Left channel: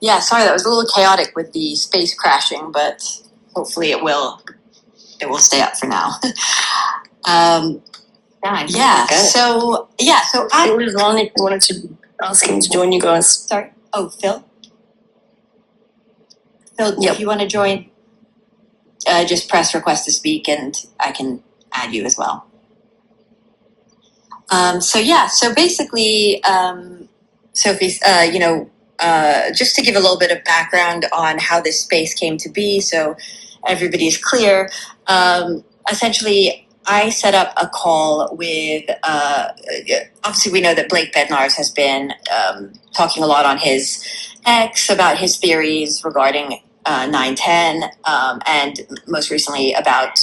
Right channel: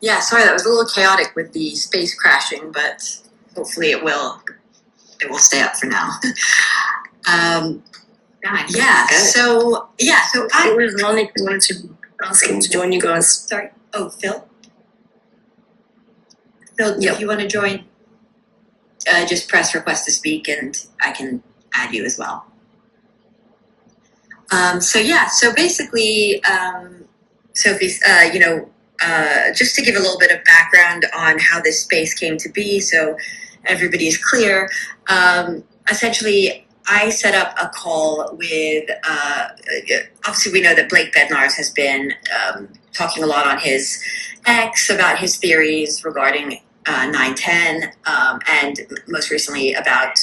Yeah, sorry, that was a little chaotic with the space crashing, but hopefully it will stay up for now. So it was Ronnie who wanted to ask him to join you guys. Sorry. Oh, Phil? Phil, if you want to join, just press request to speak and I can add you as well. So basically, Sophie, just to give a little bit of background on how this space came to be so everybody's clear, essentially I set up a call with, obviously we know that Blake Bednarz has been talking a lot on his X about his theories regarding 9/10, and most recently about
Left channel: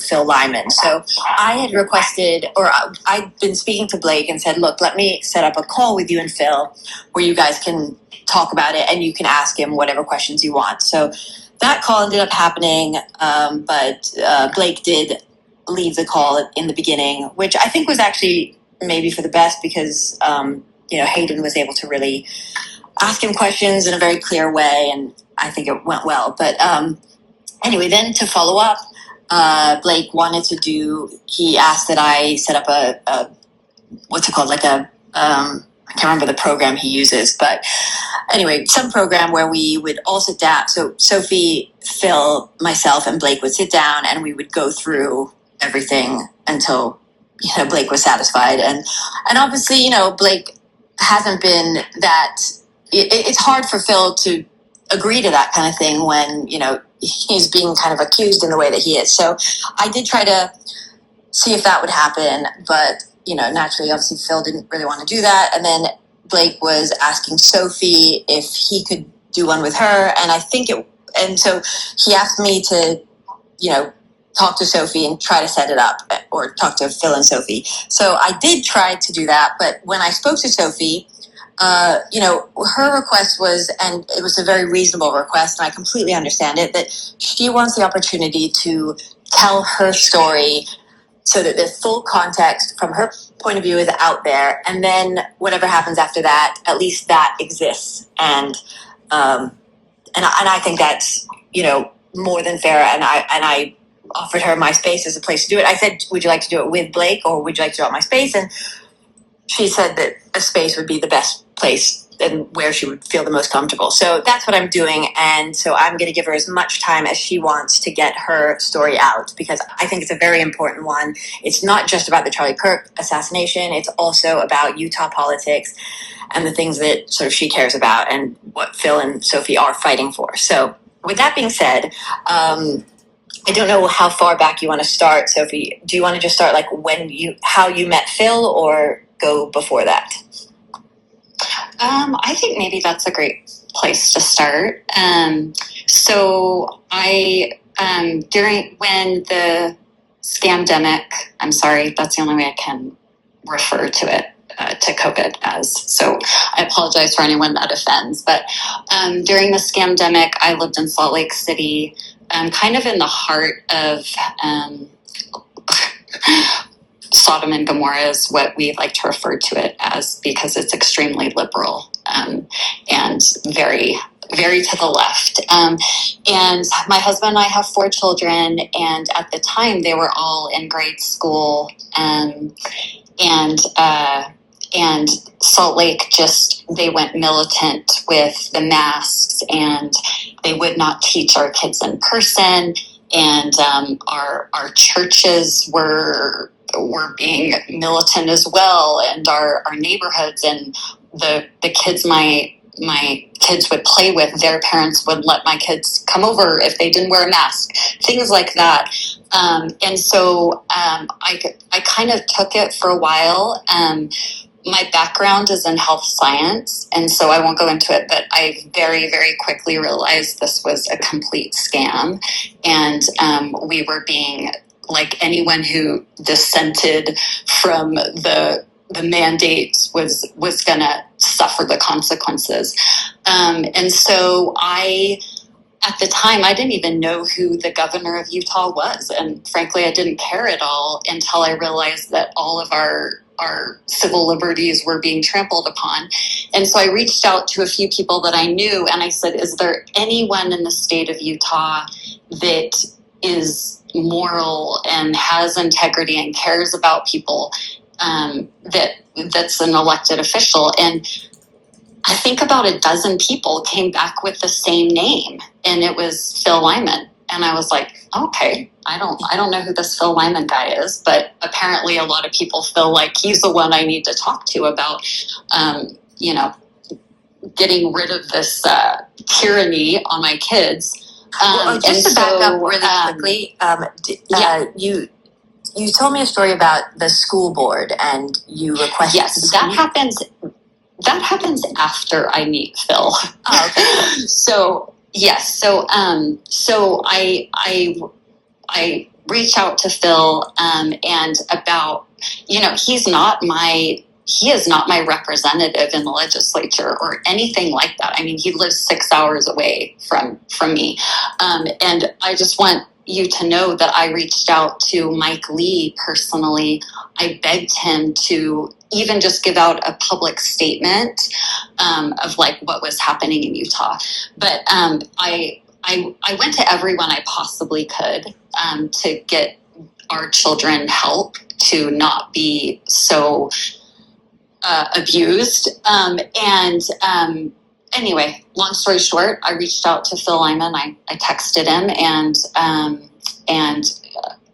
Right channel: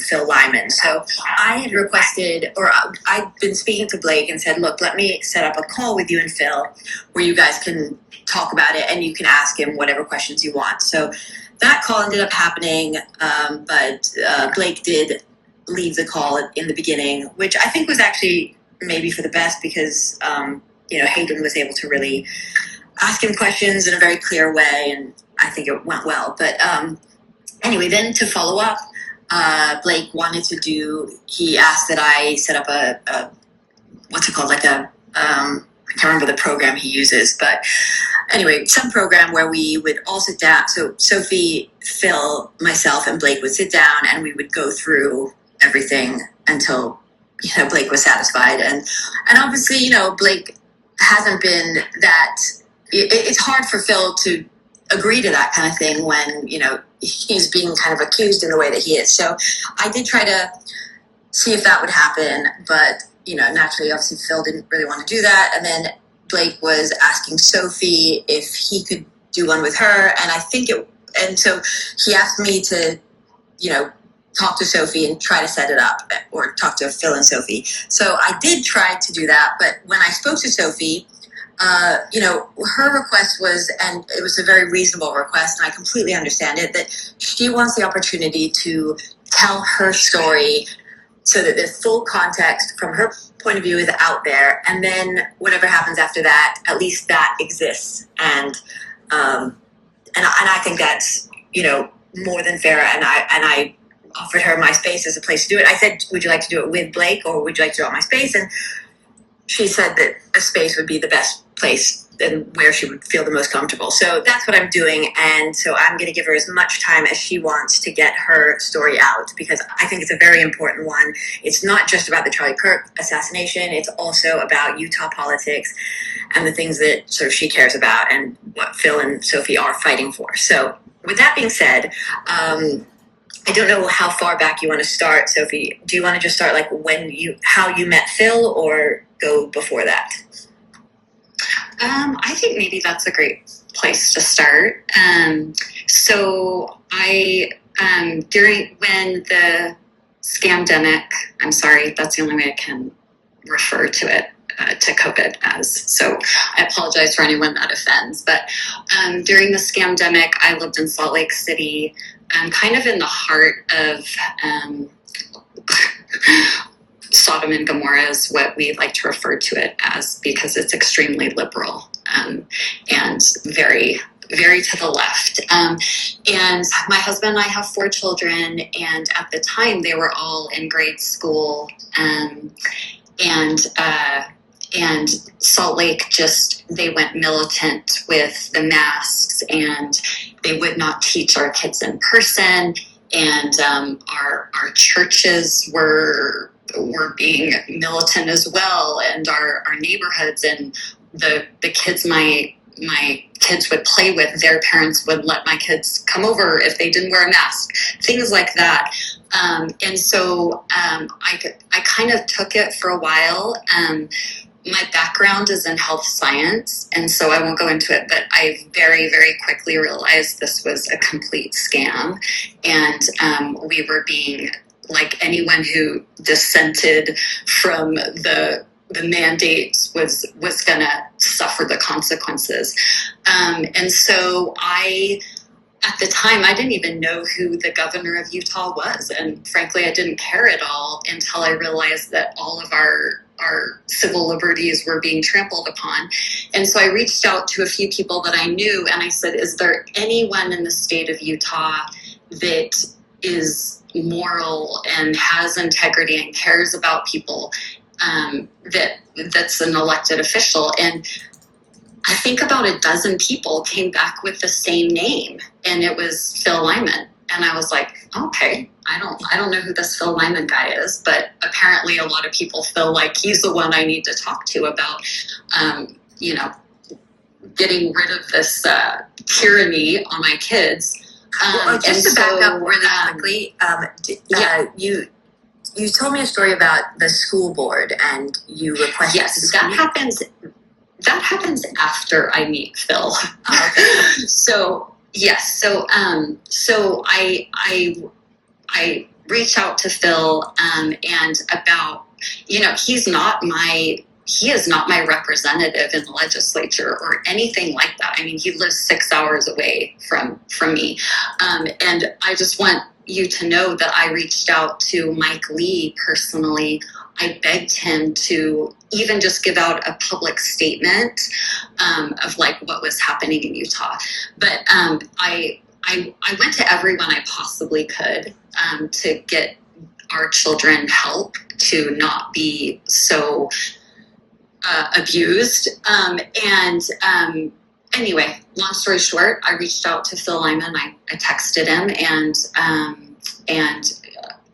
Phil Lyman. So I had requested, or I'd been speaking to Blake and said, look, let me set up a call with you and Phil where you guys can talk about it and you can ask him whatever questions you want. So that call ended up happening, but Blake did leave the call in the beginning, which I think was actually maybe for the best because, Hayden was able to really ask him questions in a very clear way, and I think it went well. But anyway, then to follow up, Blake wanted to he asked that I set up a what's it called? I can't remember the program he uses, but anyway, some program where we would all sit down. So Sophie, Phil, myself, and Blake would sit down and we would go through everything until, Blake was satisfied. And obviously, Blake hasn't been that, it's hard for Phil to agree to that kind of thing when, he's being kind of accused in the way that he is. So I did try to see if that would happen, but naturally, obviously, Phil didn't really want to do that. And then Blake was asking Sophie if he could do one with her. And so he asked me to, talk to Sophie and try to set it up, or talk to Phil and Sophie. So I did try to do that. But when I spoke to Sophie, her request was, and it was a very reasonable request, and I completely understand it, that she wants the opportunity to tell her story so that the full context from her point of view is out there, and then whatever happens after that, at least that exists. And I think that's more than fair. And I offered her my space as a place to do it. I said, "Would you like to do it with Blake, or would you like to do it at my space?" And she said that a space would be the best place and where she would feel the most comfortable. So that's what I'm doing. And so I'm going to give her as much time as she wants to get her story out, because I think it's a very important one. It's not just about the Charlie Kirk assassination. It's also about Utah politics and the things that sort of she cares about and what Phil and Sophie are fighting for. So with that being said, I don't know how far back you want to start, Sophie. Do you want to just start how you met Phil, or go before that? I think maybe that's a great place to start. So I, when the scamdemic, I'm sorry, that's the only way I can refer to it, to COVID as. So I apologize for anyone that offends. But during the scamdemic, I lived in Salt Lake City, kind of in the heart of Sodom and Gomorrah is what we like to refer to it as, because it's extremely liberal and very, very to the left. And my husband and I have 4 children, and at the time they were all in grade school, and Salt Lake they went militant with the masks, and they would not teach our kids in person, and our churches were being militant as well, and our neighborhoods, and the kids my kids would play with, their parents would let my kids come over if they didn't wear a mask, things like that. And so I kind of took it for a while. My background is in health science, and so I won't go into it, but I very, very quickly realized this was a complete scam, and we were being, like, anyone who dissented from the mandates was going to suffer the consequences. And so at the time, I didn't even know who the governor of Utah was. And frankly, I didn't care at all until I realized that all of our our civil liberties were being trampled upon. And so I reached out to a few people that I knew, and I said, is there anyone in the state of Utah that is moral and has integrity and cares about people, that's an elected official? And I think about a dozen people came back with the same name, and it was Phil Lyman. And I was like, okay, I don't know who this Phil Lyman guy is, but apparently a lot of people feel like he's the one I need to talk to about, getting rid of this tyranny on my kids. Just to back up really quickly, you told me a story about the school board, and you requested. Yes, that happens after I meet Phil. Oh, okay. So I reach out to Phil and about, he is not my representative in the legislature or anything like that. I mean, he lives 6 hours away from me. And I just want you to know that I reached out to Mike Lee personally. I begged him to even just give out a public statement of like what was happening in Utah. But I went to everyone I possibly could to get our children help to not be so abused. Anyway, long story short, I reached out to Phil Lyman. I texted him, and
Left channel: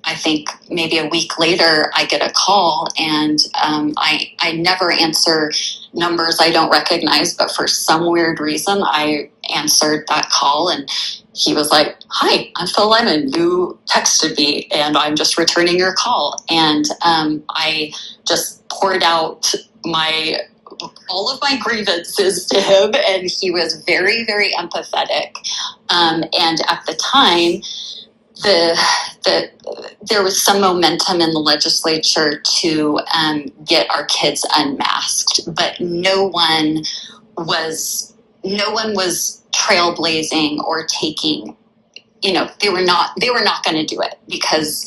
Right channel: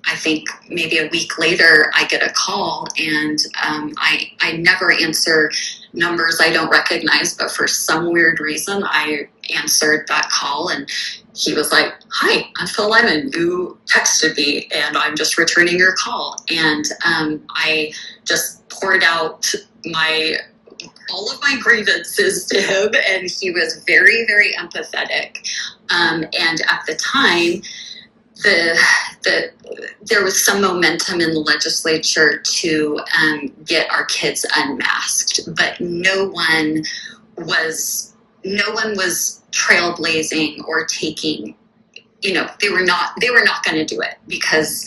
I think maybe a week later I get a call, and I never answer numbers I don't recognize, but for some weird reason I answered that call, and he was like, "Hi, I'm Phil Lyman. You texted me, and I'm just returning your call." And I just poured out all of my grievances to him, and he was very, very empathetic. And at the time, there was some momentum in the legislature to get our kids unmasked, but no one was trailblazing or taking, they were not going to do it, because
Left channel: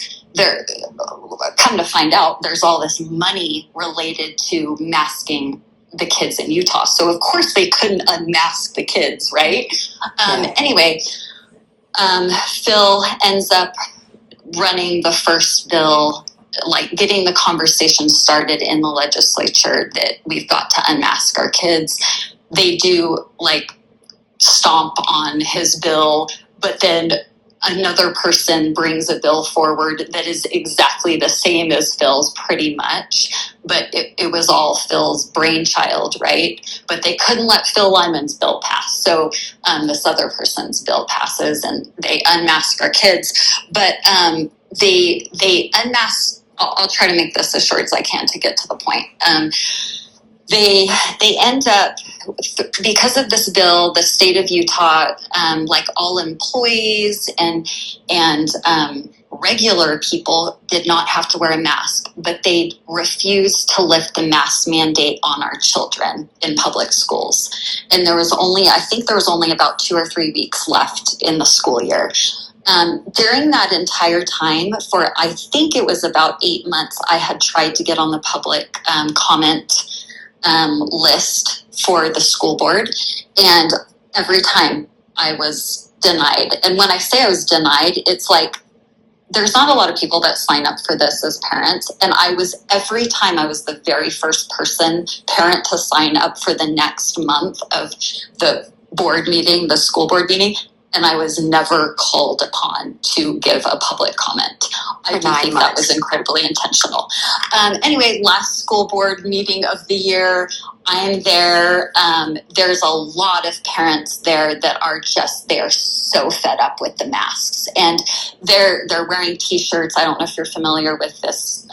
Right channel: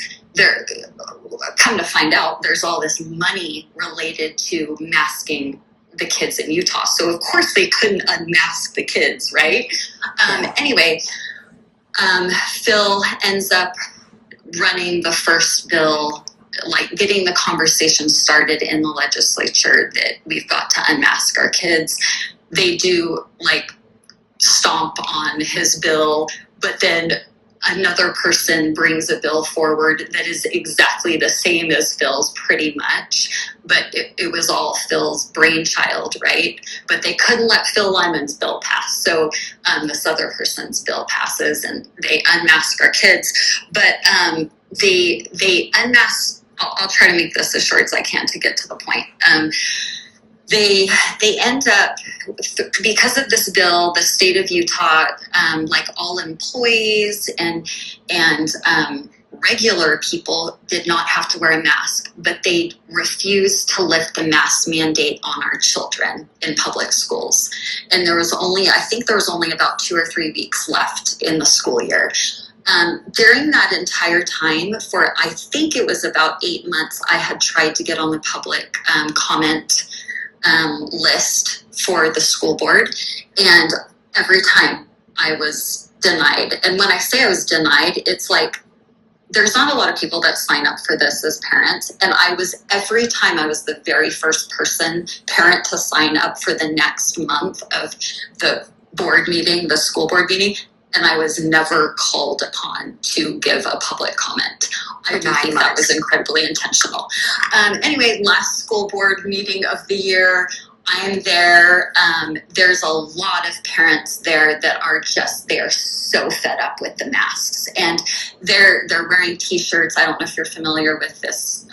come to find out, there's all this money related to masking the kids in Utah. So of course they couldn't unmask the kids, right? Anyway, Phil ends up running the first bill, like getting the conversation started in the legislature that we've got to unmask our kids. They do like stomp on his bill, but then another person brings a bill forward that is exactly the same as Phil's pretty much, but it was all Phil's brainchild, right? But they couldn't let Phil Lyman's bill pass. So this other person's bill passes, and they unmask our kids. But they unmask, I'll try to make this as short as I can to get to the point. They end up, because of this bill, the state of Utah, like all employees and regular people did not have to wear a mask, but they refused to lift the mask mandate on our children in public schools. And I think there was only about 2 or 3 weeks left in the school year. During that entire time, for I think it was about 8 months, I had tried to get on the public comment list for the school board, and every time I was denied. And when I say I was denied, it's like there's not a lot of people that sign up for this as parents, and every time I was the very first parent to sign up for the next month of the board meeting, the school board meeting, and I was never called upon to give a public comment. I do think that was incredibly intentional. Anyway, last school board meeting of the year, I'm there. There's a lot of parents there that they're so fed up with the masks, and they're wearing T-shirts. I don't know if you're familiar with this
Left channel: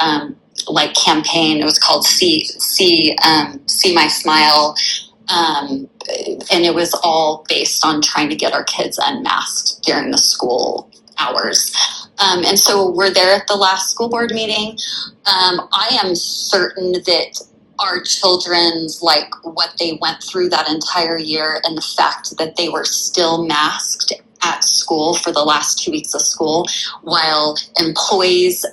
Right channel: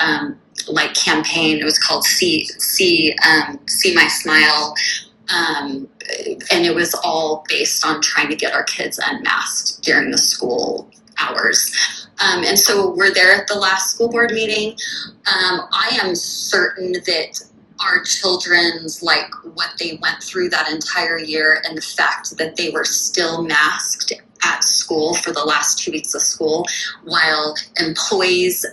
campaign. It was called See My Smile. And it was all based on trying to get our kids unmasked during the school hours. And so we're there at the last school board meeting. I am certain that our children's, what they went through that entire year, and the fact that they were still masked at school for the last 2 weeks of school, while employees,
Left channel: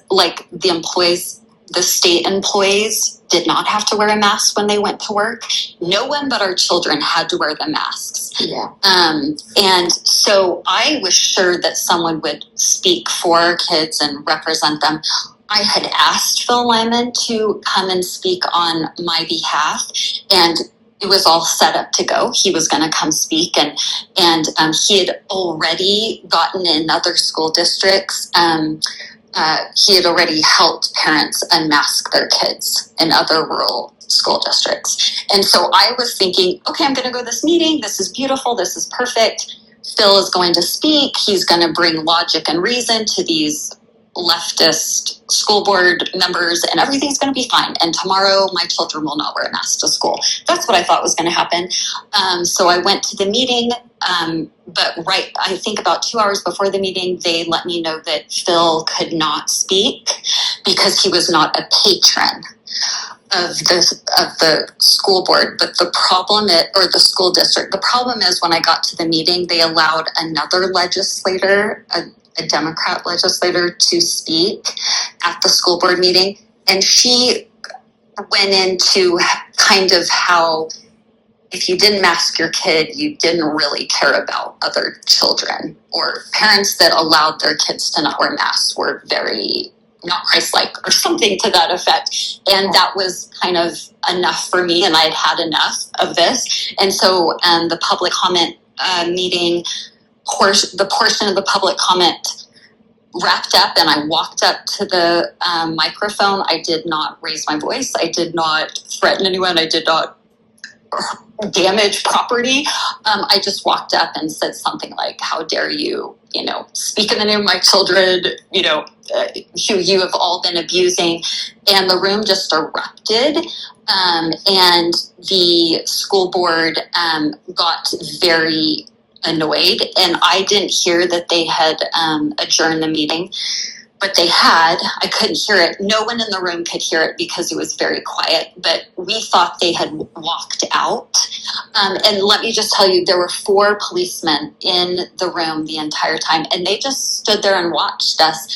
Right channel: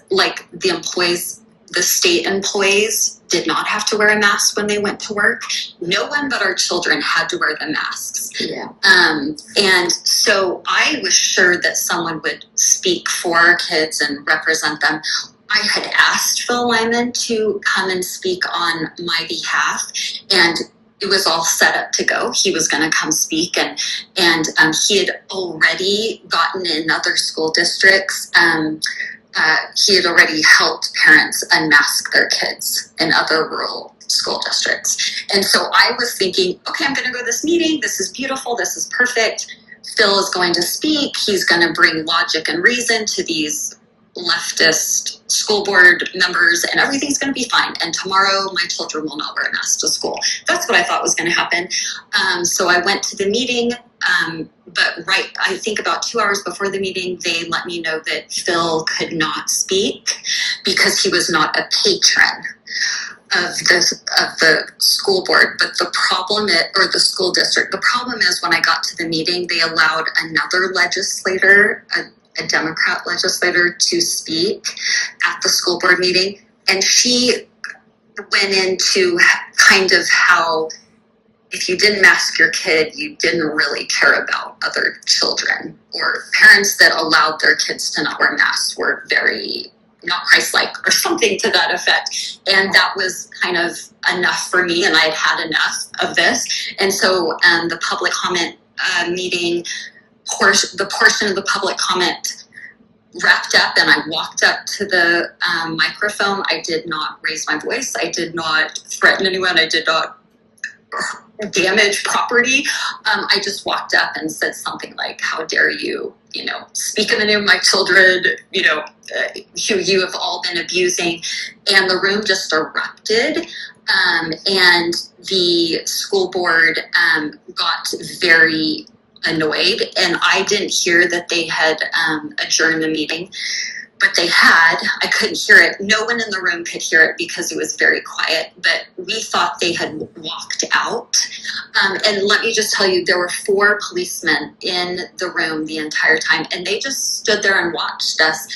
the state employees did not have to wear a mask when they went to work. No one but our children had to wear the masks. Yeah. And so I was sure that someone would speak for our kids and represent them. I had asked Phil Lyman to come and speak on my behalf, and it was all set up to go. He was going to come speak, and he had already gotten in other school districts. He had already helped parents unmask their kids in other rural school districts. And so I was thinking, okay, I'm going to go to this meeting. This is beautiful. This is perfect. Phil is going to speak. He's going to bring logic and reason to these leftist school board members, and everything's going to be fine. And tomorrow my children will not wear a mask to school. That's what I thought was going to happen. So I went to the meeting, but I think about 2 hours before the meeting, they let me know that Phil could not speak because he was not a patron of the school board. But the problem or the school district, the problem is when I got to the meeting, they allowed another legislator, a Democrat legislator, to speak at the school board meeting. And she went into kind of how if you didn't mask your kid, you didn't really care about other children, or parents that allowed their kids to not wear masks were very not Christ-like, or something to that effect. And that was kind of enough for me, and I had had enough of this. And so the public comment meeting, the portion of the public comment wrapped up, and I walked up to the microphone. I did not raise my voice. I did not threaten anyone. I did not damage property. I just walked up and said something like, how dare you, speak in the name of my children, who you have all been abusing. And the room just erupted. And the school board got very annoyed, and I didn't hear that they had adjourned the meeting, but they had. I couldn't hear it. No one in the room could hear it because it was very quiet, but we thought they had walked out. And let me just tell you, there were 4 policemen in the room the entire time, and they just stood there and watched us.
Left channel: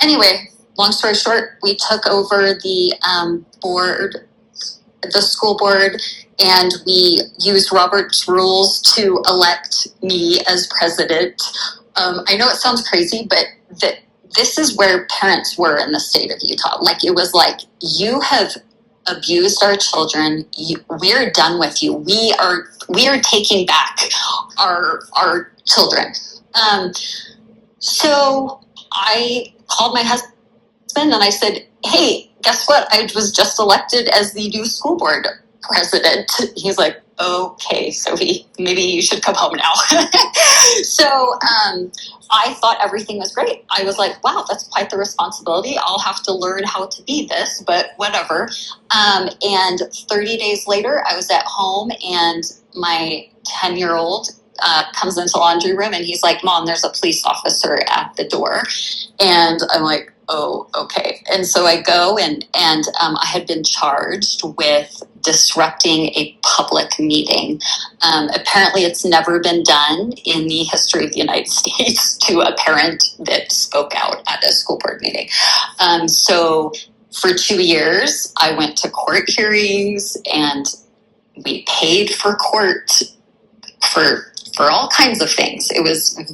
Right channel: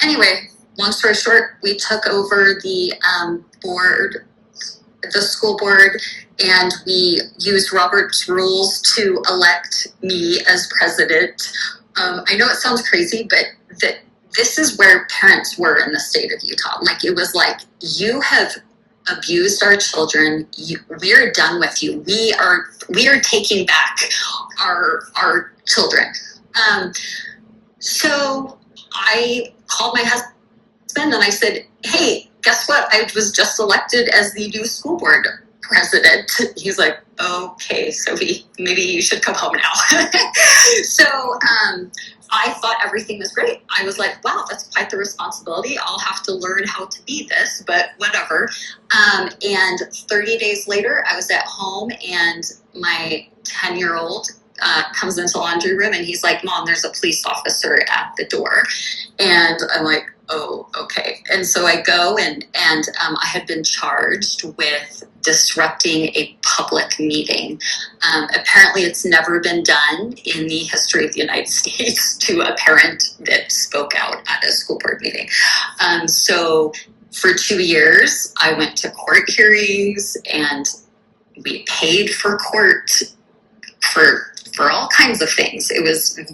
Anyway, long story short, we took over the school board, and we used Robert's rules to elect me as president. I know it sounds crazy, but this is where parents were in the state of Utah. Like, it was like, you have abused our children. We're done with you. We are taking back our children. So I called my husband and I said, hey, guess what? I was just elected as the new school board president. He's like, okay, Sophie, maybe you should come home now. So I thought everything was great. I was like, wow, that's quite the responsibility. I'll have to learn how to be this, but whatever. And 30 days later, I was at home, and my 10-year-old comes into the laundry room, and he's like, Mom, there's a police officer at the door. And I'm like, oh, okay. And so I go, and I had been charged with disrupting a public meeting. Apparently it's never been done in the history of the United States to a parent that spoke out at a school board meeting. So for 2 years, I went to court hearings, and we paid for court for all kinds of things. It was a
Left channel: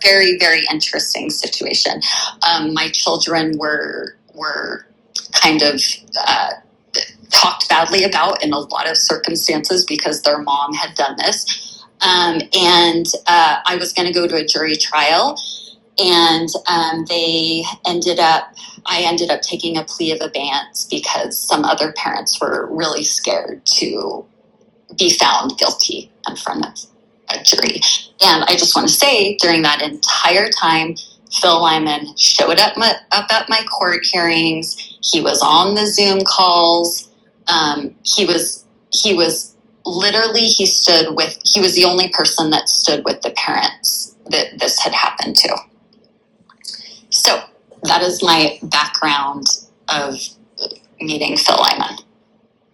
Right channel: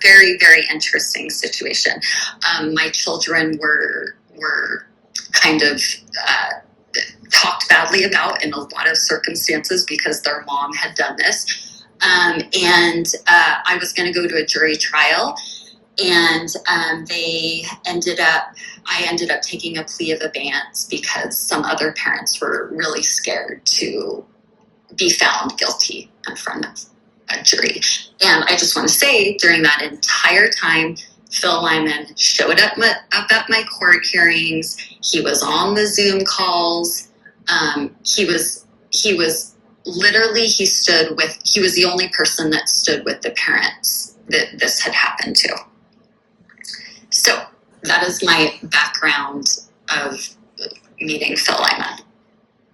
very, very interesting situation. My children were kind of talked badly about in a lot of circumstances because their mom had done this. And I was going to go to a jury trial, and I ended up taking a plea of abeyance because some other parents were really scared to be found guilty in front of a jury. And I just want to say, during that entire time, Phil Lyman showed up at my court hearings. He was on the Zoom calls. He was literally, he was the only person that stood with the parents that this had happened to. So that is my background of meeting Phil Lyman.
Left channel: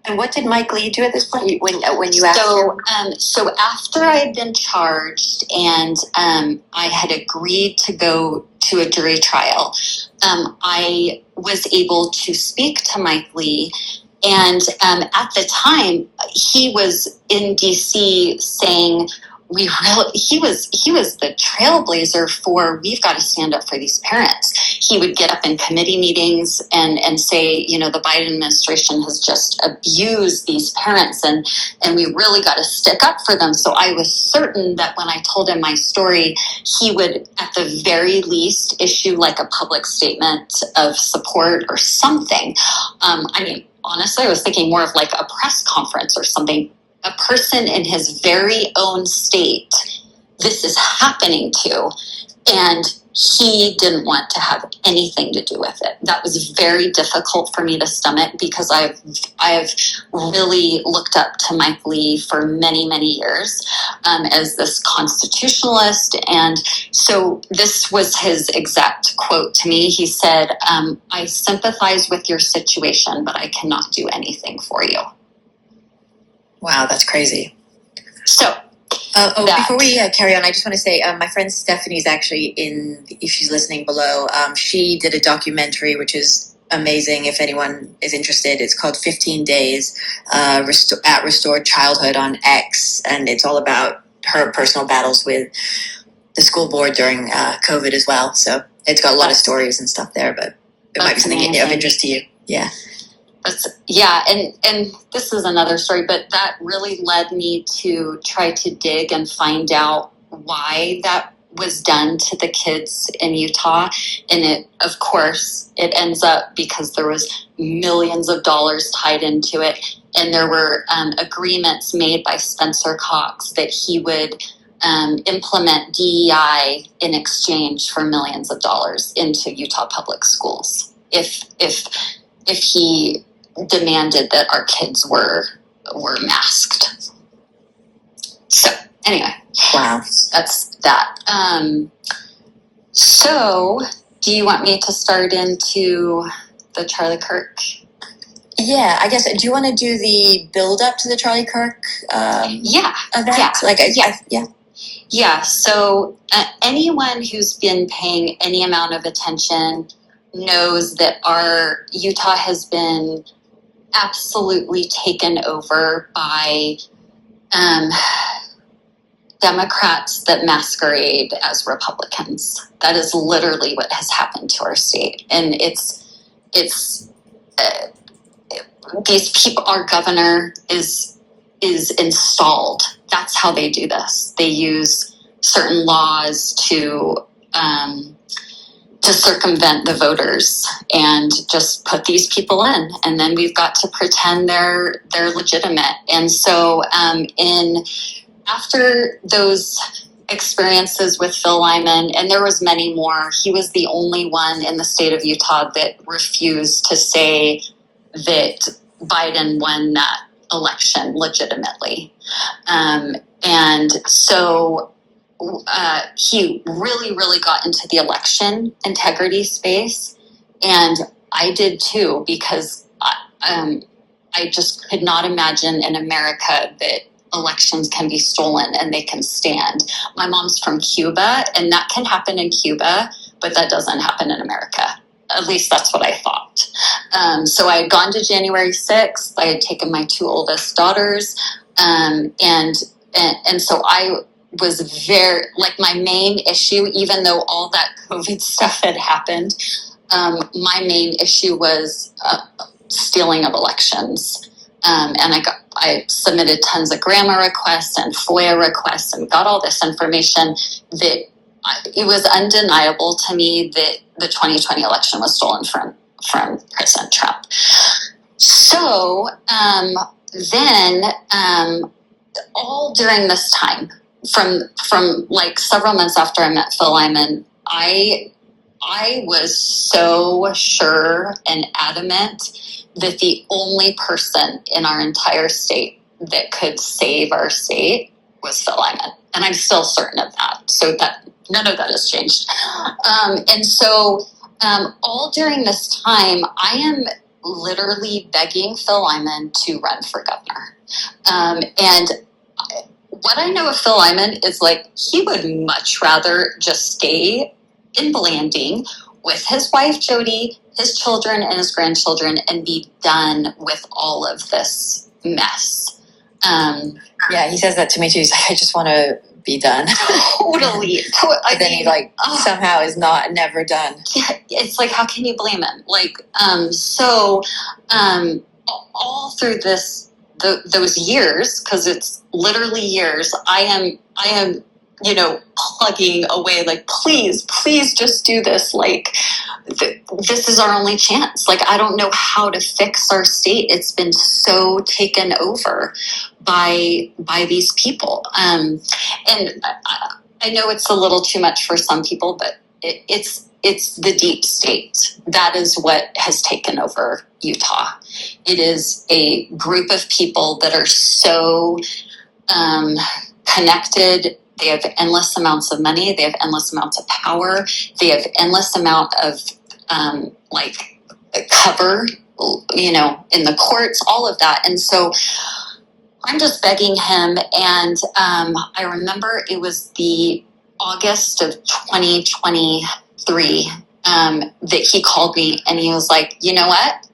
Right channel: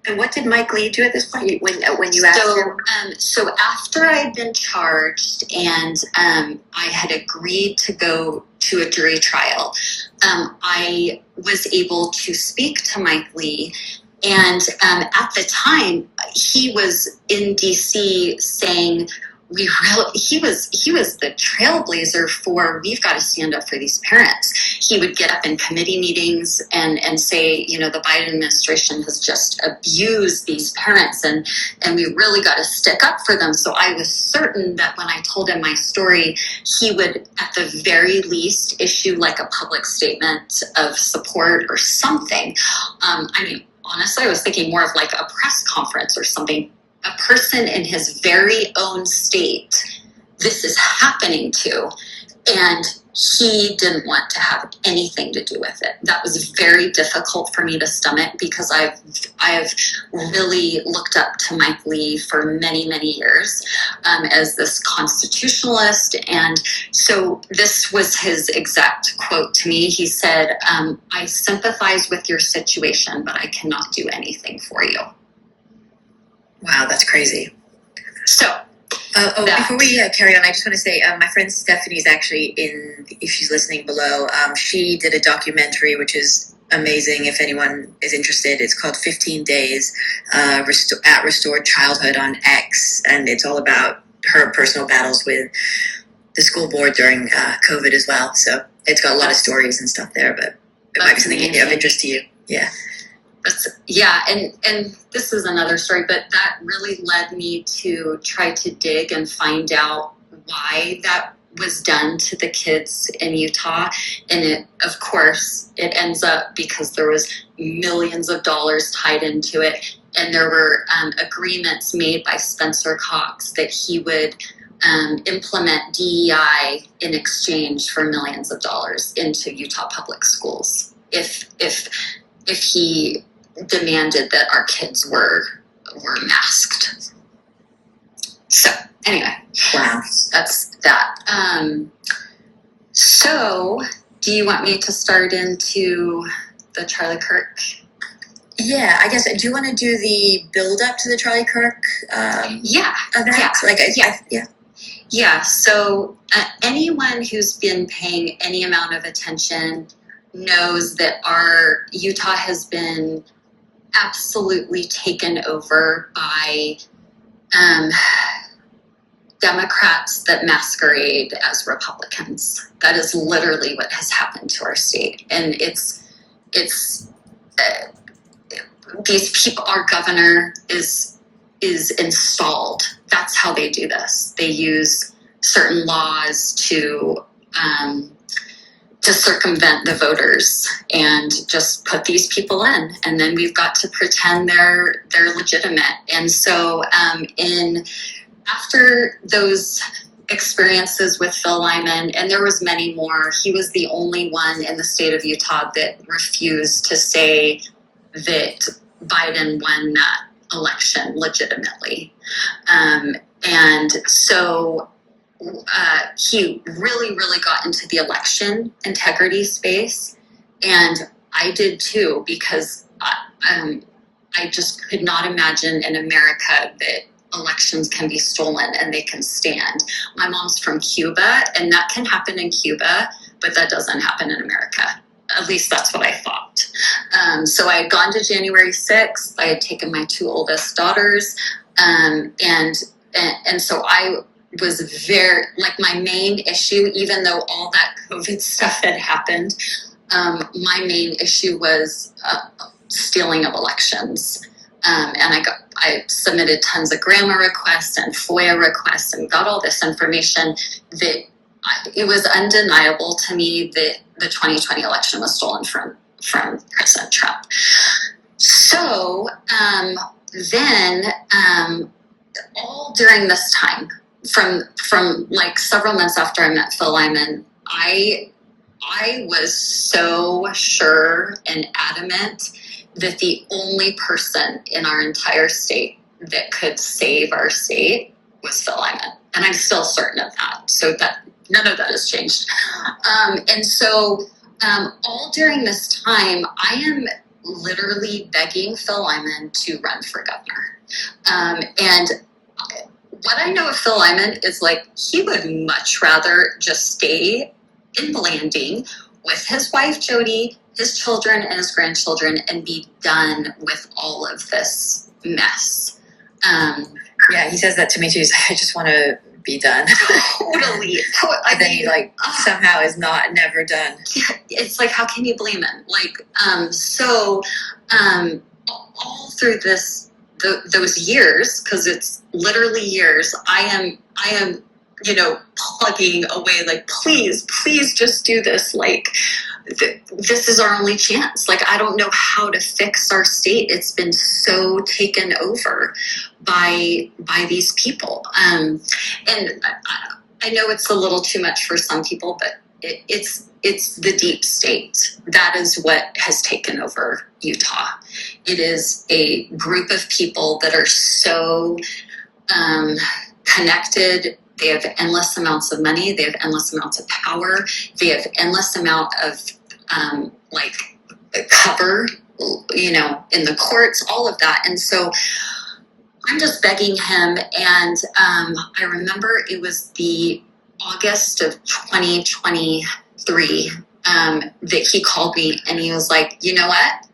And what did Mike Lee do at this point when you asked him? So after I had been charged, and I had agreed to go to to a jury trial, I was able to speak to Mike Lee. And at the time, he was in DC saying, he was the trailblazer for, we've got to stand up for these parents. He would get up in committee meetings and say, the Biden administration has just abused these parents, and we really got to stick up for them. So I was certain that when I told him my story, he would at the very least issue like a public statement of support or something. Honestly, I was thinking more of like a press conference or something. A person in his very own state, this is happening to, and he didn't want to have anything to do with it. That was very difficult for me to stomach, because I've really looked up to Mike Lee for many, many years as this constitutionalist. And so this was his exact quote to me. He said, I sympathize with your situation, but I cannot do anything for you. Wow, that's crazy. So, before we carry on, I just want to say my friend Stephanie's actually if she's listening below, she did a documentary which is amazing if anyone is interested. It's called 15 Days at Restored Childhood on X, and it's all about her personal battles with the school board during COVID as well. So it's got a lot of stories and stuff there, but it might be something of interest to you. Yeah. And this is another story, but that really led me to try to dig and find out why that was done to the kids in Utah. And of course, it ends up because there was millions of dollars tied into it. And there were agreements made by Spencer Cox that he would implement DEI in exchange for millions of dollars into Utah public schools. If he demanded that our kids were masked. So anyway, wow, that's that. So do you want me to start into the Charlie Kirk? Yeah, I guess. Do you want to do the build up to the Charlie Kirk? Event? Yeah. So anyone who's been paying any amount of attention knows that our Utah has been absolutely taken over by Democrats that masquerade as Republicans. That is literally what has happened to our state, and it's these people. Our governor is installed. That's how they do this. They use certain laws to circumvent the voters and just put these people in, and then we've got to pretend they're legitimate. And so after those experiences with Phil Lyman, and there was many more, he was the only one in the state of Utah that refused to say that Biden won that election legitimately. And so he really, really got into the election integrity space. And I did too, because I just could not imagine in America that elections can be stolen and they can stand. My mom's from Cuba, and that can happen in Cuba, but that doesn't happen in America. At least that's what I thought. So I had gone to January 6th. I had taken my two oldest daughters. And so I was very, like, my main issue, even though all that COVID stuff had happened, my main issue was stealing of elections. And I submitted tons of grandma requests and FOIA requests and got all this information that it was undeniable to me that the 2020 election was stolen from President Trump. So then all during this time, from like several months after I met Phil Lyman, I was so sure and adamant that the only person in our entire state that could save our state was Phil Lyman. And I'm still certain of that. So that none of that has changed. And so all during this time, I am literally begging Phil Lyman to run for governor. And what I know of Phil Lyman is, like, he would much rather just stay in Blanding with his wife, Jody, his children, and his grandchildren, and be done with all of this mess. Yeah, he says that to me too. He's like, I just want to be done. Totally. But then he somehow is never done. Yeah, it's like, how can you blame him? All through those years, because it's literally years, I am, plugging away, like, please just do this. Like, this is our only chance. Like, I don't know how to fix our state. It's been so taken over by these people. And I know it's a little too much for some people, but it's the deep state. That is what has taken over Utah. It is a group of people that are so connected. They have endless amounts of money. They have endless amounts of power. They have endless amount of cover, in the courts, all of that. And so I'm just begging him. And I remember it was the August of 2023 that he called me, and he was like, you know what?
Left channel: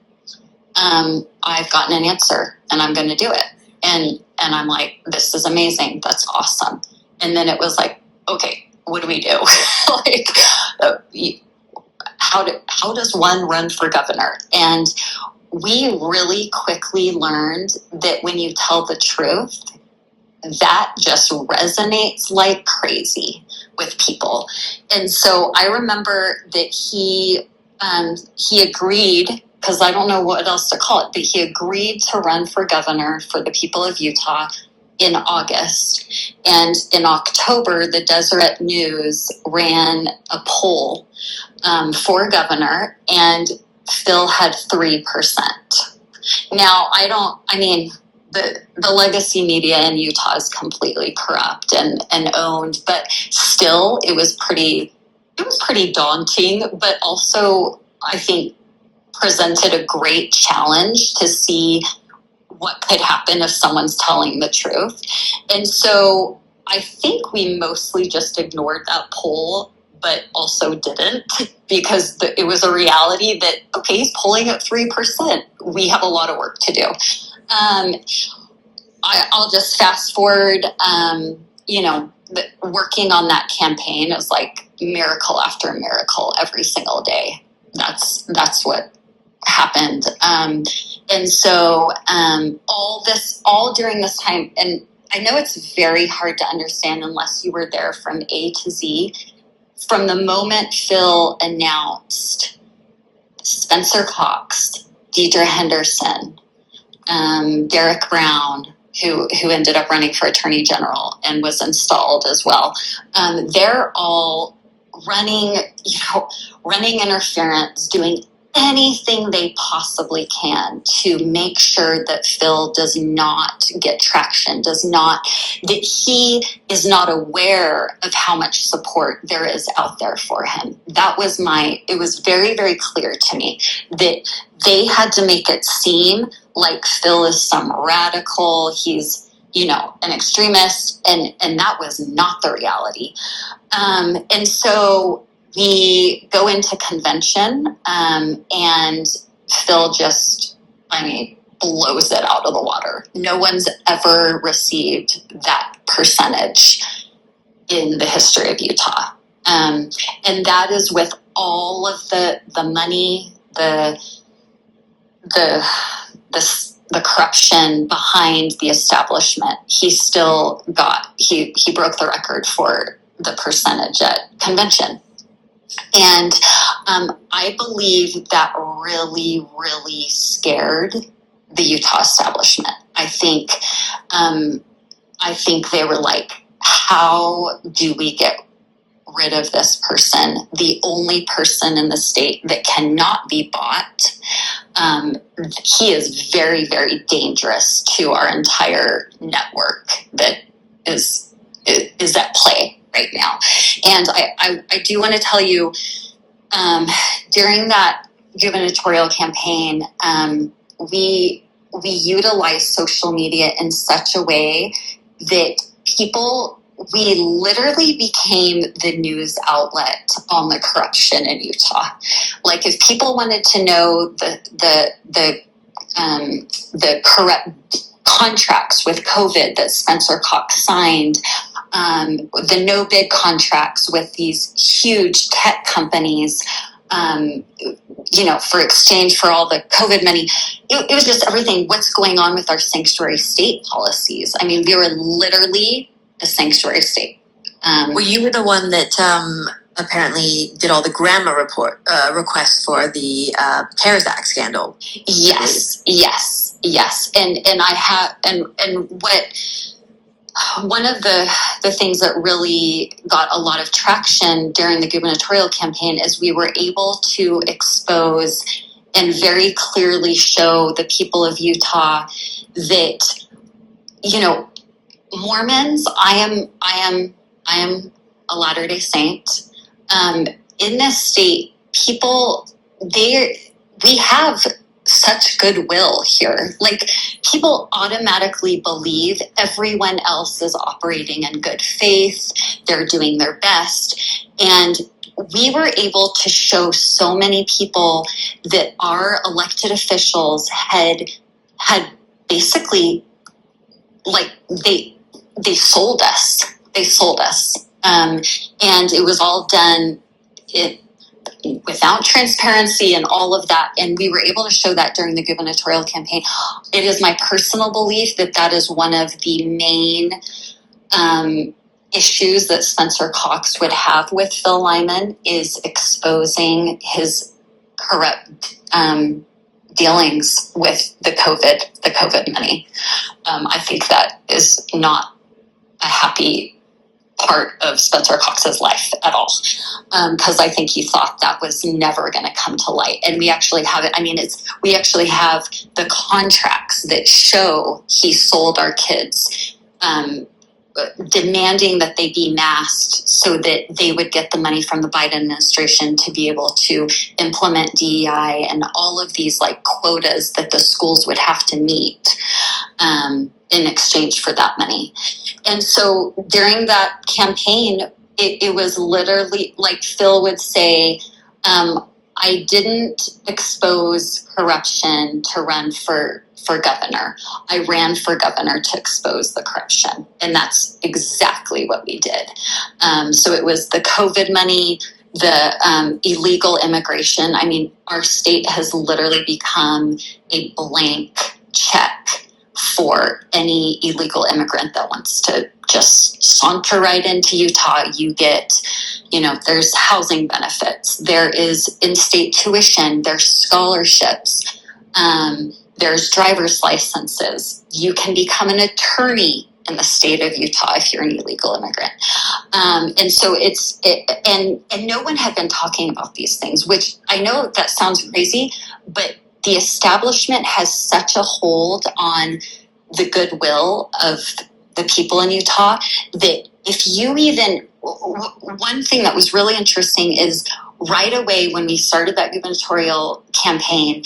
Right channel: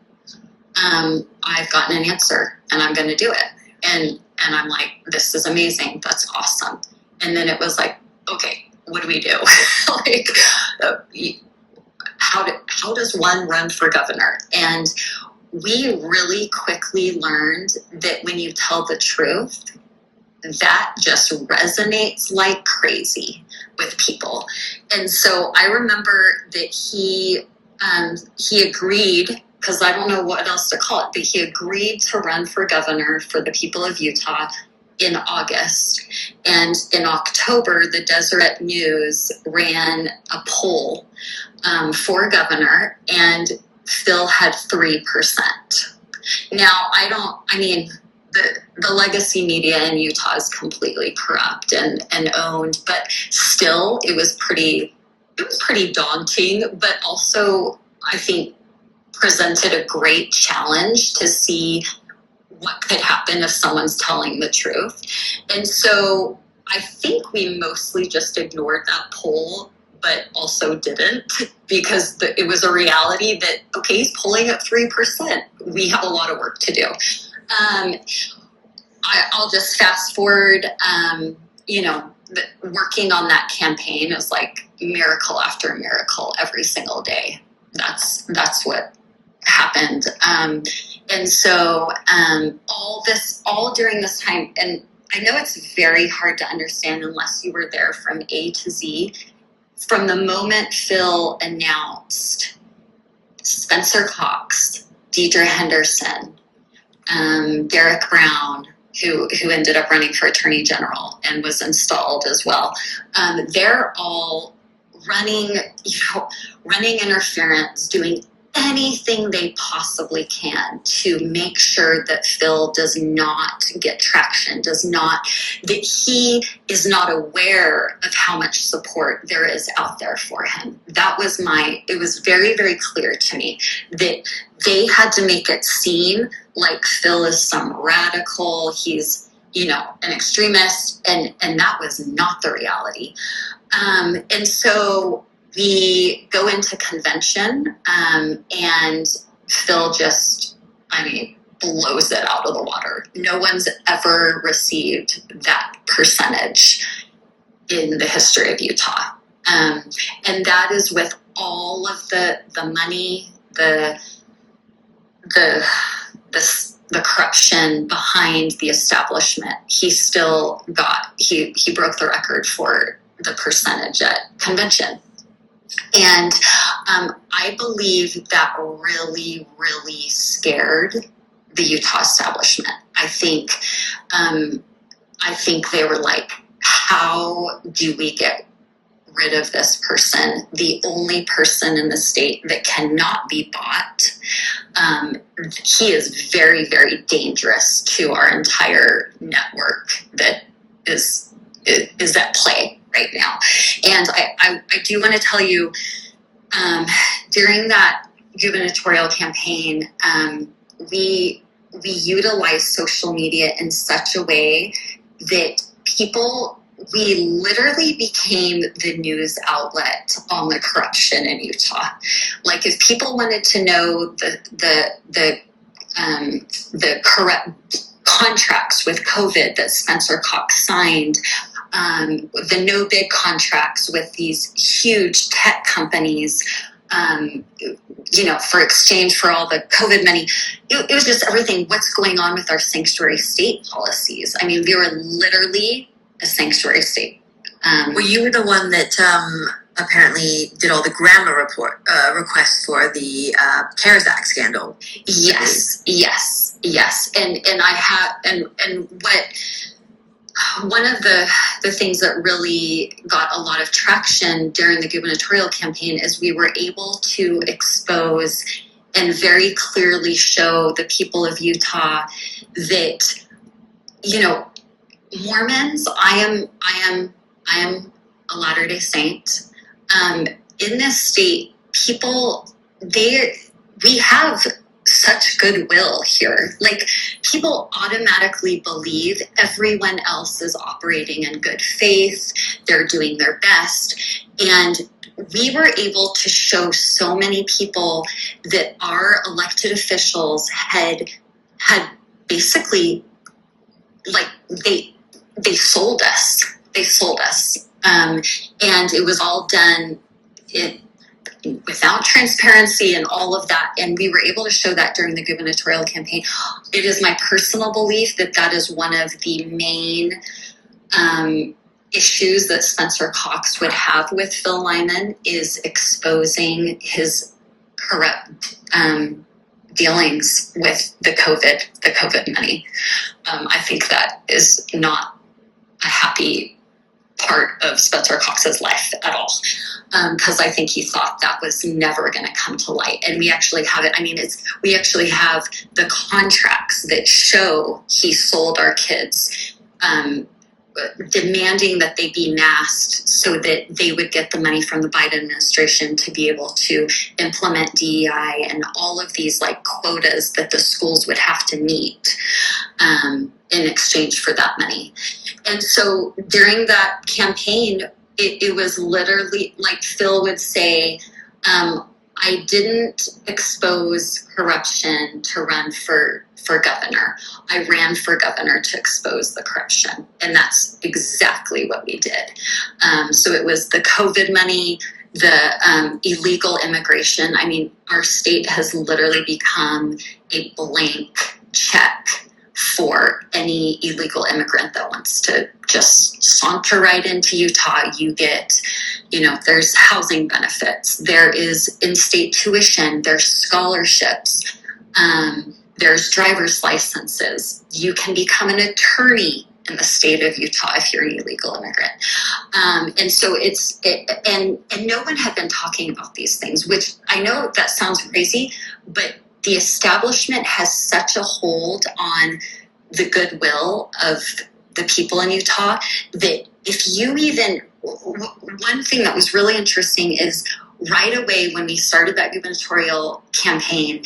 I've gotten an answer, and I'm going to do it. And I'm like, this is amazing. That's awesome. And then it was like, okay, what do we do? How does one run for governor? And we really quickly learned that when you tell the truth, that just resonates like crazy with people. And so I remember that he agreed, because I don't know what else to call it, but he agreed to run for governor for the people of Utah in August. And in October, the Deseret News ran a poll for governor, and Phil had 3%. Now, the legacy media in Utah is completely corrupt and owned, but still it was pretty daunting, but also I think presented a great challenge to see what could happen if someone's telling the truth. And so I think we mostly just ignored that poll, but also didn't, because it was a reality that, okay, he's polling at 3%. We have a lot of work to do. I'll just fast forward, working on that campaign is like miracle after miracle every single day. That's what happened. And so all during this time, and I know it's very hard to understand unless you were there from A to Z. From the moment Phil announced Spencer Cox, Deidre Henderson, Derek Brown, who ended up running for Attorney General and was installed as well, they're all running interference, doing anything they possibly can to make sure that Phil does not get traction, that he is not aware of how much support there is out there for him. It was very, very clear to me that they had to make it seem like Phil is some radical, he's, an extremist, and that was not the reality. And so we go into convention, and Phil just, blows it out of the water. No one's ever received that percentage in the history of Utah. And that is with all of the money, the corruption behind the establishment. He still he broke the record for the percentage at convention. And I believe that really, really scared the Utah establishment. I think they were like, how do we get rid of this person, the only person in the state that cannot be bought? He is very, very dangerous to our entire network that is at play right now. And I do want to tell you, during that gubernatorial campaign, we utilized social media in such a way that people we literally became the news outlet on the corruption in Utah. Like, if people wanted to know the corrupt contracts with COVID that Spencer Cox signed, the no bid contracts with these huge tech companies, for exchange for all the COVID money. It was just everything. What's going on with our sanctuary state policies? I mean, we were literally a sanctuary state. Well, you were the one that apparently did all the grammar requests for the CARES Act scandal. Yes. And I have, and what, one of the things that really got a lot of traction during the gubernatorial campaign is we were able to expose and very clearly show the people of Utah that, Mormons, I am a Latter-day Saint. In this state, we have such goodwill here. Like, people automatically believe everyone else is operating in good faith. They're doing their best. And we were able to show so many people that our elected officials had basically, like, they sold us. And it was all done without transparency and all of that. And we were able to show that during the gubernatorial campaign. It is my personal belief that is one of the main issues that Spencer Cox would have with Phil Lyman, is exposing his corrupt dealings with the COVID money. I think that is not a happy part of Spencer Cox's life at all, because I think he thought that was never going to come to light. And we actually have it. I mean, we actually have the contracts that show he sold our kids, demanding that they be masked so that they would get the money from the Biden administration to be able to implement DEI and all of these, like, quotas that the schools would have to meet in exchange for that money. And so during that campaign, it was literally like Phil would say, I didn't expose corruption to run for governor. I ran for governor to expose the corruption. And that's exactly what we did. So it was the COVID money, the illegal immigration. I mean, our state has literally become a blank check for any illegal immigrant that wants to just saunter right into Utah. You get, there's housing benefits, there is in-state tuition, there's scholarships, there's driver's licenses. You can become an attorney in the state of Utah if you're an illegal immigrant. And so and no one had been talking about these things, which I know that sounds crazy, but the establishment has such a hold on the goodwill of the people in Utah that if you even, one thing that was really interesting is right away when we started that gubernatorial campaign,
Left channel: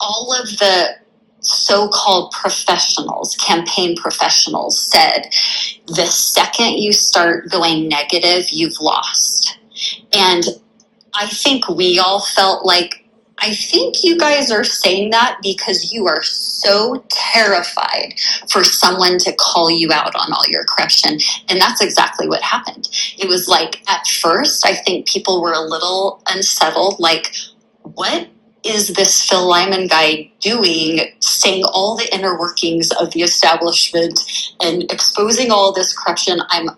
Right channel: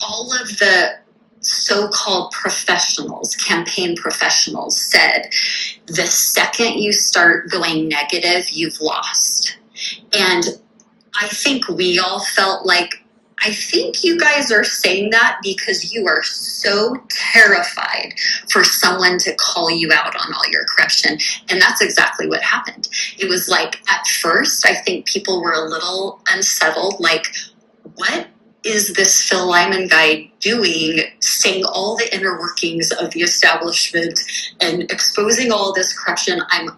all of the so-called professionals, campaign professionals, said the second you start going negative, you've lost. And I think we all felt like, I think you guys are saying that because you are so terrified for someone to call you out on all your corruption. And that's exactly what happened. It was like, at first, I think people were a little unsettled, like, what is this Phil Lyman guy doing, saying all the inner workings of the establishment and exposing all this corruption? I'm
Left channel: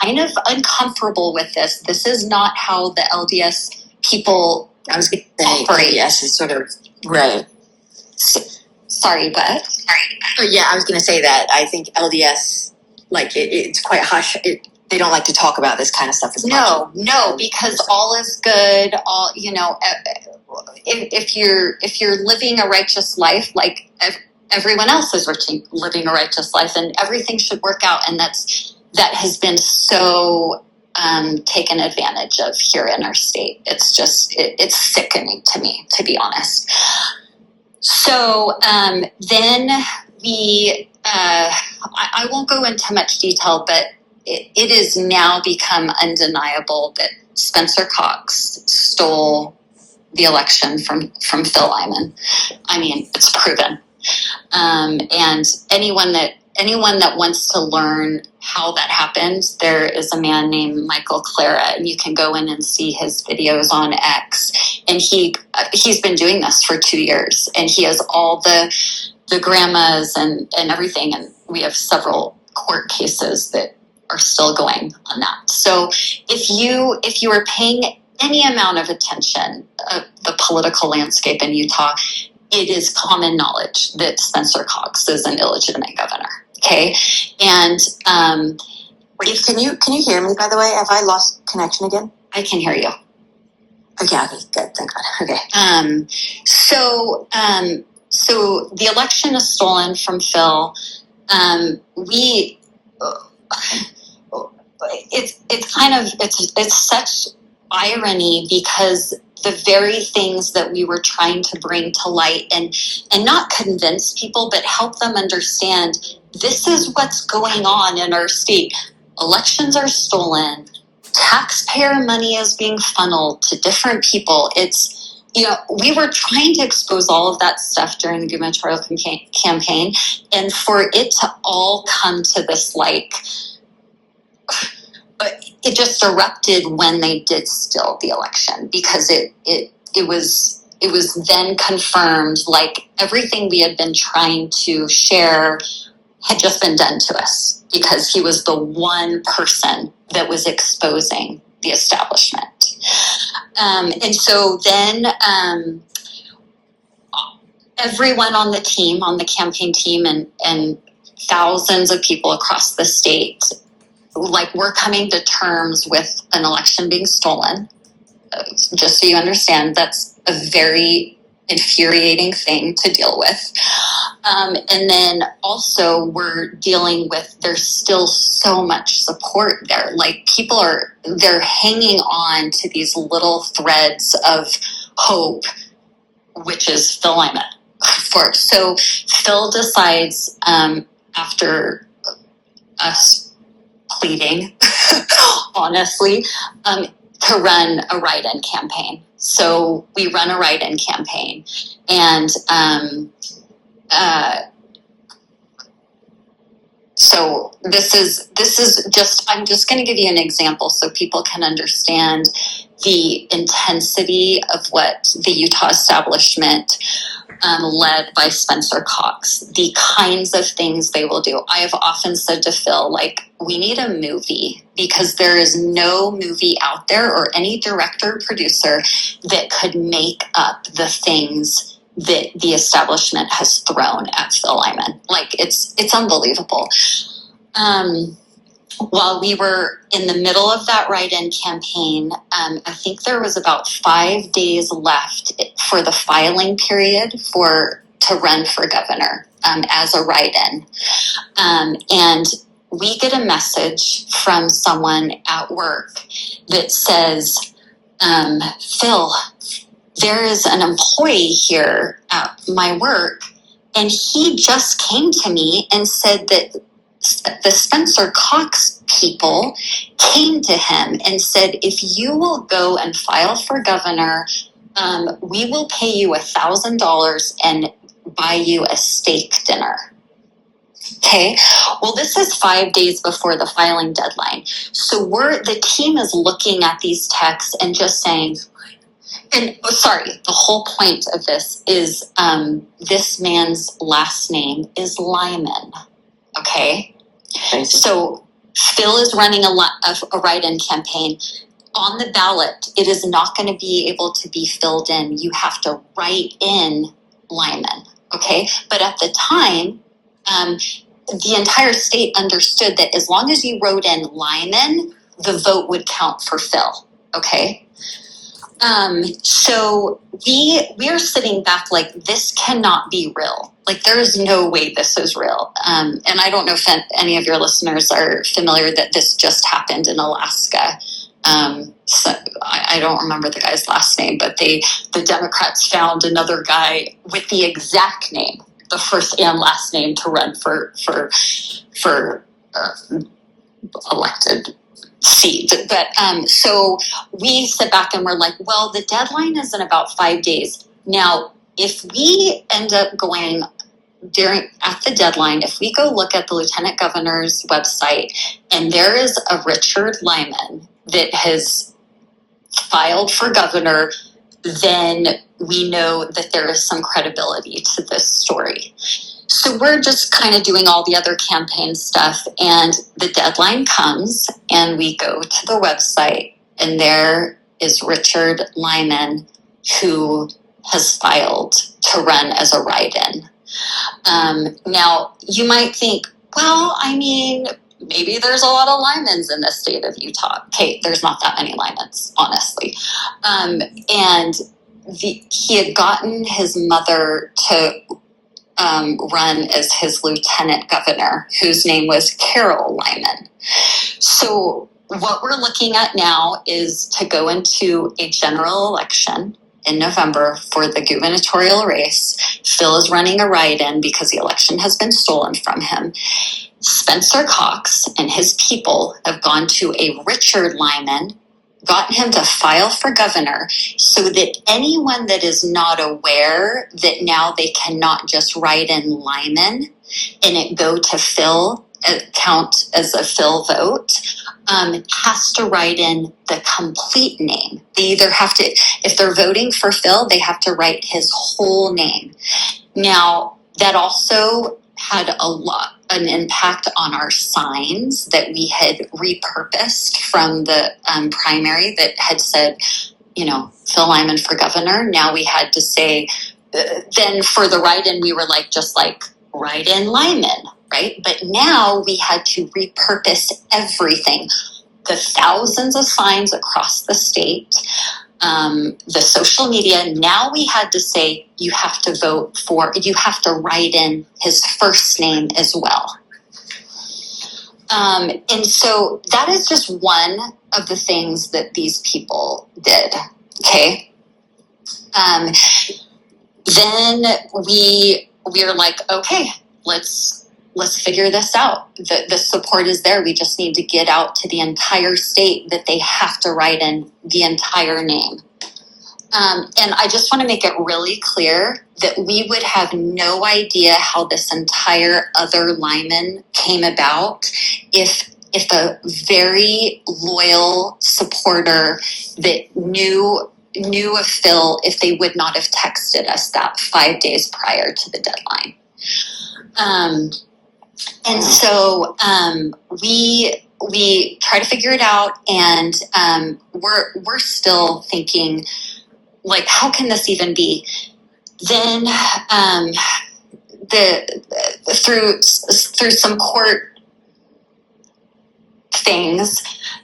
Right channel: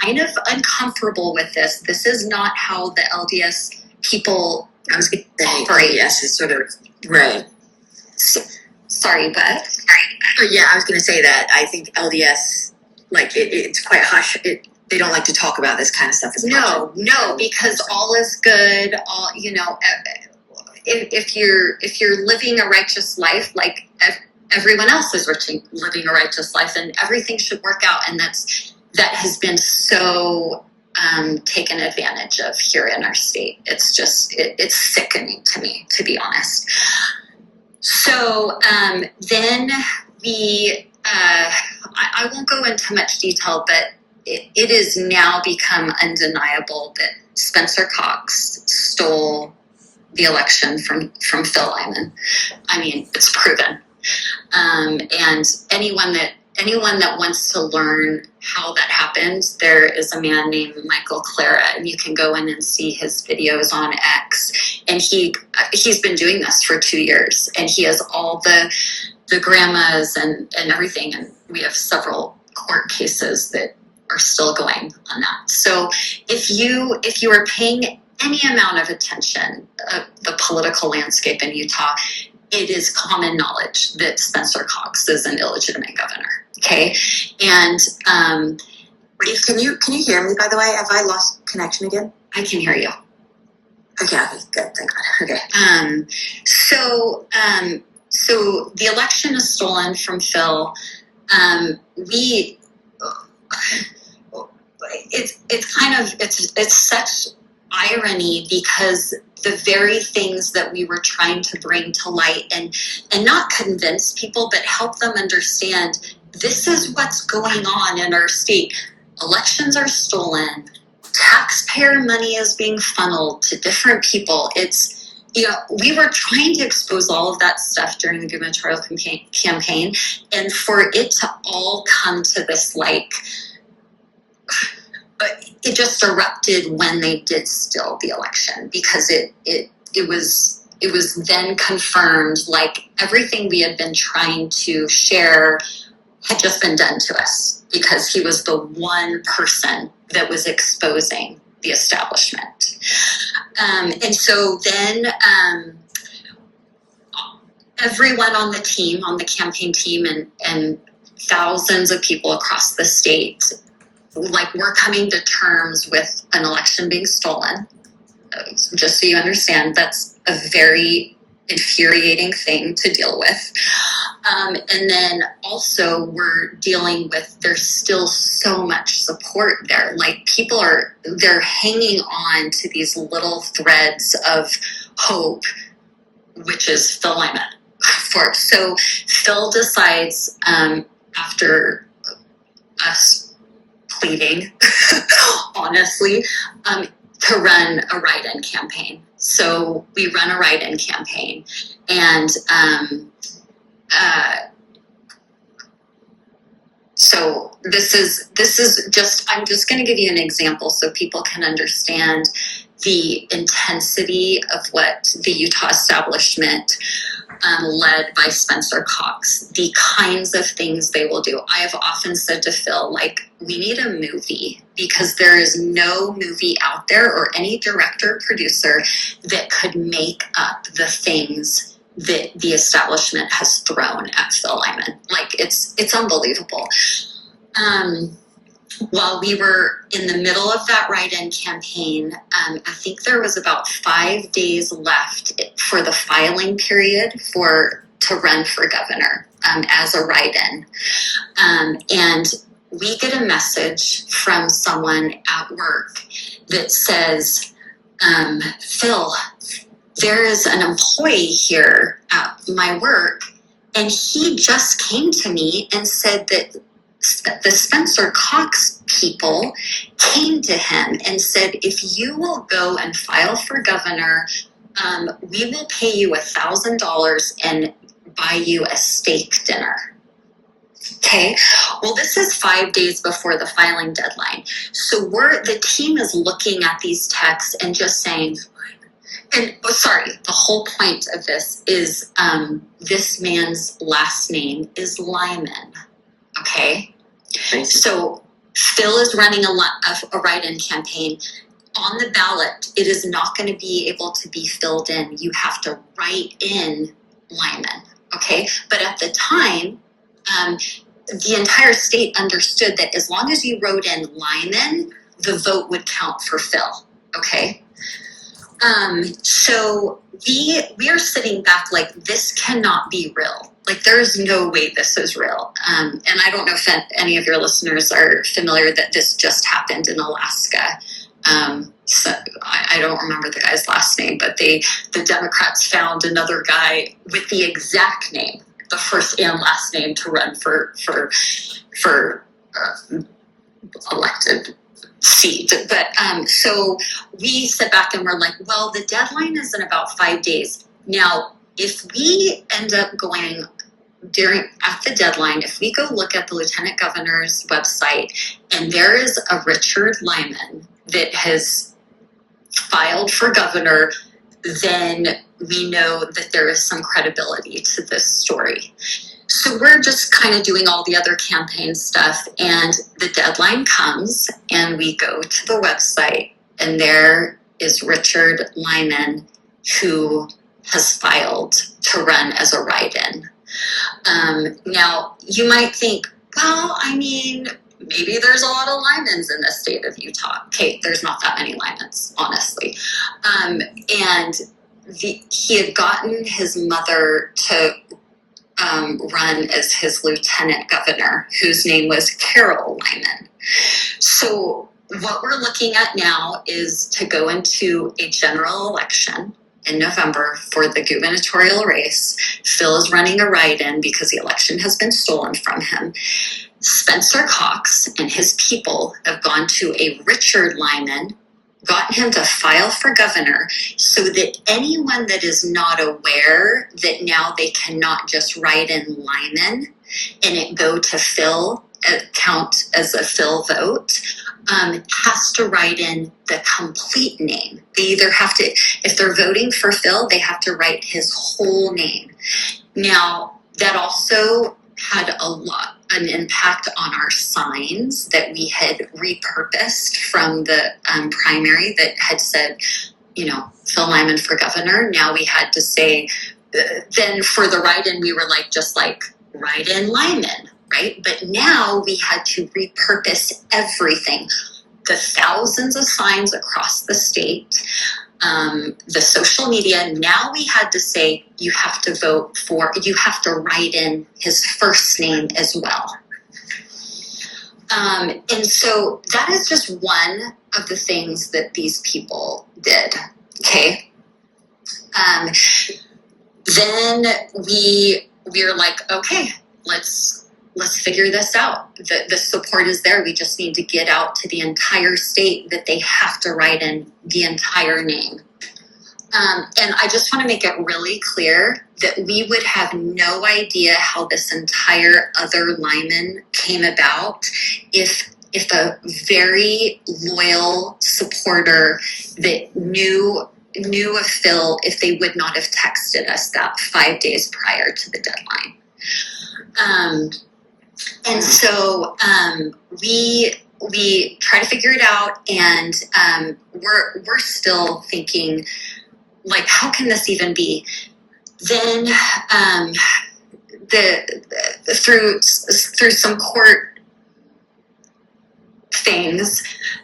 kind of uncomfortable with this. This is not how the LDS people, I was going to say, LDS is sort of, right. Sorry, but? Oh, yeah, I was going to say that. I think LDS, like, it's quite hush. They don't like to talk about this kind of stuff as much. No, because all is good. All, if you're living a righteous life, like everyone else is living a righteous life, and everything should work out. And that has been so taken advantage of here in our state. It's just, it's sickening to me, to be honest. So then we, I won't go into much detail, but it is now become undeniable that Spencer Cox stole the election from Phil Lyman. I mean, it's proven. And anyone that wants to learn how that happened, there is a man named Michael Clara, and you can go in and see his videos on X. And he's been doing this for 2 years, and he has all the grandmas and everything. And we have several court cases that are still going on that. So if you are paying any amount of attention the political landscape in Utah, it is common knowledge that Spencer Cox is an illegitimate governor. Okay, and can you hear me? By the way, have I lost connection again? I can hear you. Okay, good, thank God. Okay. So the election is stolen from Phil. It's such irony, because the very things that we were trying to bring to light and not convince people, but help them understand, this is what's going on in our state. Elections are stolen. Taxpayer money is being funneled to different people. We were trying to expose all of that stuff during the gubernatorial campaign, and for it to all come to this, it just erupted when they did steal the election, because it was then confirmed, everything we had been trying to share had just been done to us, because he was the one person that was exposing the establishment. And so then everyone on the team, on the campaign team, and thousands of people across the state, we're coming to terms with an election being stolen. Just so you understand, that's a very infuriating thing to deal with. And then also we're dealing with, there's still so much support there. People they're hanging on to these little threads of hope, which is Phil Lyman. So Phil decides, after us pleading, honestly, to run a write-in campaign. So we run a write-in campaign, and so this is just, I'm just going to give you an example so people can understand the intensity of what the Utah establishment, led by Spencer Cox, the kinds of things they will do. I have often said to Phil, we need a movie, because there is no movie out there, or any director or producer, that could make up the things that the establishment has thrown at Phil Lyman. It's unbelievable. While we were in the middle of that write-in campaign, I think there was about 5 days left for the filing period to run for governor, as a write-in. And we get a message from someone at work that says, Phil, there is an employee here at my work, and he just came to me and said that the Spencer Cox people came to him and said, if you will go and file for governor, we will pay you $1,000 and buy you a steak dinner. Okay, well, this is 5 days before the filing deadline. So the team is looking at these texts and just saying, the whole point of this is, this man's last name is Lyman. Okay. So Phil is running a write-in campaign. On the ballot, it is not going to be able to be filled in. You have to write in Lyman. Okay. But at the time, the entire state understood that as long as you wrote in Lyman, the vote would count for Phil. Okay. So we are sitting back this cannot be real. There is no way this is real. And I don't know if any of your listeners are familiar that this just happened in Alaska. So I don't remember the guy's last name, but the Democrats found another guy with the exact name, the first and last name, to run for elected seat. But so we sit back and we're like, well, the deadline is in about 5 days. Now, if we end up going at the deadline, if we go look at the Lieutenant Governor's website and there is a Richard Lyman that has filed for governor, then we know that there is some credibility to this story. So we're just kind of doing all the other campaign stuff, and the deadline comes and we go to the website and there is Richard Lyman, who has filed to run as a write-in. Now, you might think, well, I mean, maybe there's a lot of Lymans in the state of Utah. Okay, there's not that many Lymans, honestly. And he had gotten his mother to run as his lieutenant governor, whose name was Carol Lyman. So what we're looking at now is to go into a general election in November for the gubernatorial race. Phil is running a write-in because the election has been stolen from him. Spencer Cox and his people have gone to a Richard Lyman, gotten him to file for governor, so that anyone that is not aware that now they cannot just write in Lyman and it go to Phil, count as a Phil vote, has to write in the complete name. They either have to, if they're voting for Phil, they have to write his whole name. Now, that also had an impact on our signs that we had repurposed from the primary that had said, Phil Lyman for governor. Now we had to say, then for the write-in, we were just write-in Lyman, right? But now we had to repurpose everything. The thousands of signs across the state, the social media. Now we had to say, you have to write in his first name as well. And so that is just one of the things that these people did. Okay. Then we are like, okay, let's figure this out. The support is there. We just need to get out to the entire state that they have to write in the entire name. And I just want to make it really clear that we would have no idea how this entire other Lyman came about if a very loyal supporter that knew of Phil, if they would not have texted us that 5 days prior to the deadline. And so we try to figure it out, and we're still thinking, how can this even be? Then through some court things,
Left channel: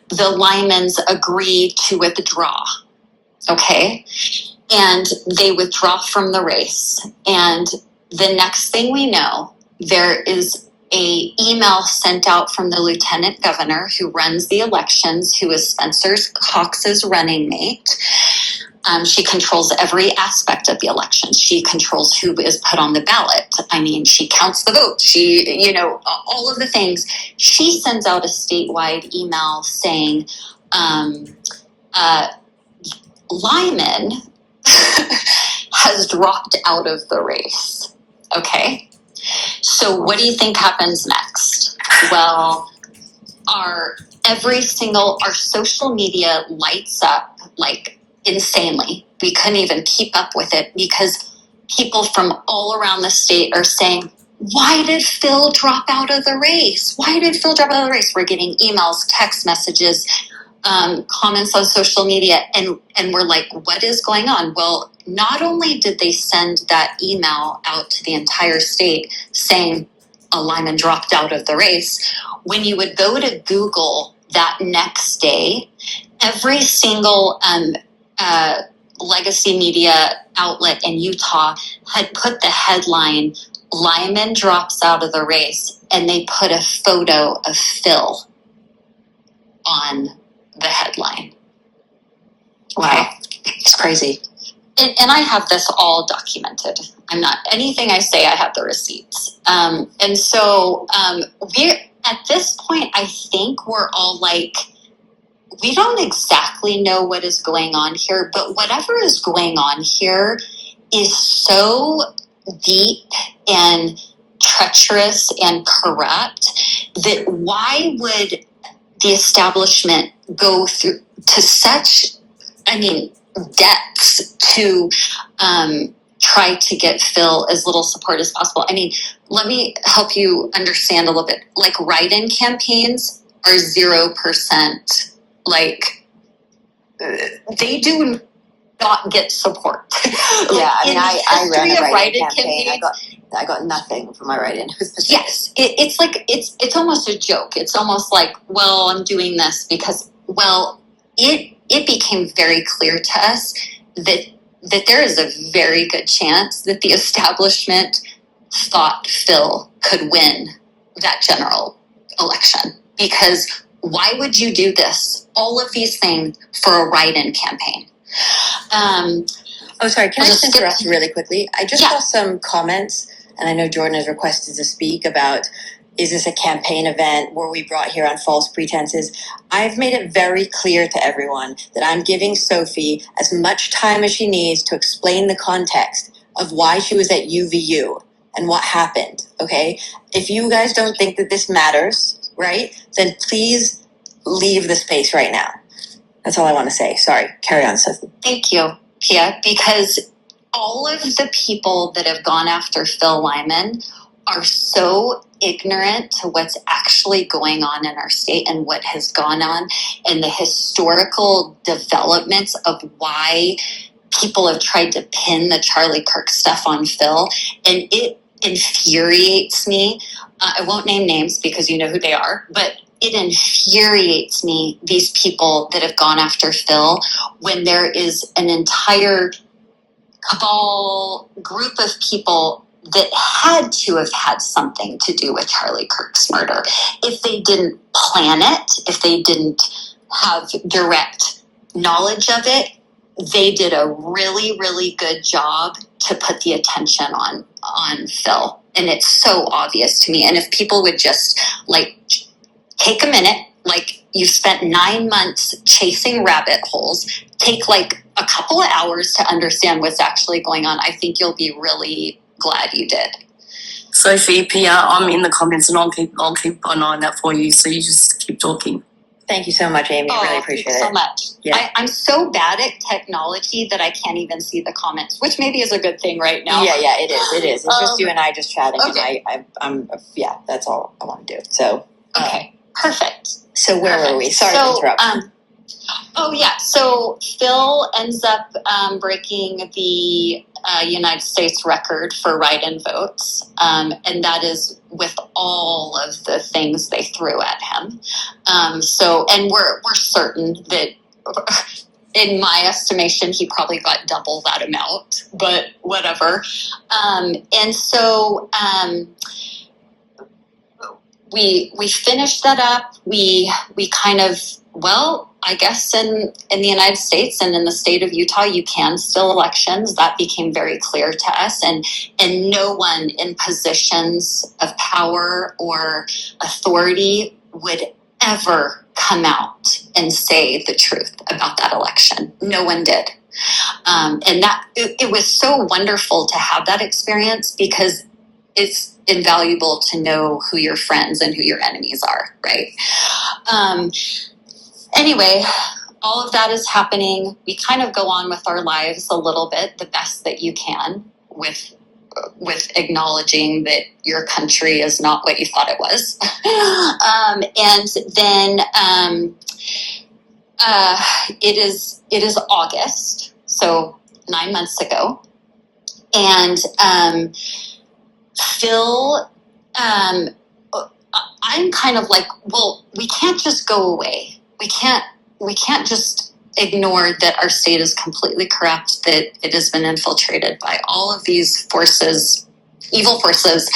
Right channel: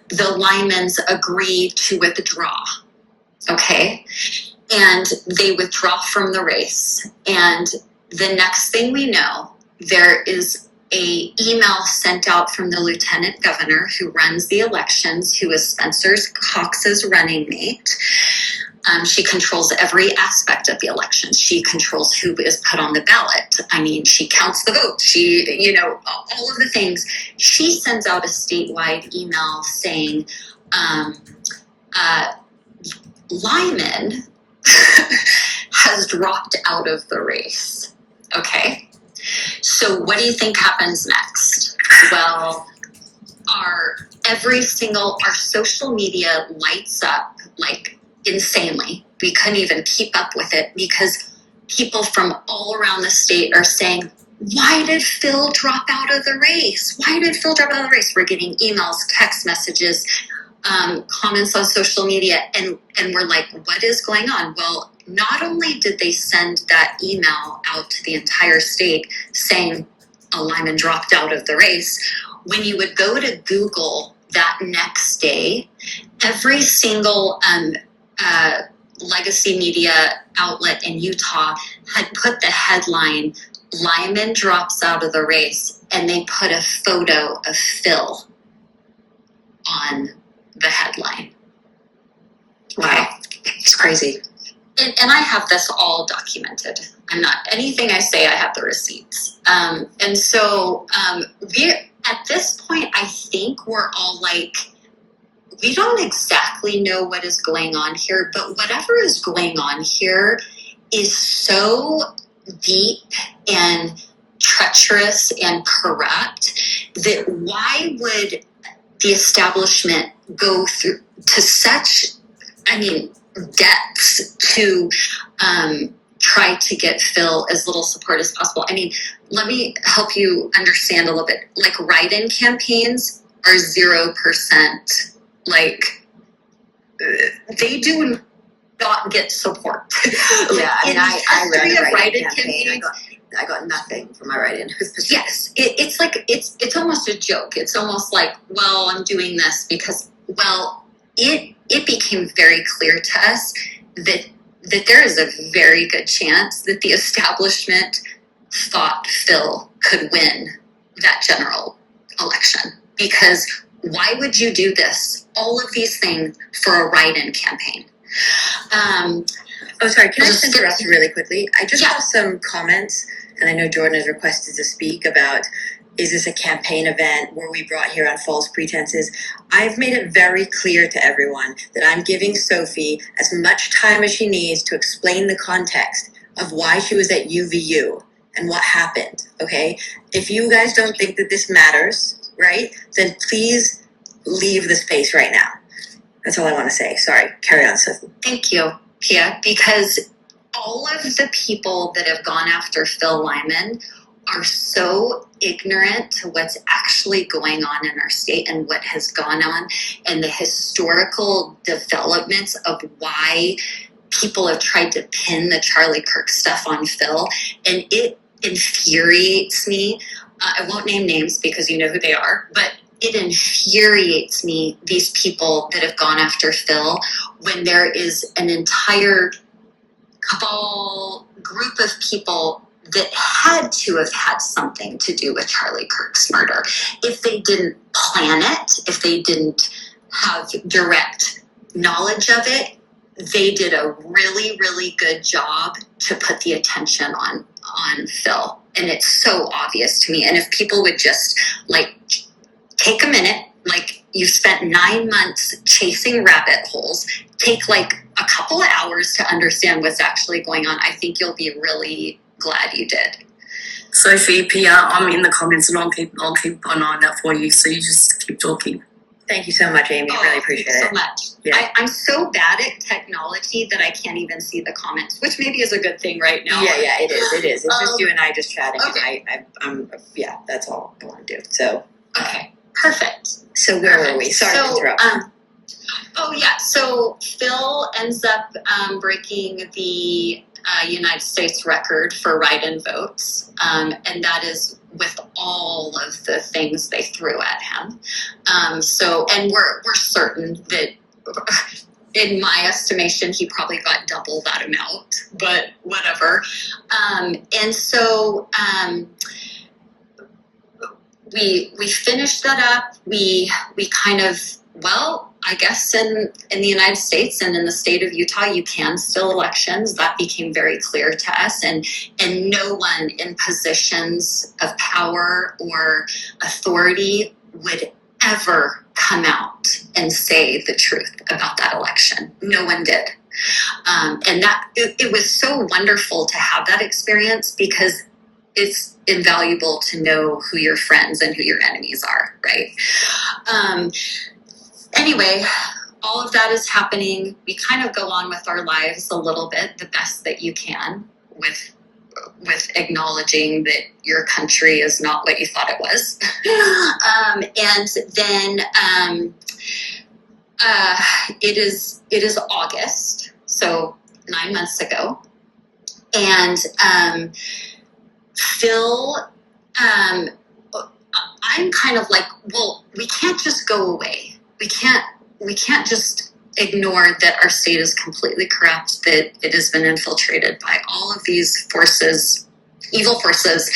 the Lymans agreed to withdraw. Okay, and they withdraw from the race, and the next thing we know, there is a email sent out from the lieutenant governor who runs the elections, who is Spencer Cox's running mate. She controls every aspect of the election. She controls who is put on the ballot. I mean, she counts the votes. She, all of the things. She sends out a statewide email saying, Lyman has dropped out of the race. Okay. So what do you think happens next? Well, our social media lights up insanely. We couldn't even keep up with it because people from all around the state are saying, why did Phil drop out of the race? Why did Phil drop out of the race? We're getting emails, text messages, comments on social media, and we're like, what is going on? Well, not only did they send that email out to the entire state saying a Lyman dropped out of the race, when you would go to Google that next day, every single legacy media outlet in Utah had put the headline, Lyman drops out of the race, and they put a photo of Phil on the headline. Wow. It's crazy. And I have this all documented. I'm not, anything I say, I have the receipts. And so at this point, I think we're all like, we don't exactly know what is going on here, but whatever is going on here is so deep and treacherous and corrupt that why would the establishment go through to such, depths to try to get Phil as little support as possible? I mean, let me help you understand a little bit. Like, write-in campaigns are 0%. Like, they do not get support. Yeah, I mean, I ran a write-in campaign. I got nothing from my write-in. Yes, it's like it's almost a joke. It's almost like, well, I'm doing this because, well, it became very clear to us that there is a very good chance that the establishment thought Phil could win that general election. Because why would you do this? All of these things for a write-in campaign. Sorry, can I just interrupt really quickly? I just saw some comments, and I know Jordan has requested to speak about, is this a campaign event? Were we brought here on false pretenses? I've made it very clear to everyone that I'm giving Sophie as much time as she needs to explain the context of why she was at UVU and what happened, okay? If you guys don't think that this matters, right, then please leave the space right now. That's all I want to say. Sorry. Carry on, Sophie. Thank you, Pia, because all of the people that have gone after Phil Lyman are so ignorant to what's actually going on in our state and what has gone on and the historical developments of why people have tried to pin the Charlie Kirk stuff on Phil. And it infuriates me. I won't name names because you know who they are, but it infuriates me, these people that have gone after Phil, when there is an entire cabal group of people that had to have had something to do with Charlie Kirk's murder. If they didn't plan it, if they didn't have direct knowledge of it, they did a really, really good job to put the attention on Phil. And it's so obvious to me. And if people would just, like, take a minute, like, you spent 9 months chasing rabbit holes, take, like, a couple of hours to understand what's actually going on, I think you'll be really glad you did. Sophie, Pia, I'm in the comments and I'll keep on eyeing that for you. So you just keep talking. Thank you so much, Amy. I really appreciate it. So much. Yeah. I'm so bad at technology that I can't even see the comments, which maybe is a good thing right now. Yeah, it is. It is. It's just you and I just chatting. Okay. And that's all I want to do. So. Okay. Perfect. So where were we? Sorry to interrupt. So Phil ends up breaking the United States record for write-in votes, and that is with all of the things they threw at him. And we're certain that, in my estimation, he probably got double that amount, but whatever. We finished that up. We kind of, I guess in the United States and in the state of Utah, you can still elections. That became very clear to us. And no one in positions of power or authority would ever come out and say the truth about that election. No one did. And that it was so wonderful to have that experience, because it's invaluable to know who your friends and who your enemies are, right? Anyway, all of that is happening. We kind of go on with our lives a little bit, the best that you can, with acknowledging that your country is not what you thought it was. And then it is August, so 9 months ago, and Phil, I'm kind of like, well, we can't just go away. We can't just ignore that our state is completely corrupt, that it has been infiltrated by all of these forces, evil forces,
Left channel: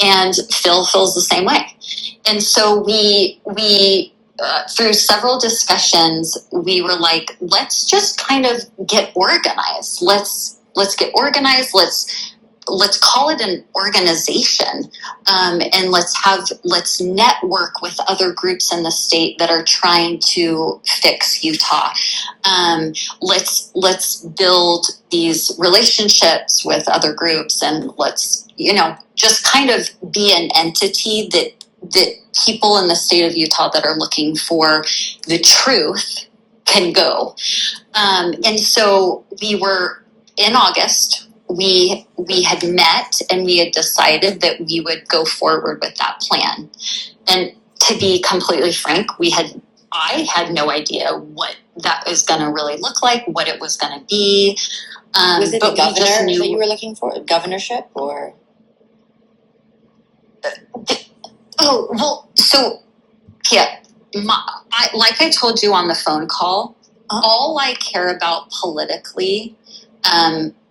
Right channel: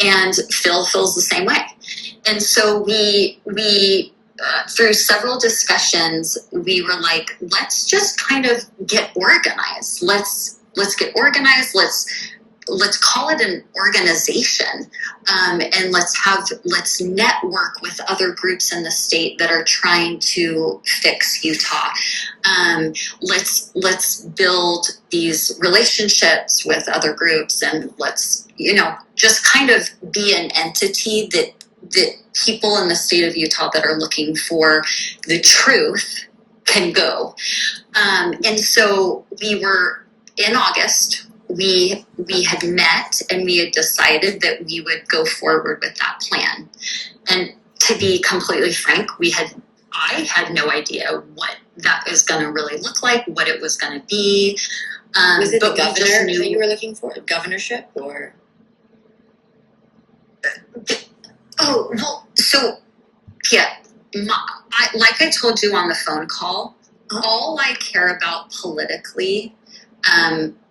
and Phil feels the same way. And so we through several discussions, we were like, let's just kind of get organized. Let's get organized. Let's let's call it an organization, and let's network with other groups in the state that are trying to fix Utah. Let's build these relationships with other groups, and let's, just kind of be an entity that people in the state of Utah that are looking for the truth can go. And so we were in August. We had met and we had decided that we would go forward with that plan. And to be completely frank, I had no idea what that was going to really look like, what it was going to be. Was it the but we just governor knew- that you were looking for? Governorship or? Oh, well, so, yeah, like I told you on the phone call, all I care about politically,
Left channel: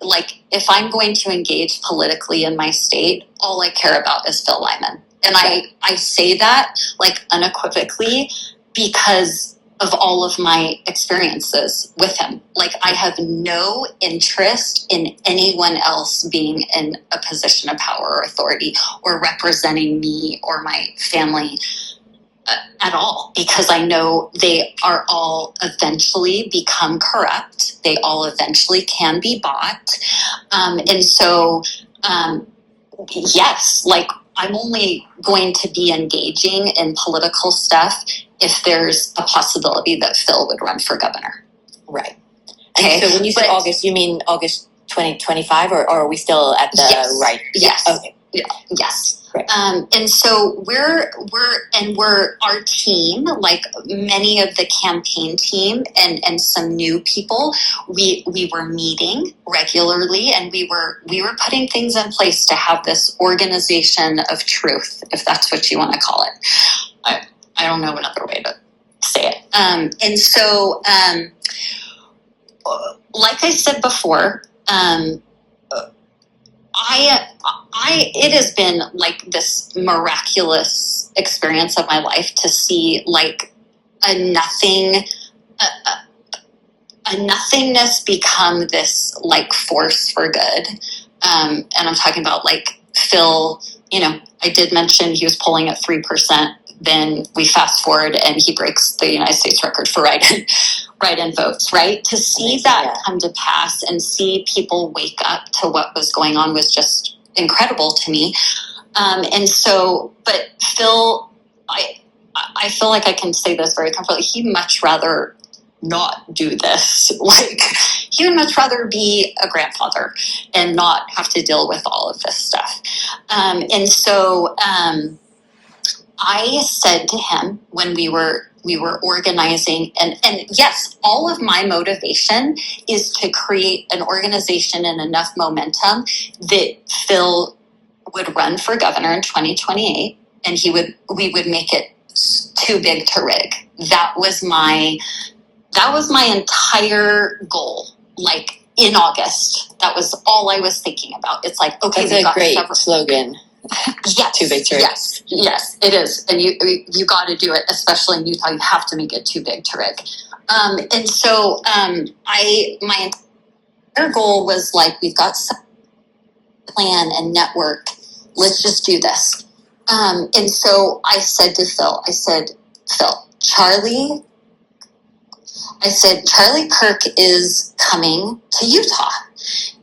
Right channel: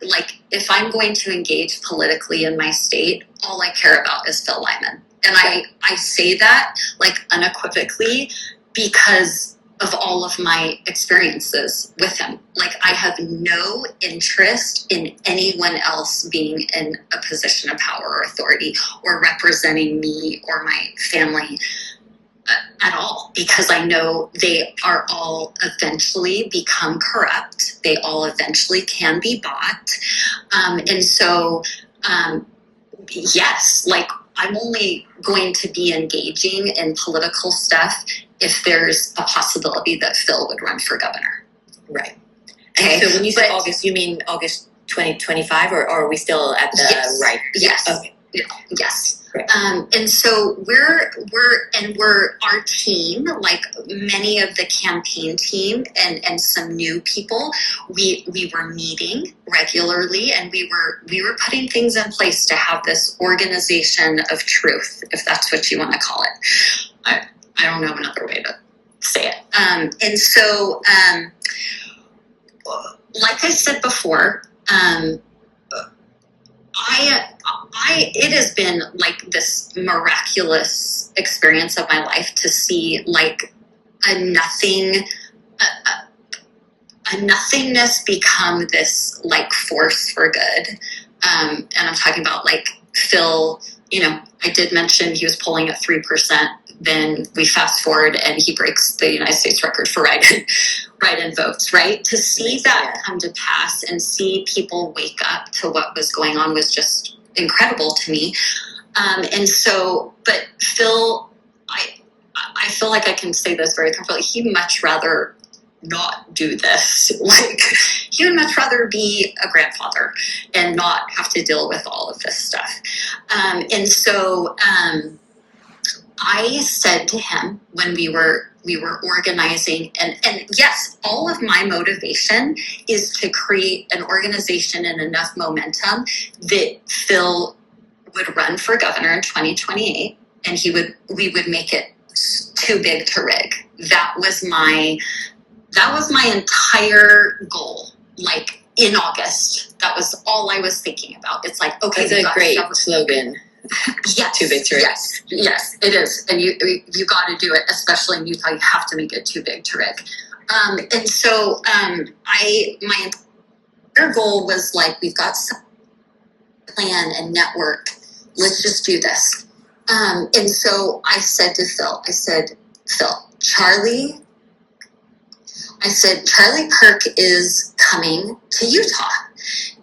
like if I'm going to engage politically in my state, all I care about is Phil Lyman. And I say that like unequivocally because of all of my experiences with him. Like I have no interest in anyone else being in a position of power or authority or representing me or my family at all, because I know they are all eventually become corrupt. They all eventually can be bought. And so, yes, like I'm only going to be engaging in political stuff if there's a possibility that Phil would run for governor. Right. Okay. So when you say August, you mean August 2025, or are we still at the right? Yes. Okay. Yes. Right. And so we're our team, like many of the campaign team and some new people, we were meeting regularly, and we were putting things in place to have this organization of truth, if that's what you want to call it. I don't know another way to say it. And so, like I said before, it has been like this miraculous experience of my life to see like a nothingness become this like force for good. And I'm talking about like Phil, I did mention he was polling at 3%. Then we fast forward and he breaks the United States record for write-in votes, right? To see that come to pass and see people wake up to what was going on was just incredible to me. And so, but Phil, I feel like I can say this very comfortably. He'd much rather not do this. Like he would much rather be a grandfather and not have to deal with all of this stuff. And so, I said to him when we were organizing, and yes, all of my motivation is to create an organization and enough momentum that Phil would run for governor in 2028, and we would make it too big to rig. That was my entire goal. Like in August, that was all I was thinking about. It's like, okay, that's a great slogan. Yes, too big to rig. Yes, it is, and you got to do it, especially in Utah. You have to make it too big to rig. And so, my entire goal was like, we've got some plan and network. Let's just do this. And so I said to Phil, Phil, Charlie Kirk is coming to Utah.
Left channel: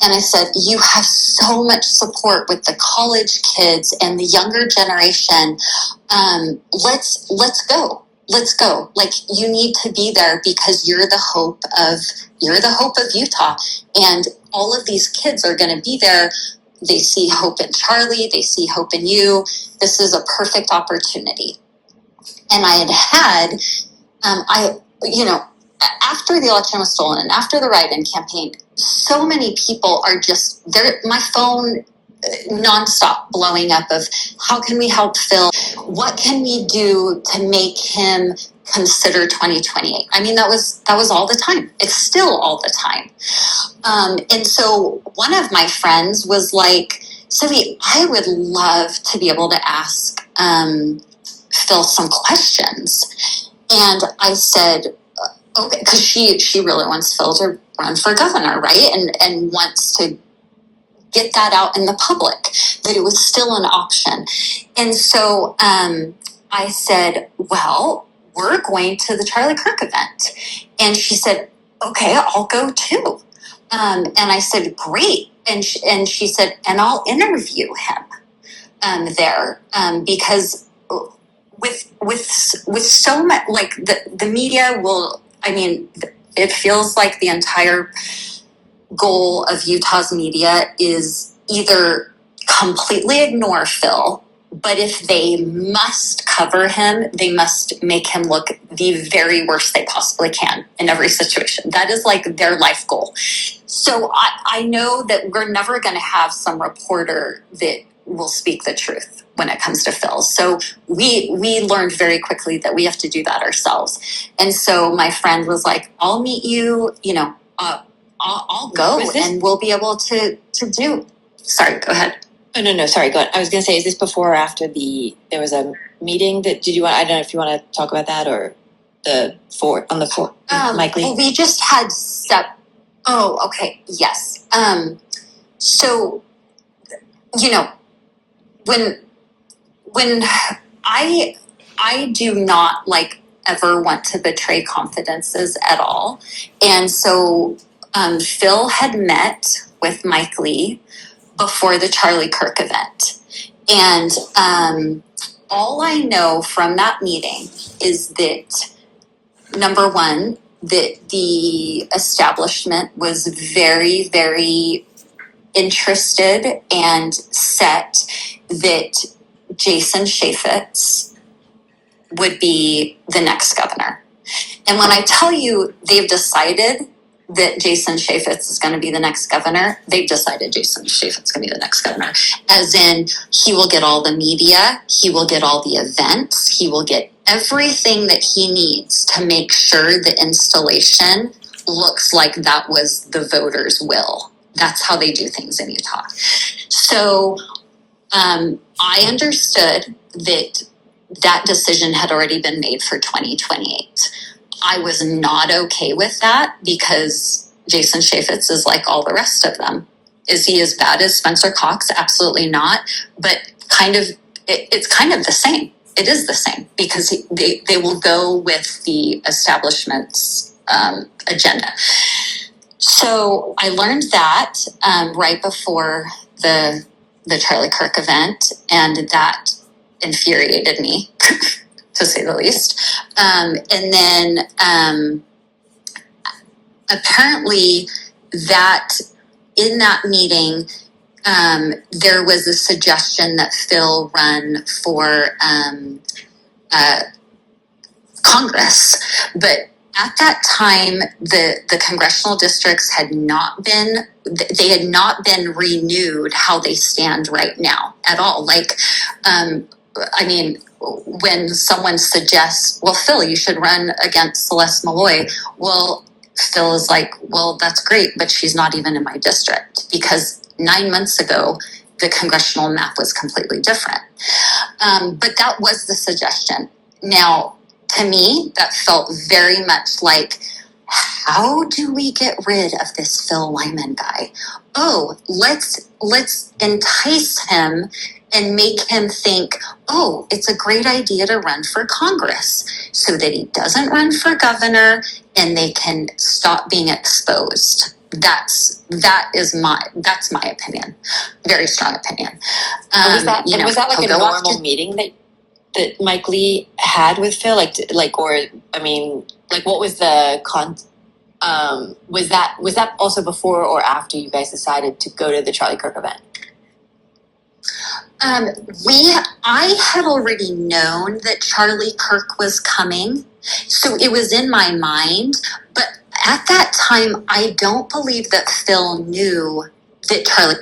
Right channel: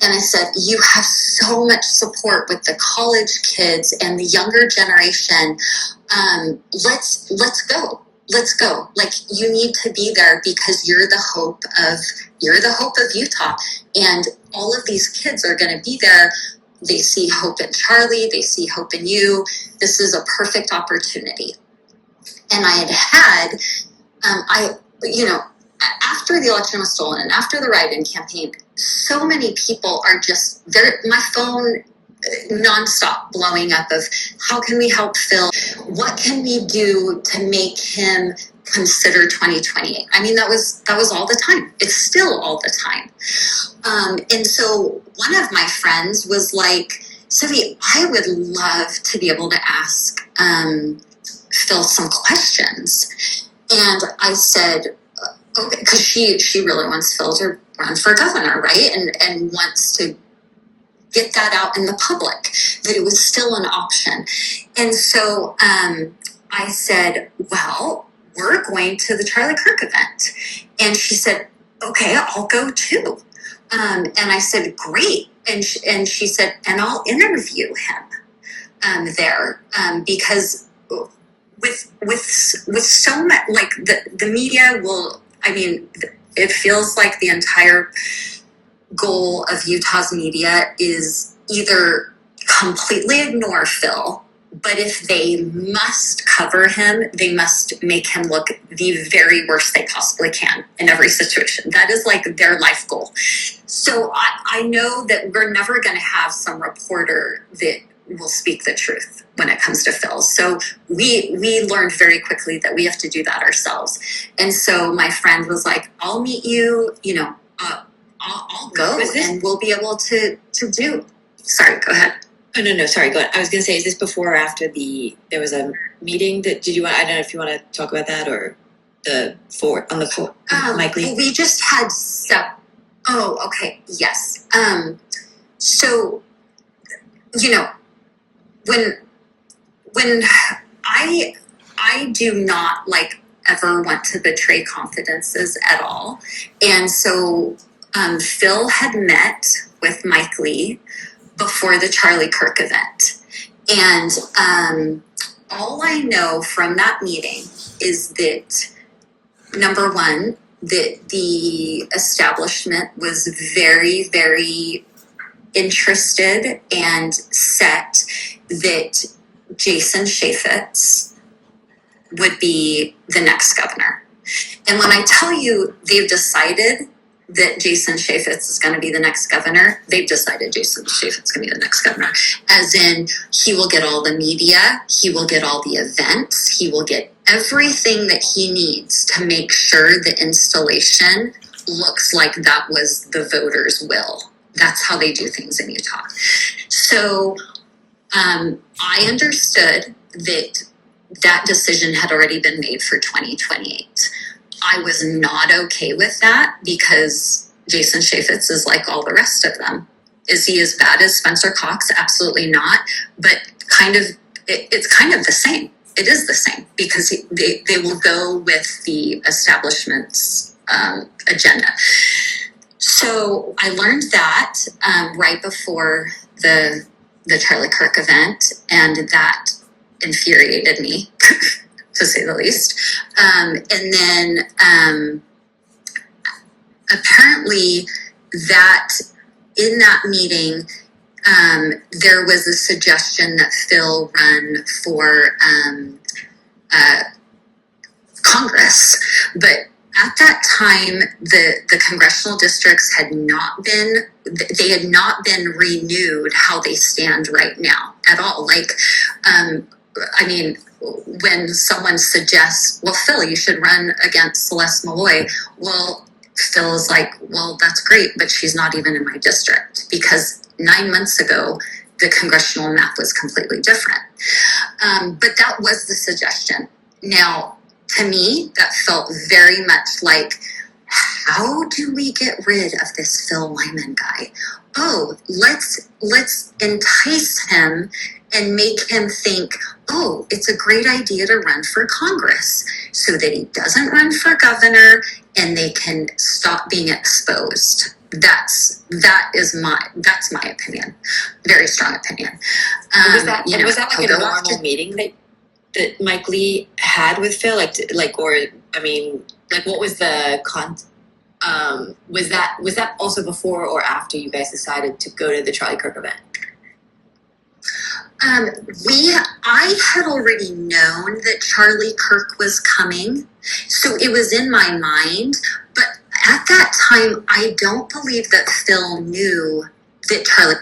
And I said, you have so much support with the college kids and the younger generation. Let's go. Like you need to be there because you're the hope of Utah. And all of these kids are going to be there. They see hope in Charlie. They see hope in you. This is a perfect opportunity. And I had after the election was stolen and after the write-in campaign, so many people are just there. My phone nonstop blowing up of how can we help Phil? What can we do to make him consider 2028? I mean, that was all the time. It's still all the time. And so one of my friends was like, Sophie, I would love to be able to ask Phil some questions. And I said, okay, because she really wants Phil to run for governor, right? And wants to get that out in the public, that it was still an option. And so I said, well, we're going to the Charlie Kirk event. And she said, okay, I'll go too. And I said, great. And she said, and I'll interview him there because with so much, like the media will, I mean, it feels like the entire goal of Utah's media is either completely ignore Phil, but if they must cover him, they must make him look the very worst they possibly can in every situation. That is like their life goal. So I know that we're never going to have some reporter that will speak the truth when it comes to Phil. So we learned very quickly that we have to do that ourselves. And so my friend was like, I'll meet you, I'll go and we'll be able to do. Sorry, go ahead. Oh, no, sorry, go on. I was going to say, is this before or after there was a meeting I don't know if you want to talk about that or Mike Lee? We just had oh, okay, yes. So, when I do not ever want to betray confidences at all. And so, Phil had met with Mike Lee before the Charlie Kirk event. And all I know from that meeting is that, number one, that the establishment was very, very interested and set that Jason Chaffetz would be the next governor. And when I tell you they've decided that Jason Chaffetz is going to be the next governor, they've decided Jason Chaffetz is going to be the next governor. As in, he will get all the media, he will get all the events, he will get everything that he needs to make sure the installation looks like that was the voters' will. That's how they do things in Utah. So I understood that decision had already been made for 2028. I was not okay with that because Jason Chaffetz is like all the rest of them. Is he as bad as Spencer Cox? Absolutely not. But it's kind of the same. It is the same because they will go with the establishment's agenda. So I learned that right before the Charlie Kirk event, and that infuriated me. To say the least. And then apparently that in that meeting, there was a suggestion that Phil run for Congress. But at that time, the congressional districts had not been renewed how they stand right now at all. When someone suggests, well, Phil, you should run against Celeste Malloy. Well, Phil is like, well, that's great, but she's not even in my district because 9 months ago, the congressional map was completely different. But that was the suggestion. Now, to me, that felt very much like, how do we get rid of this Phil Lyman guy? Oh, let's entice him and make him think, oh, it's a great idea to run for Congress so that he doesn't run for governor and they can stop being exposed. That's my opinion. Very strong opinion. Was that like a normal meeting that Mike Lee had with Phil? What was the was that also before or after you guys decided to go to the Charlie Kirk event? I had already known that Charlie Kirk was coming, so it was in my mind. But at that time, I don't believe that Phil knew that Charlie.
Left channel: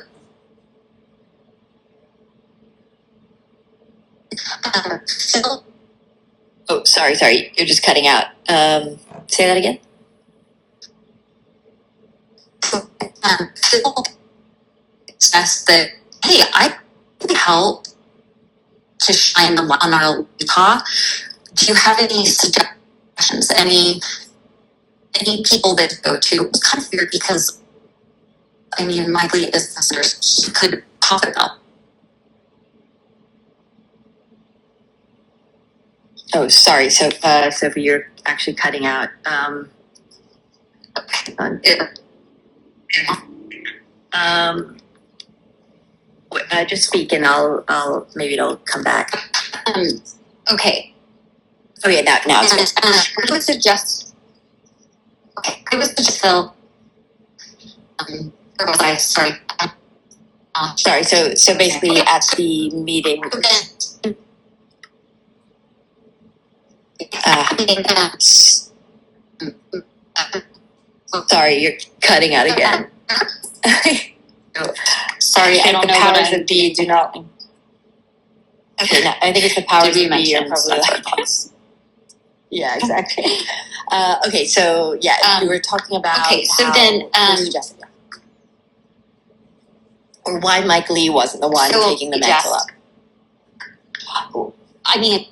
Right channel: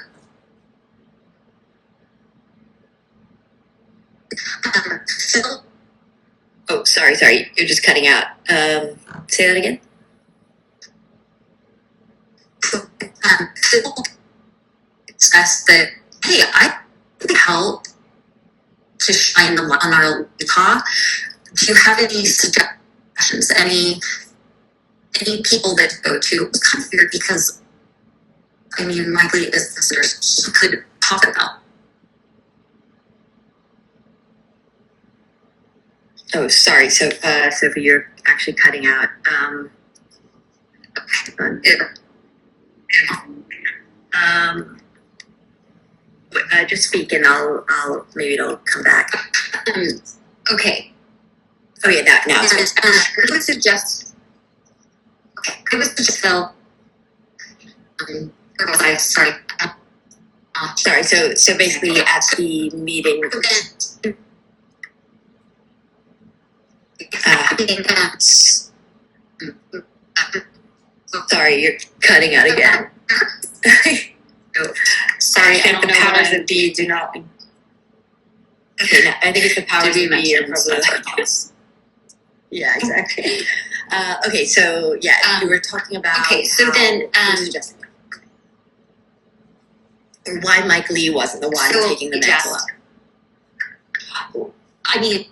Phil. Oh, sorry, you're just cutting out. Say that again. Phil discussed that, hey, I could help to shine the light on our Utah. Do you have any suggestions? Any people that go to? It was kind of weird because I mean, likely is listeners he could talk about. Oh, sorry. So, Sophie, you're actually cutting out. Just speak, and I'll maybe it'll come back. Okay. Oh yeah, now it's good. I would suggest. Okay, I would suggest Phil. Where was I? Sorry. Sorry. So basically, at the meeting. Sorry, you're cutting out again. Sorry, I don't know. The powers that be do not. Okay, no, I think it's the powers that be are probably like. Yeah, exactly. Okay, so yeah, you were talking about. Okay, so then. Or why Mike Lee wasn't the one taking the mantle up. I mean,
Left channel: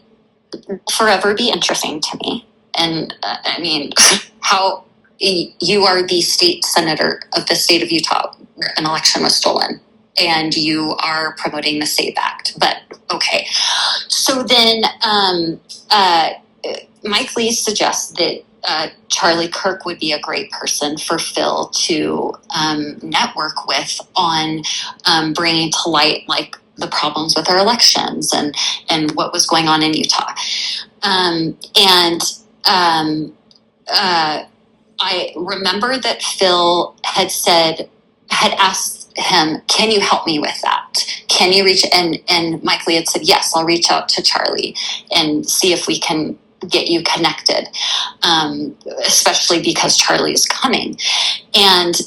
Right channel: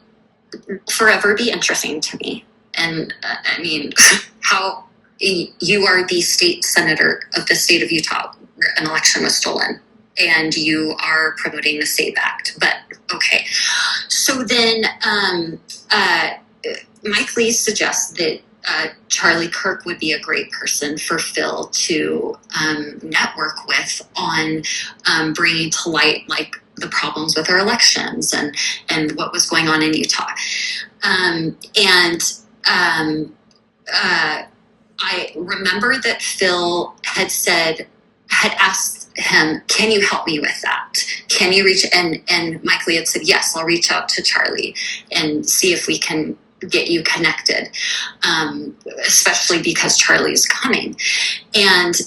forever be interesting to me. And I mean, how you are the state senator of the state of Utah where an election was stolen, and you are promoting the SAVE Act. But okay. So then Mike Lee suggests that Charlie Kirk would be a great person for Phil to network with on bringing to light like the problems with our elections and what was going on in Utah. I remember that Phil had asked him, can you help me with that? Can you reach, and Mike Lee had said, yes, I'll reach out to Charlie and see if we can get you connected, especially because Charlie's coming. And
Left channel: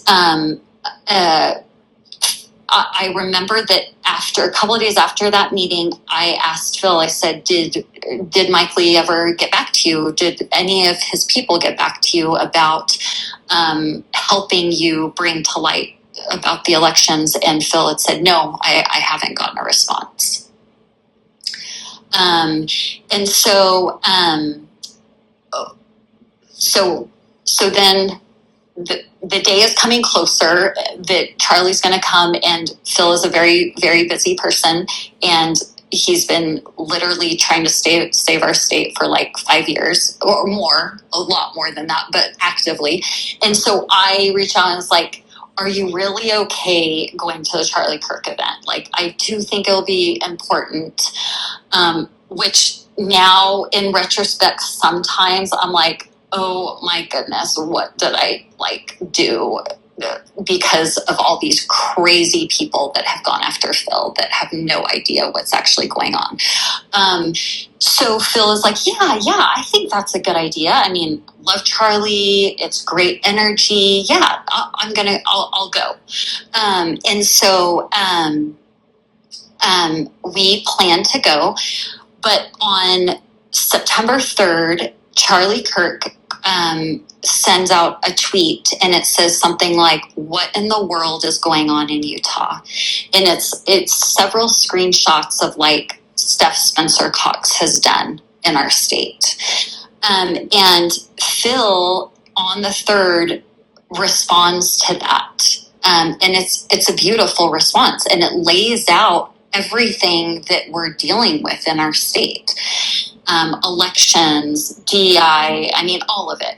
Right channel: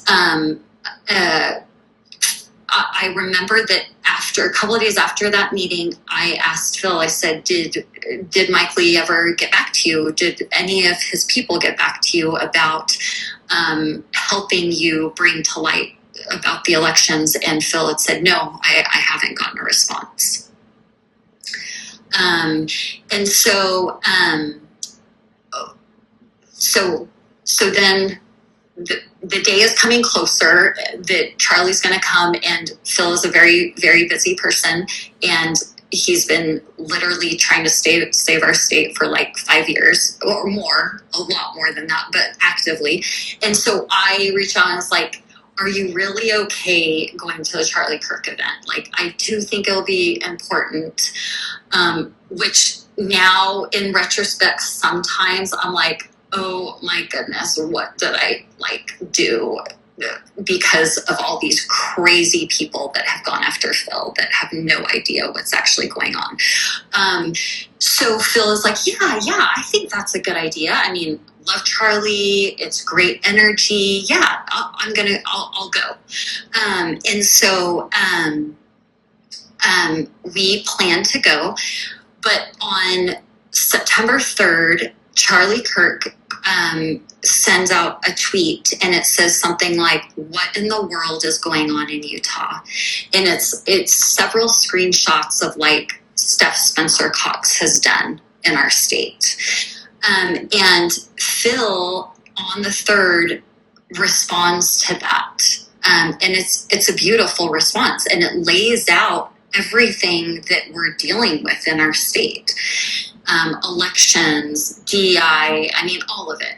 I remember that after a couple of days after that meeting, I asked Phil, I said, did Mike Lee ever get back to you? Did any of his people get back to you about helping you bring to light about the elections? And Phil had said, no, I haven't gotten a response. And so then the day is coming closer that Charlie's going to come, and Phil is a very, very busy person, and he's been literally trying to save our state for like 5 years or more, a lot more than that, but actively. And so I reached out and was like, are you really okay going to the Charlie Kirk event? Like, I do think it'll be important, which now in retrospect, sometimes I'm like, oh my goodness, what did I do? Because of all these crazy people that have gone after Phil that have no idea what's actually going on. So Phil is like, yeah, I think that's a good idea. I mean, love Charlie. It's great energy. Yeah, I'll go. And so we plan to go, but on September 3rd, Charlie Kirk sends out a tweet, and it says something like, what in the world is going on in Utah? And it's several screenshots of like stuff Spencer Cox has done in our state. And Phil on the 3rd responds to that. And it's a beautiful response, and it lays out everything that we're dealing with in our state. Elections, DEI, I mean, all of it.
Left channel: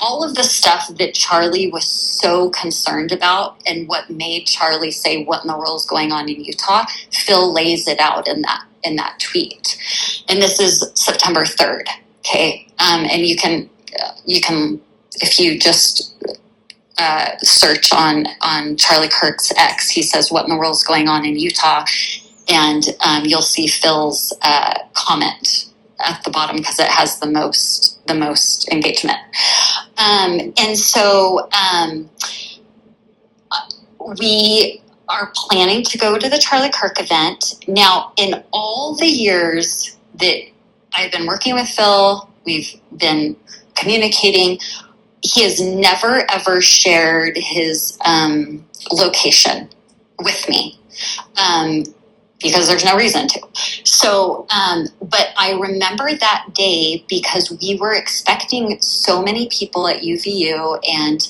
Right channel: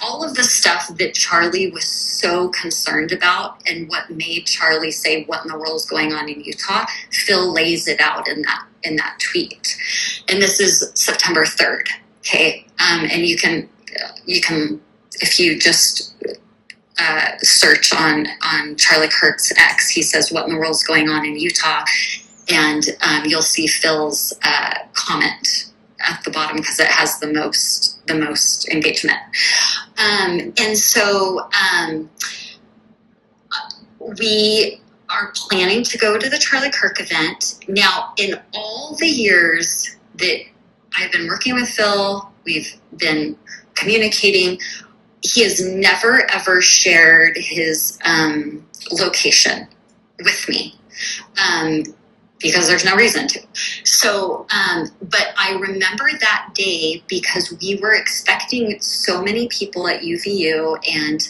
All of the stuff that Charlie was so concerned about, and what made Charlie say, what in the world is going on in Utah? Phil lays it out in that tweet. And this is September 3rd. Okay. And you can, if you just search on Charlie Kirk's X, he says, what in the world is going on in Utah? And you'll see Phil's comment at the bottom because it has the most engagement. And so we are planning to go to the Charlie Kirk event. Now, in all the years that I've been working with Phil, we've been communicating, he has never, ever shared his location with me. Because there's no reason to. So, but I remember that day because we were expecting so many people at UVU, and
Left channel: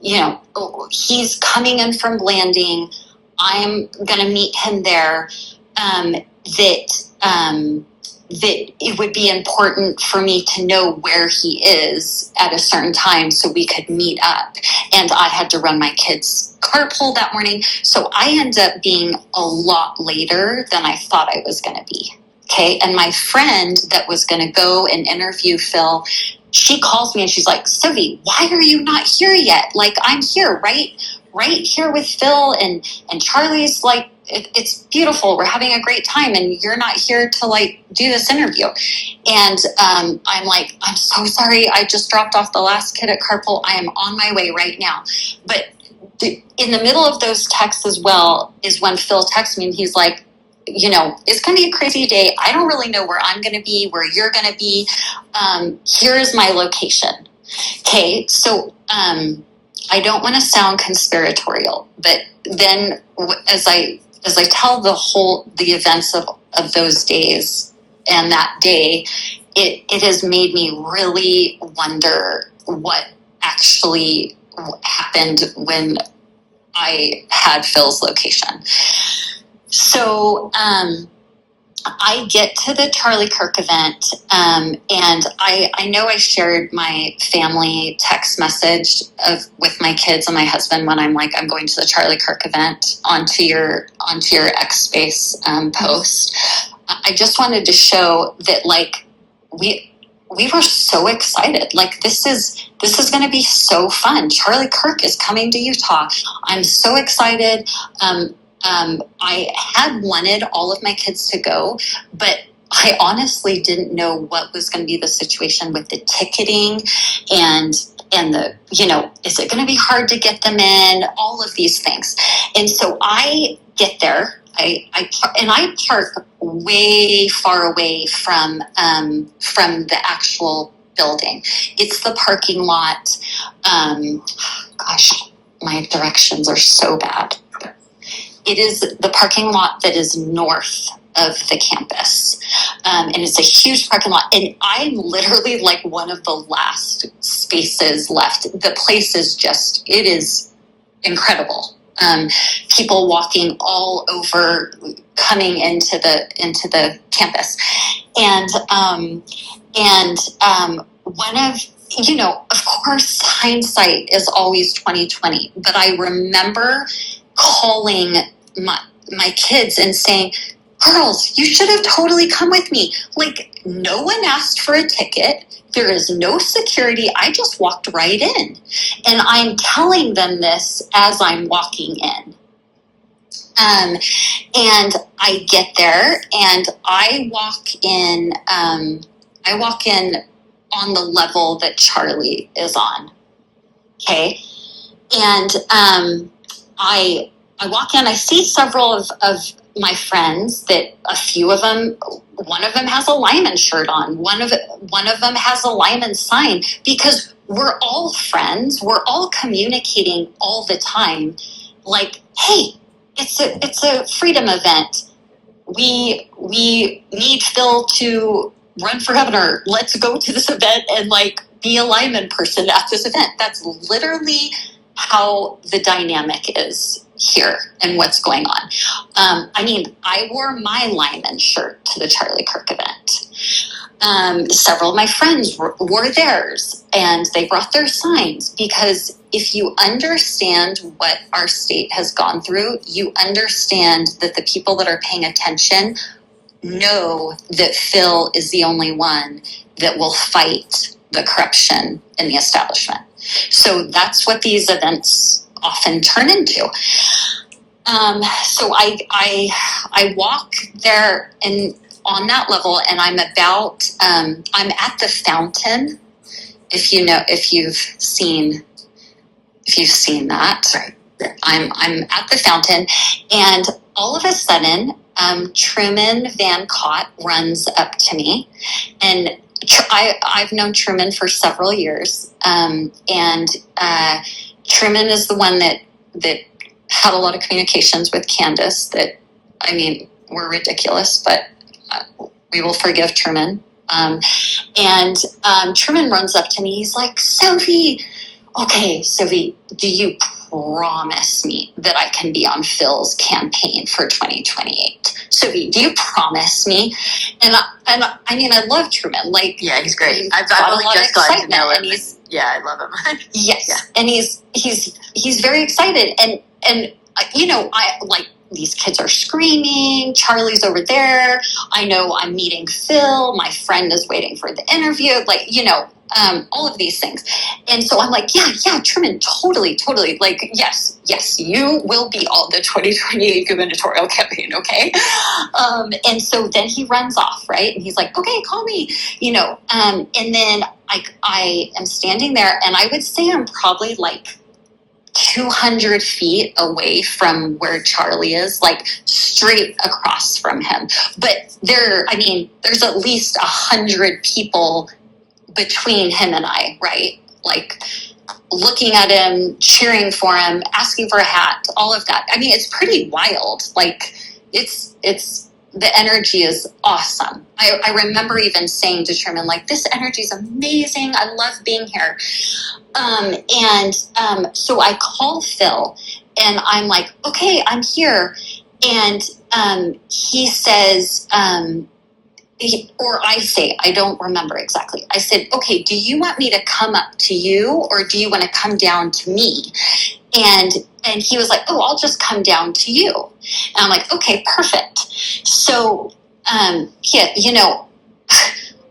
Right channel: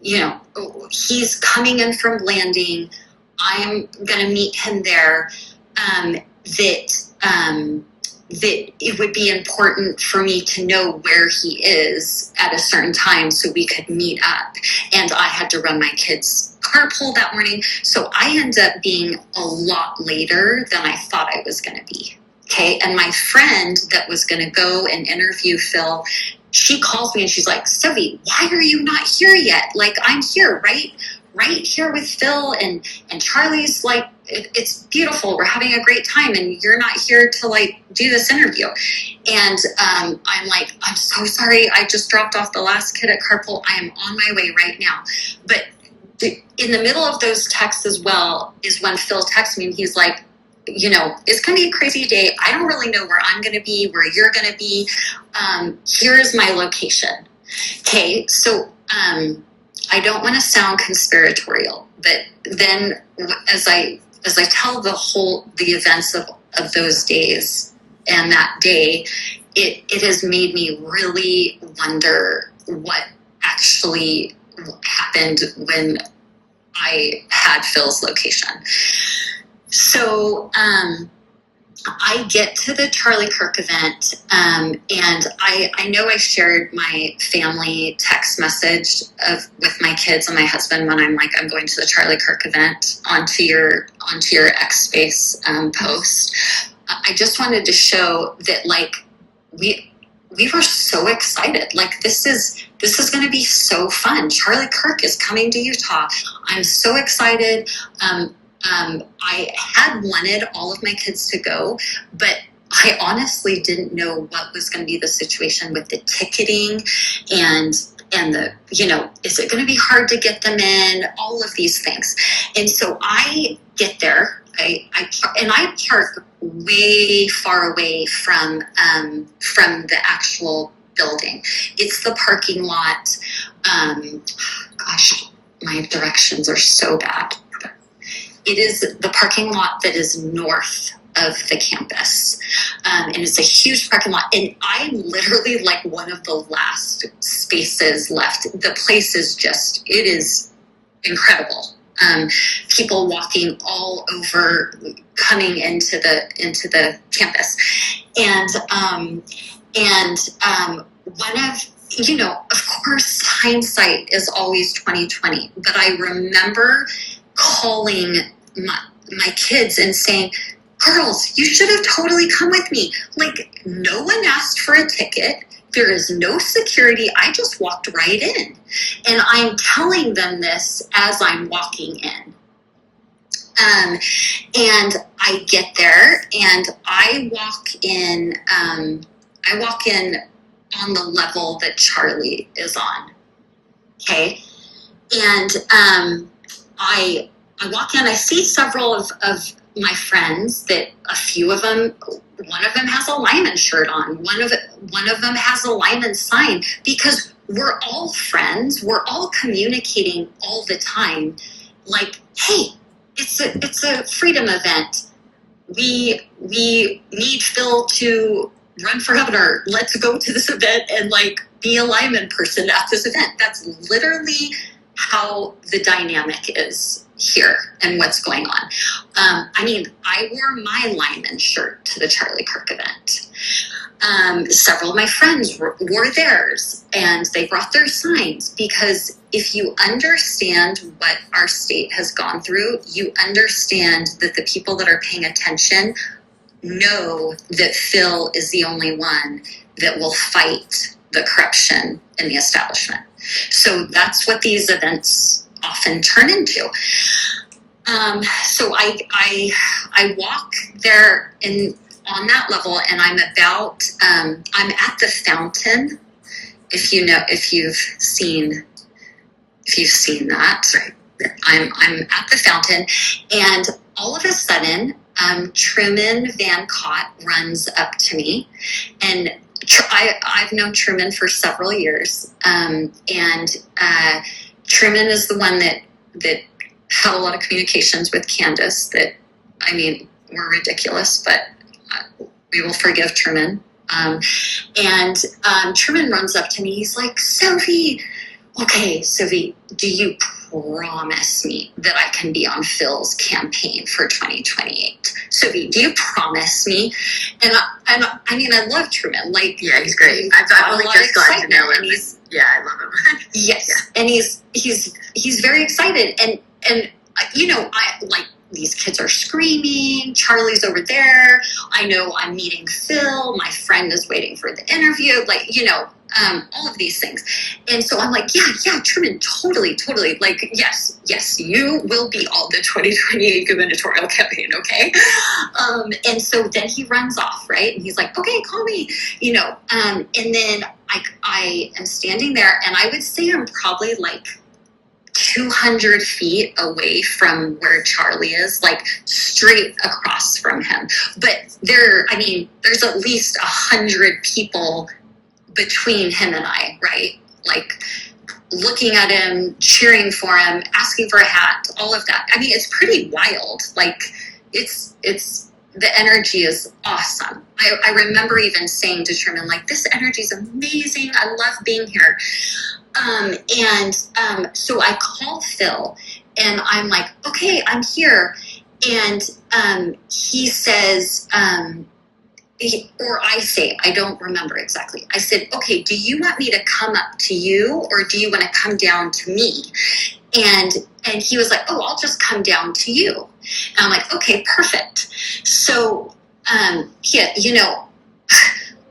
he's coming in from Blanding. I'm going to meet him there. That it would be important for me to know where he is at a certain time so we could meet up. And I had to run my kids' carpool that morning. So I ended up being a lot later than I thought I was going to be. Okay. And my friend that was going to go and interview Phil, she calls me and she's like, Sophie, why are you not here yet? Like, I'm here, right here with Phil and Charlie's like, it's beautiful. We're having a great time. And you're not here to like do this interview. And I'm like, I'm so sorry. I just dropped off the last kid at carpool. I am on my way right now. But in the middle of those texts as well is when Phil texts me and he's like, it's going to be a crazy day. I don't really know where I'm going to be, where you're going to be. Here's my location. Okay. So, I don't want to sound conspiratorial, but then as I tell the events of those days and that day, it has made me really wonder what actually happened when I had Phil's location. So, I get to the Charlie Kirk event, and I know I shared my family text message with my kids and my husband when I'm like, I'm going to the Charlie Kirk event onto your X Space post. I just wanted to show that like we were so excited. Like this is going to be so fun. Charlie Kirk is coming to Utah. I'm so excited. I had wanted all of my kids to go, but I honestly didn't know what was going to be the situation with the ticketing and the, is it going to be hard to get them in, all of these things. And so I get there, I park way far away from the actual building. It's the parking lot. Gosh, my directions are so bad. It is the parking lot that is north of the campus. And it's a huge parking lot. And I'm literally like one of the last spaces left. The place is it is incredible. People walking all over, coming into the campus. And one of course, hindsight is always 20/20. But I remember calling my kids and saying, girls, you should have totally come with me. Like, no one asked for a ticket. There is no security. I just walked right in. And I'm telling them this as I'm walking in. And I get there and I walk in on the level that Charlie is on. Okay. And I walk in, I see several of my friends that a few of them, one of them has a Lyman shirt on. One of them has a Lyman sign because we're all friends. We're all communicating all the time. Like, hey, it's a freedom event. We need Phil to run for governor. Let's go to this event and like be a Lyman person at this event. That's literally how the dynamic is here and what's going on. I wore my Lyman shirt to the Charlie Kirk event. Several of my friends wore theirs and they brought their signs because if you understand what our state has gone through, you understand that the people that are paying attention know that Phil is the only one that will fight the corruption in the establishment. So that's what these events often turn into. So I walk there and on that level, and I'm at the fountain. If you've seen that, right. I'm at the fountain, and all of a sudden, Truman Van Cott runs up to me, and I've known Truman for several years, and Truman is the one that had a lot of communications with Candace that, were ridiculous, but we will forgive Truman. And Truman runs up to me. He's like, Sophie, okay, Sophie, do you promise me that I can be on Phil's campaign for 2028? Sophie, do you promise me? And I mean, I love Truman. Like, Yeah, he's great. I've only just gotten to know him. Yeah, I love him. Yes, yeah. And he's very excited, and you know, I like, these kids are screaming. Charlie's over there. I know I'm meeting Phil. My friend is waiting for the interview. Like, you know, all of these things. And so I'm like, yeah, Truman, totally. Like, yes, you will be on the 2028 gubernatorial campaign, okay? And so then he runs off, right? And he's like, okay, call me, you know. And then I am standing there, and I would say I'm probably like 200 feet away from where Charlie is, like straight across from him. But there's at least 100 people between him and I, right? Like looking at him, cheering for him, asking for a hat, all of that. I mean, it's pretty wild. Like it's the energy is awesome. I remember even saying to Sherman, like, this energy is amazing. I love being here. So I call Phil, and I'm like, okay, I'm here. And he says, or I say, I don't remember exactly. I said, okay, do you want me to come up to you, or do you want to come down to me? And he was like, oh, I'll just come down to you. And I'm like, okay, perfect. So, yeah, you know,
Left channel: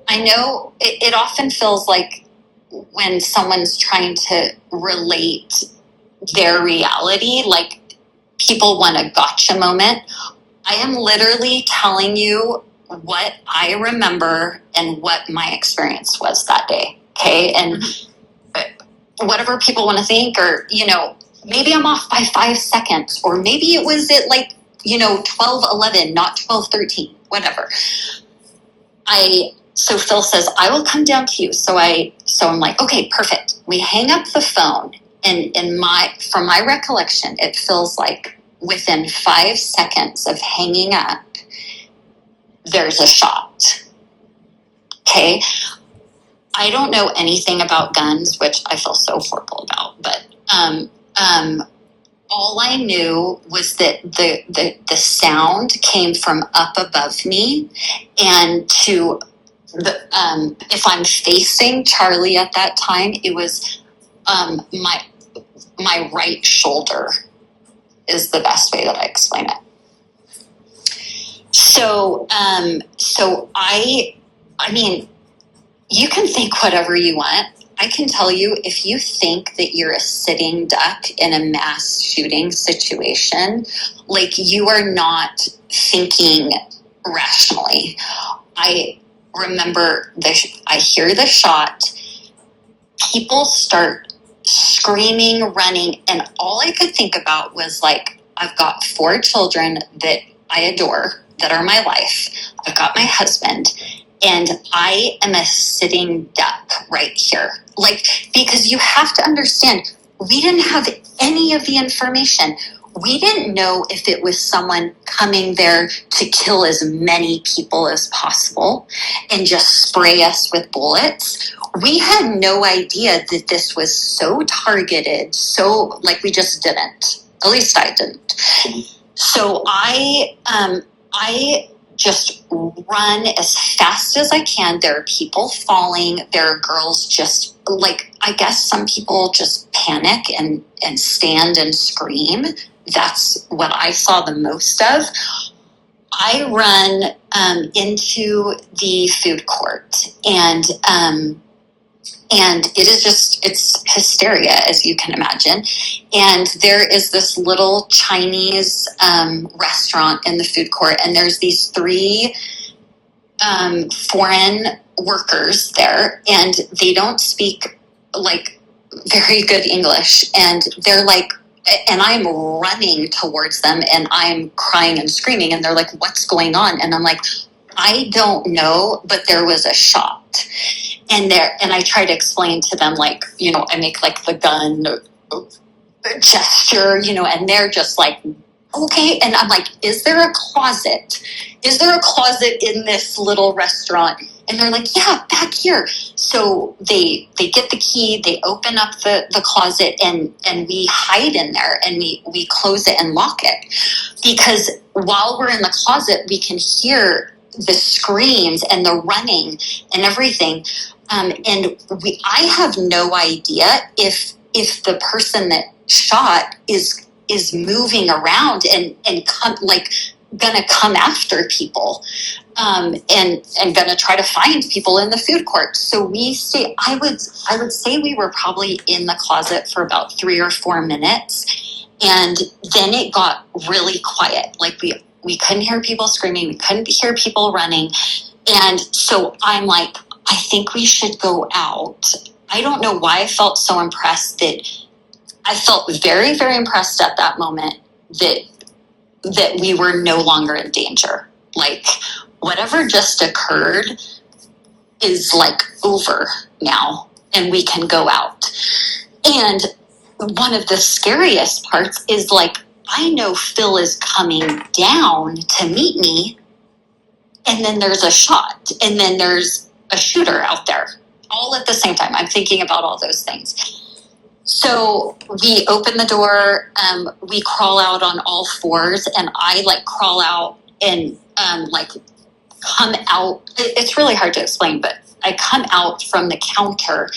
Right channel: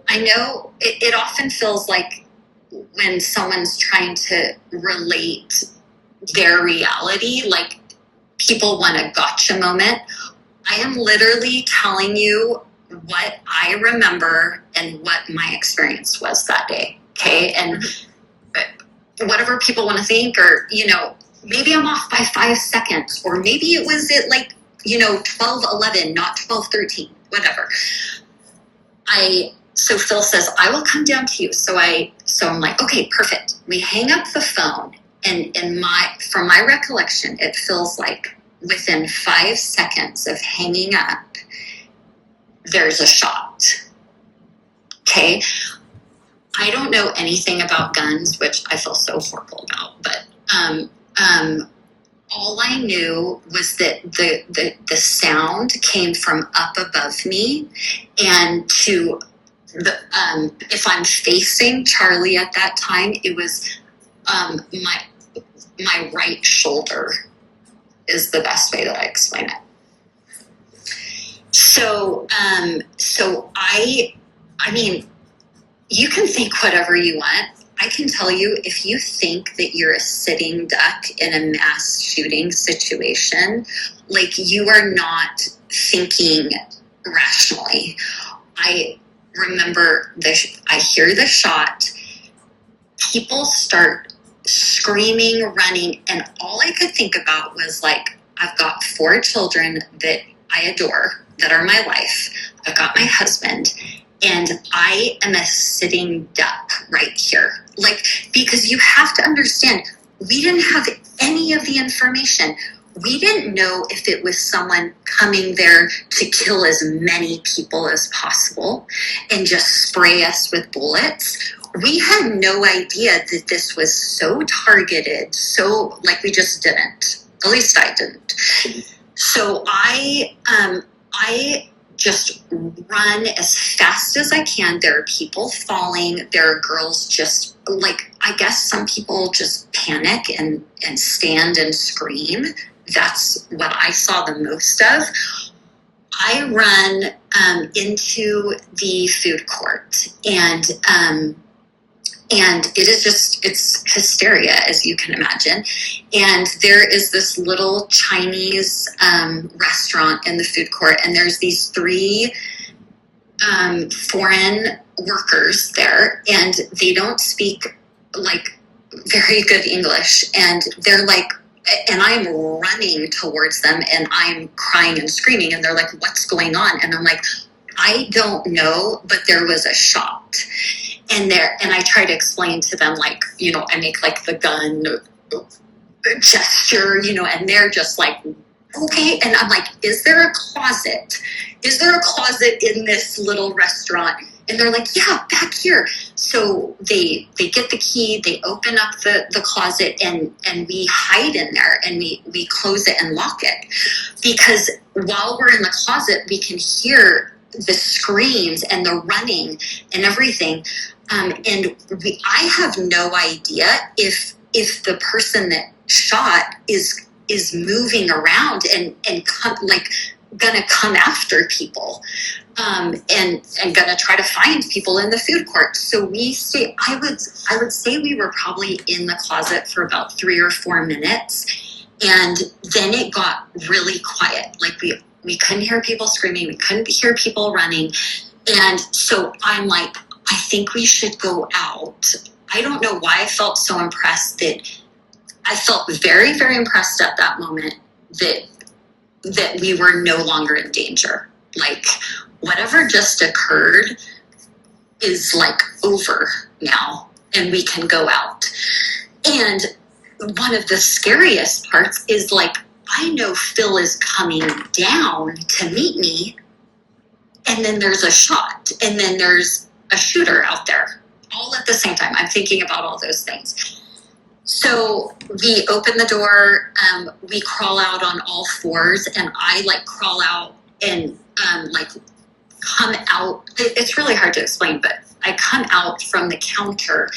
I know it often feels like when someone's trying to relate their reality, like people want a gotcha moment. I am literally telling you what I remember and what my experience was that day. Okay. And whatever people want to think, or, you know, maybe I'm off by 5 seconds, or maybe it was at like, you know, 12:11, not 12:13, whatever. So Phil says, I will come down to you. So I'm like, okay, perfect. We hang up the phone, and from my recollection, it feels like within 5 seconds of hanging up, there's a shot. Okay. I don't know anything about guns, which I feel so horrible about, but all I knew was that the sound came from up above me, and if I'm facing Charlie at that time, it was my right shoulder is the best way that I explain it. So I mean, you can think whatever you want. I can tell you, if you think that you're a sitting duck in a mass shooting situation, like, you are not thinking rationally. I remember I hear the shot, people start screaming, running, and all I could think about was, like, I've got 4 children that I adore, that are my life. I've got my husband, and I am a sitting duck right here. Like, because you have to understand, we didn't have any of the information. We didn't know if it was someone coming there to kill as many people as possible and just spray us with bullets. We had no idea that this was so targeted, so, like, we just didn't. At least I didn't. So I just run as fast as I can. There are people falling. There are girls just, like, I guess some people just panic and stand and scream. That's what I saw the most of. I run into the food court, and it is just, it's hysteria, as you can imagine. And there is this little Chinese restaurant in the food court, and there's these 3 foreign workers there, and they don't speak, like, very good English. And they're like, and I'm running towards them, and I'm crying and screaming, and they're like, what's going on? And I'm like, I don't know, but there was a shot. And I try to explain to them, like, you know, I make like the gun gesture, you know, and they're just like, okay. And I'm like, is there a closet? Is there a closet in this little restaurant? And they're like, yeah, back here. So they get the key, they open up the closet, and we hide in there, and we close it and lock it. Because while we're in the closet, we can hear the screams and the running and everything. I have no idea if the person that shot is moving around and gonna come after people, and gonna try to find people in the food court. So we stay. I would say we were probably in the closet for about 3 or 4 minutes, and then it got really quiet. Like we couldn't hear people screaming, we couldn't hear people running, and so I'm like, I think we should go out. I don't know why I felt so impressed that. I felt very, very impressed at that moment that we were no longer in danger. Like, whatever just occurred is like over now, and we can go out. And one of the scariest parts is, like, I know Phil is coming down to meet me, and then there's a shot, and then there's a shooter out there, all at the same time. I'm thinking about all those things. So we open the door, we crawl out on all fours, and I crawl out and come out. It's really hard to explain, but I come out from the counter,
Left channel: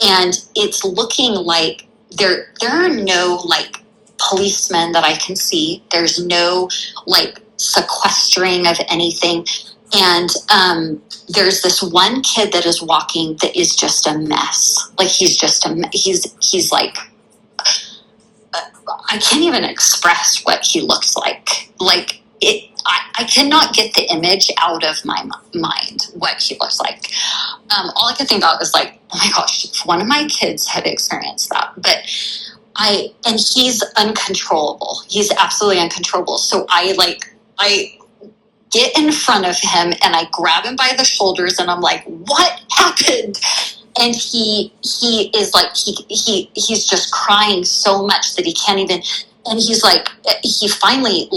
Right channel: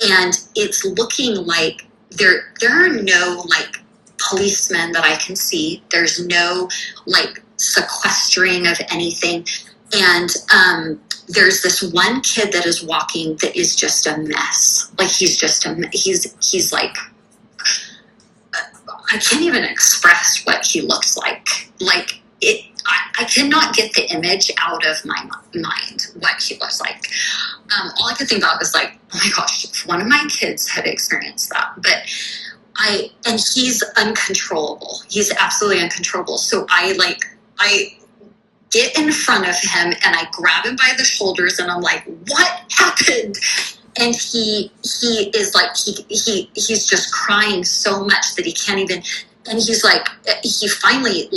and it's looking like there are no policemen that I can see. There's no sequestering of anything. And there's this one kid that is walking that is just a mess. Like, he's just he's like, I can't even express what he looks like. Like, I cannot get the image out of my mind, what he looks like. All I could think about was like, oh my gosh, if one of my kids had experienced that. And he's uncontrollable. He's absolutely uncontrollable. So I get in front of him, and I grab him by the shoulders, and I'm like, what happened? And he is like, he's just crying so much that he can't even, and he's like, he finally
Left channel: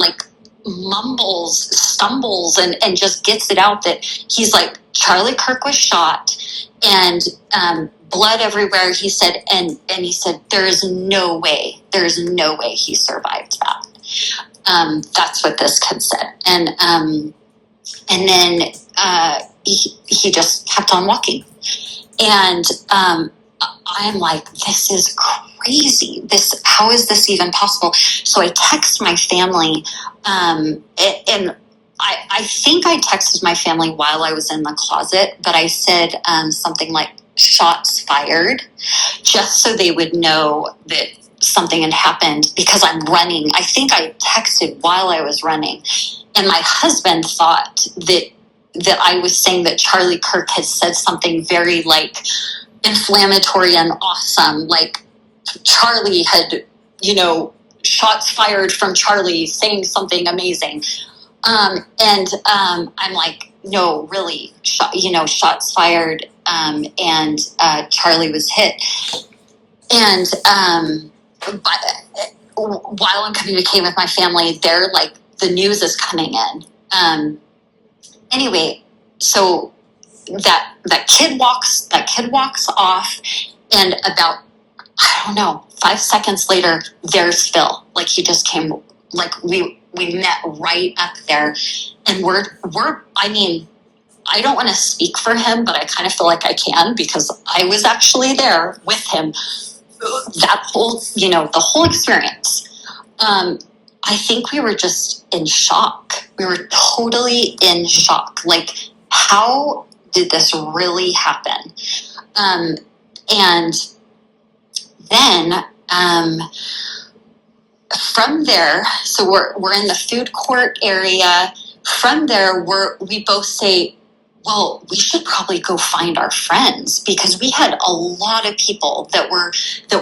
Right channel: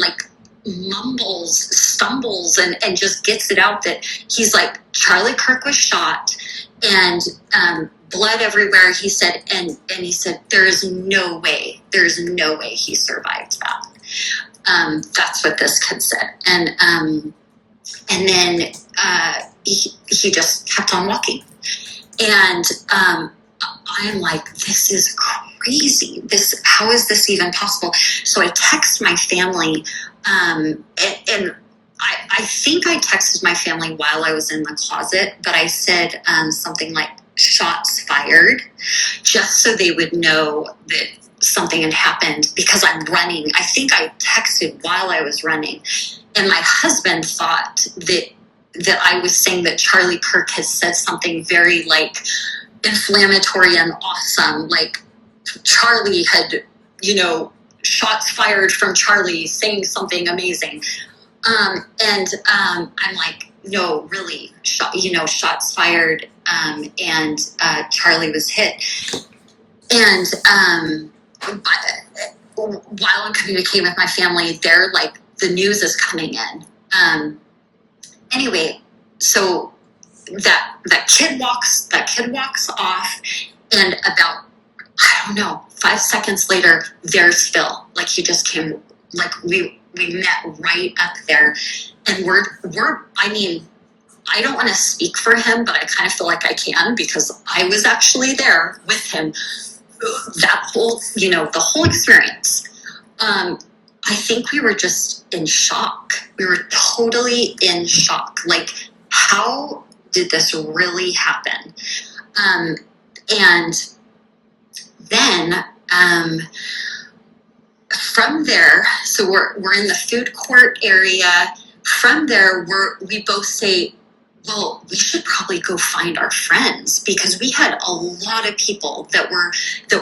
stumbles and just gets it out that he's like, Charlie Kirk was shot, and blood everywhere. He said, and he said, there's no way he survived that. That's what this kid said. And then he just kept on walking. And I'm like, this is crazy. How is this even possible? So I text my family, and I think I texted my family while I was in the closet, but I said something like shots fired, just so they would know that something had happened, because I'm running. I think I texted while I was running, and my husband thought that I was saying that Charlie Kirk has said something very inflammatory and awesome, like Charlie had, shots fired from Charlie saying something amazing. I'm like, no, really, shots fired, and Charlie was hit. And but while I'm communicating with my family, they're like, the news is coming in. Anyway, so that kid walks off, and about, I don't know, 5 seconds later, there's Phil. Like, he just came, we met right up there, and we're I mean, I don't want to speak for him, but I kind of feel like I can, because I was actually there with him that whole, the whole experience. I think we were just in shock. We were totally in shock. Like, how did this really happen? And then from there, so we're in the food court area. From there, we both say, well, we should probably go find our friends, because we had a lot of people that were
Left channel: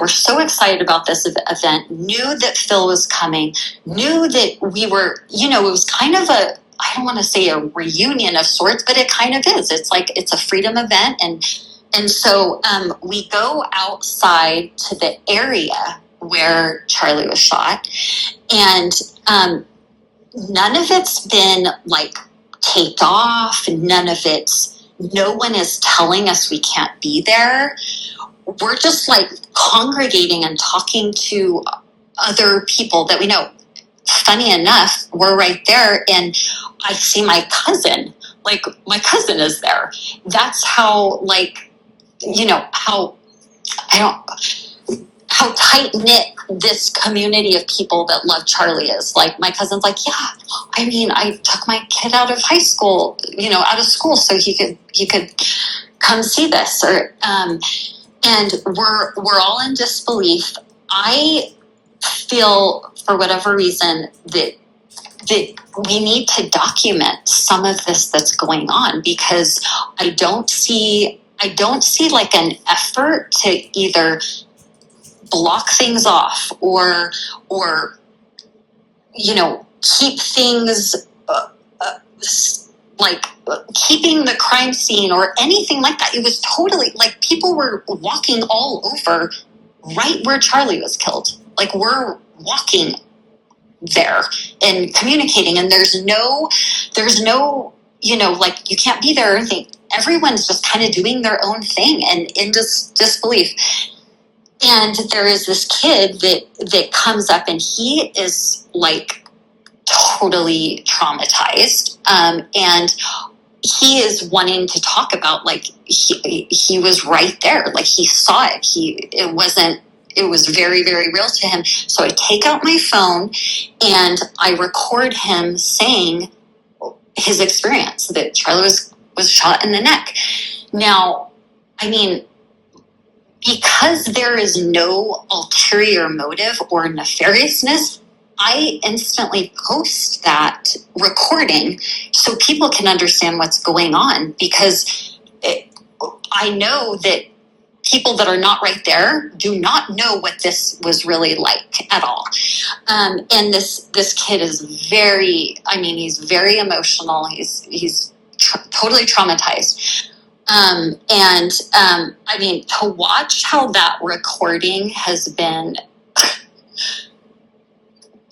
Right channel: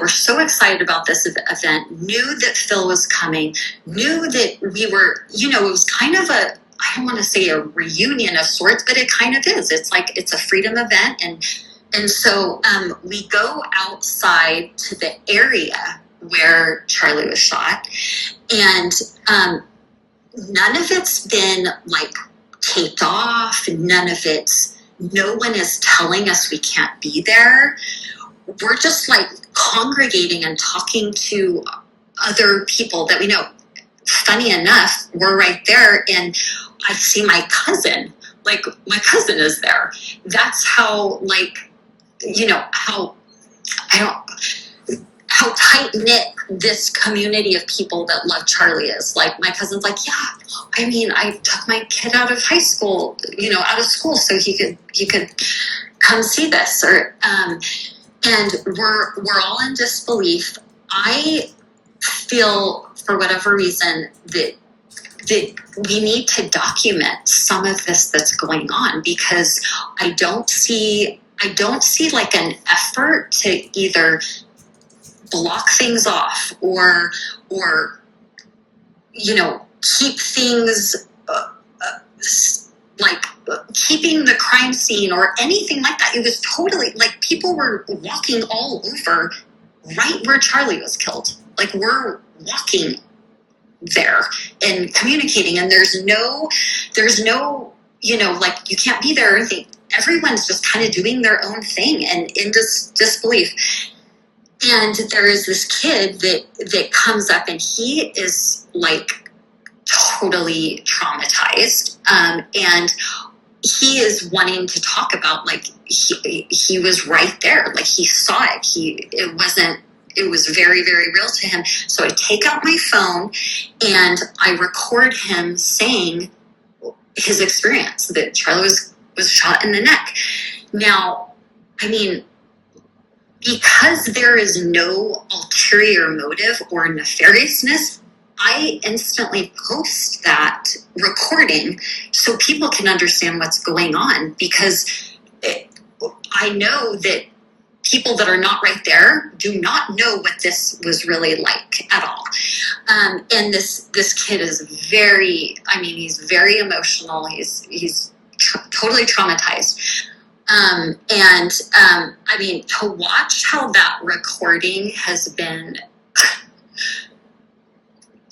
so excited about this event, knew that Phil was coming, knew that we were, it was kind of I don't want to say a reunion of sorts, but it kind of is. It's like, it's a freedom event. And so we go outside to the area where Charlie was shot, and none of it's been taped off. None of it's no one is telling us we can't be there. We're just like congregating and talking to other people that we know. Funny enough, we're right there, and I see my cousin. Like, my cousin is there. That's how, like, how tight knit this community of people that love Charlie is. Like, my cousin's like, yeah, I mean, I took my kid out of high school, out of school, so he could come see this, or and we're all in disbelief. I feel, for whatever reason, that we need to document some of this that's going on, because I don't see like an effort to either block things off or keep things like keeping the crime scene or anything like that. It was totally like people were walking all over right where Charlie was killed. Like, we're walking there and communicating, and there's no like, you can't be there or anything. Everyone's just kind of doing their own thing and in disbelief. And there is this kid that comes up, and he is like totally traumatized, and he is wanting to talk about, like, he was right there, like, he saw it. It was very, very real to him. So I take out my phone and I record him saying his experience, that Charlie was shot in the neck. Now, I mean, because there is no ulterior motive or nefariousness, I instantly post that recording so people can understand what's going on, because I know that people that are not right there do not know what this was really like at all. And this kid is he's very emotional. He's totally traumatized. I mean, to watch how that recording has been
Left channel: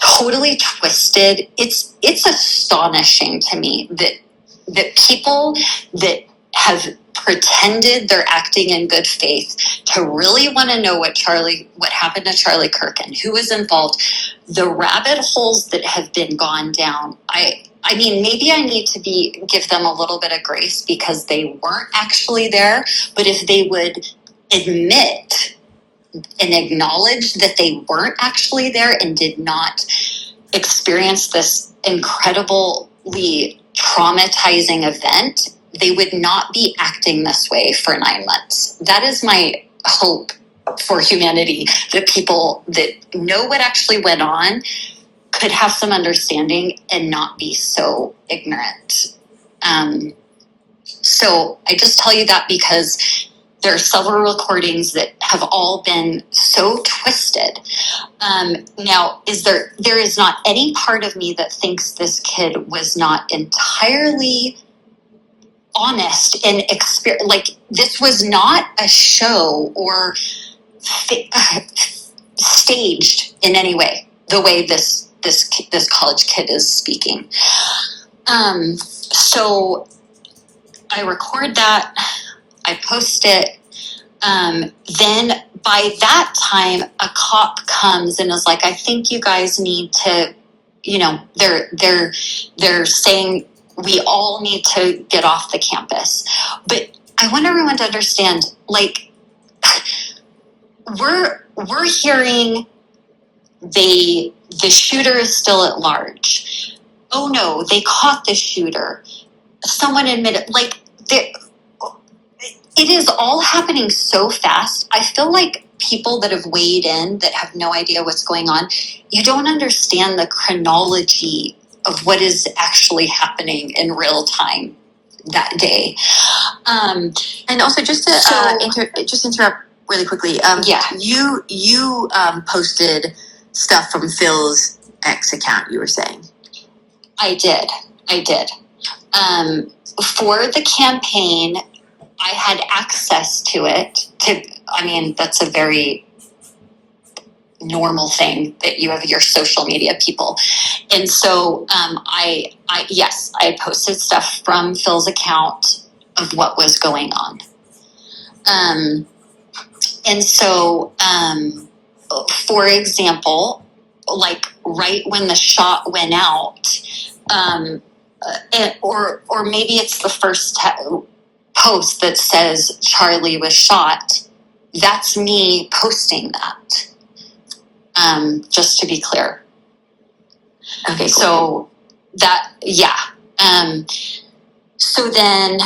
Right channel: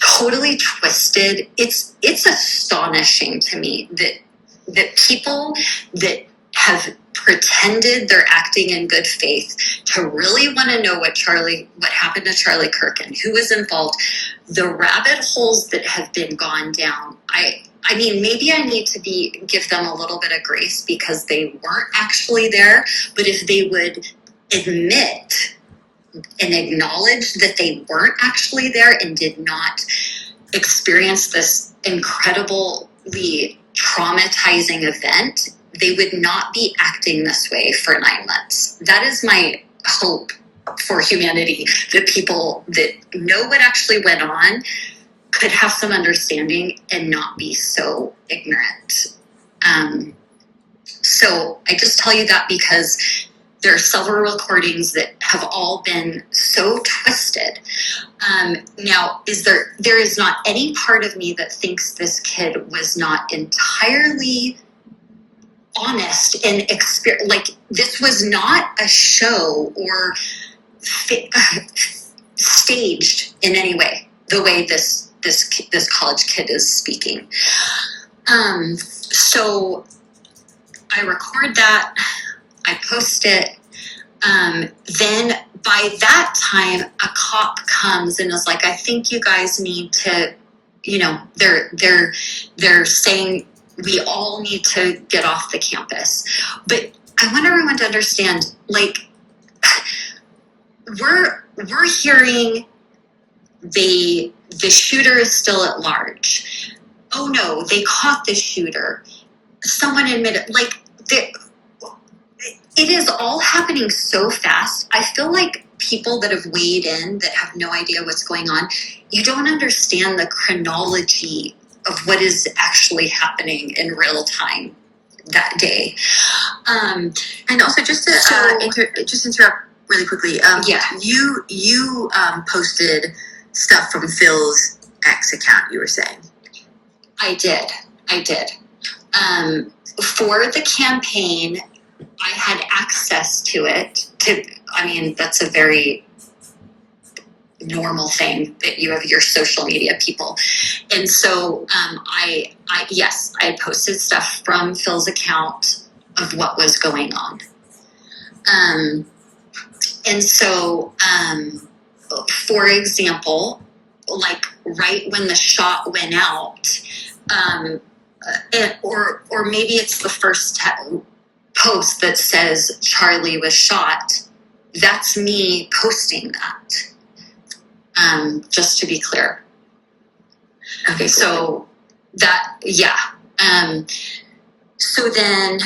totally twisted, it's astonishing to me that people that have pretended they're acting in good faith to really want to know what happened to Charlie Kirk and who is involved, the rabbit holes that have been gone down. I mean, maybe I need to give them a little bit of grace because they weren't actually there. But if they would admit and acknowledge that they weren't actually there and did not experience this incredibly traumatizing event, they would not be acting this way for 9 months. That is my hope for humanity, that people that know what actually went on could have some understanding and not be so ignorant. So I just tell you that because there are several recordings that have all been so twisted. Now, there is not any part of me that thinks this kid was not entirely honest and like, this was not a show or staged in any way, the way this college kid is speaking. So I record that, I post it. Then by that time, a cop comes and is like, I think you guys need to, they're saying we all need to get off the campus. But I want everyone to understand, like, we're hearing the shooter is still at large. Oh no, they caught the shooter. Someone admitted, like, it is all happening so fast. I feel like people that have weighed in that have no idea what's going on, you don't understand the chronology of what is actually happening in real time that day. And also, just to interrupt really quickly. You posted stuff from Phil's ex account, you were saying. I did. For the campaign, I had access to it. That's a very normal thing that you have your social media people. And so I posted stuff from Phil's account. of what was going on. And so, for example, like right when the shot went out, or maybe it's the first post that says Charlie was shot. That's me posting that. Just to be clear. Okay, cool. So that, yeah. So then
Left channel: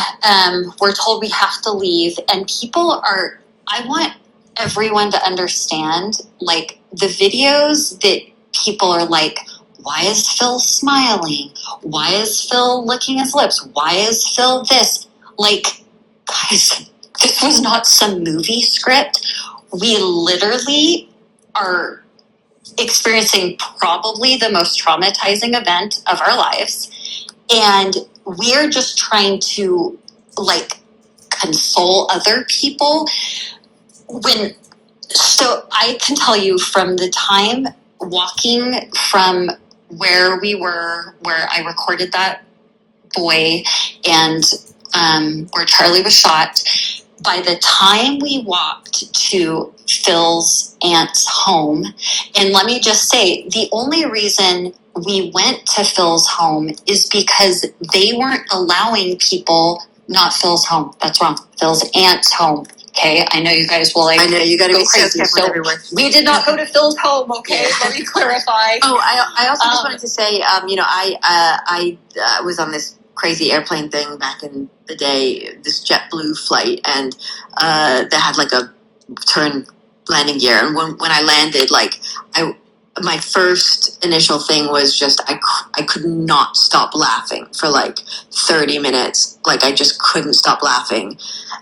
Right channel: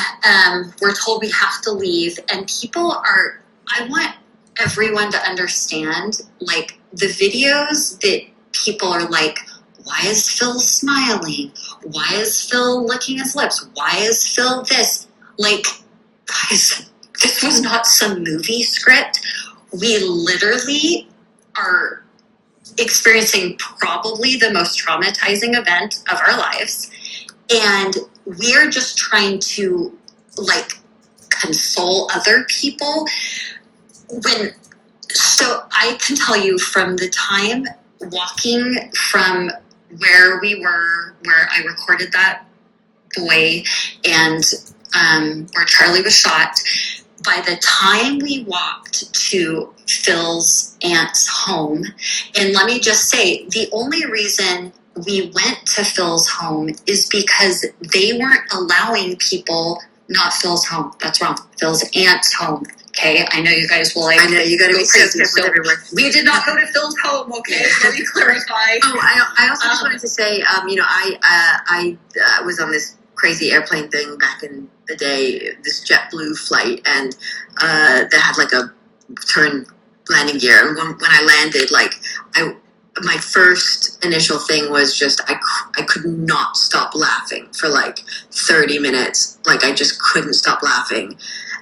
we're told we have to leave, and I want everyone to understand, like, the videos that people are like, why is Phil smiling? Why is Phil licking his lips? Why is Phil this? Like, guys, this was not some movie script. We literally are experiencing probably the most traumatizing event of our lives. And we're just trying to, like, console other people. So I can tell you, from the time walking from where we were, where I recorded that boy, and where Charlie was shot, by the time we walked to Phil's aunt's home, and let me just say, the only reason we went to Phil's home is because they weren't allowing people, not Phil's home, that's wrong, Phil's aunt's home. Okay, I know you guys will, like, I know you got to go be so crazy. careful with everyone. We did not go to Phil's home. Okay, let me clarify. Oh, I also just wanted to say, I was on this crazy airplane thing back in the day, this JetBlue flight, and that had like a turn landing gear. And when I landed, like, my first initial thing was just I could not stop laughing for like 30 minutes. Like, I just couldn't stop laughing.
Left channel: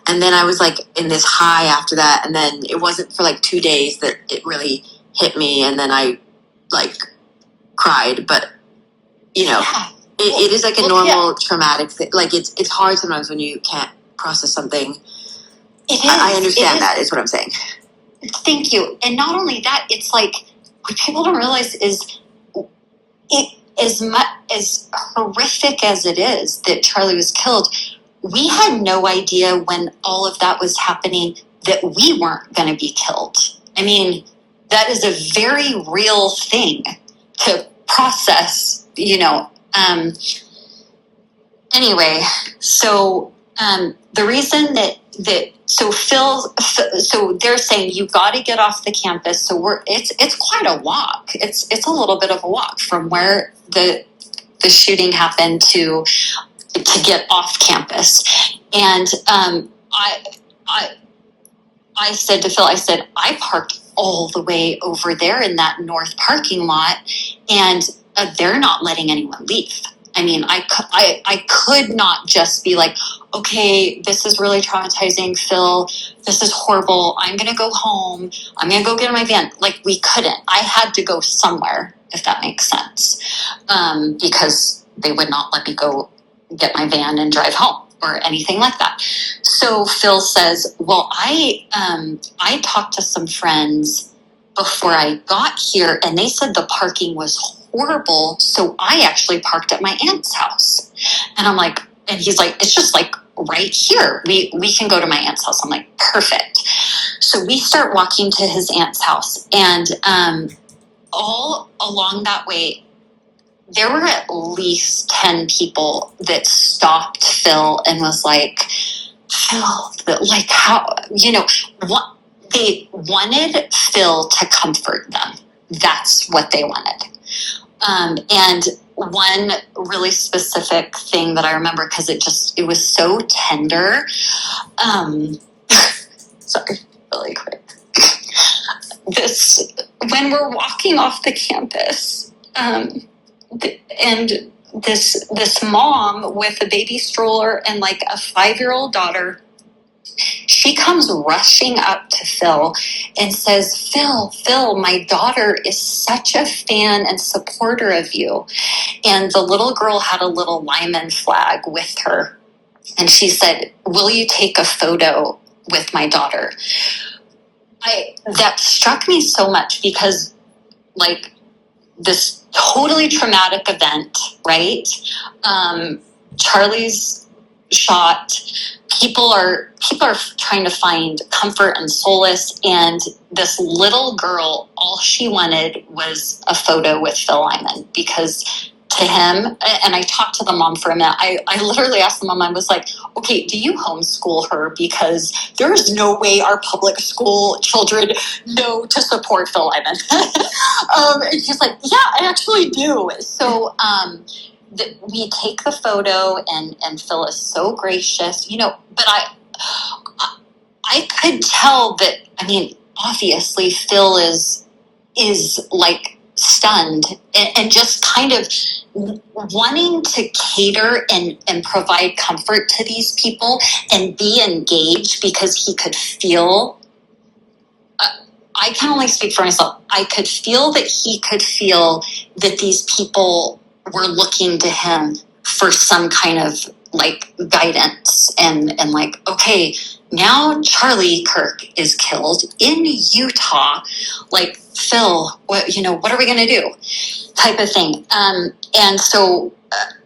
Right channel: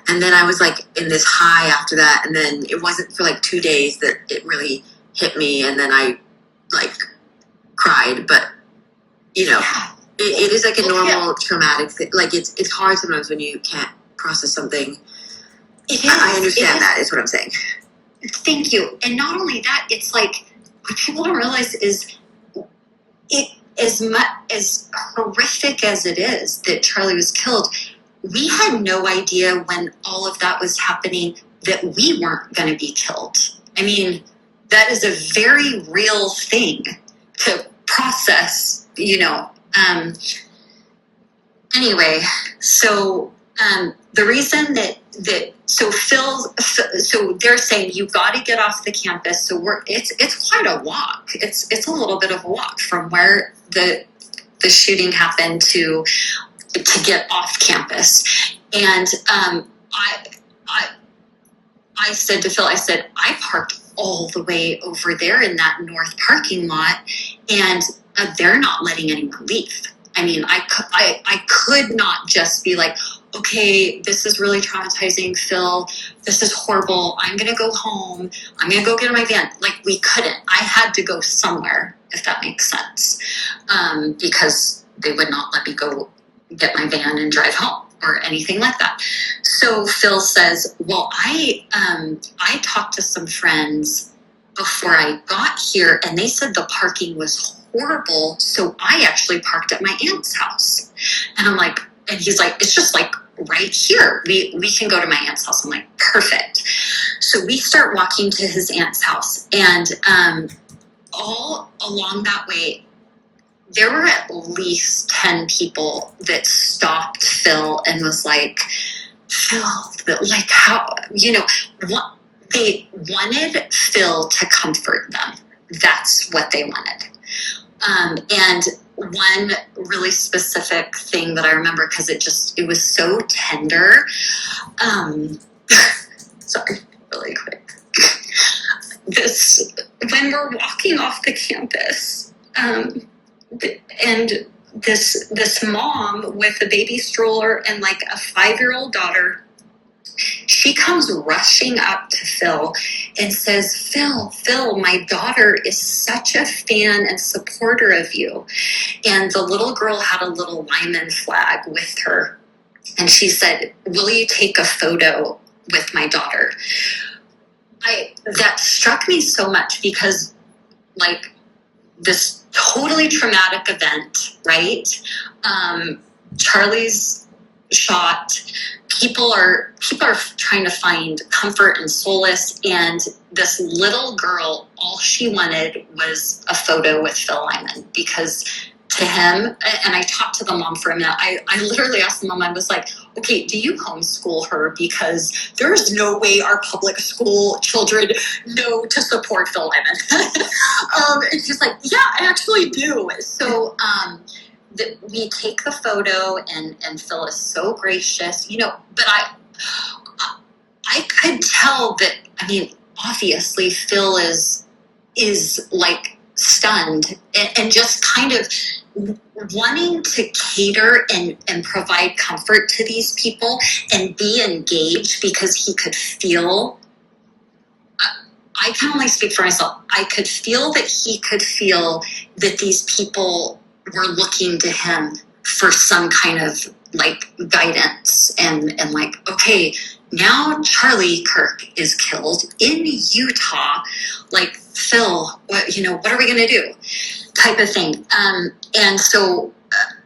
And then I was like in this high after that, and then it wasn't for like 2 days that it really hit me, and then I like cried. But Yeah. it is like a normal traumatic thing. Like, it's hard sometimes when you can't process something. It is. I understand that is what I'm saying. Thank you. And not only that, it's like, what people don't realize is, it as horrific as it is that Charlie was killed, we had no idea when all of that was happening that we weren't going to be killed. I mean, that is a very real thing to process, Anyway, so the reason that so they're saying you got to get off the campus. So it's quite a walk. It's a little bit of a walk from where the shooting happened to get off campus. And I said to Phil, I parked all the way over there in that north parking lot, and they're not letting anyone leave. I mean, I could not just be like, okay, this is really traumatizing, Phil. This is horrible. I'm going to go home. I'm going to go get in my van. Like, we couldn't. I had to go somewhere, if that makes sense, because they would not let me go get my van and drive home or anything like that. So Phil says, well, I talked to some friends before I got here, and they said the parking was horrible, so I actually parked at my aunt's house. And I'm like, and he's like, it's just like right here. We can go to my aunt's house. I'm like, perfect. So we start walking to his aunt's house, and all along that way, there were at least 10 people that stopped Phil and was like, Phil, like, how, they wanted Phil to comfort them. That's what they wanted. And one really specific thing that I remember, because it was so tender. Sorry, really quick. When we're walking off the campus, and this mom with a baby stroller and like a 5-year-old daughter, she comes rushing up to Phil and says, Phil, my daughter is such a fan and supporter of you. And the little girl had a little Lyman flag with her. And she said, will you take a photo with my daughter? That struck me so much, because, like, this totally traumatic event, right? Charlie's shot, people are trying to find comfort and solace. And this little girl, all she wanted was a photo with Phil Lyman, because to him, and I talked to the mom for a minute, I literally asked the mom, I was like, okay, do you homeschool her? Because there's no way our public school children know to support Phil Lyman. And she's like, yeah, I actually do. So we take the photo, and Phil is so gracious, but I could tell that, obviously Phil is like stunned and just kind of wanting to cater and provide comfort to these people and be engaged, because he could feel, I can only speak for myself, I could feel that he could feel that these people were looking to him for some kind of like guidance and like, okay, now Charlie Kirk is killed in Utah, like, Phil, what are we going to do, type of thing. And so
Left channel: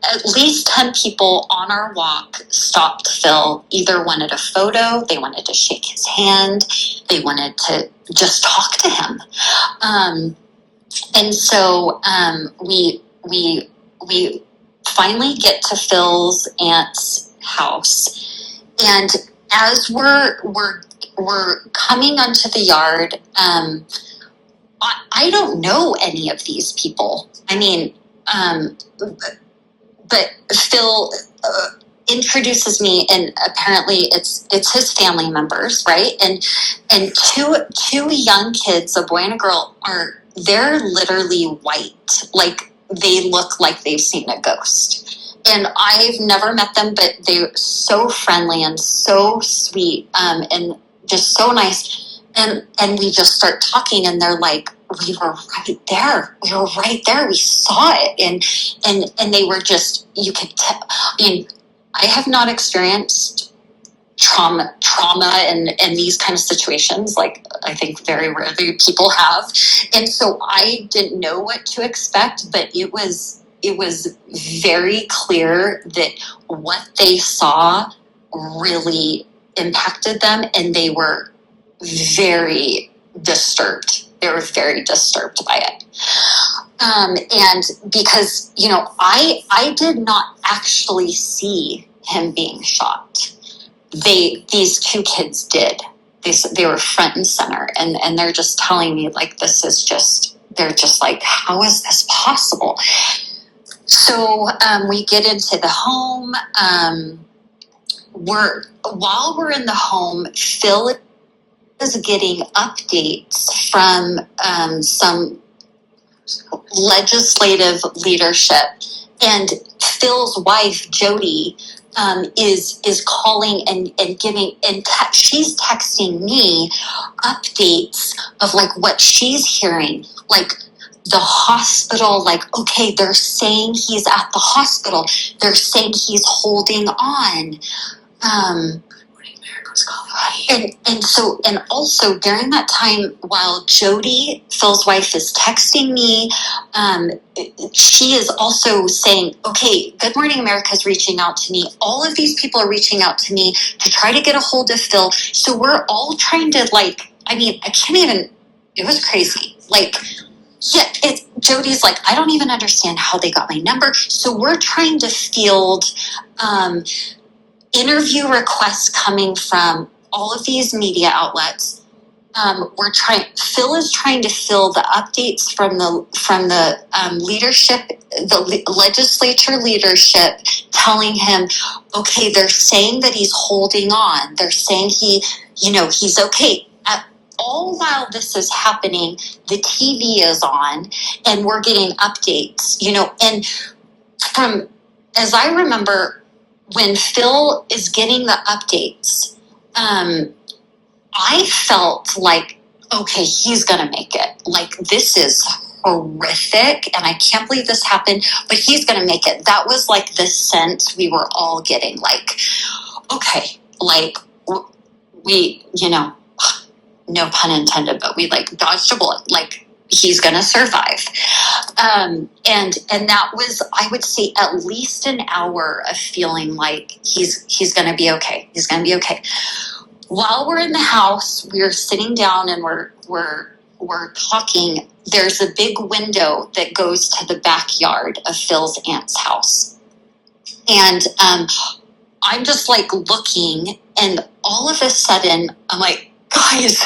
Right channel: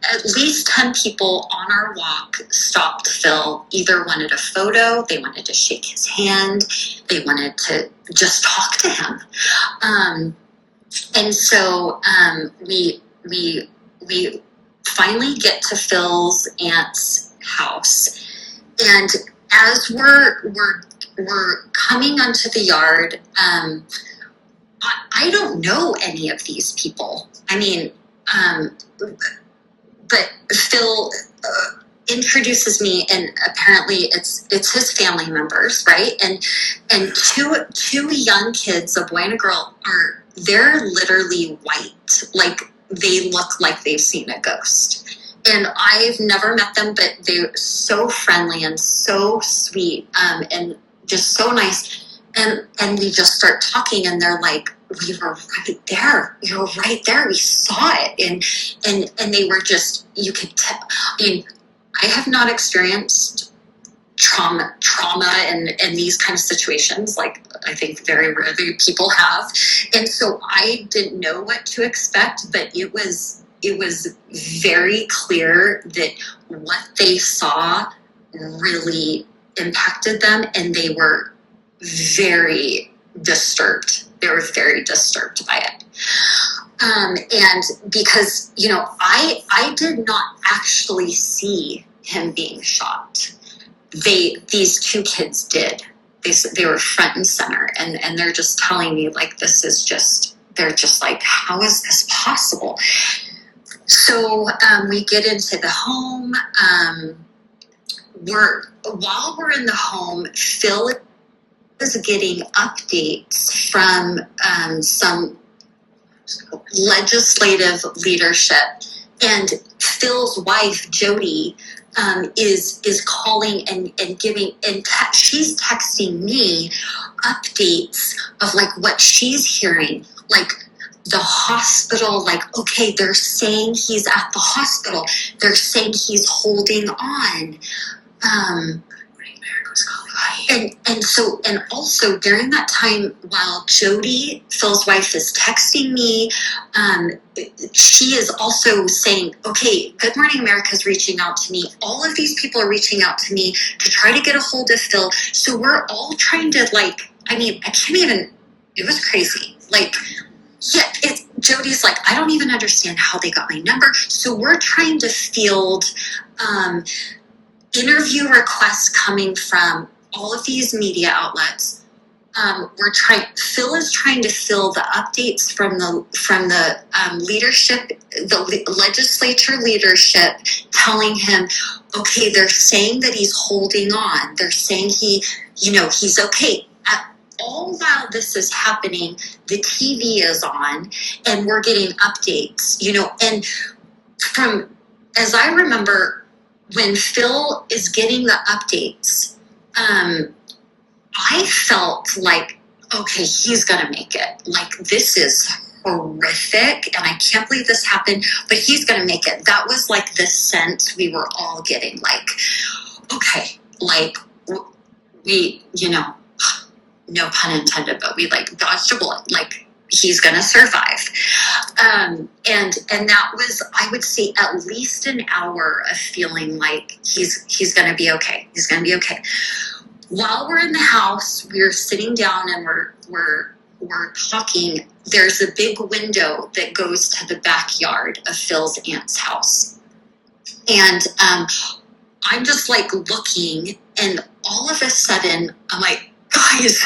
at least 10 people on our walk stopped Phil, either wanted a photo, they wanted to shake his hand, they wanted to just talk to him. And so we finally get to Phil's aunt's house, and as we're coming onto the yard, I don't know any of these people. But Phil introduces me, and apparently it's his family members, right? And two young kids, a boy and a girl, they're literally white, like they look like they've seen a ghost. And I've never met them, but they're so friendly and so sweet, and just so nice. And we just start talking, and they're like, we were right there. We saw it. And they were just, you could tell. I have not experienced trauma and these kind of situations. Like, I think very rarely people have. And so I didn't know what to expect, but it was very clear that what they saw really impacted them, and they were very disturbed. They were very disturbed by it. And because, I did not actually see him being shot. These two kids did. They were front and center, and they're just telling me, like, they're just like, how is this possible? So we get into the home. While we're in the home, Phil is getting updates from some legislative leadership, and Phil's wife Jody is calling and giving, and she's texting me updates of like what she's hearing, like the hospital, like, okay, they're saying he's at the hospital, they're saying he's holding on. And also during that time, while Jody, Phil's wife, is texting me, she is also saying, okay, Good Morning America is reaching out to me. All of these people are reaching out to me to try to get a hold of Phil. So we're all trying to, like, I can't even, it was crazy. Like, yeah, Jody's like, I don't even understand how they got my number. So we're trying to field interview requests coming from all of these media outlets. Phil is trying to fill the updates from the leadership, the legislature leadership, telling him, okay, they're saying that he's holding on. They're saying he's okay. All while this is happening, the TV is on, and we're getting updates, and from, as I remember, when Phil is getting the updates, I felt like, okay, he's going to make it. Like, this is horrific, and I can't believe this happened, but he's going to make it. That was like the sense we were all getting, like, okay, like, we, no pun intended, but we like dodged a bullet. Like, he's going to survive. and that was, I would say, at least an hour of feeling like he's going to be okay. He's going to be okay. While we're in the house, we're sitting down and we're talking. There's a big window that goes to the backyard of Phil's aunt's house. And I'm just like looking, and all of a sudden I'm like, guys,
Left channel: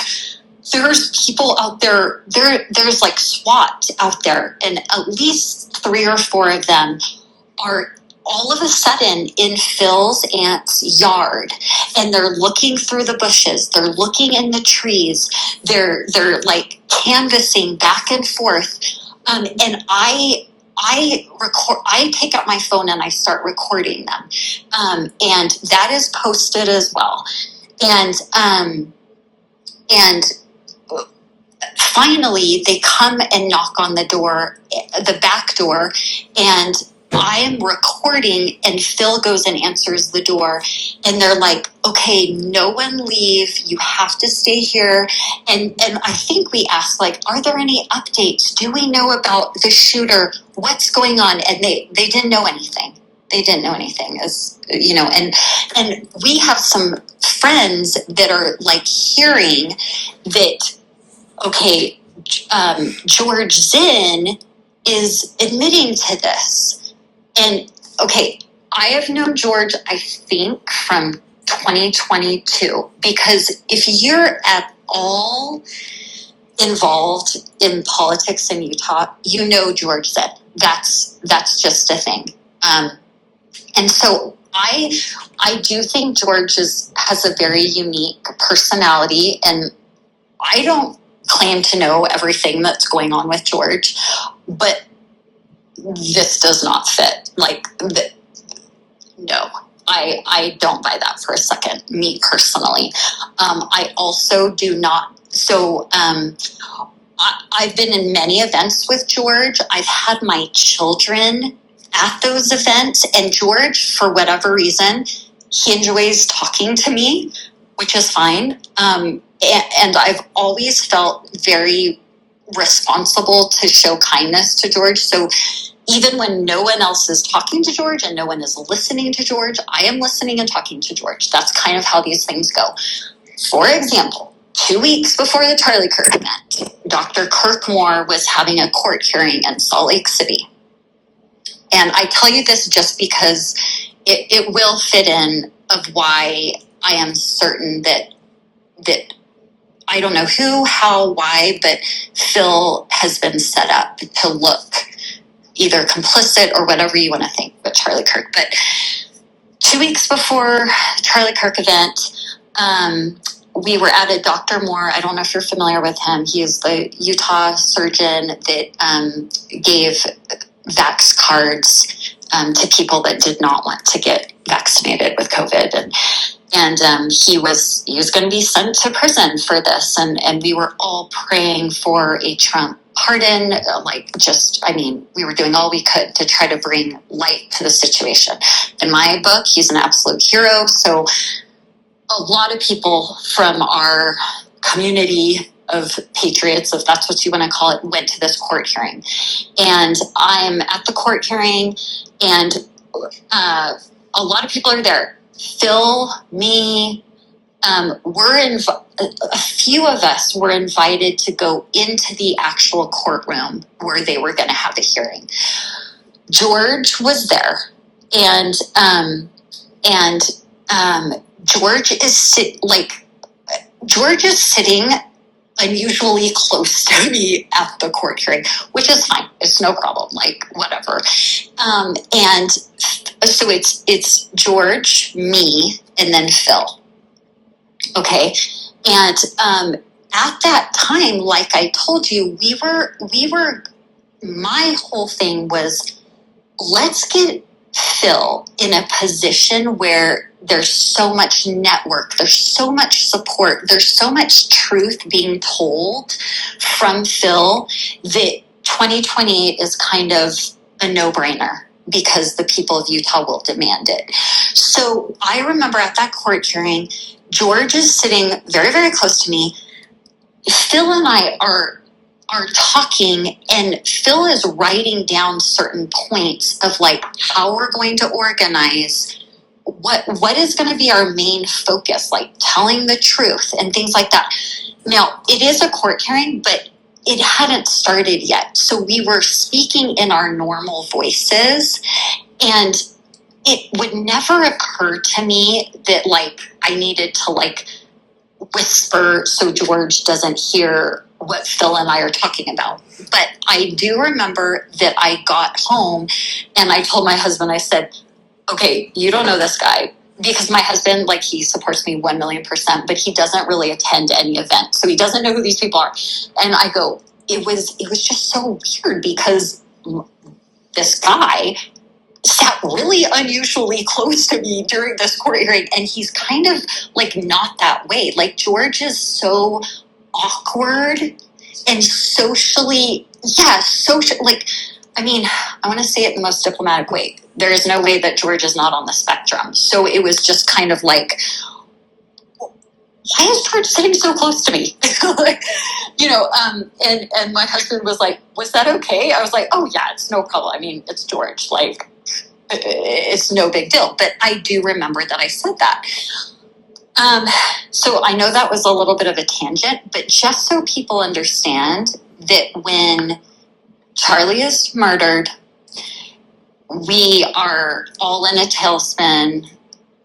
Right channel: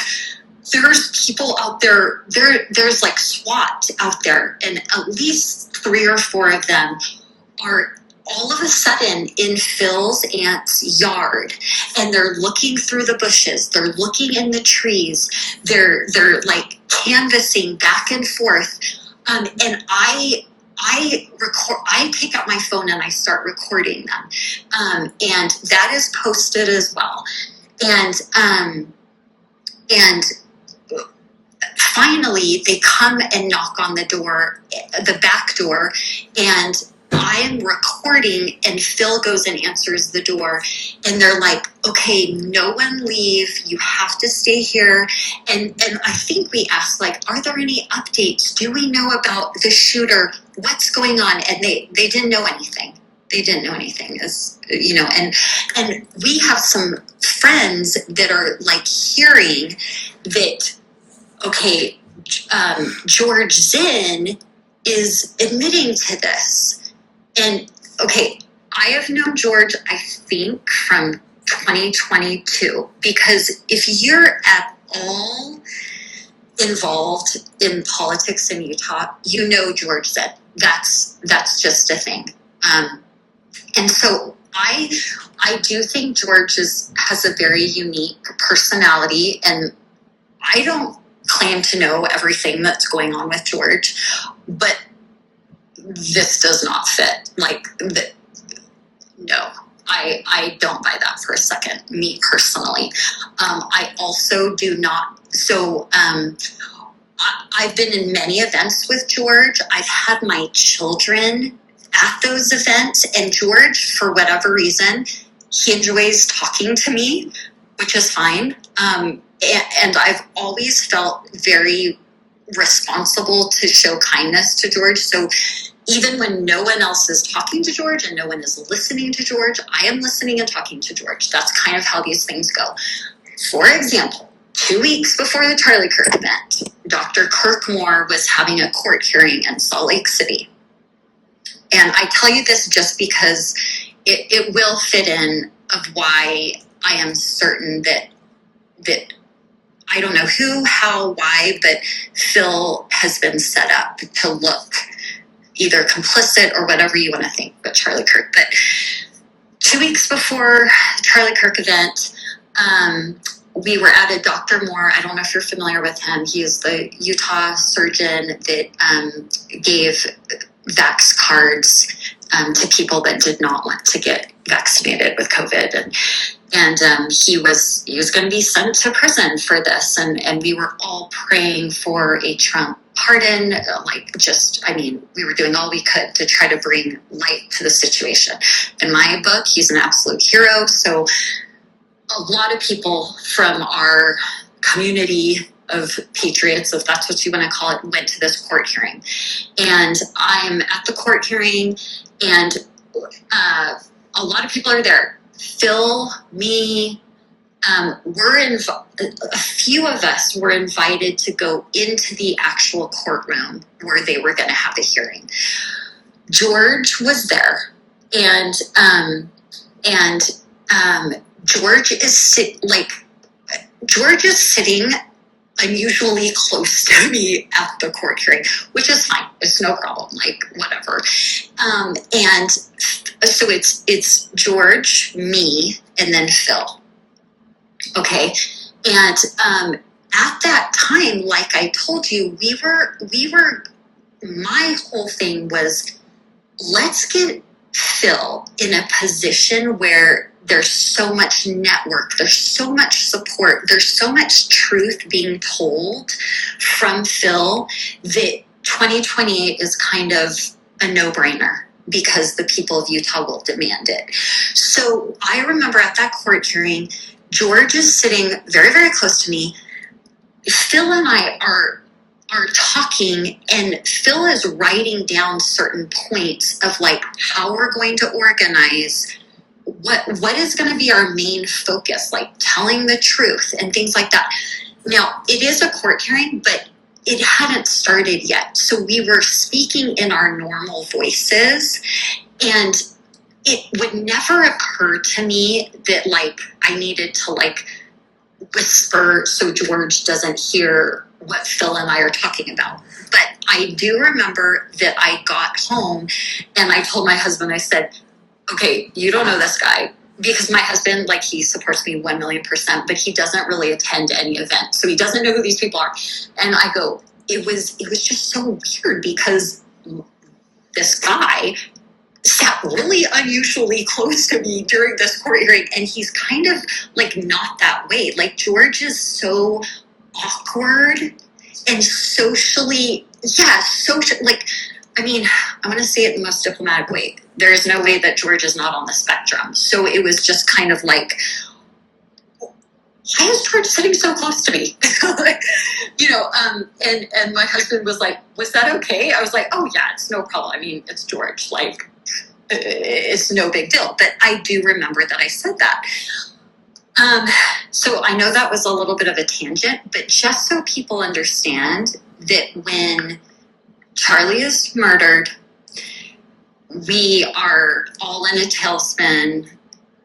there's people out there. There's like SWAT out there, and at least 3 or 4 of them are all of a sudden in Phil's aunt's yard, and they're looking through the bushes. They're looking in the trees. They're like canvassing back and forth. And I record. I take out my phone and I start recording them, and that is posted as well. And finally, they come and knock on the door, the back door, and I am recording, and Phil goes and answers the door, and they're like, okay, no one leave. You have to stay here. And I think we asked, like, are there any updates? Do we know about the shooter? What's going on? And they didn't know anything. They didn't know anything, as you know, and we have some friends that are like hearing that, okay, George Zinn is admitting to this. And okay, I have known George, I think, from 2022, because if you're at all involved in politics in Utah, you know George Zinn. That's just a thing. And so I do think George has a very unique personality, and I don't claim to know everything that's going on with George, but this does not fit. Like, no, I don't buy that for a second, me personally. I also do not. So I've been in many events with George. I've had my children at those events, and George, for whatever reason, he enjoys talking to me, which is fine. And I've always felt very responsible to show kindness to George. So even when no one else is talking to George and no one is listening to George, I am listening and talking to George. That's kind of how these things go. For example, 2 weeks before the Charlie Kirk event, Dr. Kirk Moore was having a court hearing in Salt Lake City. And I tell you this just because it will fit in of why I am certain that I don't know who, how, why, but Phil has been set up to look either complicit or whatever you want to think with Charlie Kirk. But 2 weeks before the Charlie Kirk event, we were at a Dr. Moore. I don't know if you're familiar with him. He is the Utah surgeon that gave vax cards to people that did not want to get vaccinated with COVID. And he was going to be sent to prison for this. And we were all praying for a Trump pardon. We were doing all we could to try to bring light to the situation. In my book, he's an absolute hero. So a lot of people from our community of patriots, if that's what you want to call it, went to this court hearing. And I'm at the court hearing, and a lot of people are there. Phil, me, a few of us were invited to go into the actual courtroom where they were going to have the hearing. George was there, and George is sitting unusually close to me at the court hearing, which is fine. It's no problem. Like, whatever. And so it's George, me, and then Phil. Okay. And at that time, like I told you, we were. My whole thing was, let's get Phil in a position where there's so much network, there's so much support, there's so much truth being told from Phil that 2028 is kind of a no-brainer because the people of Utah will demand it. So I remember at that court hearing, George is sitting very, very close to me. Phil and I are are talking, and Phil is writing down certain points of like how we're going to organize, what is going to be our main focus, like telling the truth and things like that. Now, it is a court hearing, but it hadn't started yet. So we were speaking in our normal voices, and it would never occur to me that like I needed to like whisper so George doesn't hear what Phil and I are talking about. But I do remember that I got home and I told my husband, I said, okay, you don't know this guy. Because my husband, like, he supports me 1,000,000%, but he doesn't really attend any event. So he doesn't know who these people are. And I go, it was just so weird because this guy sat really unusually close to me during this court hearing. And he's kind of like not that way. Like, George is so awkward and socially, like, I mean, I want to say it in the most diplomatic way. There is no way that George is not on the spectrum. So it was just kind of like, why is George sitting so close to me? Like, and my husband was like, was that okay? I was like, oh yeah, it's no problem. I mean, it's George. Like, it's no big deal. But I do remember that I said that. So I know that was a little bit of a tangent, but just so people understand that when Charlie is murdered, we are all in a tailspin,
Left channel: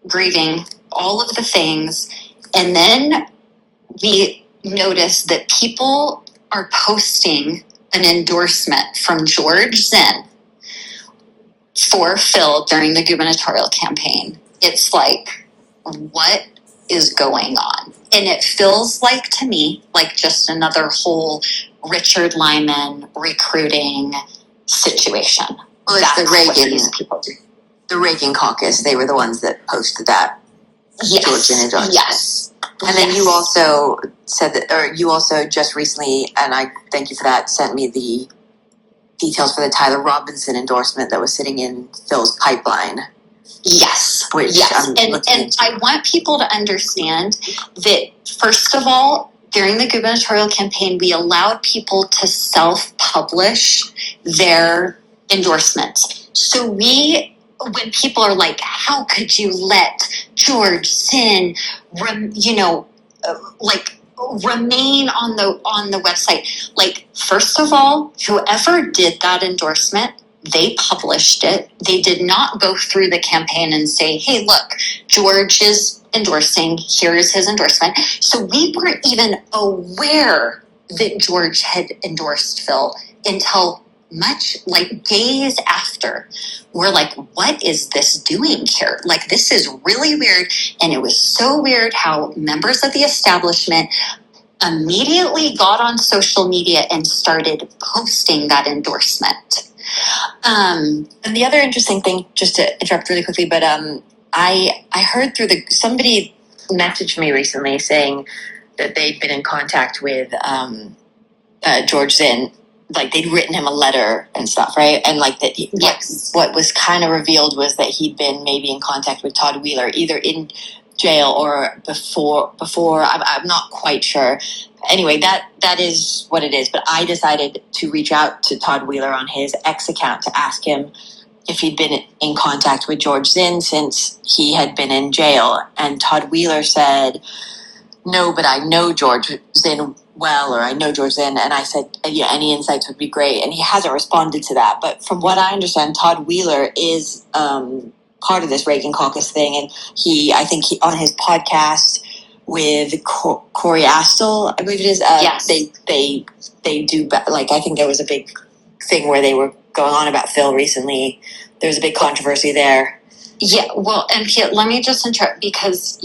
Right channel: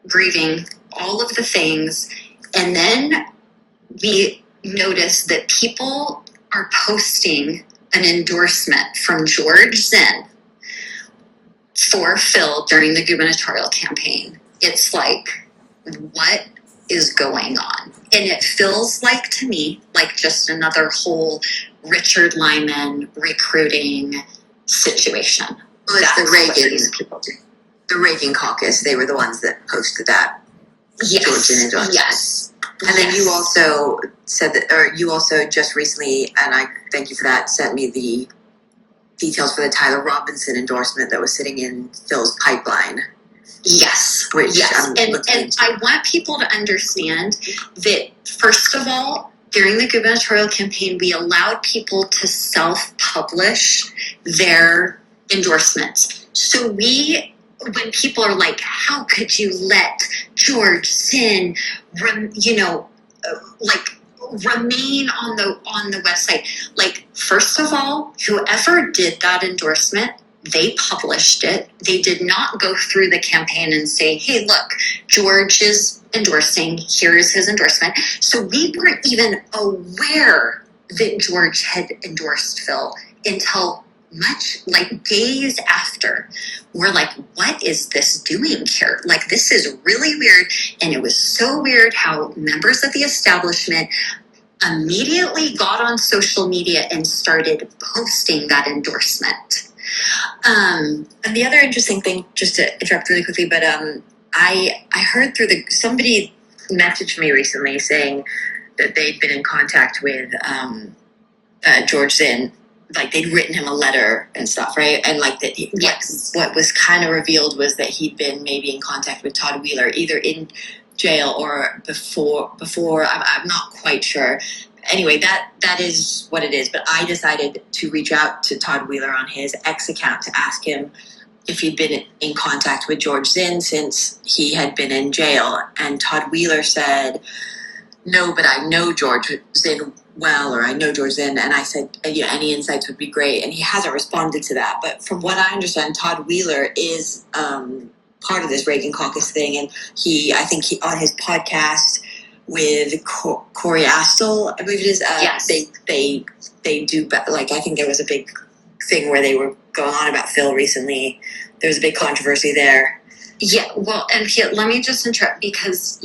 grieving all of the things. And then we notice that people are posting an endorsement from George Zinn for Phil during the gubernatorial campaign. It's like, what is going on? And it feels like, to me, like just another whole Richard Lyman recruiting situation. Well, it's the Reagan, these people do. the Reagan caucus. They were the ones that posted that. Yes. George Zinn endorsement. Yes. And then Yes. you also said that, or you also just recently, and I thank you for that, sent me the details for the Tyler Robinson endorsement that was sitting in Phil's pipeline. Yes. Which yes. I'm And looking into. I want people to understand that, first of all, during the gubernatorial campaign, we allowed people to self-publish their endorsements. So when people are like, how could you let George Zinn, remain on the website? Like, first of all, whoever did that endorsement, they published it. They did not go through the campaign and say, hey, look, George is endorsing, here is his endorsement. So we weren't even aware that George had endorsed Phil until much like days after. We're like, what is this doing here? Like, this is really weird. And it was so weird how members of the establishment immediately got on social media and started posting that endorsement. And the other interesting thing, just to interrupt really quickly, but I heard somebody messaged me recently saying that they'd been in contact with George Zinn, like they'd written him a letter and stuff, right? And like that, Yes. what was kind of revealed was that he'd been maybe in contact with Todd Wheeler, either in jail or before. I'm not quite sure. Anyway, that is what it is. But I decided to reach out to Todd Wheeler on his X account to ask him if he'd been in contact with George Zinn since he had been in jail. And Todd Wheeler said, no, but I know George Zinn well, or I know George Zinn. And I said, yeah, any insights would be great. And he hasn't responded to that. But from what I understand, Todd Wheeler is part of this Reagan caucus thing. And I think on his podcast with Corey Astle, I believe it is. Yes. They do, like, I think there was a big thing where they were going on about Phil recently. There was a big controversy there. Yeah, well, and let me just interrupt because,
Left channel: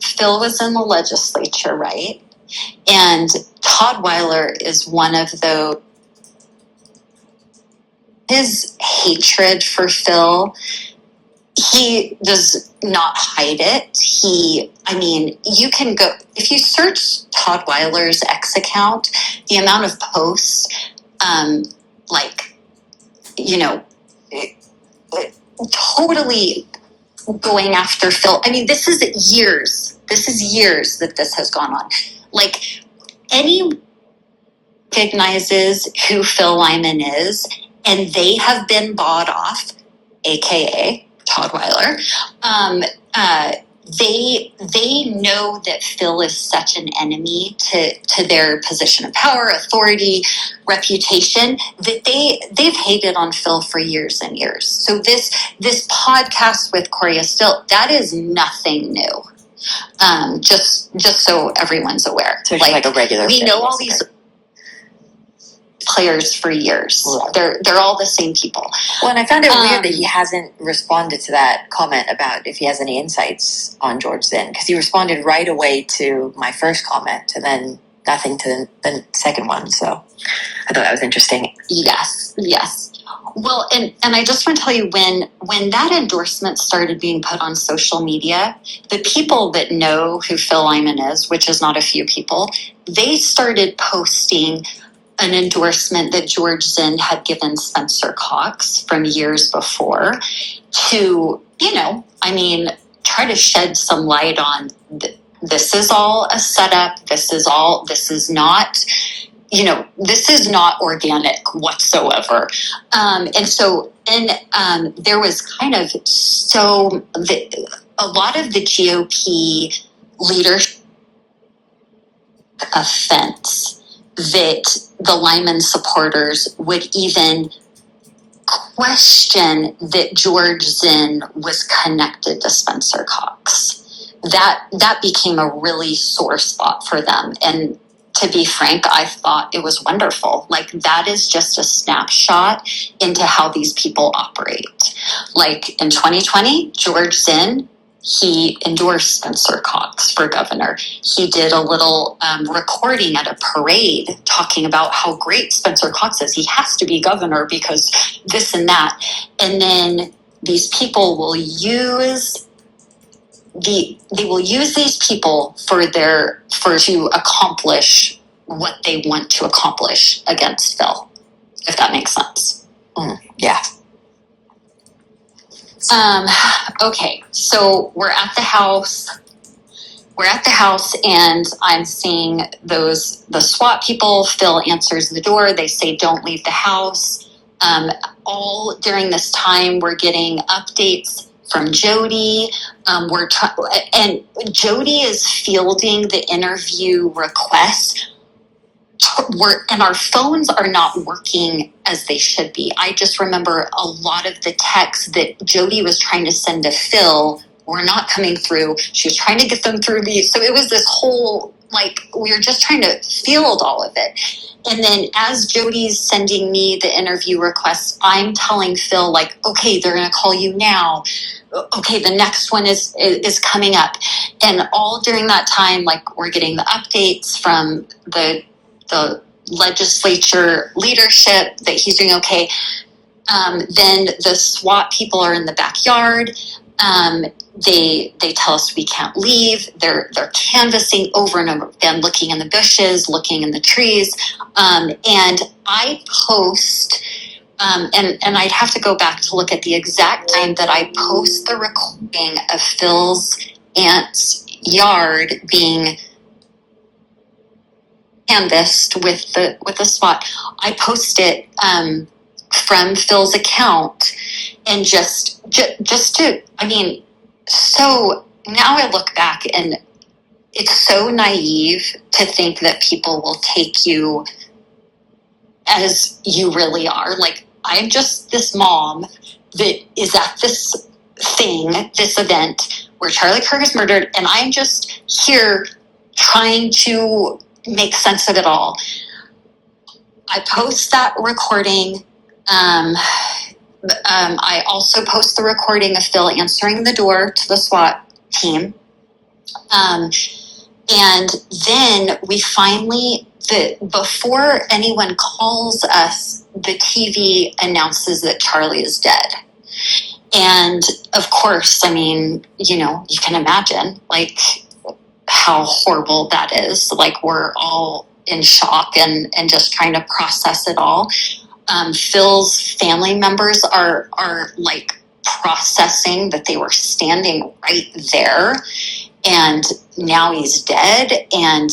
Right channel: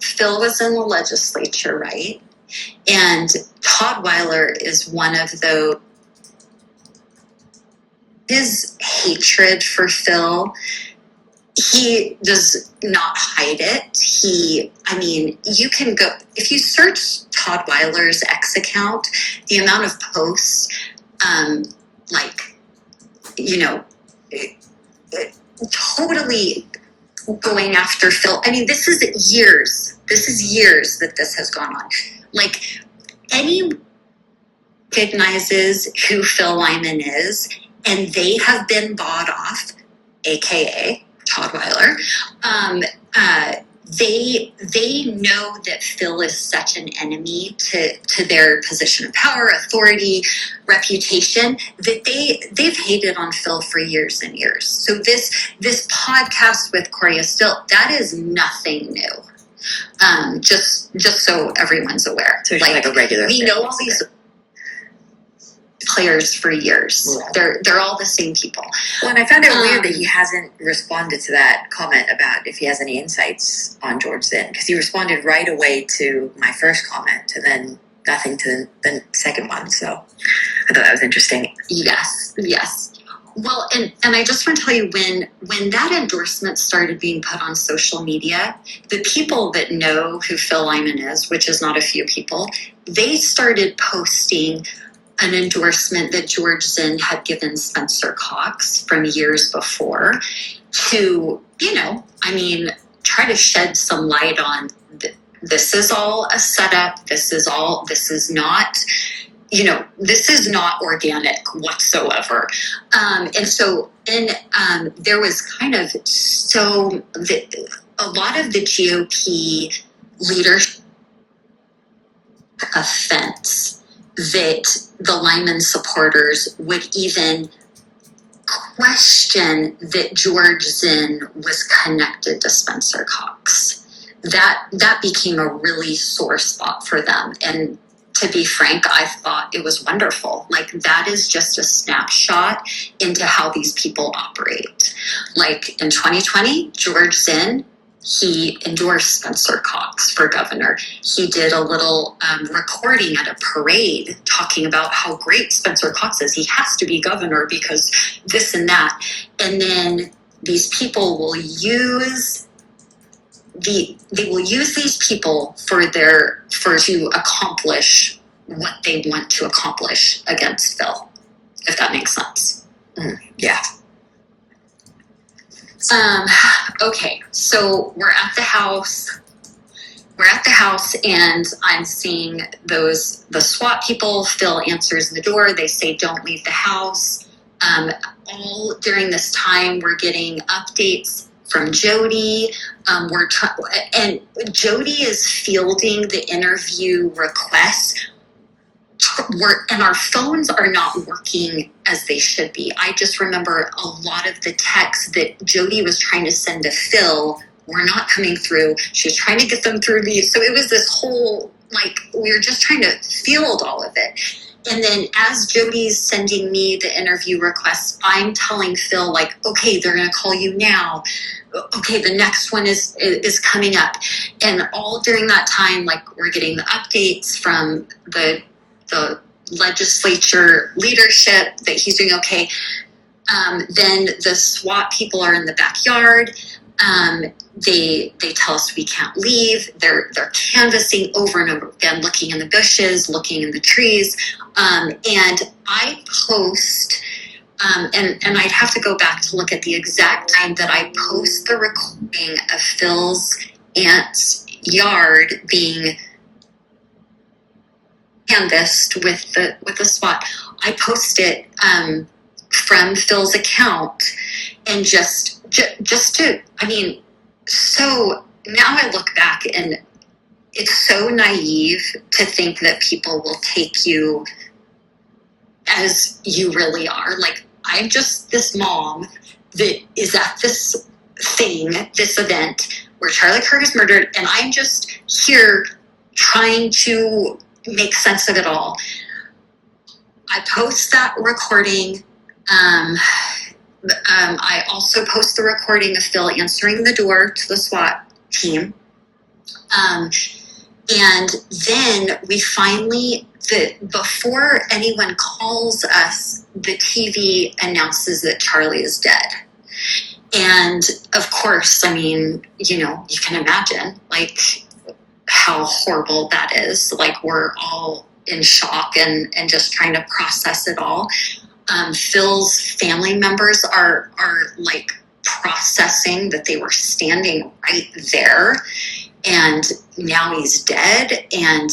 Phil was in the legislature, right? And Todd Wheeler is one of those. His hatred for Phil, he does not hide it. You can go, if you search Todd Wheeler's X account, the amount of posts, totally going after Phil. I mean, this is years that this has gone on. Like, any recognizes who Phil Lyman is, and they have been bought off, aka Todd Weiler. They know that Phil is such an enemy to their position of power, authority, reputation, that they've hated on Phil for years and years. So this podcast with Corey Still, that is nothing new. Just so everyone's aware. So it's like a regular. We know all these players for years. Right. They're all the same people. Well, and I found it weird that he hasn't responded to that comment about if he has any insights on George Zinn, because he responded right away to my first comment and then nothing to the second one. So I thought that was interesting. Yes. Well, and I just want to tell you, when that endorsement started being put on social media, the people that know who Phil Lyman is, which is not a few people, they started posting an endorsement that George Zinn had given Spencer Cox from years before to, try to shed some light on this is all a setup. This is not organic whatsoever. There was kind of a lot of the GOP leadership offense that the Lyman supporters would even question that George Zinn was connected to Spencer Cox. That became a really sore spot for them. And to be frank, I thought it was wonderful. Like, that is just a snapshot into how these people operate. Like, in 2020, George Zinn, he endorsed Spencer Cox for governor. He did a little recording at a parade talking about how great Spencer Cox is. He has to be governor because this and that. And then these people will use these people to accomplish what they want to accomplish against Phil, if that makes sense. Yeah. Okay, so we're at the house. And I'm seeing the SWAT people. Phil answers the door. They say, "Don't leave the house." All during this time, we're getting updates from Jody. And Jody is fielding the interview requests. And our phones are not working as they should be. I just remember a lot of the texts that Jody was trying to send to Phil were not coming through. She was trying to get them through me. So it was this whole, we were just trying to field all of it. And then as Jody's sending me the interview requests, I'm telling Phil, okay, they're going to call you now. Okay, the next one is coming up. And all during that time, we're getting the updates from the legislature leadership that he's doing okay. Then the SWAT people are in the backyard. They tell us we can't leave. They're canvassing over and over again, looking in the bushes, looking in the trees. And I post, and I'd have to go back to look at the exact time that I post the recording of Phil's aunt's yard being canvassed with the SWAT. I post it from Phil's account, and just to, so now I look back and it's so naive to think that people will take you as you really are. I'm just this mom that is at this event where Charlie Kirk is murdered, and I'm just here trying to make sense of it all. I post that recording. I also post the recording of Phil answering the door to the SWAT team. And then we finally, before anyone calls us, the TV announces that Charlie is dead. And of course, you can imagine how horrible that is. We're all in shock and just trying to process it all. Phil's family members are processing that they were standing right there and now he's dead. And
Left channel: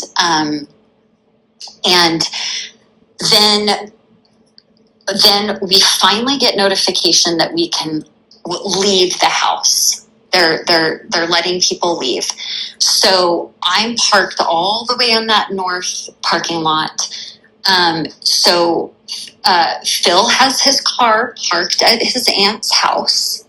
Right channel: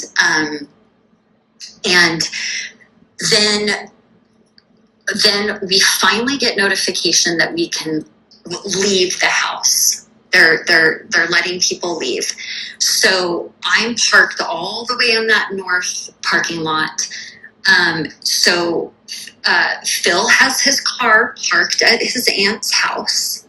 then we finally get notification that we can leave the house. They're letting people leave. So I'm parked all the way in that north parking lot. So Phil has his car parked at his aunt's house.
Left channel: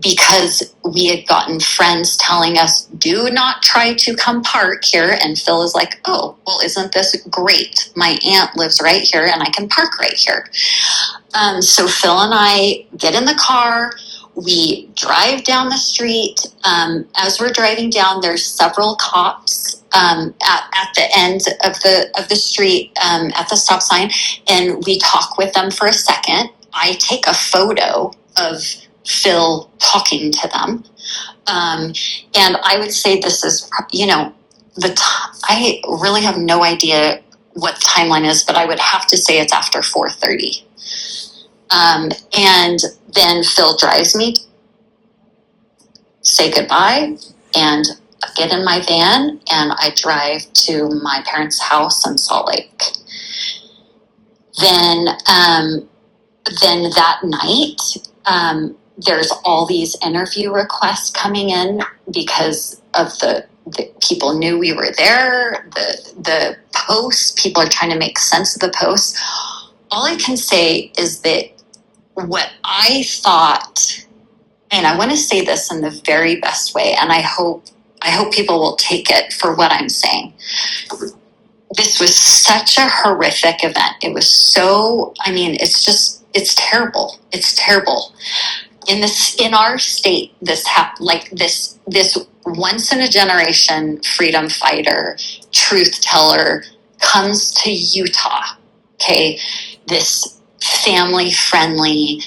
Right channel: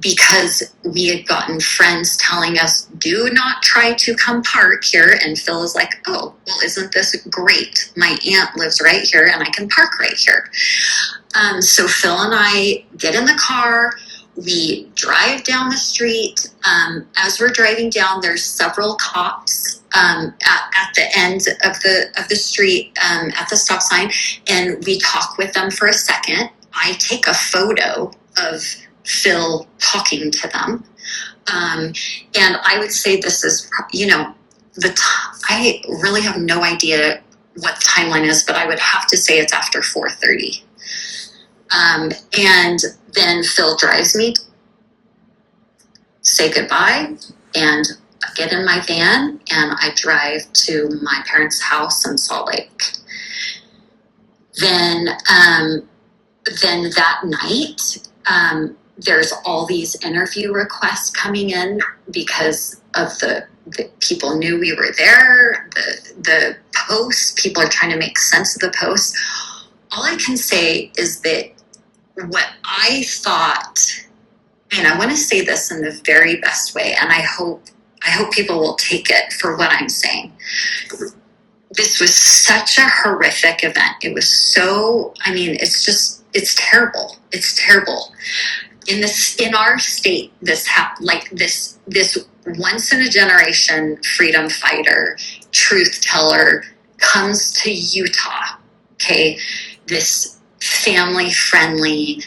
Because we had gotten friends telling us, do not try to come park here. And Phil is like, oh, well, isn't this great? My aunt lives right here and I can park right here. So Phil and I get in the car. We drive down the street. As we're driving down, there's several cops at the end of the street at the stop sign. And we talk with them for a second. I take a photo of Phil talking to them. And I would say this is, I really have no idea what the timeline is, but I would have to say it's after 4:30. And then Phil drives me, say goodbye, and get in my van, and I drive to my parents' house in Salt Lake. Then that night, there's all these interview requests coming in because of the people knew we were there. The posts, people are trying to make sense of the posts. All I can say is that what I thought, and I want to say this in the very best way, and I hope people will take it for what I'm saying. This was such a horrific event. It was so, it's terrible. It's terrible. In our state, this once in a generation freedom fighter, truth teller comes to Utah. Okay. This family friendly,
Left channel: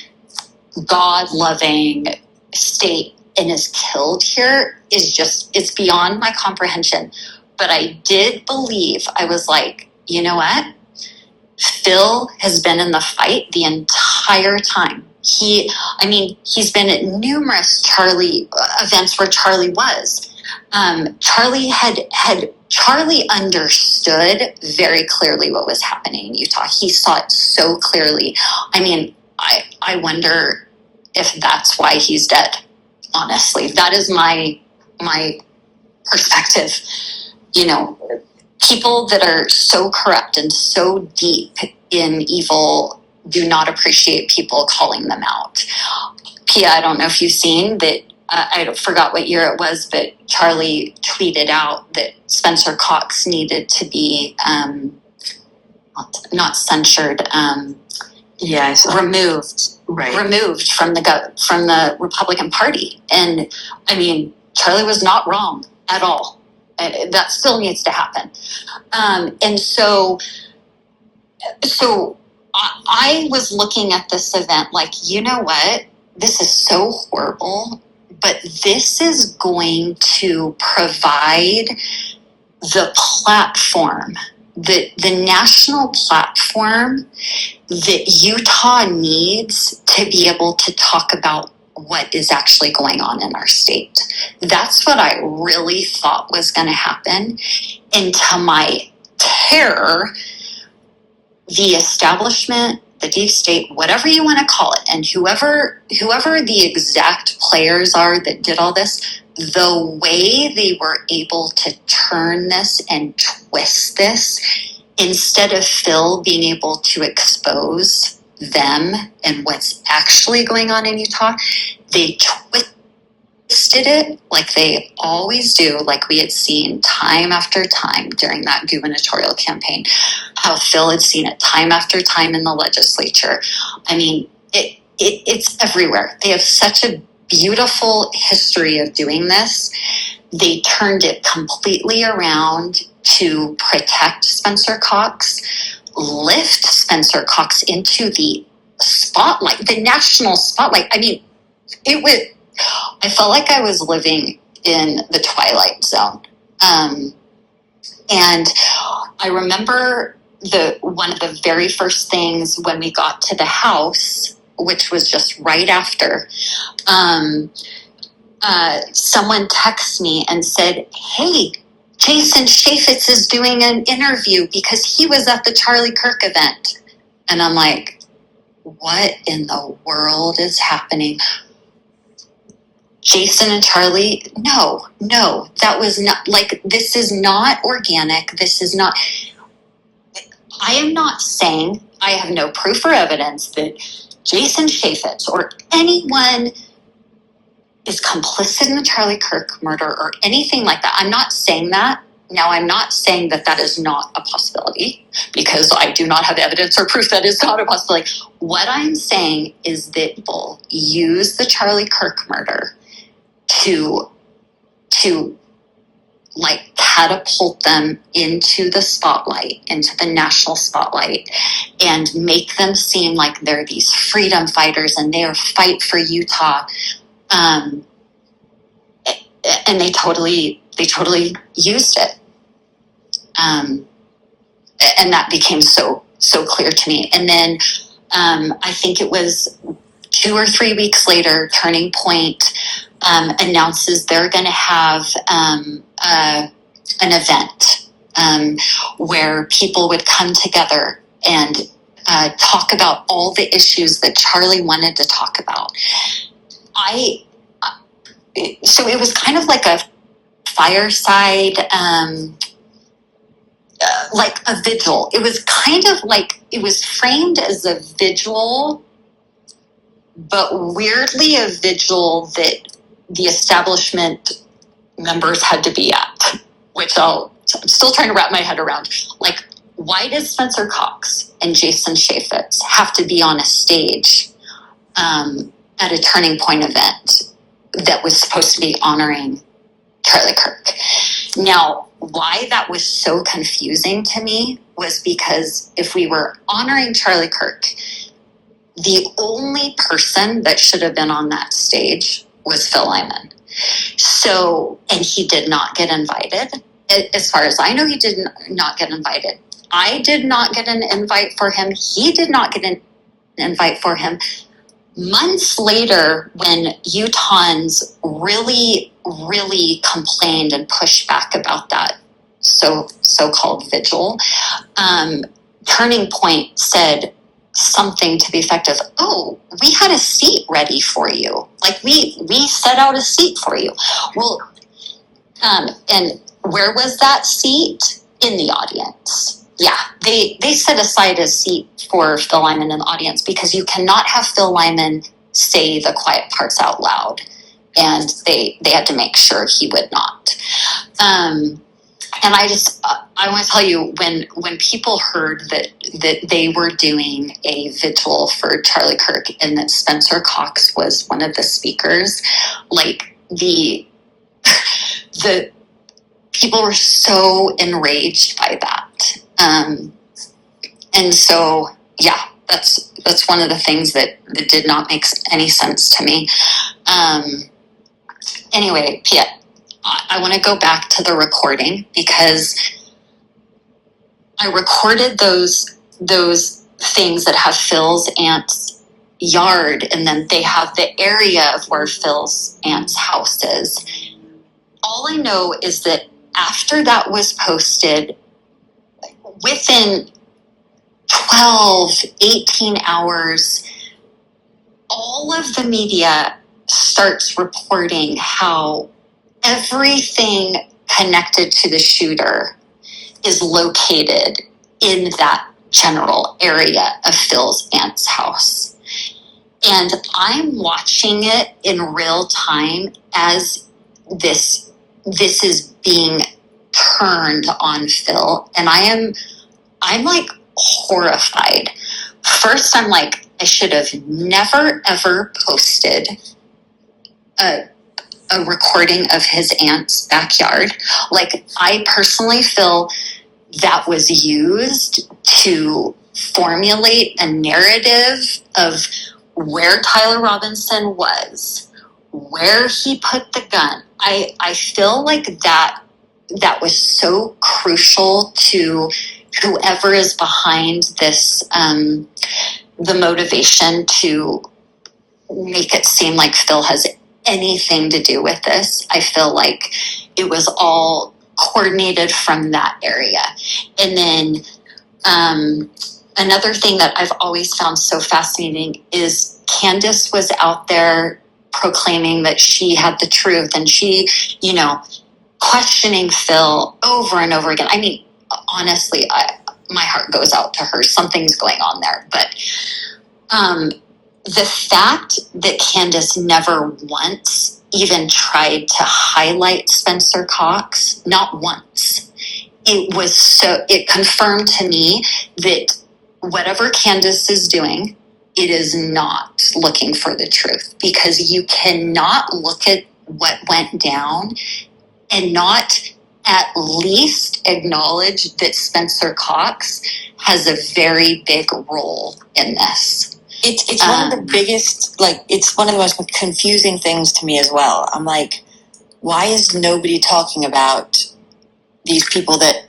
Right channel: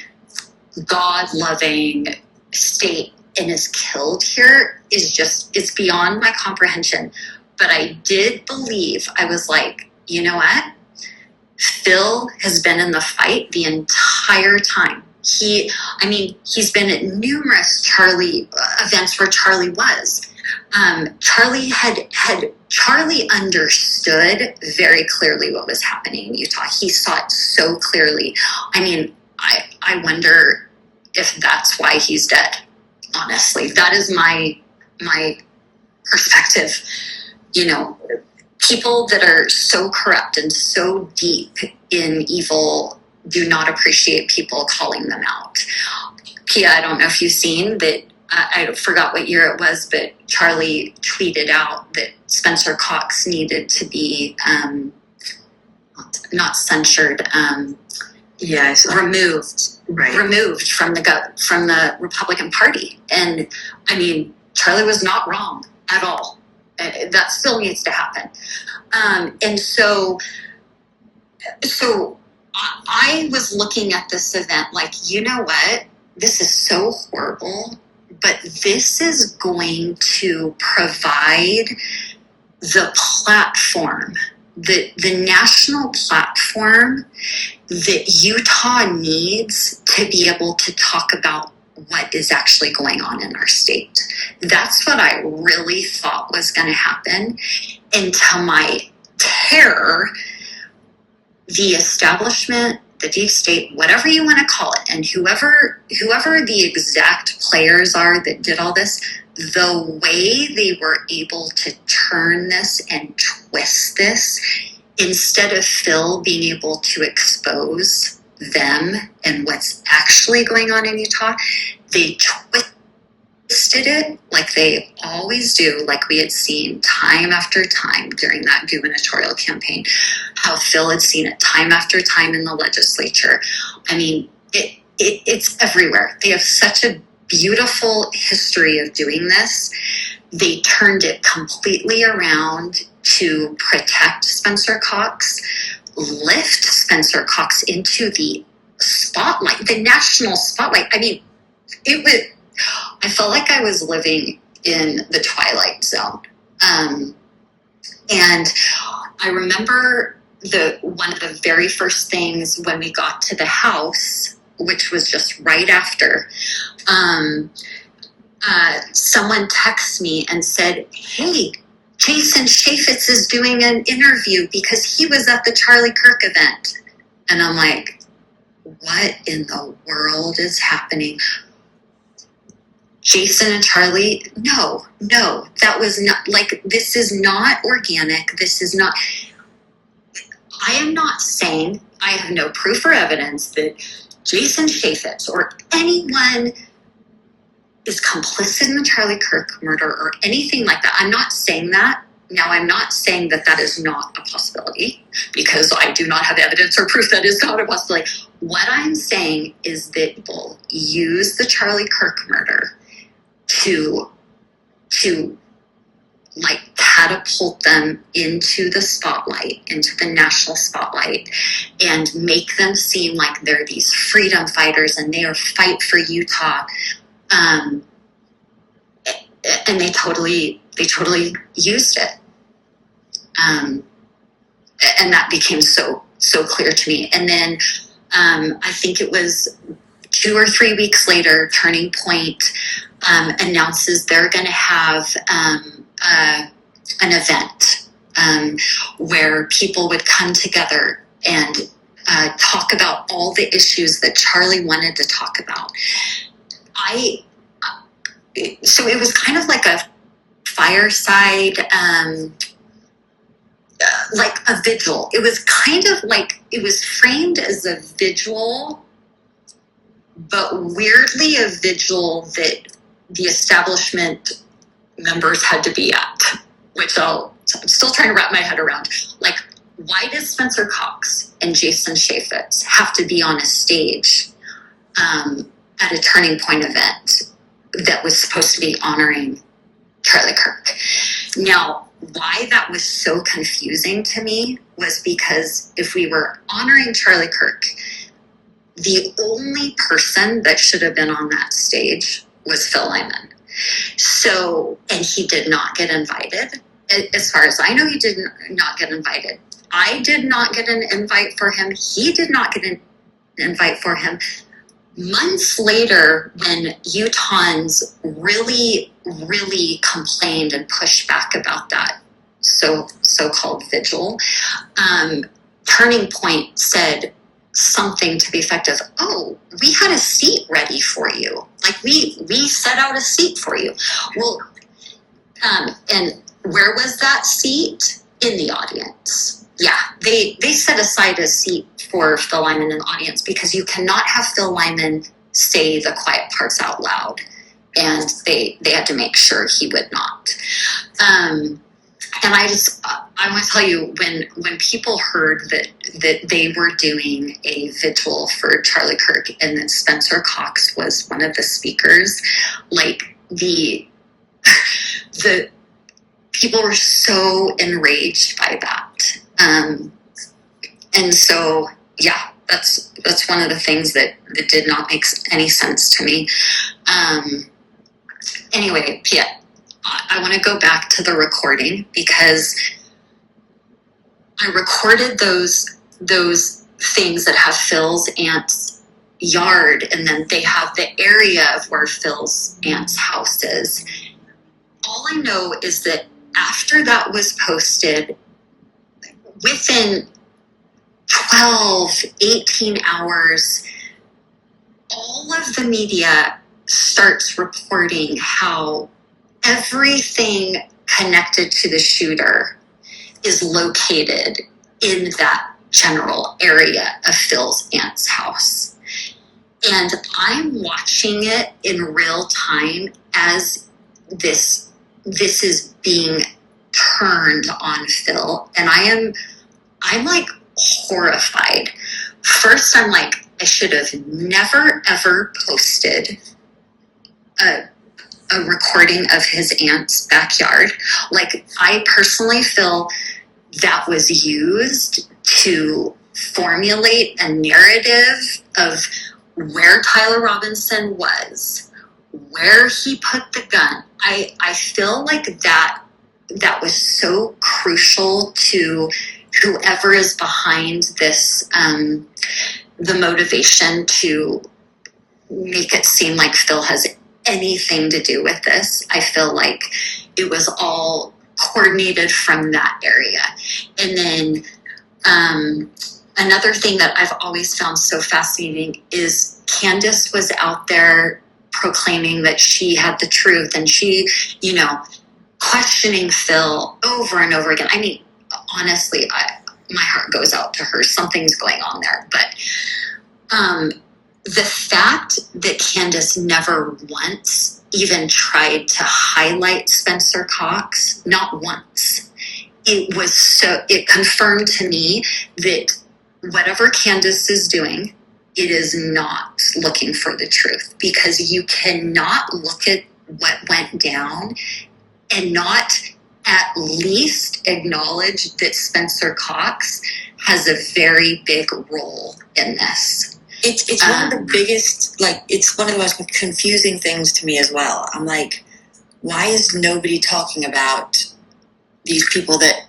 God loving state and is killed here it's beyond my comprehension. But I did believe, I was like, you know what? Phil has been in the fight the entire time. He's been at numerous Charlie events where Charlie was. Charlie understood very clearly what was happening in Utah. He saw it so clearly. I wonder if that's why he's dead. Honestly, that is my perspective. People that are so corrupt and so deep in evil do not appreciate people calling them out. Pia, I don't know if you've seen that. I forgot what year it was, but Charlie tweeted out that Spencer Cox needed to be not censured, removed. Right. Removed from the Republican Party. And Charlie was not wrong at all. That still needs to happen. And so I was looking at this event like, you know what? This is so horrible, but this is going to provide the platform, the national platform that Utah needs to be able to talk about what is actually going on in our state. That's what I really thought was going to happen. And to my terror, the establishment, the deep state, whatever you want to call it, and whoever the exact players are that did all this, the way they were able to turn this and twist this, instead of Phil being able to expose them and what's actually going on in Utah, they twisted it like they always do, like we had seen time after time during that gubernatorial campaign, how Phil had seen it time after time in the legislature. It's everywhere. They have such a beautiful history of doing this. They turned it completely around to protect Spencer Cox, lift Spencer Cox into the spotlight, the national spotlight. I felt like I was living in the Twilight Zone. And I remember one of the very first things when we got to the house, which was just right after, someone texted me and said, "Hey, Jason Chaffetz is doing an interview because he was at the Charlie Kirk event. And I'm like, what in the world is happening? Jason and Charlie, no, that was not, like, this is not organic. This is not, I am not saying, I have no proof or evidence that Jason Chaffetz or anyone is complicit in the Charlie Kirk murder or anything like that. I'm not saying that. Now, I'm not saying that that is not a possibility, because I do not have evidence or proof that is not a possibility. What I'm saying is that people use the Charlie Kirk murder to like catapult them into the spotlight, into the national spotlight, and make them seem like they're these freedom fighters and they are fight for Utah. And they totally used it. And that became so clear to me. And then I think it was 2 or 3 weeks later, Turning Point announces they're going to have an event where people would come together and talk about all the issues that Charlie wanted to talk about. So it was kind of like a fireside, like a vigil. It was kind of like, it was framed as a vigil, but weirdly a vigil that the establishment members had to be at, which I'm still trying to wrap my head around. Like, why does Spencer Cox and Jason Chaffetz have to be on a stage at a Turning Point event that was supposed to be honoring Charlie Kirk? Now, why that was so confusing to me was because if we were honoring Charlie Kirk, the only person that should have been on that stage was Phil Lyman. So, and he did not get invited. As far as I know, he did not get invited. I did not get an invite for him. He did not get an invite for him. Months later, when Utahns really complained and pushed back about that so-called vigil, Turning Point said something to the effect of, "Oh, we had a seat ready for you. Like, we set out a seat for you." Well, and where was that seat? In the audience. Yeah, they set aside a seat for Phil Lyman in the audience because you cannot have Phil Lyman say the quiet parts out loud, and they had to make sure he would not. And I want to tell you, when people heard that they were doing a vigil for Charlie Kirk and that Spencer Cox was one of the speakers, like the people were so enraged by that. And so, yeah, that's one of the things that did not make any sense to me. Anyway, Piet, I want to go back to the recording because I recorded those things that have Phil's aunt's yard, and then they have the area of where Phil's aunt's house is. All I know is that after that was posted, within 12, 18 hours, all of the media starts reporting how everything connected to the shooter is located in that general area of Phil's aunt's house. And I'm watching it in real time as this is being turned on Phil, and I'm like horrified. First, I'm like, I should have never ever posted a recording of his aunt's backyard. Like, I personally feel that was used to formulate a narrative of where Tyler Robinson was, where he put the gun. I feel like that was so crucial to whoever is behind this, the motivation to make it seem like Phil has anything to do with this. I feel like it was all coordinated from that area. And then another thing that I've always found so fascinating is Candace was out there proclaiming that she had the truth, and she, questioning Phil over and over again. I mean, honestly, my heart goes out to her. Something's going on there. But the fact that Candace never once even tried to highlight Spencer Cox, not once, it confirmed to me that whatever Candace is doing, it is not looking for the truth, because you cannot look at what went down and not at least acknowledge that Spencer Cox has a very big role in this. It's one of the biggest, it's one of the most confusing things to me as well. I'm like, why is nobody talking about these people that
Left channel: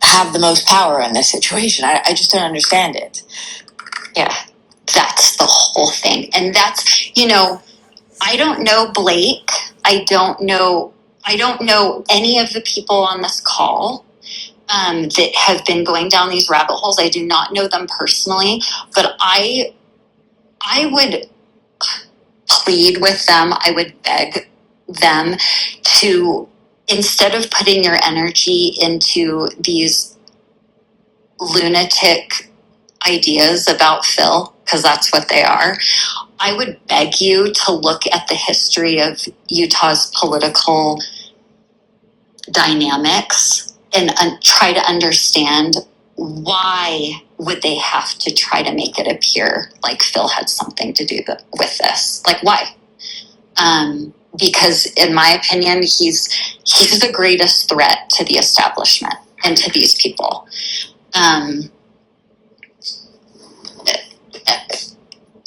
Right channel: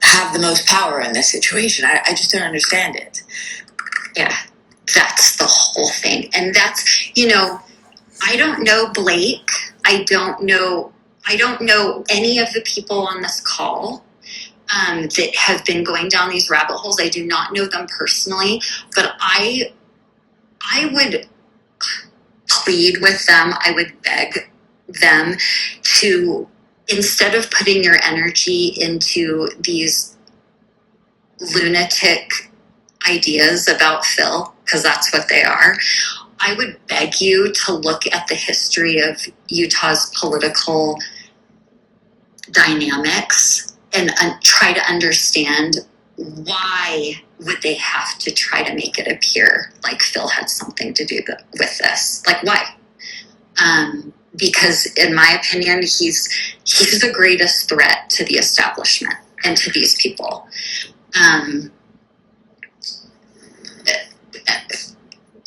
have the most power in this situation? I just don't understand it. Yeah, that's the whole thing. And that's, I don't know Blake. I don't know any of the people on this call that have been going down these rabbit holes. I do not know them personally, but I would plead with them. I would beg them to, instead of putting your energy into these lunatic ideas about Phil, because that's what they are, I would beg you to look at the history of Utah's political dynamics and try to understand why would they have to try to make it appear like Phil had something to do with this? Like, why? Because in my opinion, he's the greatest threat to the establishment and to these people.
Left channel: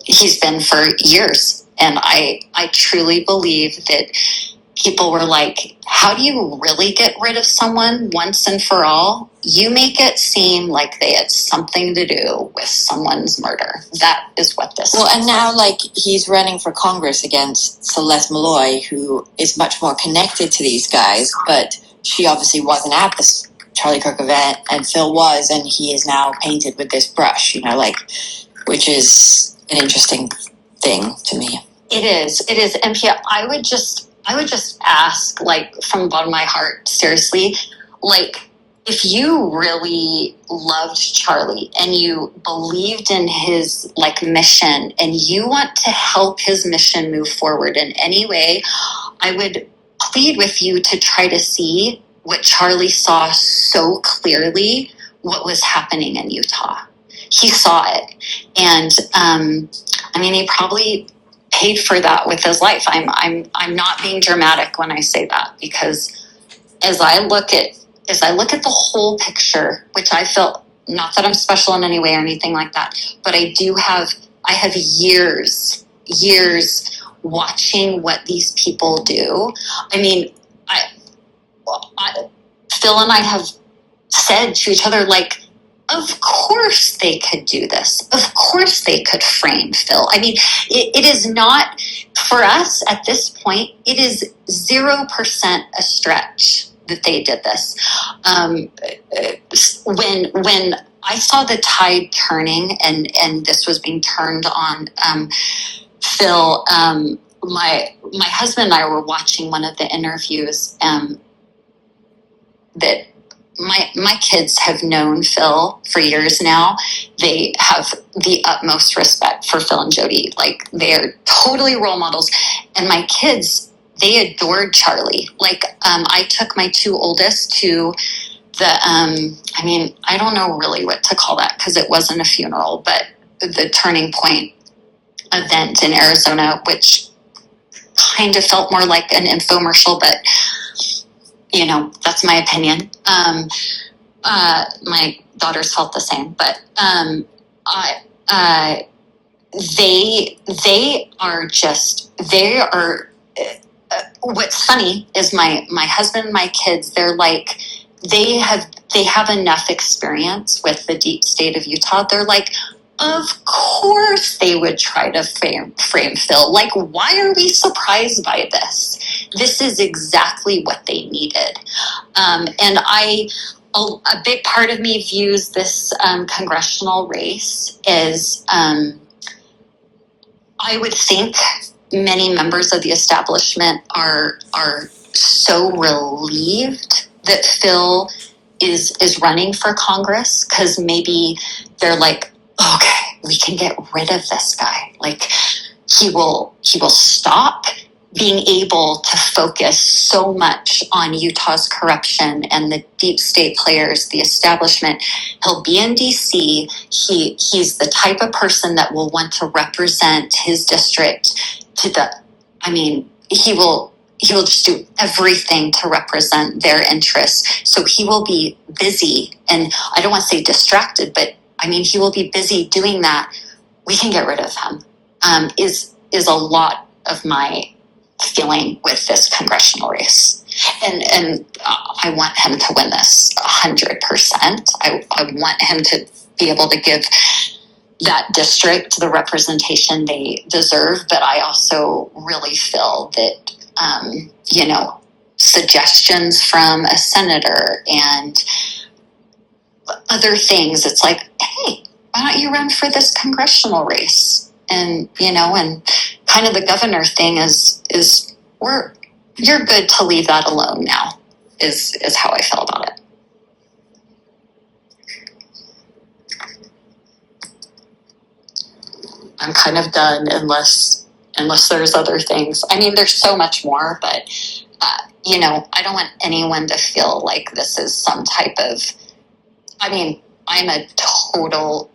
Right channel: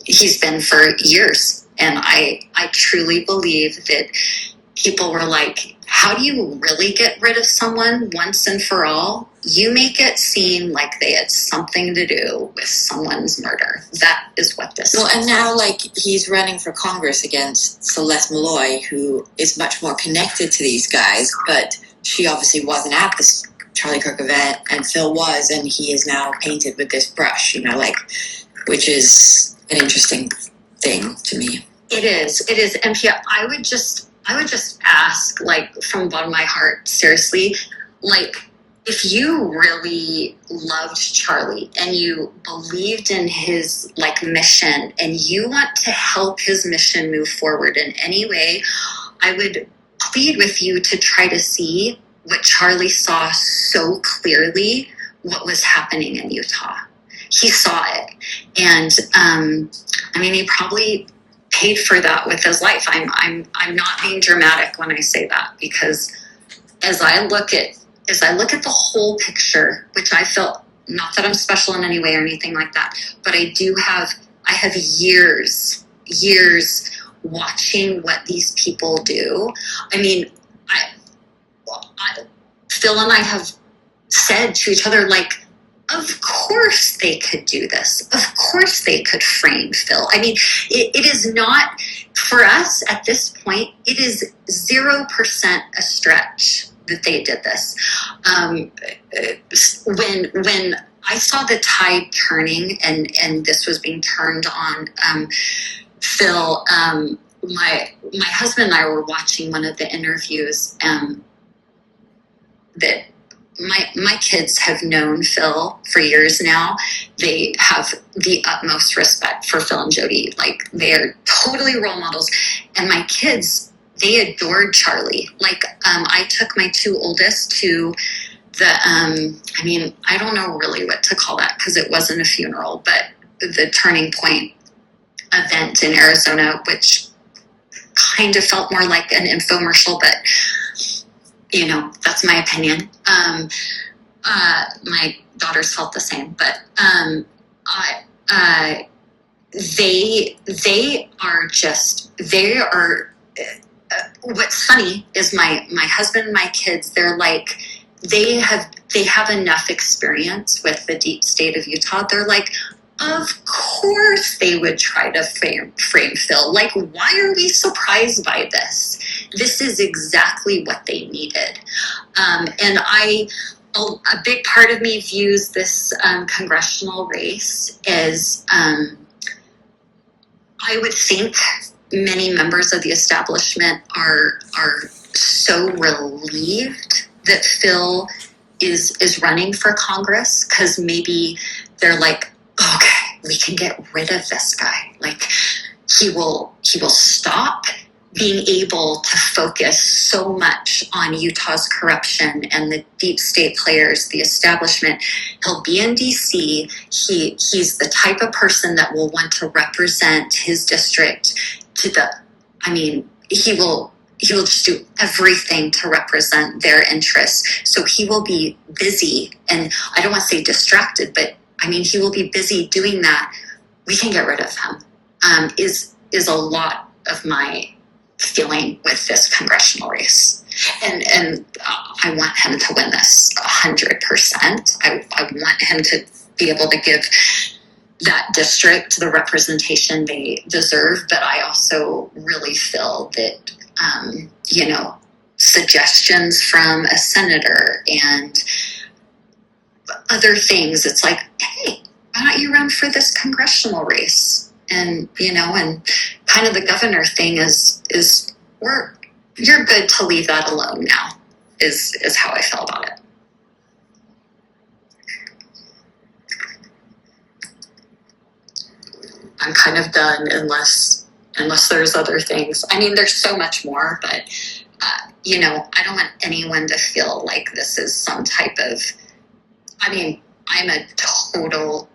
He's been for years. And I truly believe that people were like, how do you really get rid of someone once and for all? You make it seem like they had something to do with someone's murder. That is what this is. Well, and now, he's running for Congress against Celeste Malloy, who is much more connected to these guys, but she obviously wasn't at this Charlie Kirk event, and Phil was, and he is now painted with this brush, which is an interesting thing to me. It is. And Pia, I would just ask, from the bottom of my heart, seriously, if you really loved Charlie and you believed in his mission and you want to help his mission move forward in any way, I would plead with you to try to see what Charlie saw so clearly, what was happening in Utah. He saw it. And he probably paid for that with his life. I'm not being dramatic when I say that, because as I look at the whole picture, which I felt, not that I'm special in any way or anything like that, but I have years watching what these people do. Phil and I have said to each other, of course they could do this. Of course they could frame Phil. It is not, for us at this point, it is 0% a stretch that they did this. When I saw the tide turning and this was being turned on Phil, my husband and I were watching one of the interviews that my kids have known Phil for years now. They have the utmost respect for Phil and Jody. They are totally role models. And my kids, they adored Charlie. I took my two oldest to the, I don't know really what to call that, because it wasn't a funeral, but the Turning Point event in Arizona, which kind of felt more like an infomercial, but that's my opinion. My daughters felt the same, but they are. What's funny is my husband and my kids. They're they have enough experience with the deep state of Utah. They're of course they would try to frame Phil. Why are we surprised by this? this is exactly what they needed. And a big part of me views this congressional race as I would think many members of the establishment are so relieved that Phil is running for Congress, because maybe they're like, okay, we can get rid of this guy. Like, he will stop being able to focus so much on Utah's corruption and the deep state players, the establishment. He'll be in DC. He's the type of person that will want to represent his district he will just do everything to represent their interests. So he will be busy, and I don't want to say distracted, but he will be busy doing that. We can get rid of him. Is a lot of my feeling with this congressional race. And I want him to win this 100%. I want him to be able to give that district the representation they deserve. But I also really feel that, suggestions from a senator and other things, it's like, hey, why don't you run for this congressional race? And, and kind of the governor thing is you're good to leave that alone now, is how I feel about it. I'm kind of done unless there's other things. There's so much more, but, I don't want anyone to feel like this is some type of, I'm a total...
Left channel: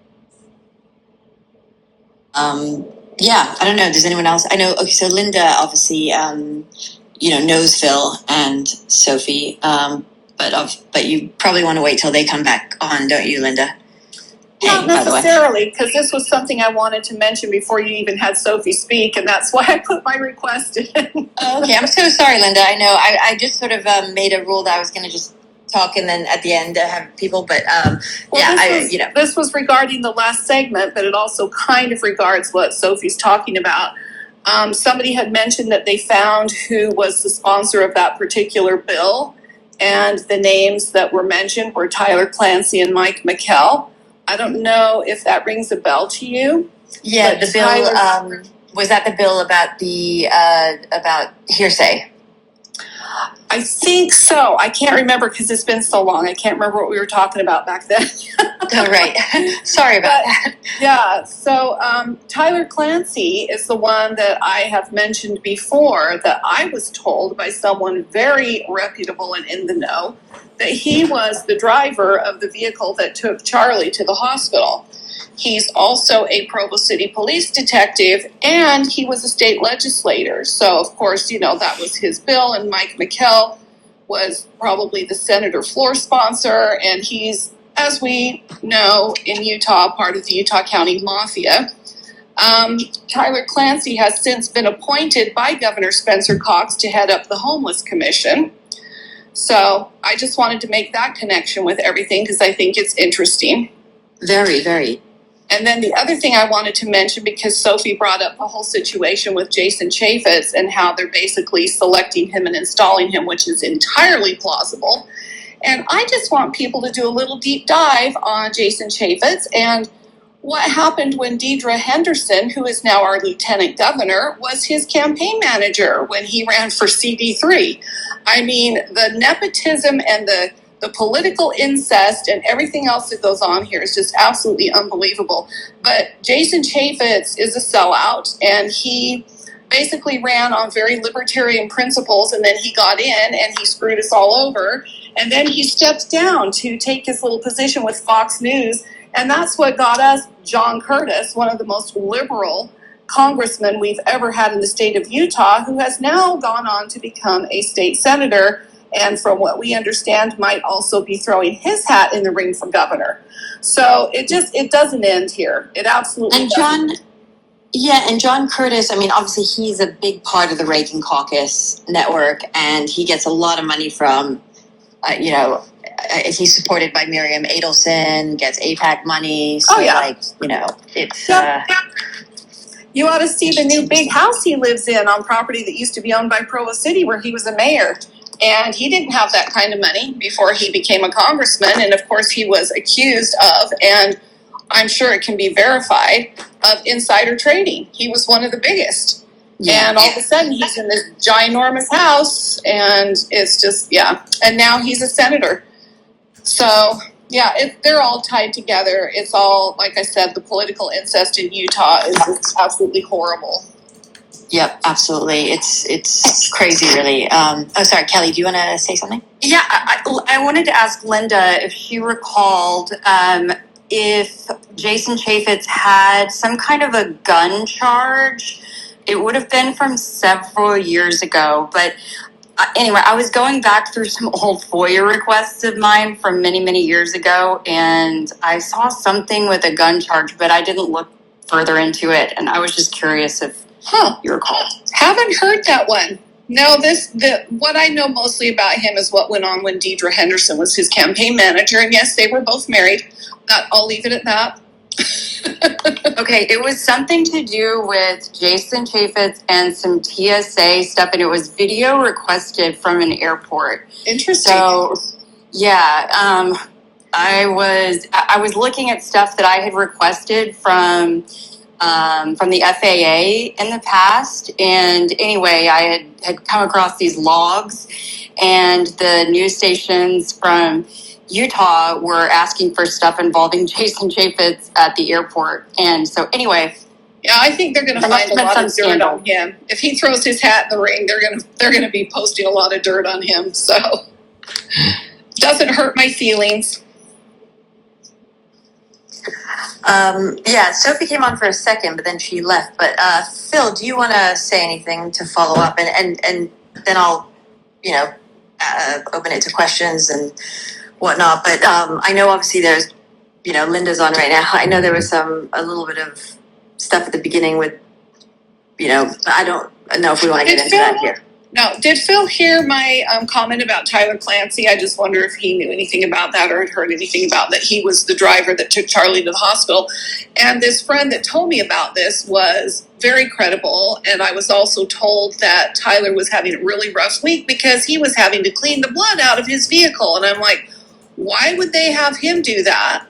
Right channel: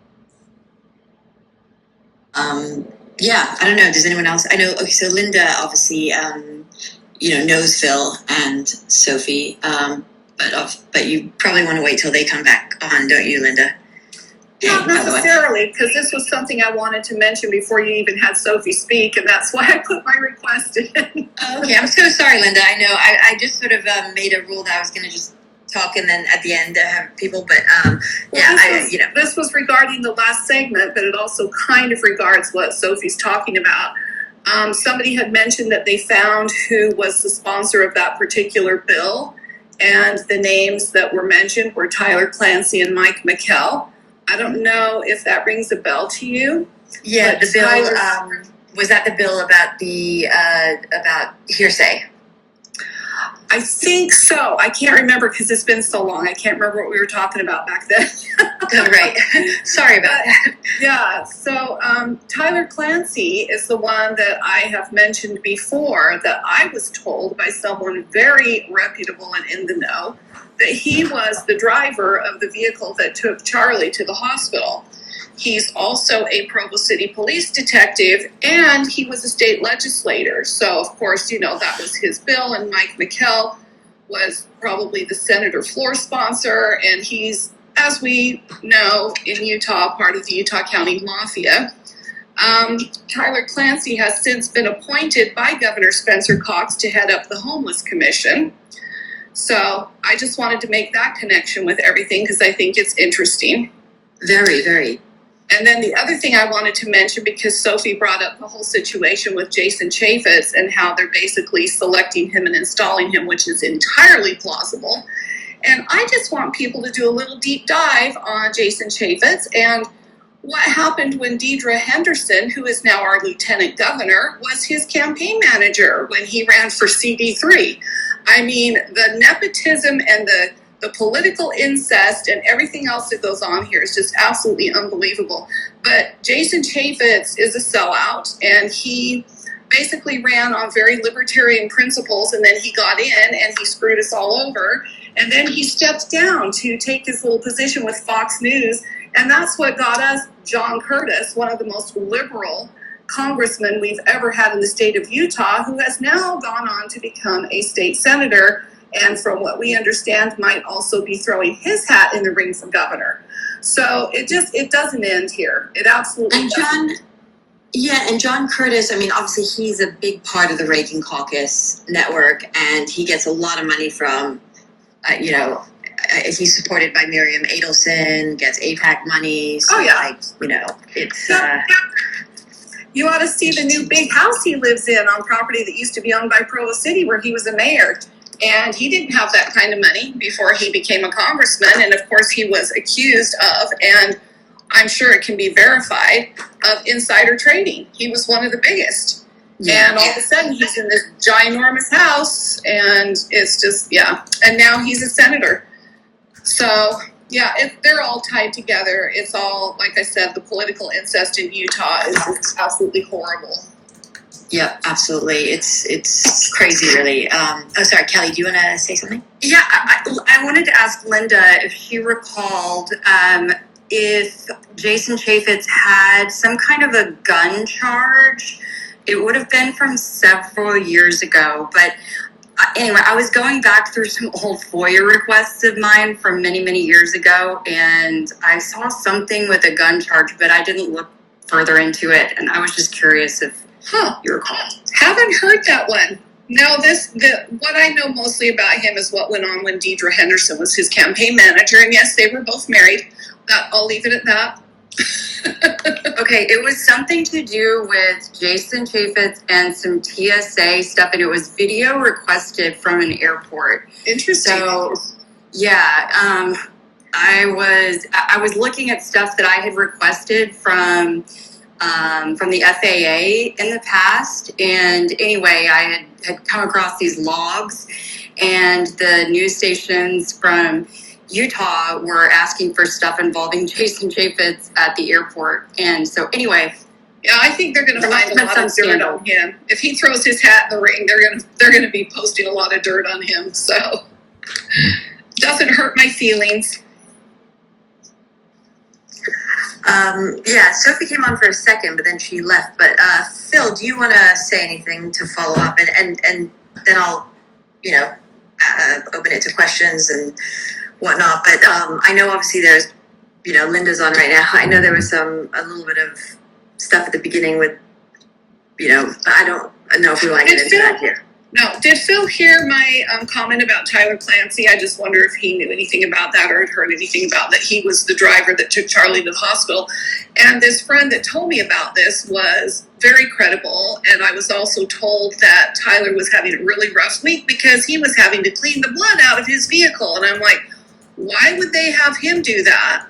I don't know. Does anyone else? I know. Okay, so Linda obviously, knows Phil and Sophie, but you probably want to wait till they come back on, don't you, Linda? Not necessarily, because this was something I wanted to mention before you even had Sophie speak, and that's why I put my request in. Oh, okay, I'm so sorry, Linda. I know I just sort of made a rule that I was going to just talk and then at the end have people, but this was regarding the last segment, but it also kind of regards what Sophie's talking about. Somebody had mentioned that they found who was the sponsor of that particular bill, and the names that were mentioned were Tyler Clancy and Mike McKell. I don't know if that rings a bell to you. Yeah, the bill was that the bill about the about hearsay? I think so. I can't remember because it's been so long. I can't remember what we were talking about back then. Oh, right. Sorry about that. Yeah. So Tyler Clancy is the one that I have mentioned before, that I was told by someone very reputable and in the know that he was the driver of the vehicle that took Charlie to the hospital. He's also a Provo City police detective, and he was a state legislator. So, of course, that was his bill, and Mike McKell was probably the senator floor sponsor, and he's, as we know, in Utah, part of the Utah County Mafia. Tyler Clancy has since been appointed by Governor Spencer Cox to head up the Homeless Commission. So I just wanted to make that connection with everything because I think it's interesting. Very, very. And then the other thing I wanted to mention, because Sophie brought up the whole situation with Jason Chaffetz and how they're basically selecting him and installing him, which is entirely plausible. And I just want people to do a little deep dive on Jason Chaffetz and what happened when Deidre Henderson, who is now our lieutenant governor, was his campaign manager when he ran for CD3. The nepotism and the political incest and everything else that goes on here is just absolutely unbelievable. But Jason Chaffetz is a sellout, and he basically ran on very libertarian principles, and then he got in and he screwed us all over. And then he stepped down to take his little position with Fox News, and that's what got us John Curtis, one of the most liberal congressmen we've ever had in the state of Utah, who has now gone on to become a state senator, and from what we understand, might also be throwing his hat in the ring for governor. So it doesn't end here. It absolutely doesn't. And John Curtis, obviously he's a big part of the Reagan Caucus network, and he gets a lot of money from, he's supported by Miriam Adelson, gets AIPAC money. So, it's... You ought to see the new big house he lives in on property that used to be owned by Provo City, where he was a mayor. And he didn't have that kind of money before he became a congressman. And of course, he was accused of, and I'm sure it can be verified, of insider trading. He was one of the biggest. Yeah. And all of a sudden, he's in this ginormous house, and it's just, yeah. And now he's a senator. So, yeah, they're all tied together. It's all, like I said, the political incest in Utah is just absolutely horrible. Yep, absolutely. It's crazy, really. Sorry, Kelly, do you want to say something? Yeah, I wanted to ask Linda if she recalled if Jason Chaffetz had some kind of a gun charge. It would have been from several years ago, but anyway, I was going back through some old FOIA requests of mine from many, many years ago, and I saw something with a gun charge, but I didn't look further into it, and I was just curious if you recall. Haven't heard that one. No, what I know mostly about him is what went on when Deidre Henderson was his campaign manager, and yes, they were both married. I'll leave it at that. Okay, it was something to do with Jason Chaffetz and some TSA stuff, and it was video requested from an airport. Interesting. So, yeah, I was looking at stuff that I had requested from the FAA in the past, and anyway, I had come across these logs, and the news stations from Utah were asking for stuff involving Jason Chaffetz at the airport. And so anyway, yeah, I think they're going to find a lot of dirt on him. If he throws his hat in the ring, they're going to be posting a lot of dirt on him. So doesn't hurt my feelings. Yeah, Sophie came on for a second, but then she left. But Phil, do you want to say anything to follow up? And then I'll, open it to questions and whatnot. But I know obviously there's, Linda's on right now. I know there was a little bit of stuff at the beginning with, I don't know if we want to get into that here. No, did Phil hear my comment about Tyler Clancy? I just wonder if he knew anything about that or had heard anything about that. He was the driver that took Charlie to the hospital. And this friend that told me about this was very credible. And I was also told that Tyler was having a really rough week because he was having to clean the blood out of his vehicle. And I'm like, why would they have him do that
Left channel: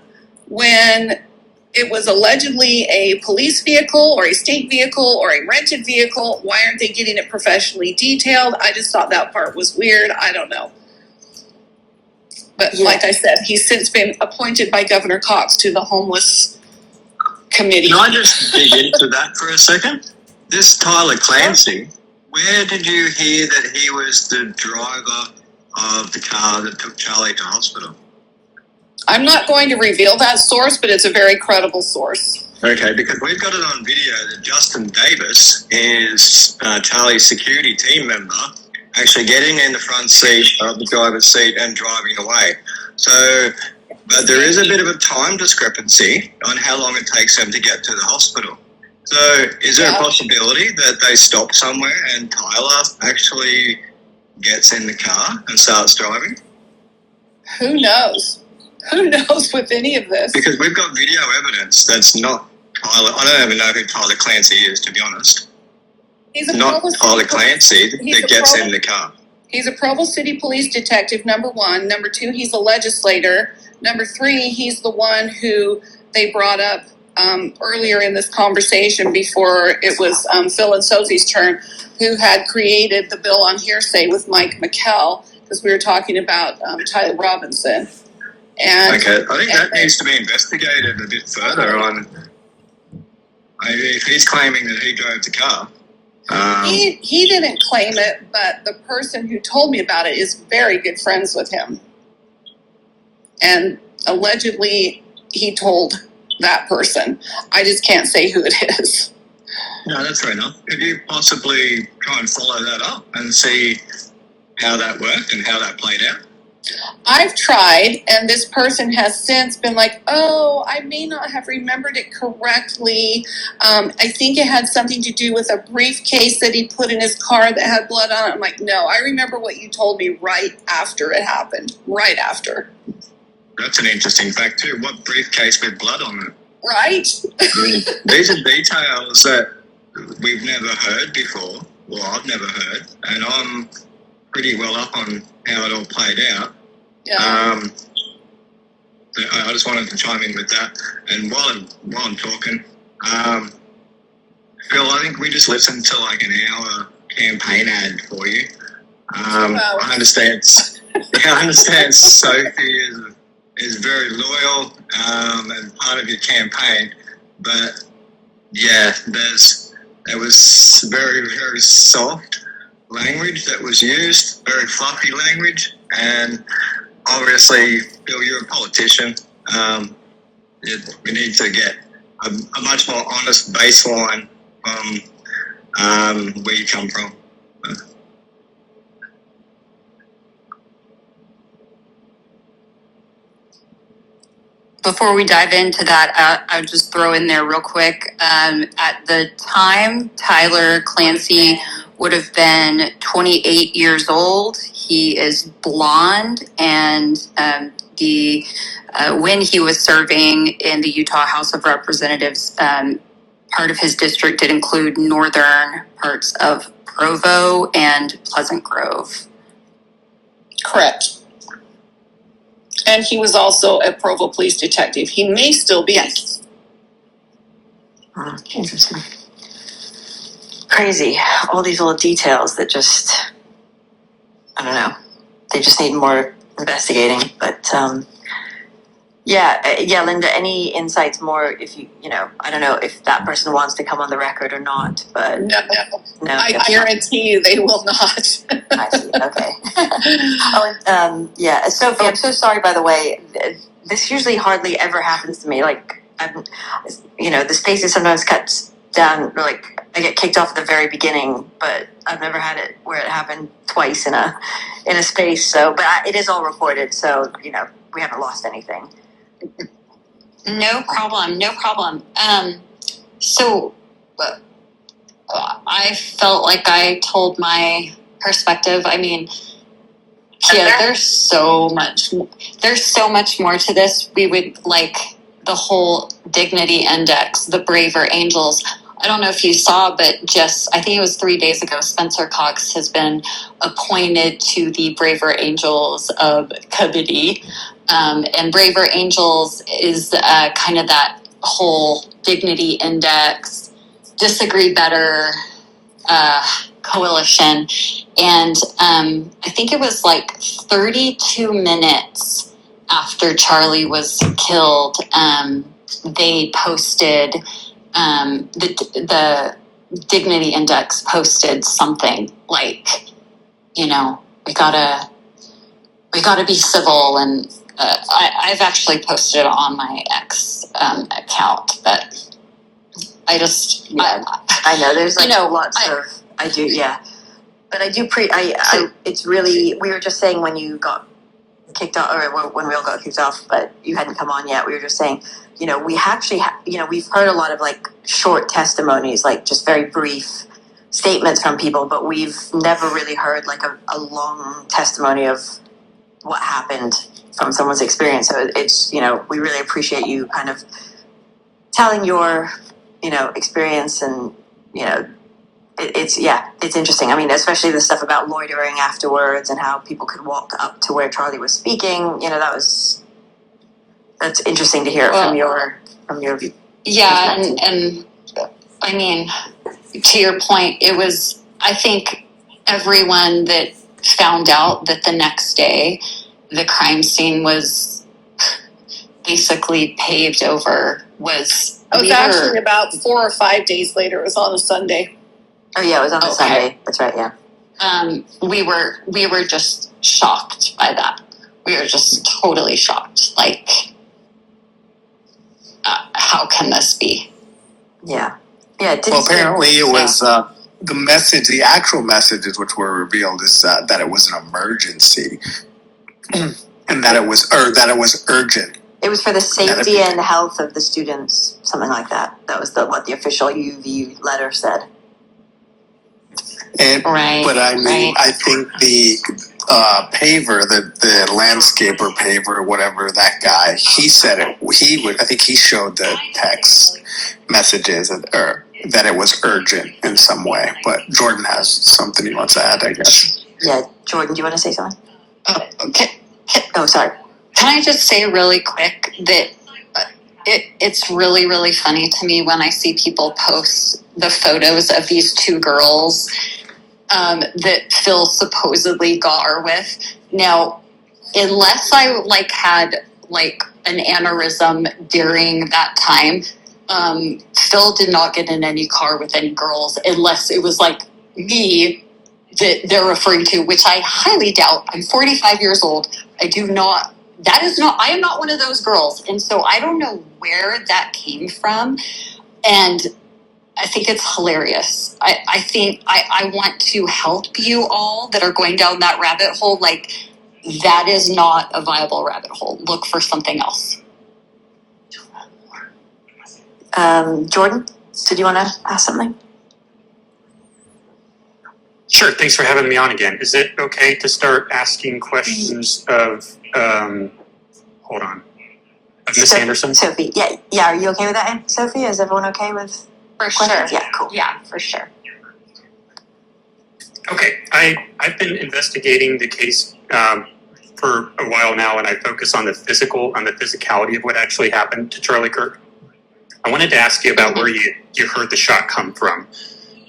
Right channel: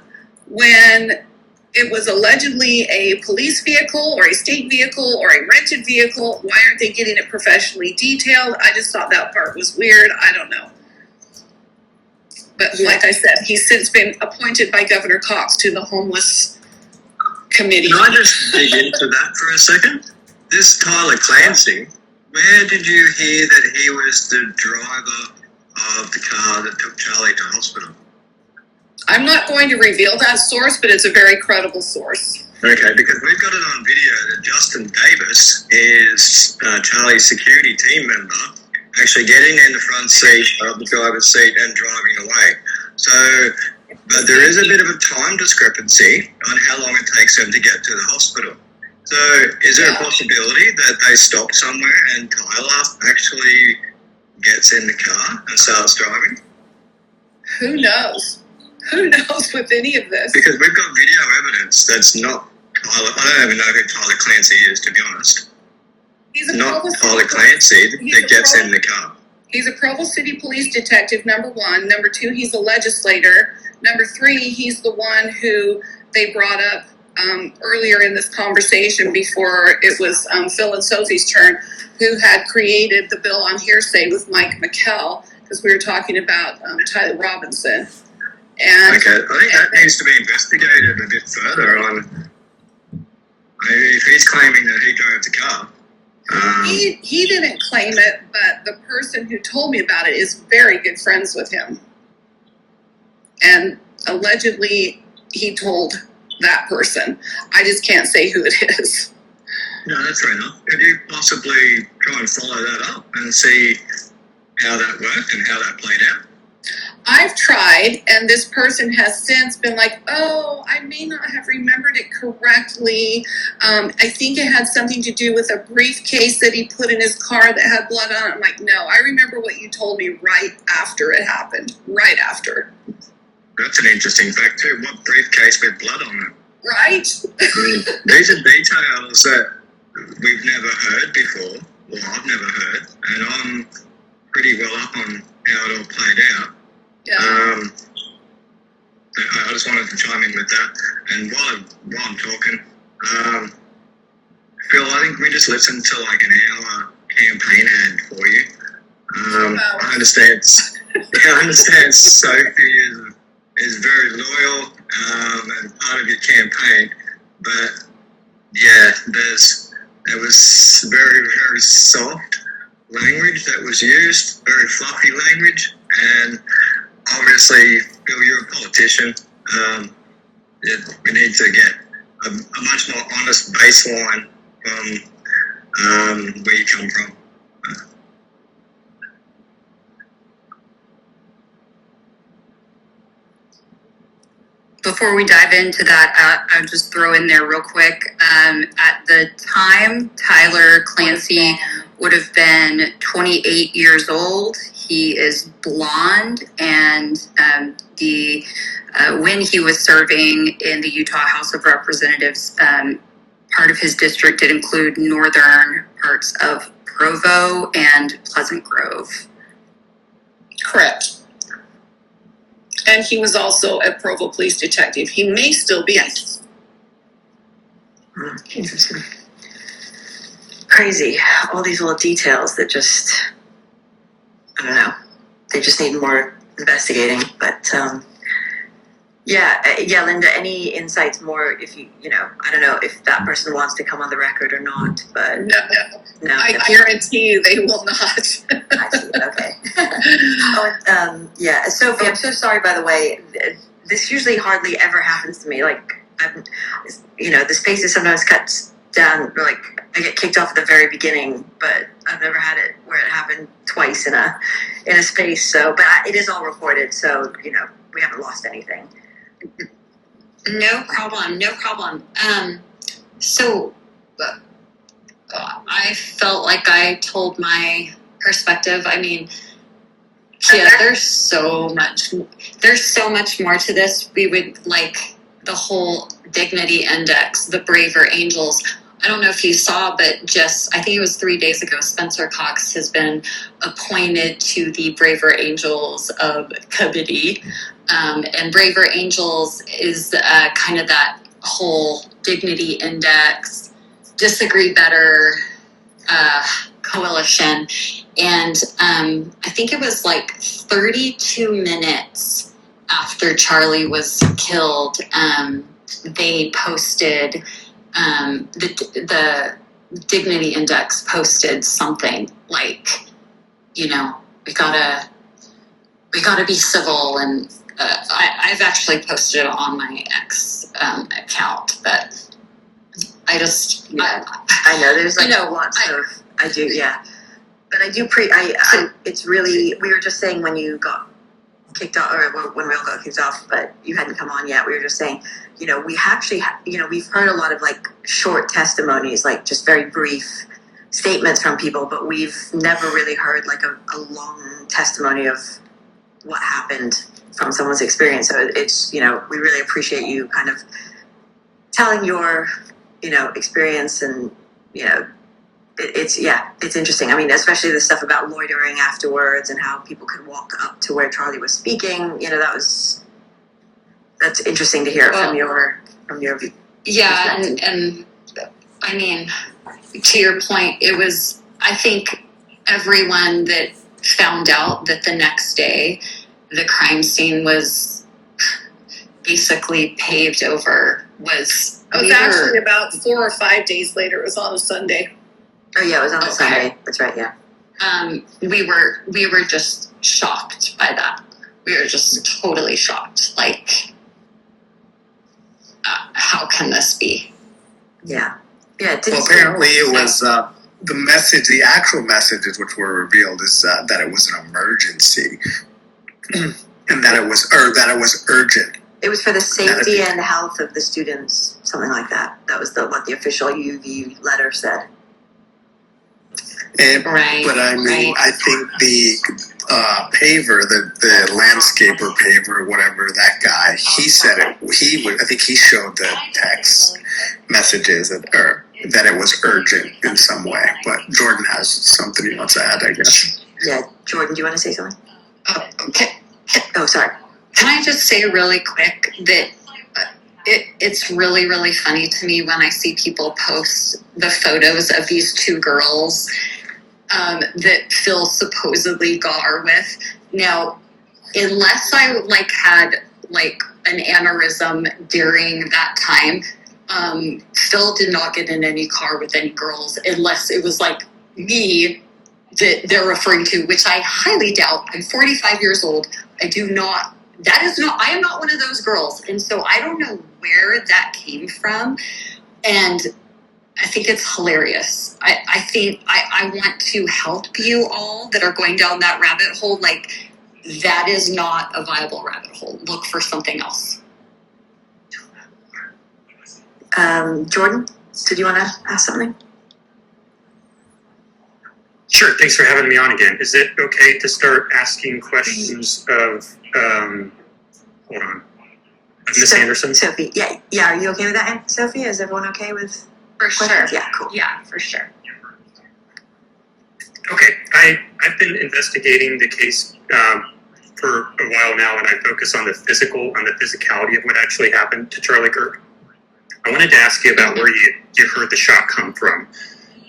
when it was allegedly a police vehicle or a state vehicle or a rented vehicle? Why aren't they getting it professionally detailed? I just thought that part was weird. I don't know. But like I said, he's since been appointed by Governor Cox to the homeless committee. Can I just dig into that for a second? This Tyler Clancy, where did you hear that he was the driver of the car that took Charlie to hospital? I'm not going to reveal that source, but it's a very credible source. Okay, because we've got it on video that Justin Davis is Charlie's security team member, actually getting in the front seat of the driver's seat and driving away. So, but there is a bit of a time discrepancy on how long it takes them to get to the hospital. So, is there a possibility that they stop somewhere and Tyler actually gets in the car and starts driving? Who knows? Who knows with any of this? Because we've got video evidence that's not Tyler. I don't even know who Tyler Clancy is, to be honest. He's a not Tyler Clancy that gets in the car. He's a Provo City Police detective, number one. Number two, he's a legislator. Number three, he's the one who they brought up earlier in this conversation before it was Phil and Sophie's turn, who had created the bill on hearsay with Mike McKell, because we were talking about Tyler Robinson. And, okay, I think that needs to be investigated a bit further on if he's claiming that he drove the car. He didn't claim it, but the person who told me about it is very good friends with him. And allegedly, he told that person. I just can't say who it is. No, that's fair enough. Could you possibly try and follow that up and see how that worked and how that played out? I've tried, and this person has since been like, oh, I may not have remembered it correctly. I think it had something to do with a briefcase that he put in his car that had blood on it. I'm like, no, I remember what you told me right after it happened. Right after. That's an interesting fact, too. What briefcase with blood on it? Right? These are details that we've never heard before. Well, I've never heard, and I'm pretty well up on how it all played out. Yeah. I just wanted to chime in with that. And while I'm talking, Phil, I think we just listened to like an hour campaign ad for you. I understand. I understand Sophie is very loyal and part of your campaign, but yeah, there was very, very soft language that was used, very fluffy language, and obviously, Phil, you're a politician. We need to get a much more honest baseline from where you come from. Before we dive into that, I would just throw in there real quick. At the time, Tyler Clancy would have been 28 years old. He is blonde, and when he was serving in the Utah House of Representatives, part of his district did include northern parts of Provo and Pleasant Grove. Correct. And he was also a Provo police detective. He may still be. Yes. Interesting. Crazy. All these little details that just, I don't know. They just need more investigating. But yeah, Linda, any insights more if I don't know if that person wants to come on the record or not, but No. I guarantee you they will not. I see. Okay. Yeah, Sophie, I'm so sorry, by the way. This usually hardly ever happens to me. Like, the spaces sometimes cuts down, or like I get kicked off at the very beginning, but I've never had it where it happened twice in a space. So, but it is all recorded, so we haven't lost anything. No problem. So I felt like I told my perspective. I mean, yeah, there's so much more to this. We would like the whole dignity index, the braver angels. I don't know if you saw, but I think it was 3 days ago, Spencer Cox has been appointed to the Braver Angels of Committee. And Braver Angels is kind of that whole dignity index, disagree better coalition. And I think it was like 32 minutes after Charlie was killed, they posted, the dignity index posted something like, we gotta be civil. And I've actually posted it on my X account, but I just, I know there's lots of, I do, yeah. But I do it's really, we were just saying when you got kicked off, or when we all got kicked off, but you hadn't come on yet, we were just saying, we actually, we've heard a lot of like short testimonies, like just very brief statements from people, but we've never really heard like a long testimony of what happened from someone's experience. So it's, we really appreciate you kind of telling your, experience, and, it's interesting. I mean, especially the stuff about loitering afterwards and how people could walk up to where Charlie was speaking. That's interesting to hear from your view. Yeah, and I mean, to your point, it was, I think everyone that found out that the next day the crime scene was basically paved over was... It was actually about 4 or 5 days later. It was on a Sunday. Oh yeah, it was on a Sunday. That's right. Yeah. We were just shocked by that. We were just totally shocked. Like, how can this be? Yeah. Yeah. Well, apparently it was the message. The actual messages which were revealed is that it was an emergency, and that it was urgent. It was for the safety and health of the students, something like that. That was what the official UV letter said. But I mean, I think the paver, the landscaper paver, whatever that guy, he said it. I think he showed the text messages, or that it was urgent in some way. But Jordan has something he wants to add, I guess. Yeah, Jordan, do you want to say something? Okay. Oh, sorry. Can I just say really quick that it's really, really funny to me when I see people post the photos of these two girls that Phil supposedly got her with. Now, unless I had an aneurysm during that time, Phil did not get in any car with any girls unless it was me that they're referring to, which I highly doubt. I'm 45 years old. I am not one of those girls. And so I don't know where that came from. And I think it's hilarious. I think I want to help you all that are going down that rabbit hole. That is not a viable rabbit hole. Look for something else. Jordan, did you want to ask something? Sure. Thanks for having me on again. Is it okay to start asking questions of, hold on, of Miss Anderson? Sophie, yeah. Are you okay with that, Sophie? Is everyone okay with For questions? sure. Yeah, cool. Yeah, for sure. Okay. I've been investigating the case for a while now, and I focus on the physicality of what actually happened to Charlie Kirk. I wanted to ask you about where you heard the shot come from.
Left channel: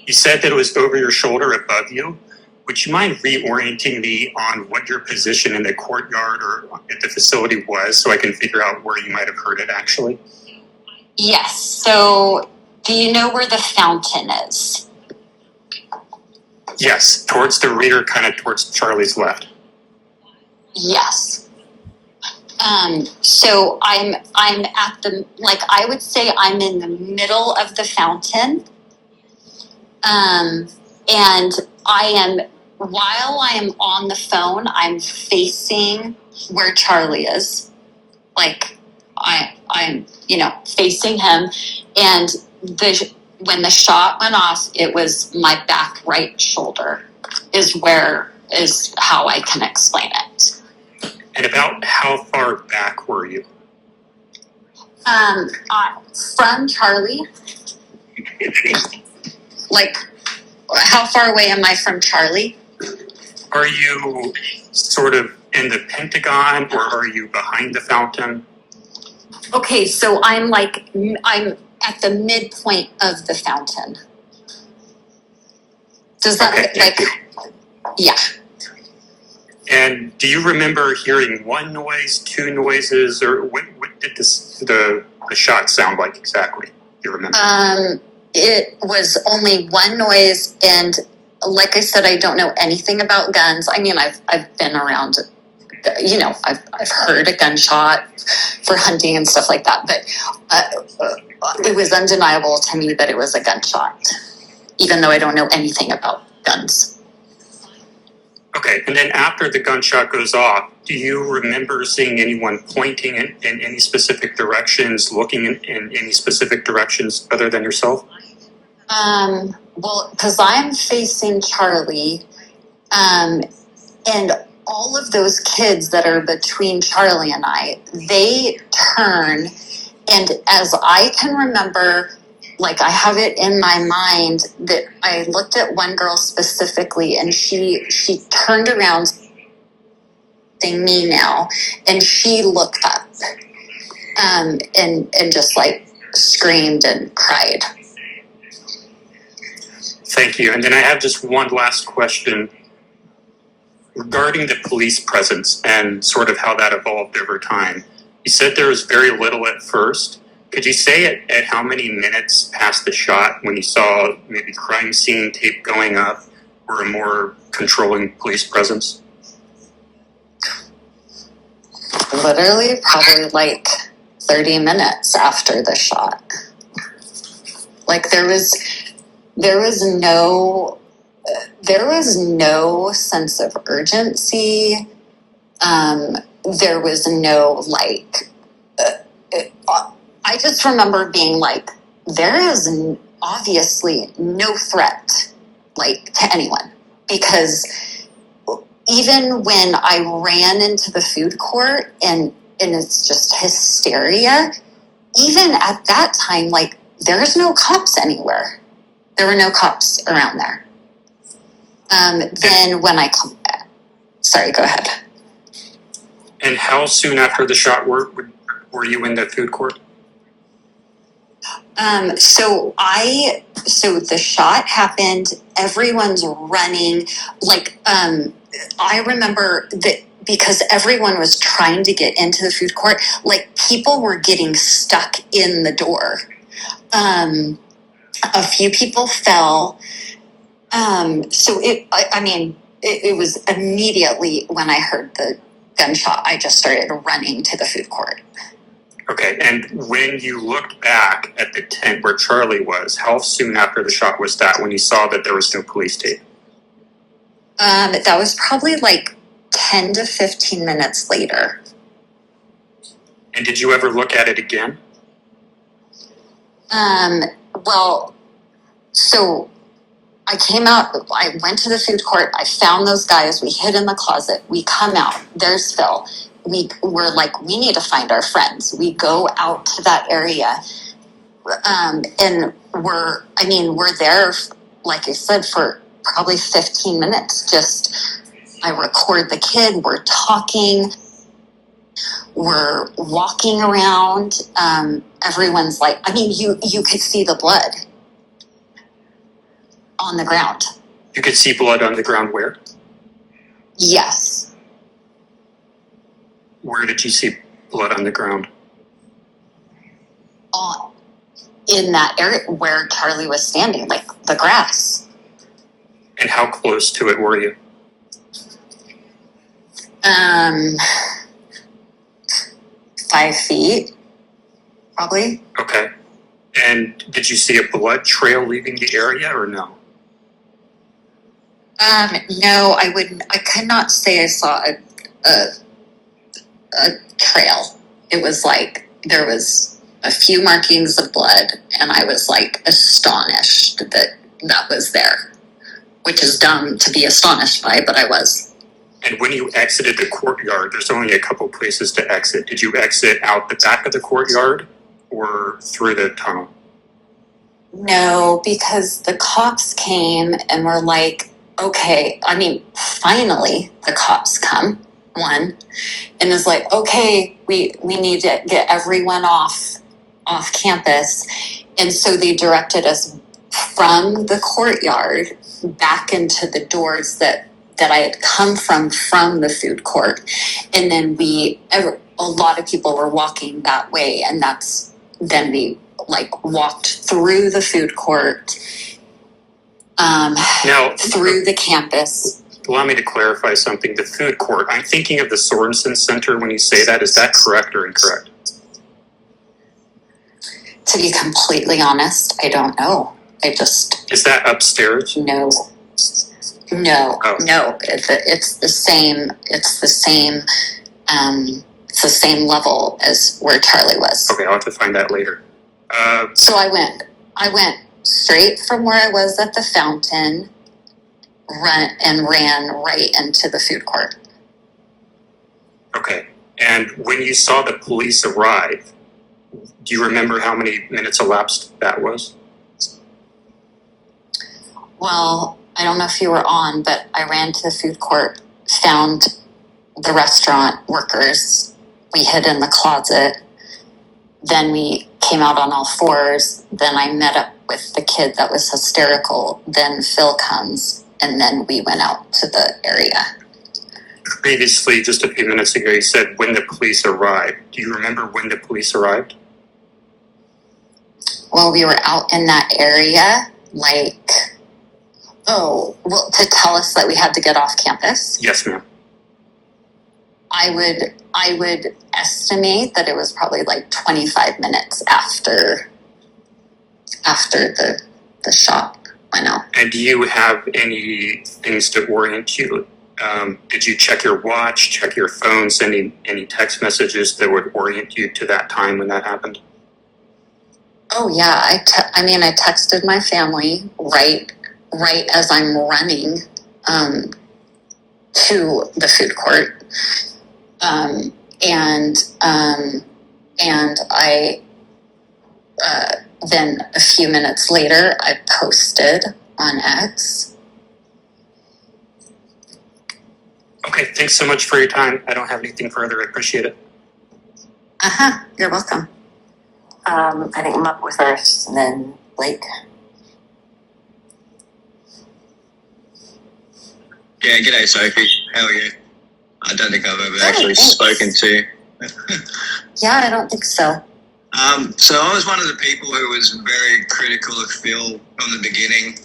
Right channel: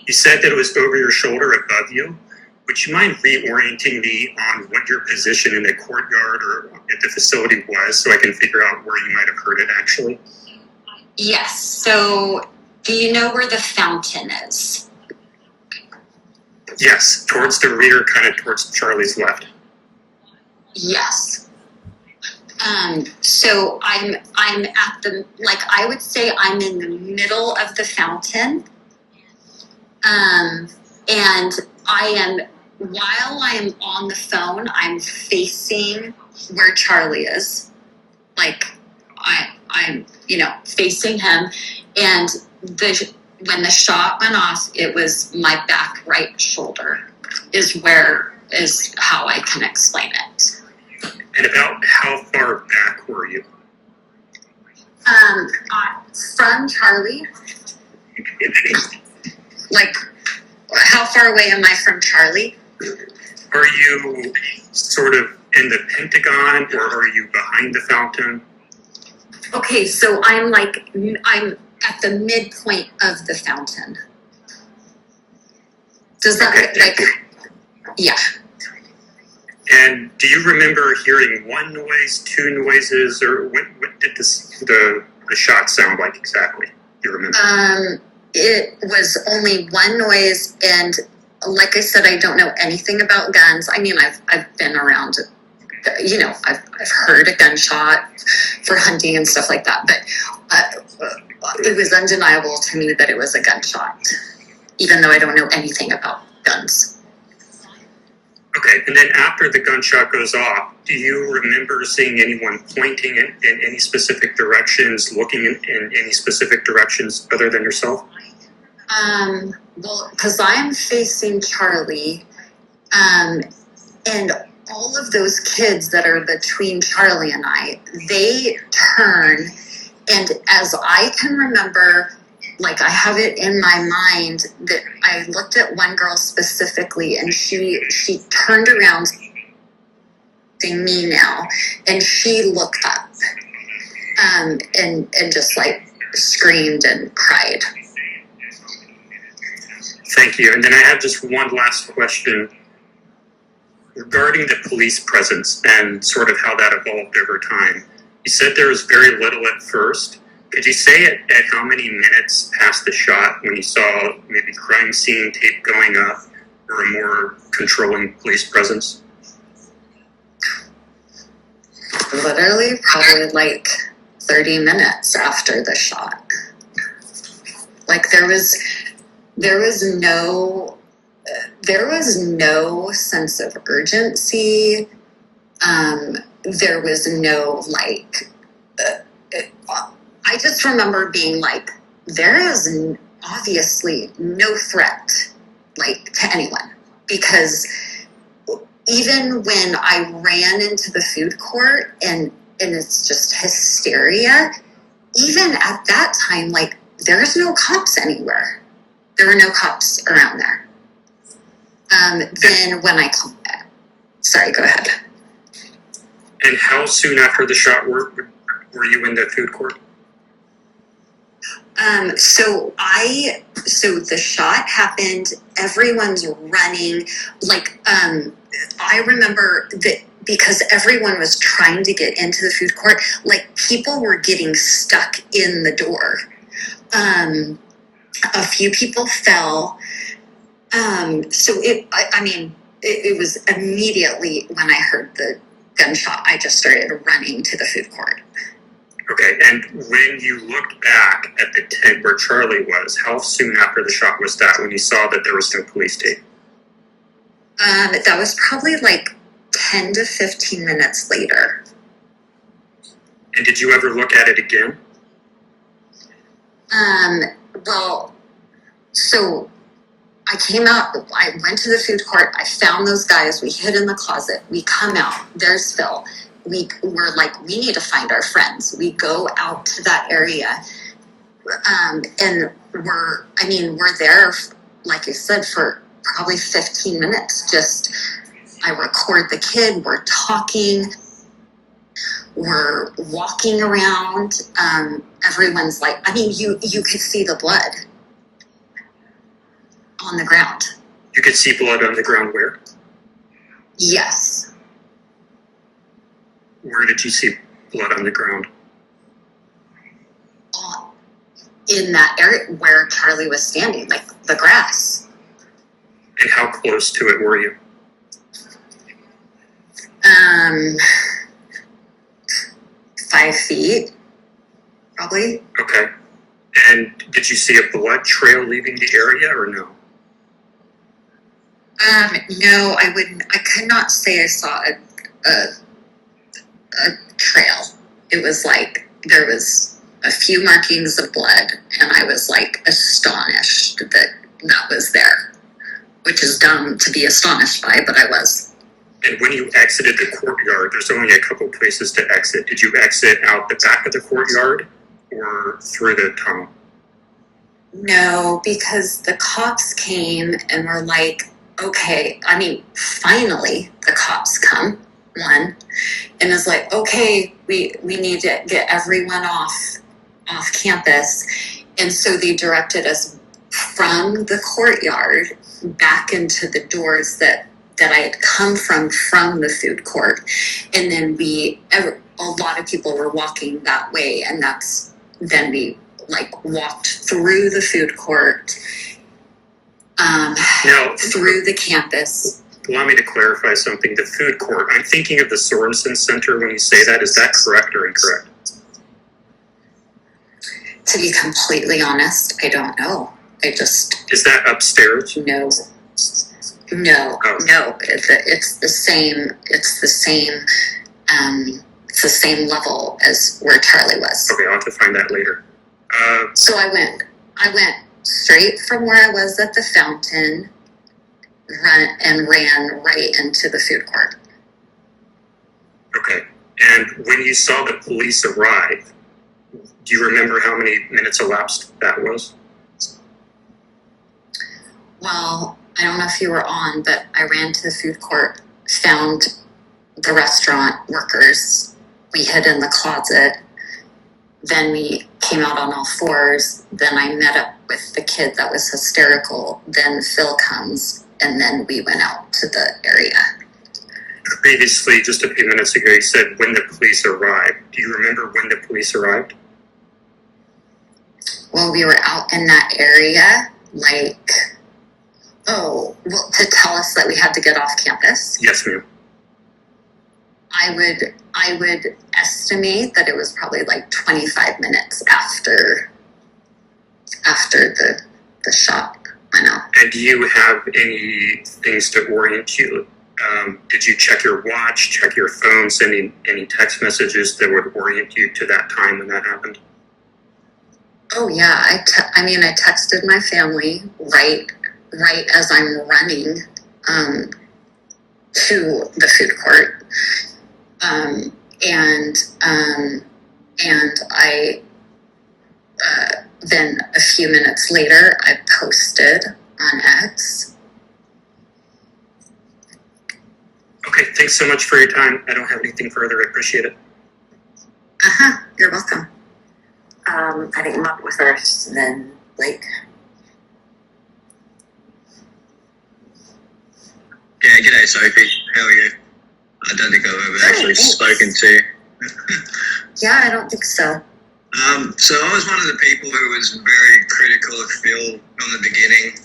You said that it was over your shoulder above you. Would you mind reorienting me on what your position in the courtyard or at the facility was so I can figure out where you might have heard it actually? Yes. So do you know where the fountain is? Yes, towards the rear, kind of towards Charlie's left. Yes. So I'm at the, I would say I'm in the middle of the fountain. And while I am on the phone, I'm facing where Charlie is. I'm facing him. And when the shot went off, it was my back right shoulder is how I can explain it. And about how far back were you? From Charlie. How far away am I from Charlie? Are you sort of in the Pentagon or are you behind the fountain? Okay, so I'm at the midpoint of the fountain. Does that yeah. And do you remember hearing one noise, two noises, or what did the shot sound like exactly? Do you remember? It was only one noise, and like I said, I don't know anything about guns. I mean, I've been around, I've heard a gunshot for hunting and stuff like that, but it was undeniable to me that it was a gunshot, even though I don't know anything about guns. Okay, and then after the gunshot goes off, do you remember seeing anyone pointing in any specific directions, looking in any specific directions other than yourself? Well, because I'm facing Charlie, and all of those kids that are between Charlie and I, they turn, and as I can remember, I have it in my mind that I looked at one girl specifically, and she turned around, saying me now, and she looked up, and just screamed and cried. Thank you. And then I have just one last question regarding the police presence and sort of how that evolved over time. You said there was very little at first. Could you say at how many minutes past the shot when you saw maybe crime scene tape going up or a more controlling police presence? Literally, probably 30 minutes after the shot. There was no sense of urgency. There was no I just remember being there is obviously no threat to anyone, because even when I ran into the food court and it's just hysteria, even at that time, there's no cops anywhere. There were no cops around there. Then when sorry, go ahead. And how soon after the shot were you in the food court? So the shot happened, everyone's running, I remember that because everyone was trying to get into the food court, people were getting stuck in the door. A few people fell. It was immediately when I heard the gunshot, I just started running to the food court. Okay, and when you looked back at the tent where Charlie was, how soon after the shot was that when you saw that there was no police tape? That was probably 10 to 15 minutes later. And did you ever look at it again? So I came out, I went to the food court, I found those guys, we hid in the closet, we come out, there's Phil. We're we need to find our friends. We go out to that area, and we're there, like you said, for probably 15 minutes. Just, I record the kid, we're talking, we're walking around. Everyone's you could see the blood on the ground. You could see blood on the ground where? Yes. Where did you see blood on the ground? In that area where Charlie was standing, the grass. And how close to it were you? 5 feet, probably. Okay. And did you see a blood trail leaving the area or no? No, I wouldn't. I could not say I saw a trail. It was there was a few markings of blood, and I was astonished that was there, which is dumb to be astonished by, but I was. And when you exited the courtyard, there's only a couple places to exit. Did you exit out the back of the courtyard or through the tunnel? No, because the cops came and were okay, finally the cops come. One, and is okay, we need to get everyone off campus, and so they directed us from the courtyard back into the doors that I had come from the food court, and then a lot of people were walking that way, and then we walked through the food court, now through the campus. Allow me to clarify something. The food court, I'm thinking of the Sorensen Center when you say that. Is that correct or incorrect? To be completely honest, I don't know. Is that upstairs? No. It's the same. It's the same level as where Charlie was. Okay, I'll have to find that later. So I went straight from where I was at the fountain, ran right into the food court. Okay. And when you saw the police arrive, do you remember how many minutes elapsed that was? Well, I don't know if you were on, but I ran to the food court, found the restaurant workers. We hid in the closet. Then we came out on all fours. Then I met up with the kid that was hysterical. Then Phil comes, and then we went out to the area. Previously, just a few minutes ago, you said when the police arrived. Do you remember when the police arrived? Well, we were out in that area, to tell us that we had to get off campus. Yes, ma'am. I would estimate that it was probably 25 minutes after the shot went out. And do you have any things to orient you? Did you check your watch, check your phone, send any text messages that would orient you to that time when that happened? Oh yeah, I texted my family right as I'm running to the food court, and then a few minutes later, I posted on X. Okay, thanks so much for your time. I don't have anything further. I appreciate it. You're welcome. I think Mutt was first, and then Blake. Yeah, g'day Sophie. How are you? I don't think I've ever actually thanks. spoken to you. Yeah, I don't think so. So I was one of the people who was very critical of Phil from the beginning.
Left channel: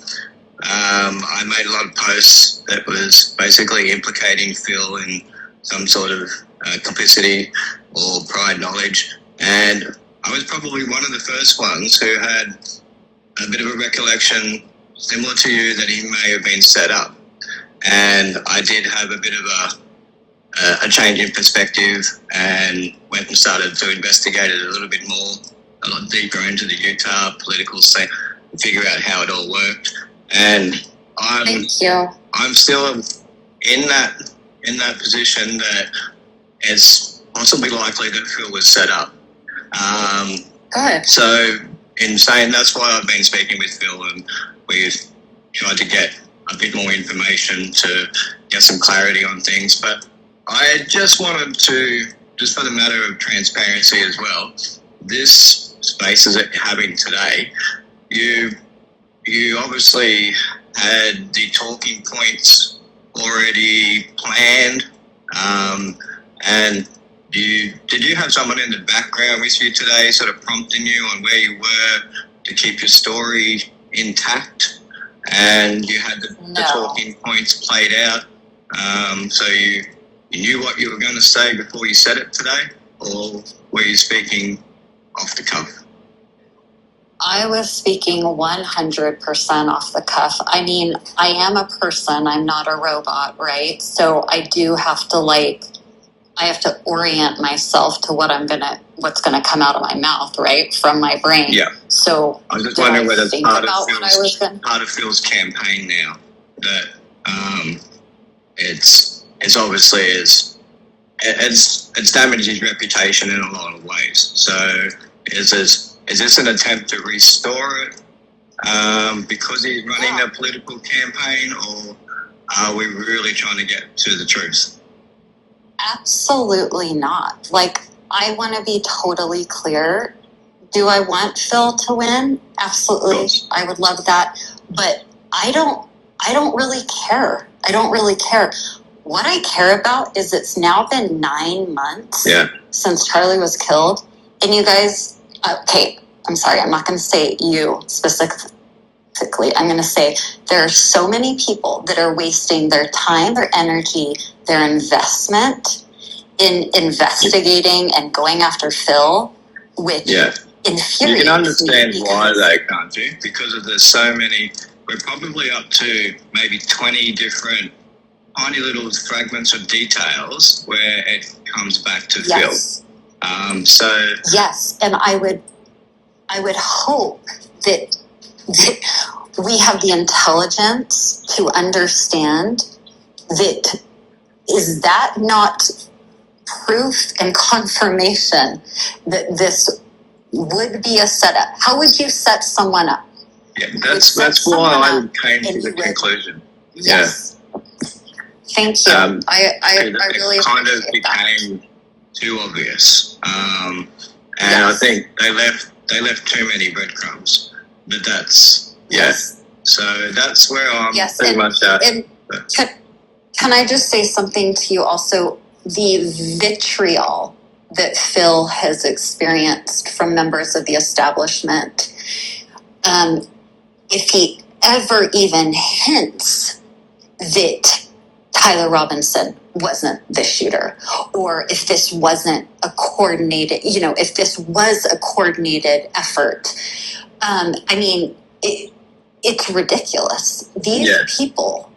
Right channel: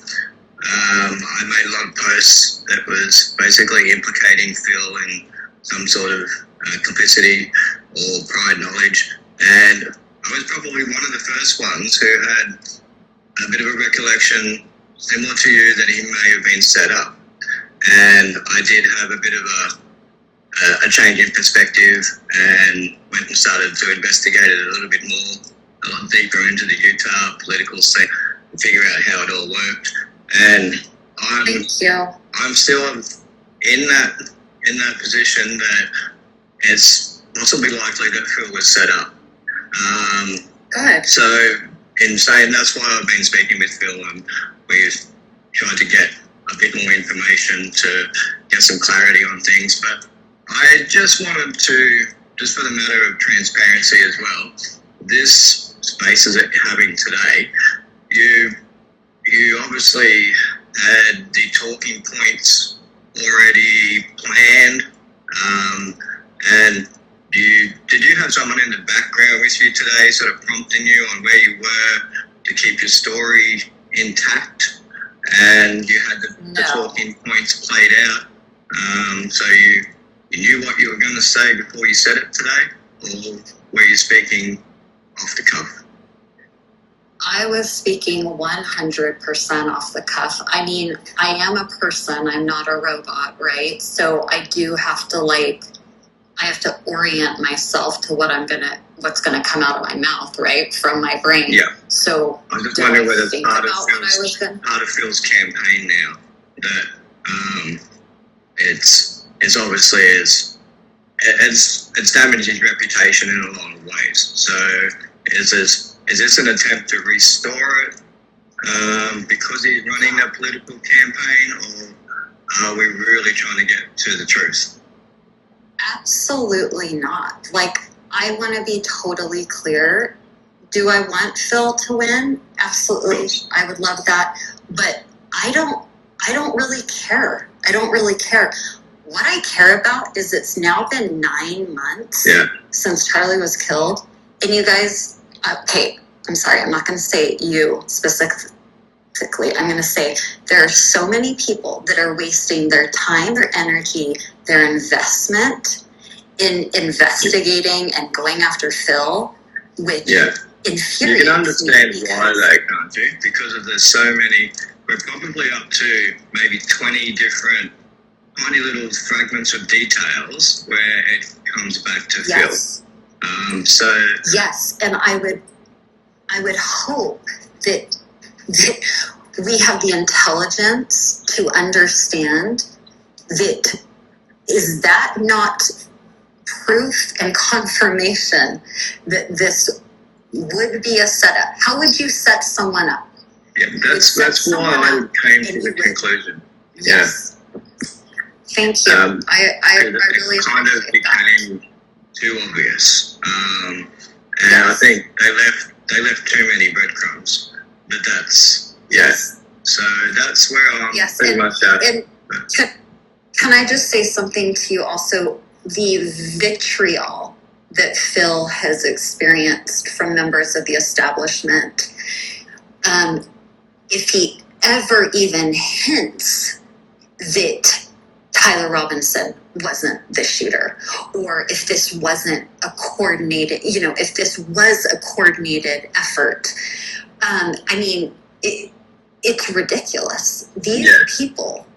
I made a lot of posts that was basically implicating Phil in some sort of complicity or prior knowledge, and I was probably one of the first ones who had a bit of a recollection similar to you that he may have been set up. And I did have a bit of a change in perspective and went and started to investigate it a little bit more, a lot deeper into the Utah political scene, and figure out how it all worked. And Thank you. I'm still in that position that it's possibly likely that Phil was set up. Good. So in saying that's why I've been speaking with Phil, and we've tried to get a bit more information to get some clarity on things. But I just wanted to, just for the matter of transparency as well, this spaces that you're having today, you obviously had the talking points already planned, and did you have someone in the background with you today sort of prompting you on where you were to keep your story intact, and you had the talking points played out, so you knew what you were going to say before you said it today, or were you speaking off the cuff? I was speaking 100% off the cuff. I mean, I am a person. I'm not a robot, right? So I do have to I have to orient myself to what's gonna come out of my mouth, right, from my brain. Yeah. So I was just wondering whether think part about what I was gonna. of Phil's campaign now that it's obviously it's damaged his reputation in a lot of ways. So is this an attempt to restore it because he's running a political campaign, or are we really trying to get to the truth? Absolutely not. I want to be totally clear. Do I want Phil to win? Absolutely. I would love that. But I don't really care. I don't really care. What I care about is it's now been 9 months since Charlie was killed. And you guys, okay, I'm sorry, I'm not going to say you specifically. I'm going to say there are so many people that are wasting their time, their energy, their investment in investigating and going after Phil, which infuriates me. You can understand why though, can't you? Because there's so many, we're probably up to maybe 20 different tiny little fragments of details where it comes back to Phil. Yes, and I would hope that we have the intelligence to understand that. Is that not proof and confirmation that this would be a setup? How would you set someone up? Yeah, that's why I came to the conclusion. Yes. Thank you. I really it kind of became too obvious, and I think they left too many breadcrumbs. But that's So that's where I'm pretty much at. And can I just say something to you also? The vitriol that Phil has experienced from members of the establishment, if he ever even hints that Tyler Robinson wasn't the shooter, or if this wasn't a coordinated, if this was a coordinated effort, it's ridiculous. These people,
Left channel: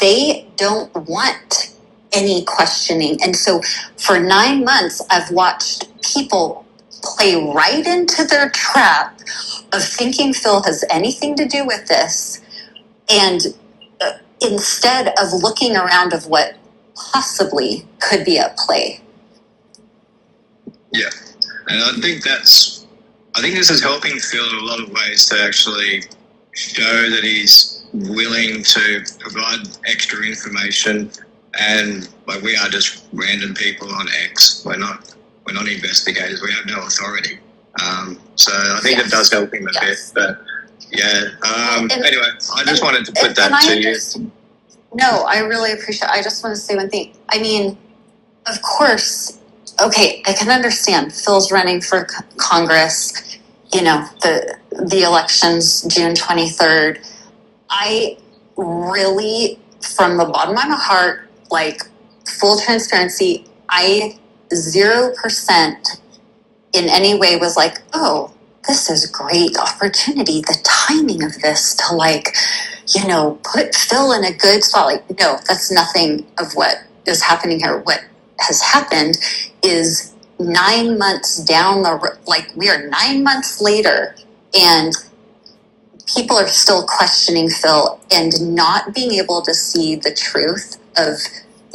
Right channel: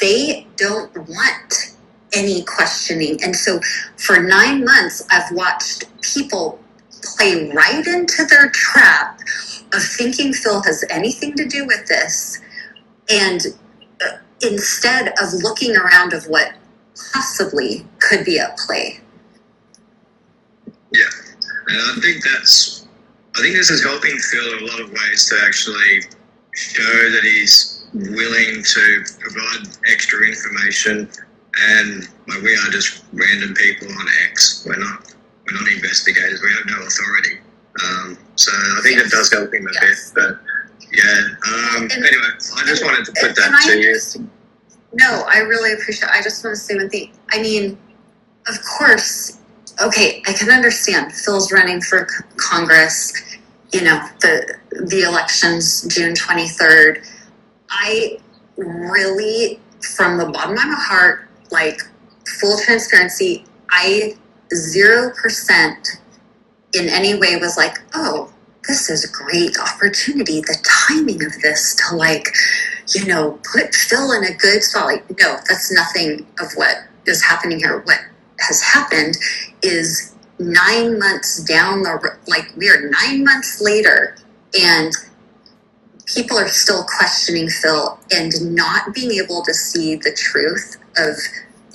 they don't want any questioning. And so for 9 months, I've watched people play right into their trap of thinking Phil has anything to do with this. And instead of looking around of what possibly could be at play. Yeah. And I think that's I think this is helping Phil in a lot of ways to actually show that he's willing to provide extra information, and like we are just random people on X. We're not investigators. We have no authority. So I think it does help him a bit. But yeah. Anyway, I just wanted to put that to you. No, I really appreciate it. I just want to say one thing. I mean, of course, okay, I can understand Phil's running for Congress, you know, the elections June 23rd. I really, from the bottom of my heart, like, full transparency, I 0% in any way was like, oh, this is a great opportunity. The timing of this to, like, you know, put Phil in a good spot. Like, no, that's nothing of what is happening here. What has happened is 9 months down the road, like, we are 9 months later, and people are still questioning Phil and not being able to see the truth of,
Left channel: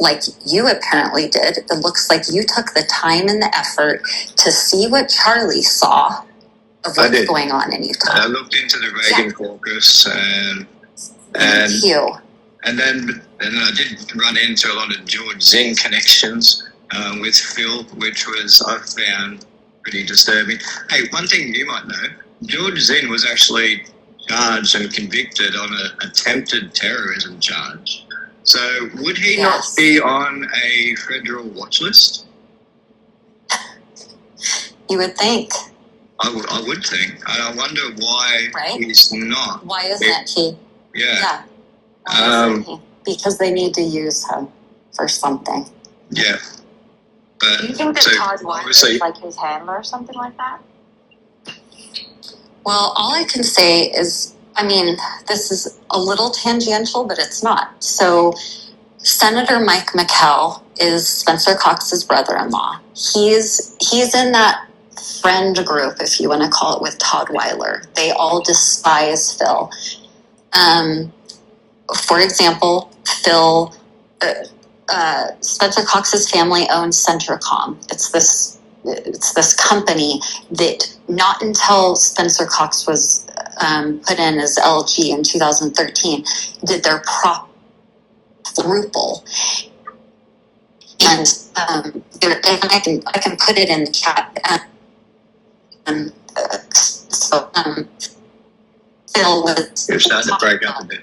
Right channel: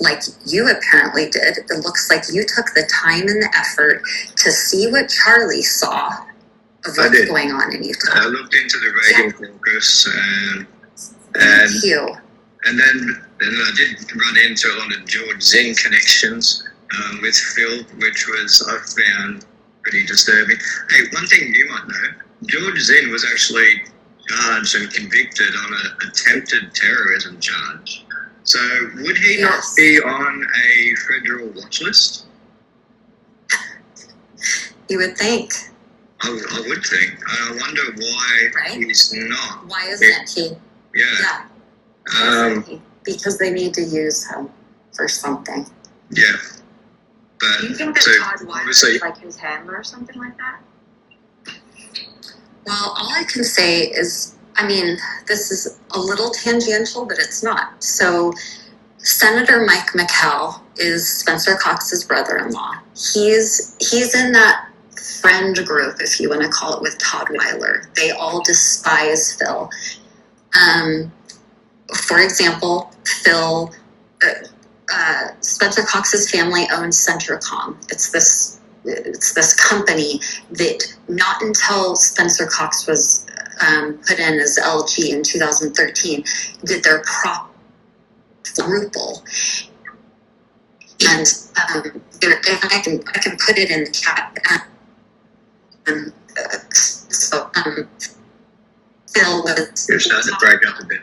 like you apparently did. It looks like you took the time and the effort to see what Charlie saw of what's going on in Utah. I looked into the Reagan caucus, and Thank you. And then I did run into a lot of George Zinn connections with Phil, which was, I found, pretty disturbing. Hey, one thing you might know, George Zinn was actually charged and convicted on an attempted terrorism charge. So would he not be on a federal watch list? You would think. I would think. I wonder why he's not. Why isn't he? Yeah. Why isn't he? Because they need to use him for something. Yeah. But, do you think that Todd Weiler is like his handler or something like that? Well, all I can say is, I mean, this is a little tangential, but it's not. So Senator Mike McCall is Spencer Cox's brother-in-law. He's in that friend group, if you want to call it, with Todd Weiler. They all despise Phil. For example, Phil, Spencer Cox's family owns Centricom. It's this company that not until Spencer Cox was put in as LG in 2013 did their quadruple. And I can put it in the chat. Phil was. You're starting to break up a bit.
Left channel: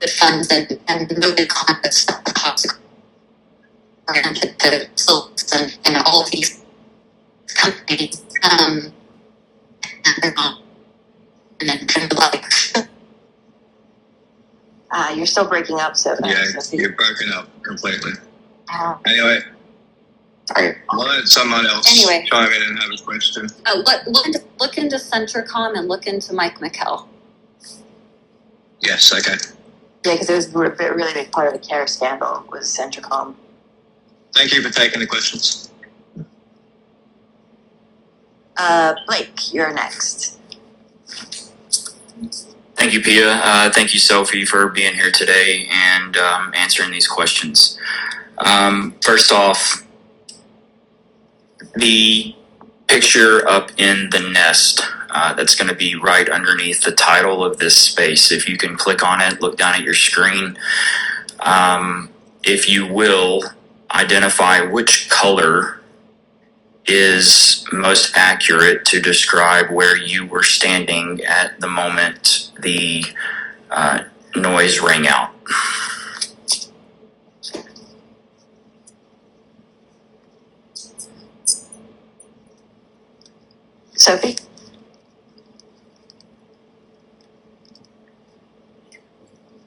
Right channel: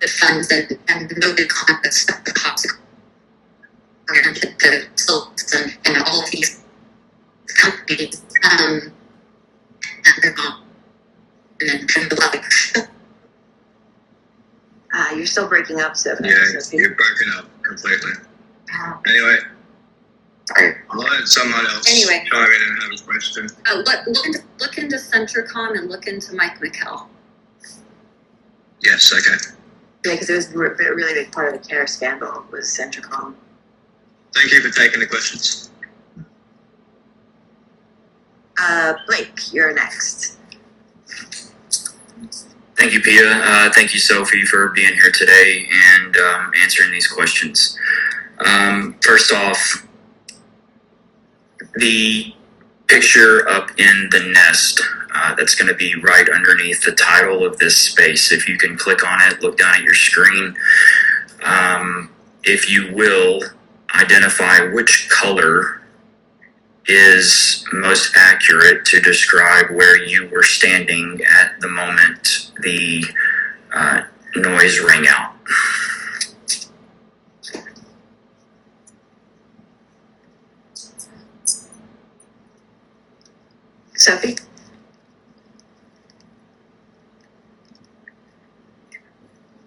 The funds and moving conflicts the toxic and all of these companies and they're not and then kind of like you're still breaking up, Sophie. Yeah, you're breaking up completely. Anyway, I'll let someone else chime in and have a question. Look into Centricom and look into Mike McCall. Yes, okay. Yeah, because it was a really big part of the CARE scandal was Centricom. Thank you for taking the questions. Blake, you're next. Thank you, Pia. Thank you, Sophie, for being here today and answering these questions. First off, the picture up in the nest that's going to be right underneath the title of this space. If you can click on it, look down at your screen. If you will, identify which color is most accurate to describe where you were standing at the moment the noise rang out. Sophie?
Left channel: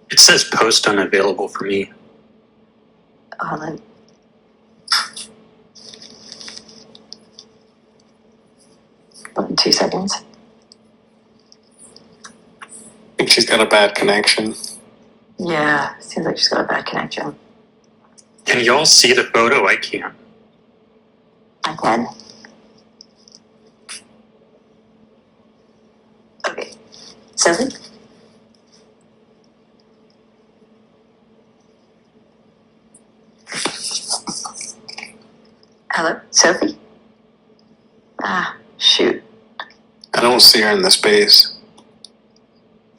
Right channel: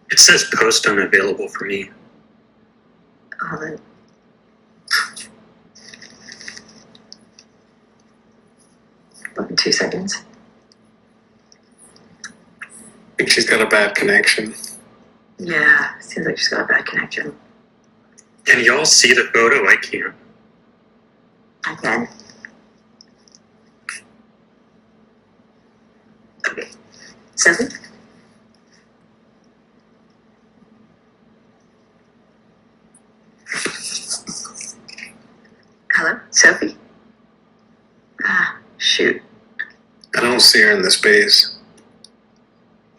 It says post unavailable for me. Hold on. In 2 seconds. I think she's got a bad connection. Yeah, seems like she's got a bad connection. Can y'all see the photo? I can't. I can. Okay. Sophie? Shoot. I don't see her in the space.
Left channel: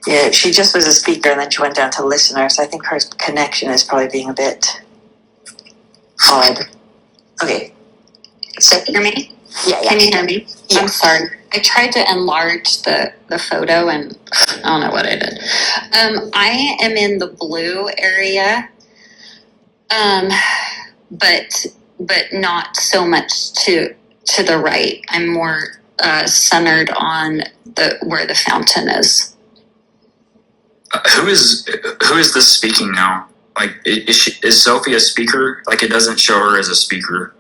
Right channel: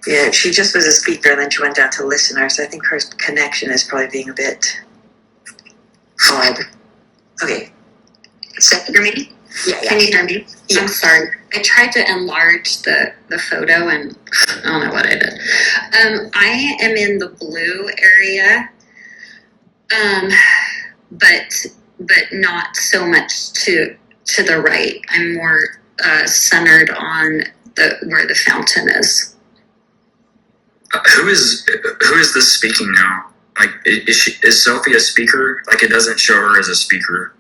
Yeah, she just was a speaker and then she went down to listener, so I think her connection is probably being a bit odd. Okay. So hear me? Yeah, Can you hear me? Yeah. I'm sorry. I tried to enlarge the photo and I don't know what I did. I am in the blue area, but not so much to the right. I'm more centered on where the fountain is. Who is this speaking now? Like, is Sophie a speaker? Like, it doesn't show her as a speaker.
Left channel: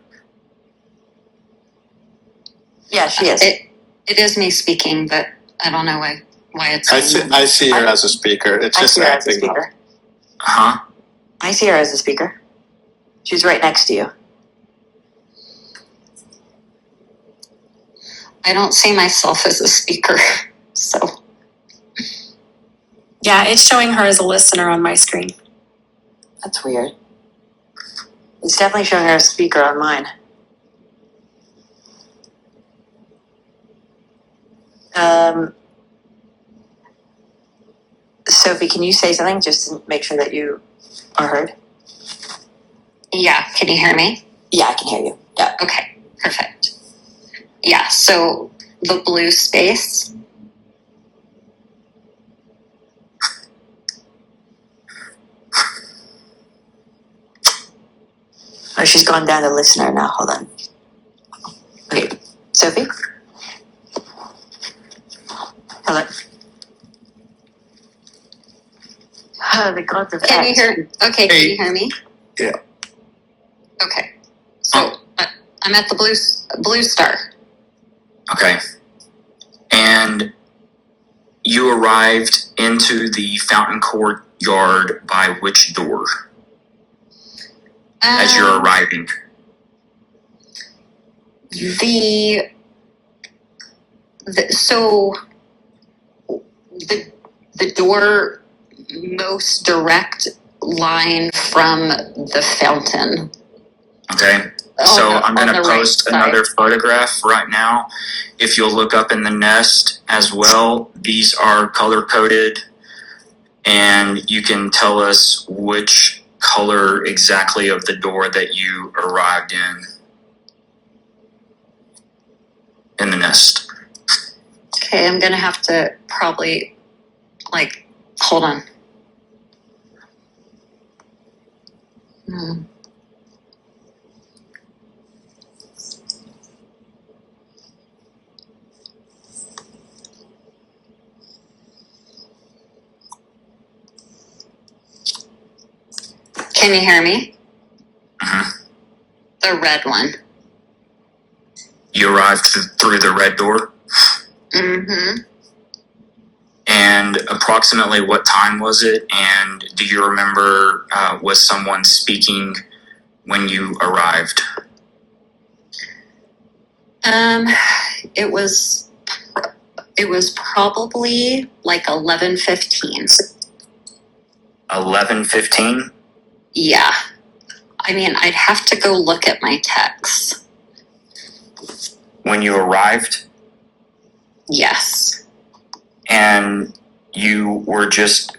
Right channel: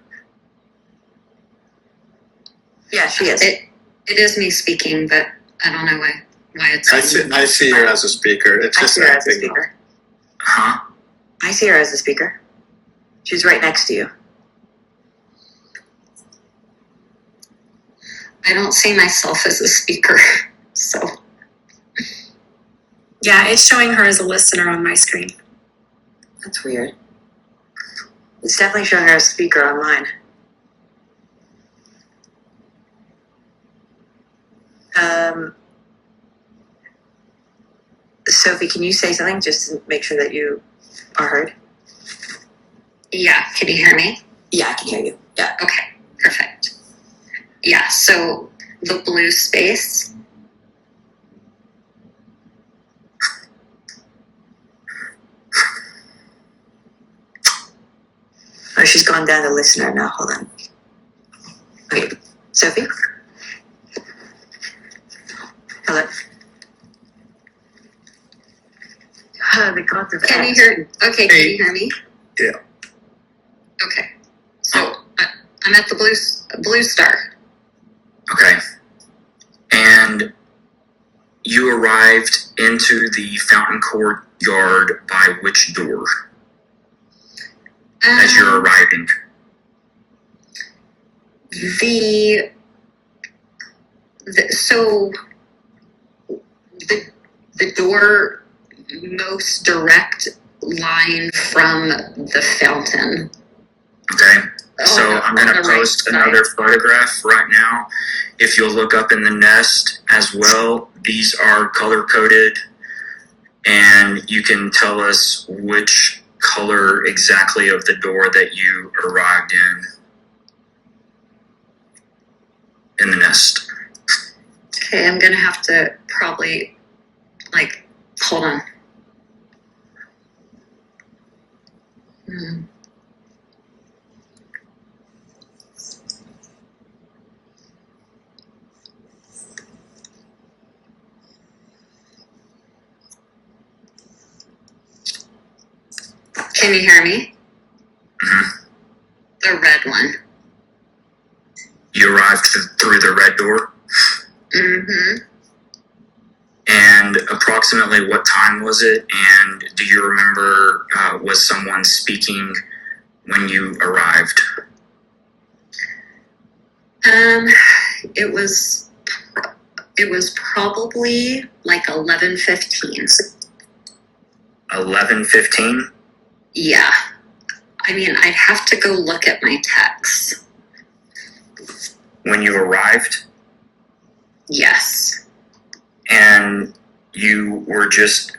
Yeah, she is. It is me speaking, but I don't know why it's. I see her as a speaker. It's I just see her as a acting. speaker. Huh? I see her as a speaker. She's right next to you. I don't see myself as a speaker, so. Yeah, it's showing her as a listener on my screen. That's weird. It's definitely showing her as a speaker on mine. Sophie, can you say something just to make sure that you are heard? Yeah, can you hear me? Yeah, I can hear you. Yeah. Okay, perfect. Yeah, so the blue space. Oh, she's gone down to listener now. Hold on. Okay, Sophie? Hello? Oh, the gods of Can you X. hear? Okay, can you hear me? Yeah. Okay, so I'm at the blue star. Okay. And you arrived into the fountain courtyard by which door? As you're arriving. So the door most direct line from the fountain. Okay. So On I'm going the to right post side. another photograph right now. If you'll look up in the nest as well, these are color coded, and you can tell us which color exactly of the door that you arrived in the nest. Okay, I'm gonna have to probably hold on. Can you hear me? Mm-hmm. The red one. You arrived through the red door? Mm-hmm. And approximately what time was it? And do you remember, was someone speaking when you arrived? It was probably like 11:15. 11:15? Yeah. I mean, I'd have to go look at my texts. When you arrived? Yes. And you were just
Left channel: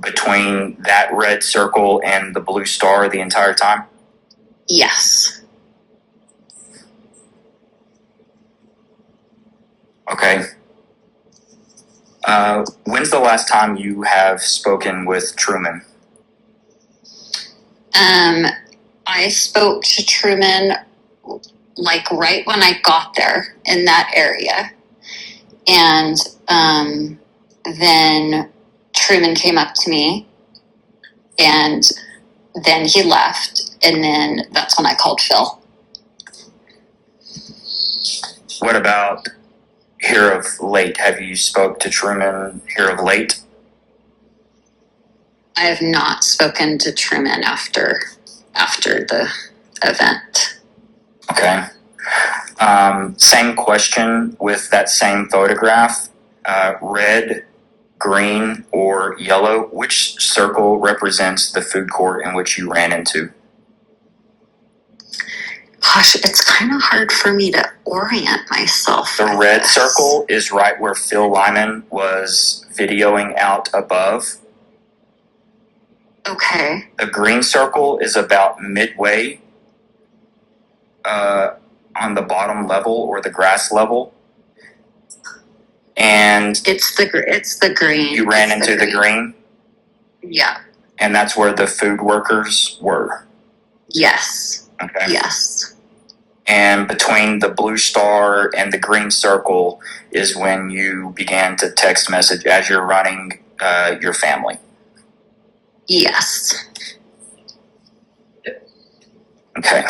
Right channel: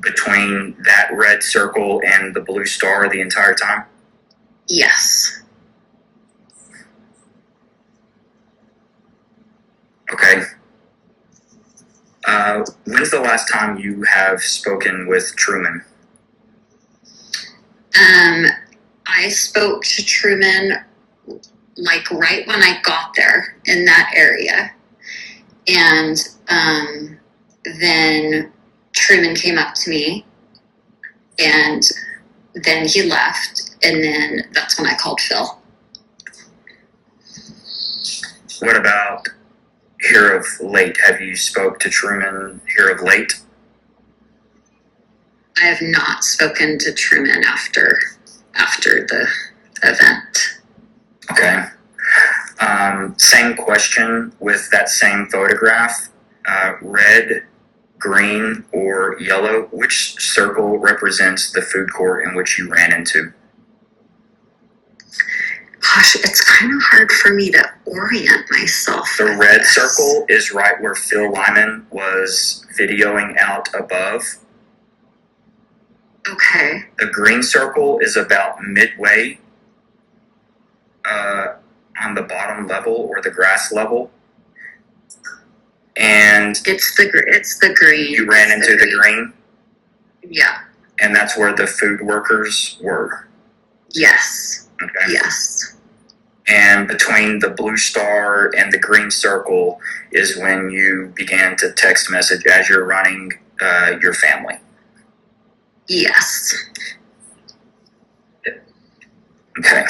between that red circle and the blue star the entire time? Yes. Okay. When's the last time you have spoken with Truman? I spoke to Truman right when I got there in that area. And then Truman came up to me and then he left. And then that's when I called Phil. What about here of late? Have you spoke to Truman here of late? I have not spoken to Truman after the event. Okay. Same question with that same photograph. Red, green, or yellow. Which circle represents the food court in which you ran into? Gosh, it's kind of hard for me to orient myself. The with red this. circle is right where Phil Lyman was videoing out above. Okay. The green circle is about midway on the bottom level or the grass level. And It's the green. you ran into the green, Yeah. and that's where the food workers were. Yes. Okay. Yes. And between the blue star and the green circle is when you began to text message as you're running your family. Yes. Okay.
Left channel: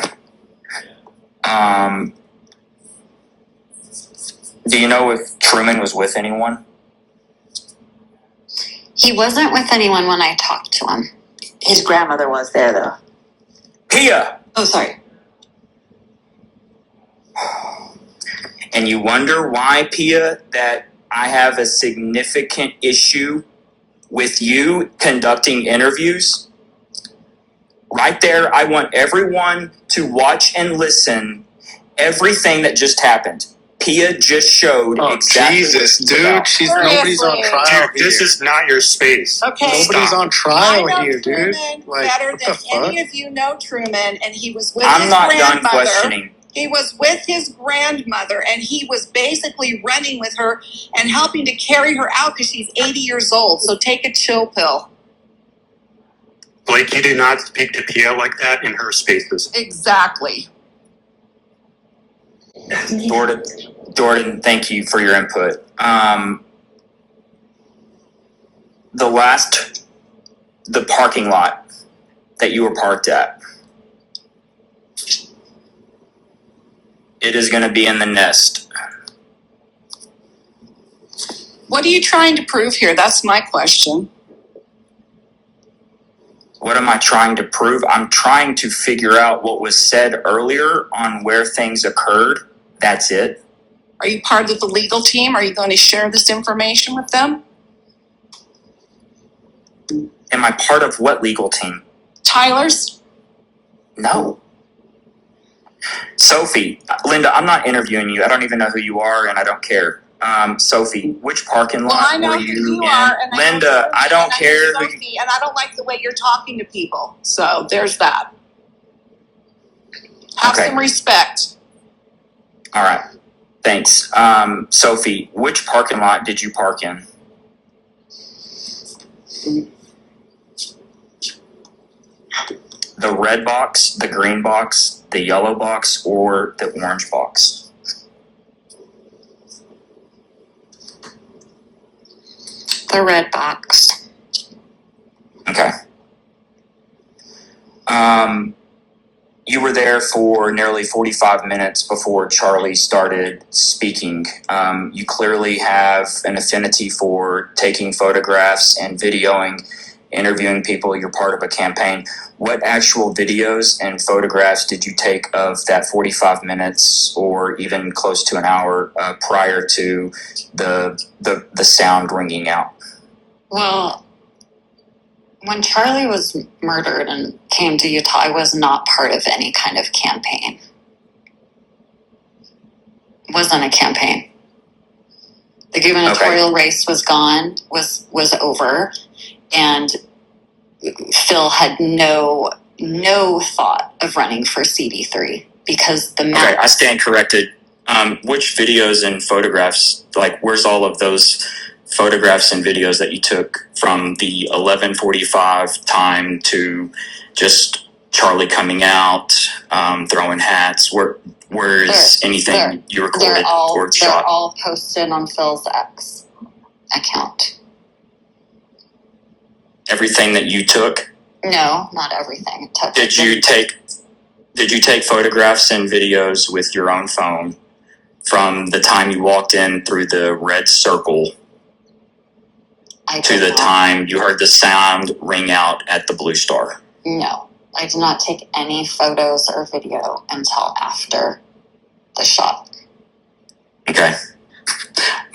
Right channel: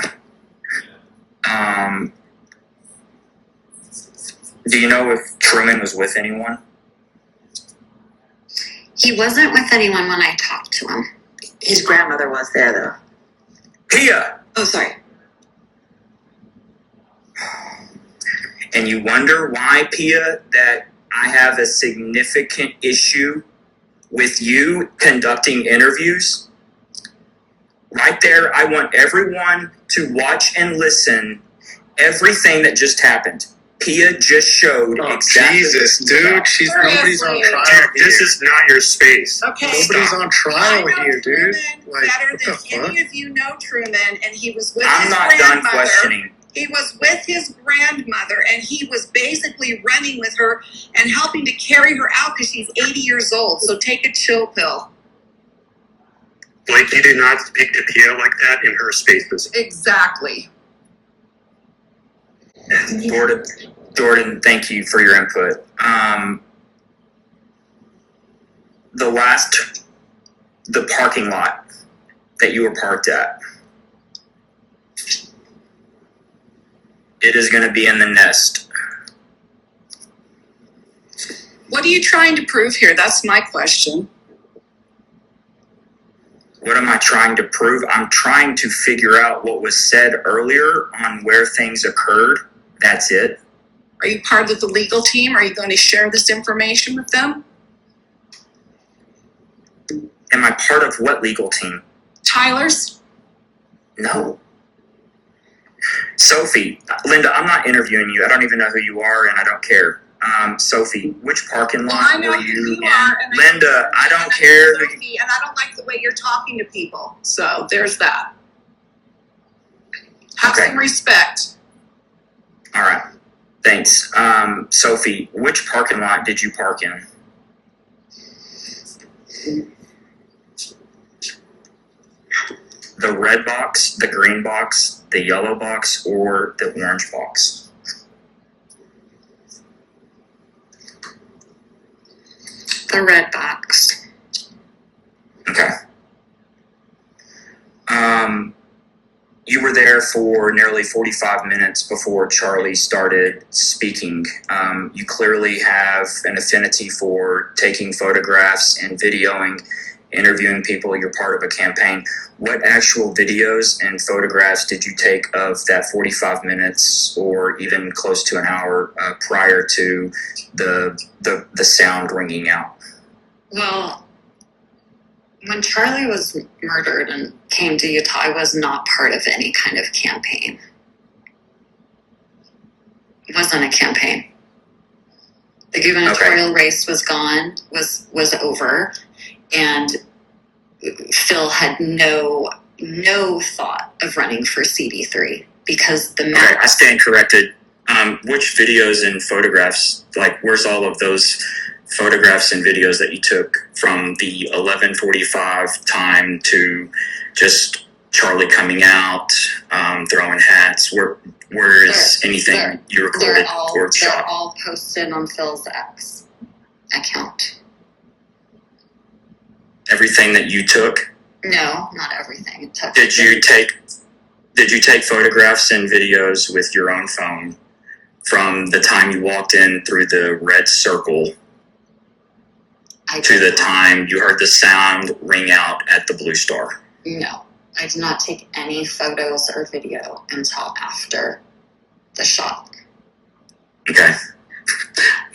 Do you know if Truman was with anyone? He wasn't with anyone when I talked to him. His grandmother was there, though. Pia! Oh, sorry. And you wonder why, Pia, that I have a significant issue with you conducting interviews? Right there, I want everyone to watch and listen everything that just happened. Pia just showed exactly Jesus, what dude. about. Nobody's on Seriously. trial Dude, here. this is not your space. Okay. Nobody's Stop. on trial I know here, dude. Truman Like, better what than the fuck? any of you know Truman, and he was with I'm his not done grandmother. questioning. He was with his grandmother, and he was basically running with her and helping to carry her out because she's 80 years old. So take a chill pill. Blake, you do not speak to Pia like that in her spaces. Exactly. Jordan, thank you for your input. The parking lot that you were parked at, it is going to be in the nest. What are you trying to prove here? That's my question. What am I trying to prove? I'm trying to figure out what was said earlier on where things occurred. That's it. Are you part of the legal team? Are you going to share this information with them? Am I part of what legal team? Tyler's? No. Sophie, Linda, I'm not interviewing you. I don't even know who you are, and I don't care. Sophie, which parking lot Well, I know were who you you in? are, and Linda, I don't and I care know who you... Sophie, and I don't like the way you're talking to people. So there's that. Have Okay. some respect. All right. Thanks. Sophie, which parking lot did you park in? The red box, the green box, the yellow box, or the orange box? The red box. Okay. You were there for nearly 45 minutes before Charlie started speaking. You clearly have an affinity for taking photographs and videoing, interviewing people. You're part of a campaign. What actual videos and photographs did you take of that 45 minutes or even close to an hour prior to the sound ringing out? Well, when Charlie was murdered and came to Utah, I was not part of any kind of campaign. It wasn't a campaign. The gubernatorial race was gone, was over, and Phil had no thought of running for CD3 because the Okay, I stand corrected. Which videos and photographs, like where's all of those photographs and videos that you took from the 11:45 time to just Charlie coming out, throwing hats? Where is anything you recorded or shot? They're all posted on Phil's X account. Everything that you took? No, not everything. Did you take photographs and videos with your own phone from the time you walked in through the red circle to the time you heard the sound ring out at the Blue Star? No, I did not take any photos or video until after the shot. Okay.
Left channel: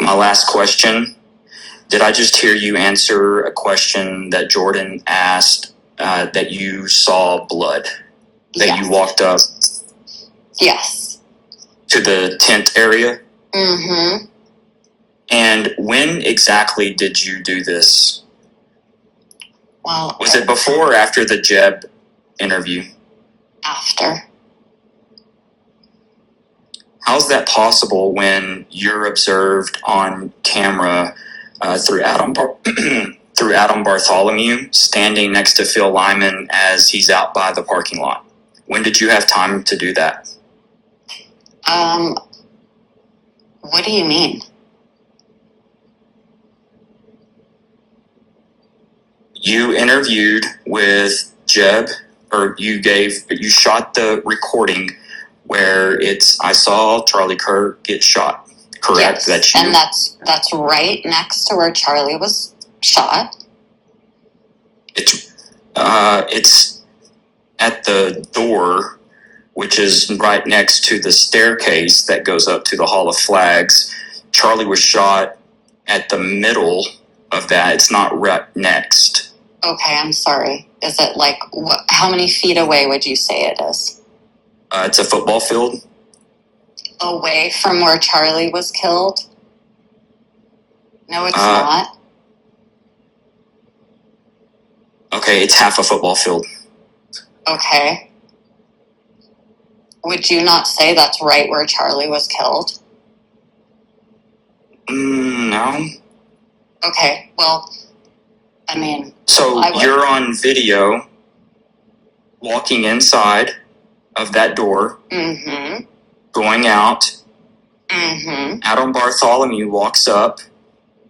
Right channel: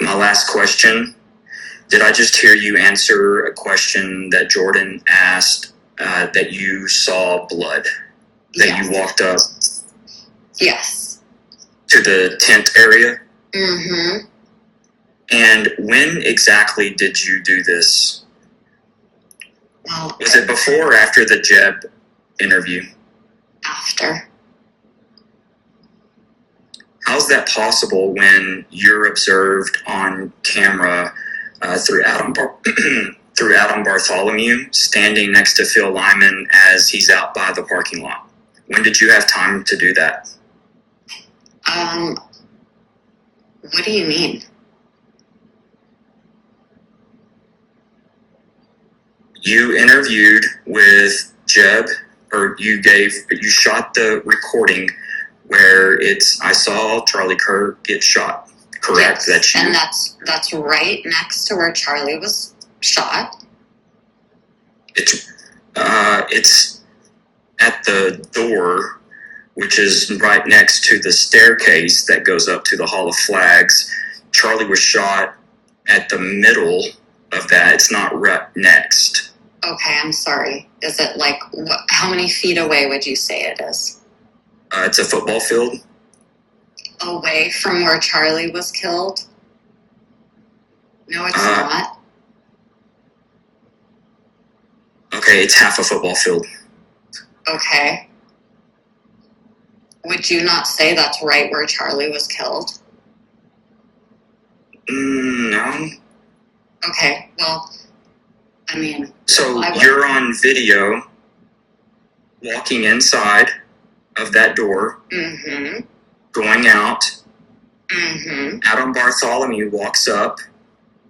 My last question. Did I just hear you answer a question that Jordan asked, that you saw blood? That Yes. you walked up? Yes. to the tent area? Mm-hmm. And when exactly did you do this? Well, Was it before or after the Jeb interview? after. How's that possible when you're observed on camera through through Adam Bartholomew standing next to Phil Lyman as he's out by the parking lot? When did you have time to do that? What do you mean? You interviewed with Jeb, or you shot the recording where I saw Charlie Kirk get shot. Correct? Yes. And that's right next to where Charlie was shot. It's at the door, which is right next to the staircase that goes up to the Hall of Flags. Charlie was shot at the middle of that. It's not right next. Okay, I'm sorry. Is it like, how many feet away would you say it is? It's a football field. Away from where Charlie was killed? No, it's not. Okay, it's half a football field. Okay. Would you not say that's right where Charlie was killed? No. Okay, well, I mean... So you're on video walking inside of that door, Mm-hmm. going out. Mm-hmm. Adam Bartholomew walks up.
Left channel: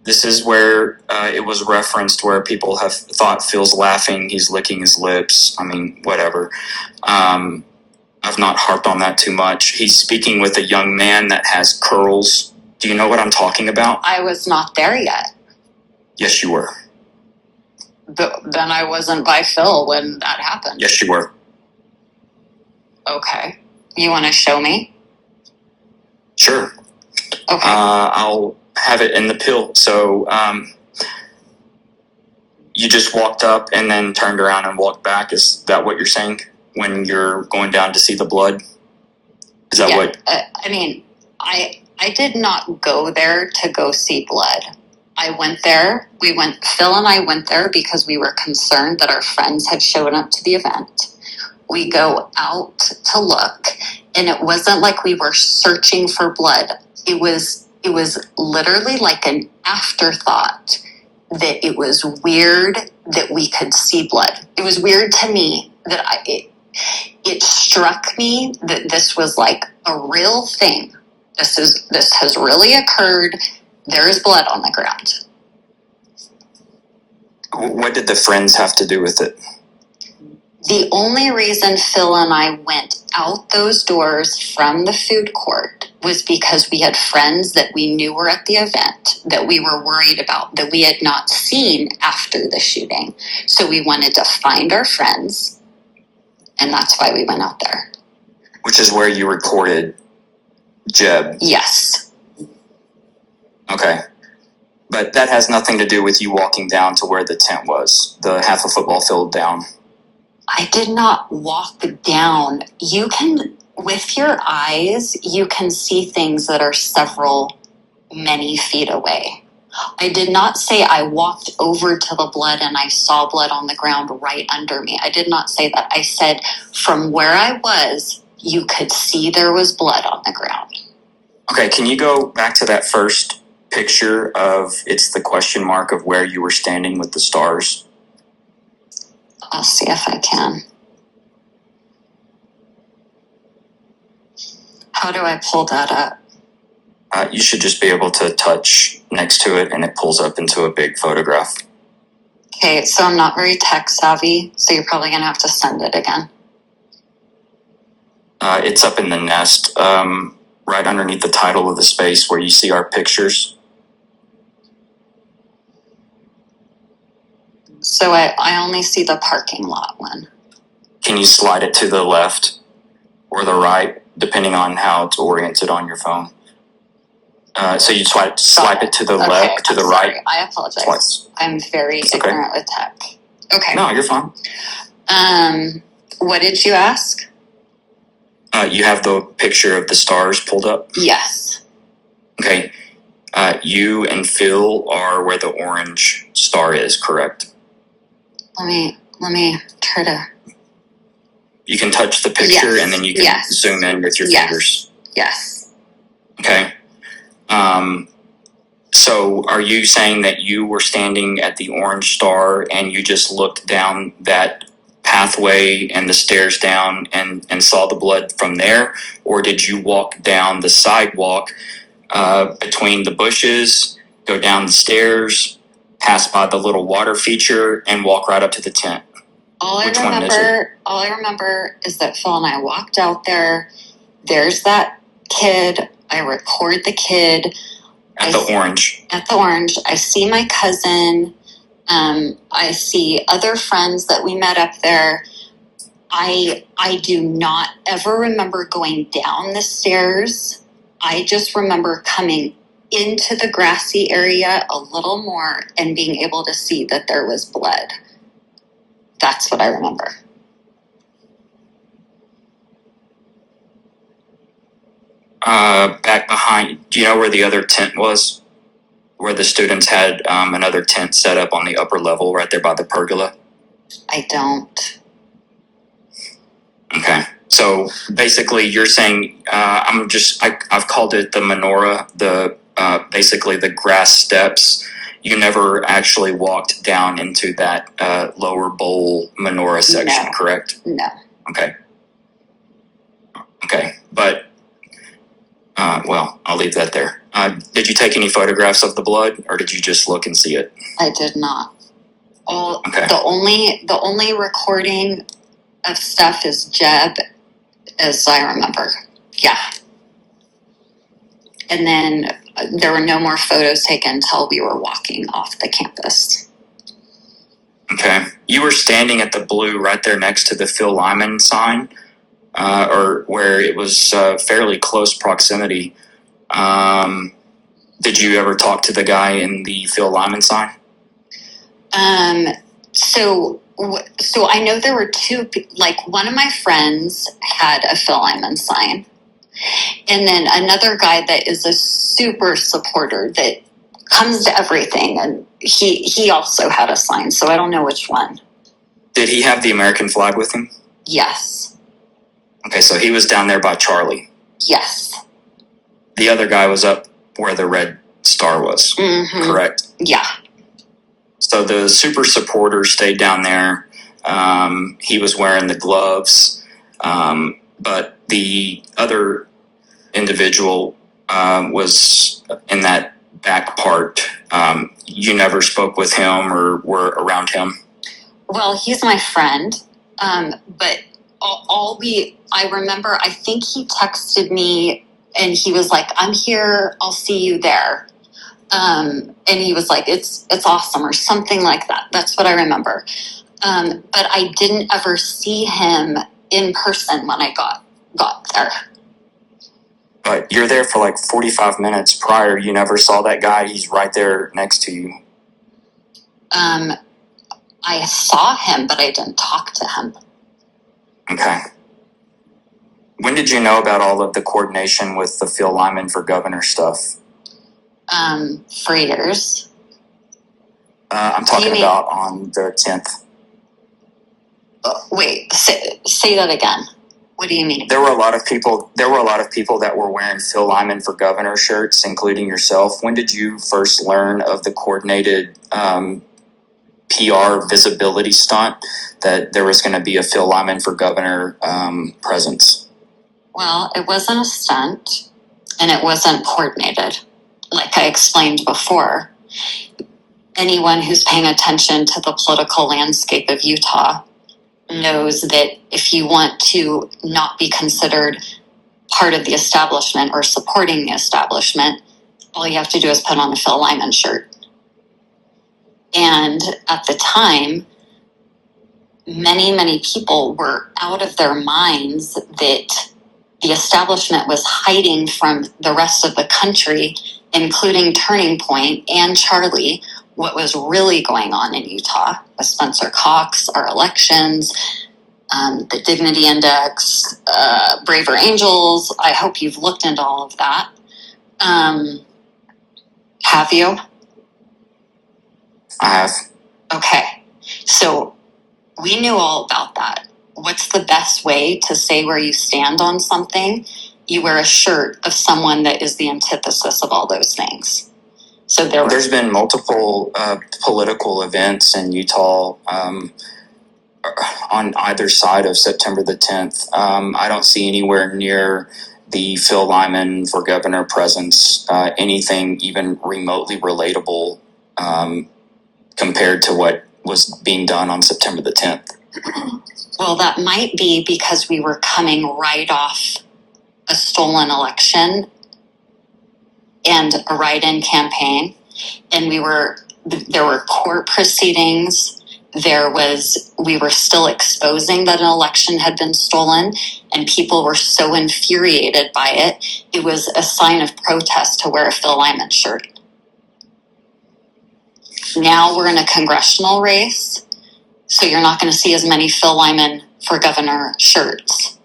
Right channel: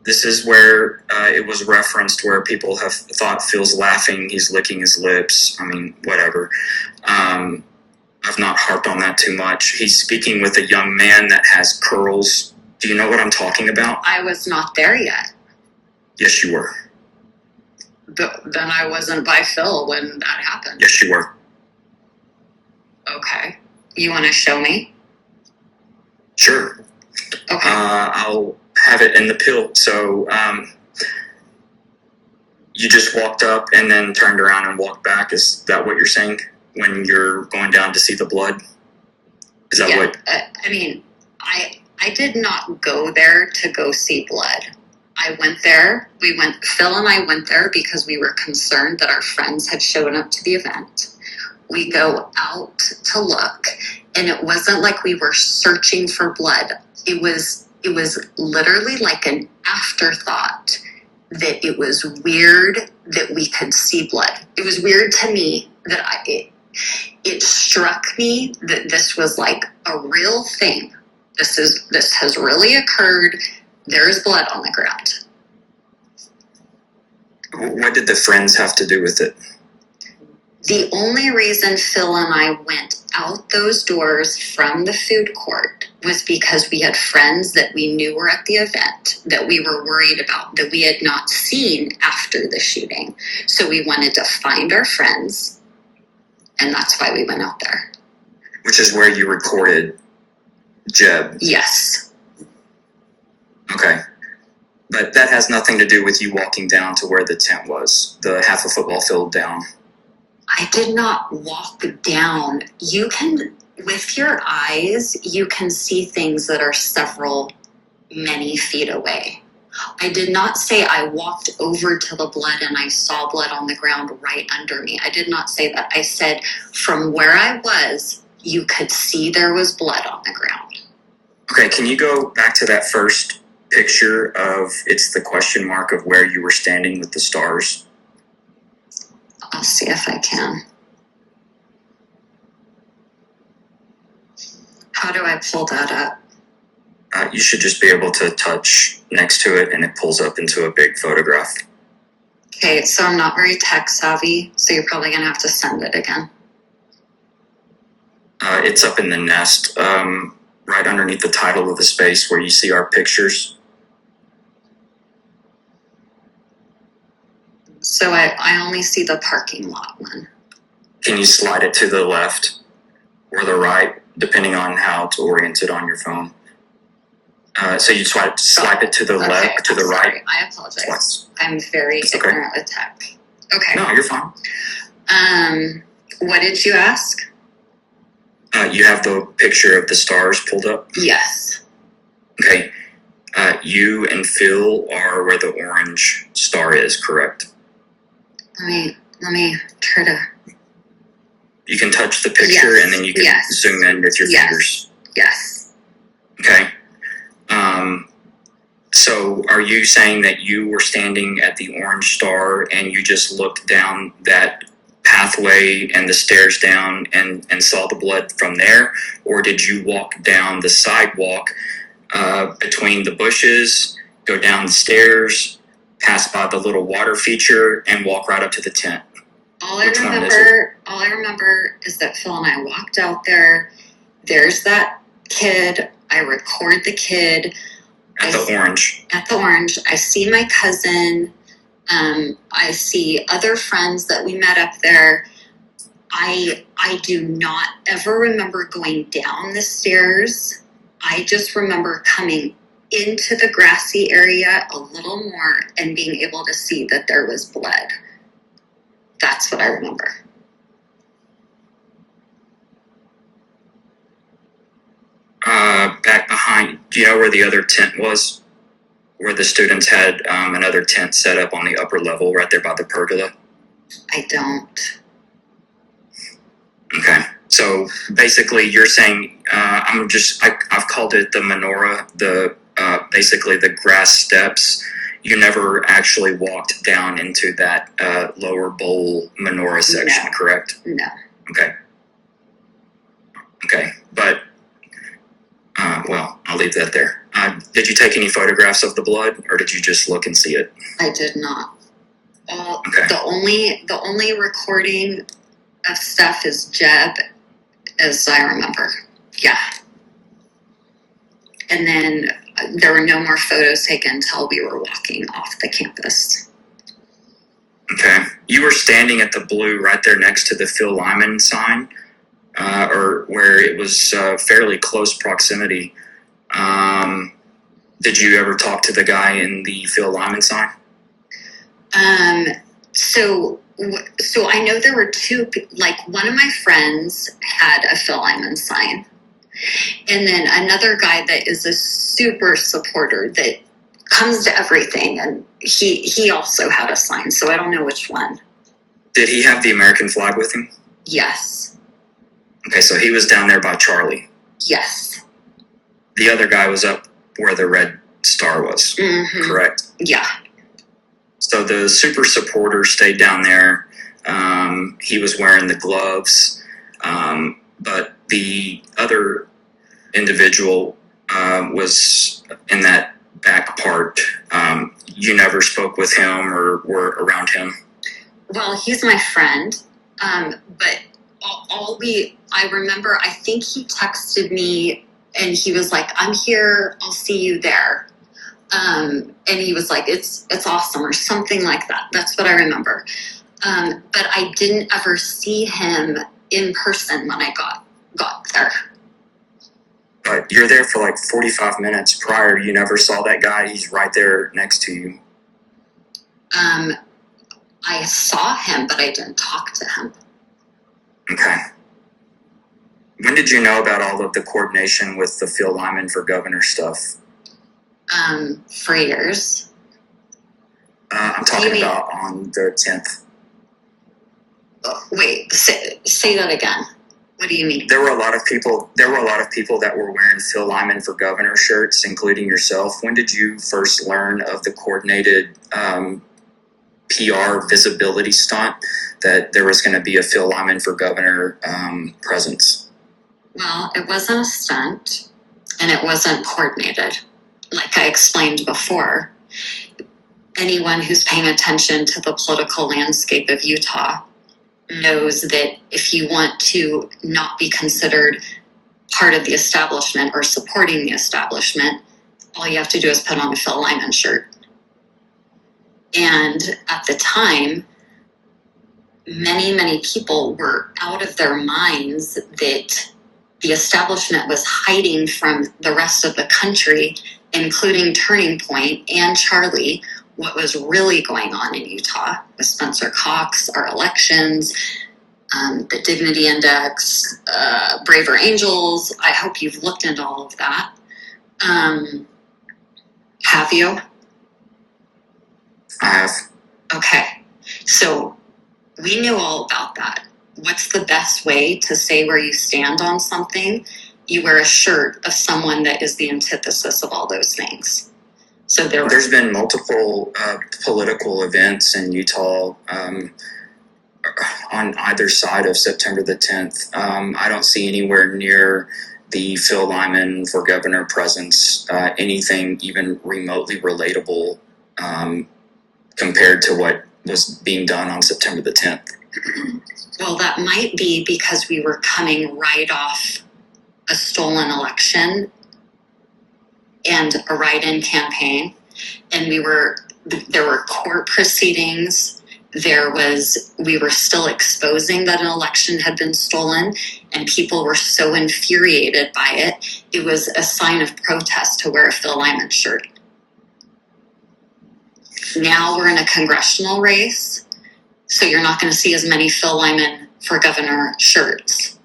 This is where it was referenced where people have thought Phil's laughing, he's licking his lips. I mean, whatever. I've not harped on that too much. He's speaking with a young man that has curls. Do you know what I'm talking about? I was not there yet. Yes, you were. Then I wasn't by Phil when that happened. Yes, you were. Okay. You want to show me? Sure. Okay. I'll have it in the pill. So you just walked up and then turned around and walked back. Is that what you're saying when you're going down to see the blood? Is that what? I mean, I did not go there to go see blood. I went there. Phil and I went there because we were concerned that our friends had shown up to the event. We go out to look, and it wasn't like we were searching for blood. It was literally like an afterthought that it was weird that we could see blood. It was weird to me that it struck me that this was like a real thing. This has really occurred. There is blood on the ground. What did the friends have to do with it? The only reason Phil and I went out those doors from the food court was because we had friends that we knew were at the event that we were worried about, that we had not seen after the shooting. So we wanted to find our friends, and that's why we went out there. Which is where you recorded Jeb. Yes. Okay. But that has nothing to do with you walking down to where the tent was, the half a football field down. I did not walk down. You can, with your eyes, you can see things that are many feet away. I did not say I walked over to the blood and I saw blood on the ground right under me. I did not say that. I said from where I was, you could see there was blood on the ground. Okay, can you go back to that first picture of, it's the question mark of where you were standing with the stars? I'll see if I can. How do I pull that up? You should just be able to touch next to it and it pulls up into a big photograph. Okay, so I'm not very tech savvy, so you're probably going to have to send it again. It's up in the nest, right underneath the title of the space where you see our pictures. So I only see the parking lot one. Can you slide it to the left or the right, depending on how it's oriented on your phone? So you swipe it to the left, to the sorry. right. I apologize. Twice. I'm very ignorant with tech. Okay. No, you're fine. What did you ask? You have the picture of the stars pulled up? Yes. Okay. You and Phil are where the orange star is, correct? Let me try to. You can touch the picture and then you can zoom in with your fingers. Yes. Okay. So are you saying that you were standing at the orange star and you just looked down that pathway and the stairs down and saw the blood from there? Or did you walk down the sidewalk between the bushes, go down the stairs, pass by the little water feature, and walk right up to the tent? All I remember is that Phil and I walked out there. There's that kid. I record the kid. At the orange. At the orange. I see my cousin. I see other friends that we met up there. I do not ever remember going down the stairs. I just remember coming into the grassy area a little more and being able to see that there was blood. That's what I remember. Back behind, do you know where the other tent was? Where the students had another tent set up on the upper level right there by the pergola? I don't. Okay. So basically you're saying, I've called it the menorah, basically the grass steps. You never actually walked down into that lower bowl menorah section, No. Correct? No. Okay. Okay. But, well, I'll leave that there. Did you take any photographs of the blood or did you just look and see it? I did not. Okay. The only recording of stuff is Jeb, as I remember. Yeah. And then there were no more photos taken until we were walking off the campus. Okay. You were standing at the blue right there next to the Phil Lyman sign, or where it was fairly close proximity. Did you ever talk to the guy in the Phil Lyman sign? So I know there were two, like one of my friends had a Phil Lyman sign. And then another guy that is a super supporter that comes to everything. And he also had a sign. So I don't know which one. Did he have the American flag with him? Yes. Okay, so he was down there by Charlie. Yes. The other guy was up where the red star was, correct? Yeah. So the super supporter stayed down there. He was wearing the gloves. But the other individual was in that back part. You never spoke with him or were around him? Well, he's my friend. But I remember, I think he texted me and he was like, I'm here, I'll see you there. And he was like, it's awesome or something like that. That's what I remember. But I didn't ever see him in person when I got there. But you're there for like 45 minutes prior. You never saw that guy. He's right there next to you. I saw him, but I didn't talk to him. Okay. When did you know about all of the coordination with the Phil Lyman for governor stuff? For years. I'm talking about on the 10th. Wait, say that again. What do you mean? There were a lot of people that were wearing Phil Lyman for governor shirts, including yourself. When did you first learn of the coordinated PR visibility stunt that there was going to be a Phil Lyman for governor presence? Well, it wasn't a stunt, and it wasn't coordinated. Like I explained before, anyone who's paying attention to the political landscape of Utah knows that if you want to not be considered part of the establishment or supporting the establishment, all you have to do is put on a Phil Lyman shirt. And at the time, many, many people were out of their minds that the establishment was hiding from the rest of the country, including Turning Point and Charlie, what was really going on in Utah with Spencer Cox, our elections. the Dignity Index, Braver Angels. I hope you've looked into all of that. Have you? I have. Okay. So we knew all about that. What's the best way to say where you stand on something? You wear a shirt of someone that is the antithesis of all those things. So there's been multiple political events in Utah on either side of September the 10th. I don't see anywhere near the Phil Lyman for governor presence anything even remotely relatable compared to what was being done on September the 10th. Well, that might be because we were coming right off a stolen election and a write-in campaign, and there were court proceedings. We were still exposing that an election had been stolen, and people were so infuriated by it. It was a sign of protest to wear a Phil Lyman shirt. Now we're in a congressional race, so you're not going to see as many Phil Lyman for governor shirts.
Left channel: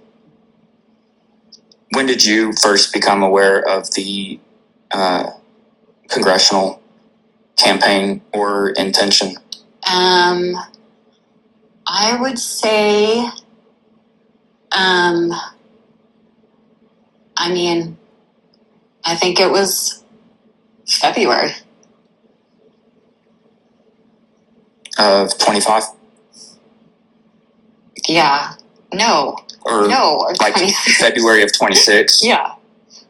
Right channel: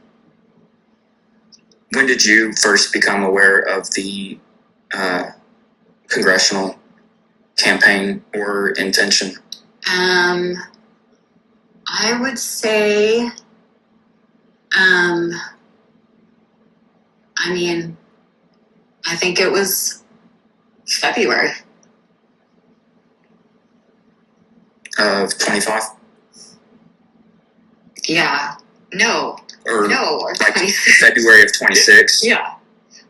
When did you first become aware of the congressional campaign or intention? I would say, I think it was February. Of 25? Yeah. No. Or like 26. February of 26? Yeah.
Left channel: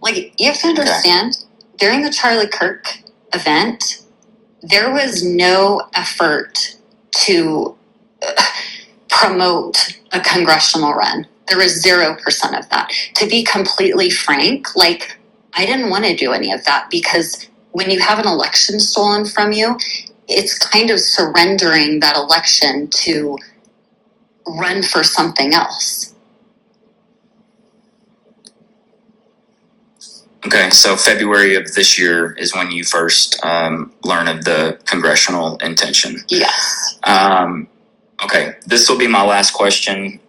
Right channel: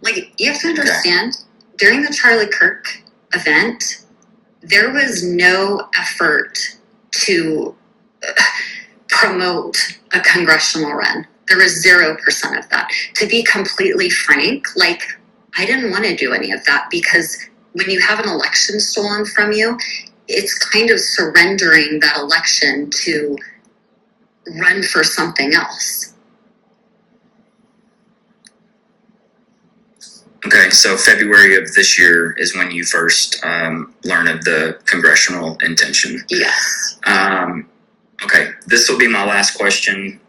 Like, you have to understand, during the Charlie Kirk event, there was no effort to promote a congressional run. There was 0% of that. To be completely frank, I didn't want to do any of that, because when you have an election stolen from you, it's kind of surrendering that election to run for something else. Okay, so February of this year is when you first learn of the congressional intention. Yes. Okay, this will be my last question.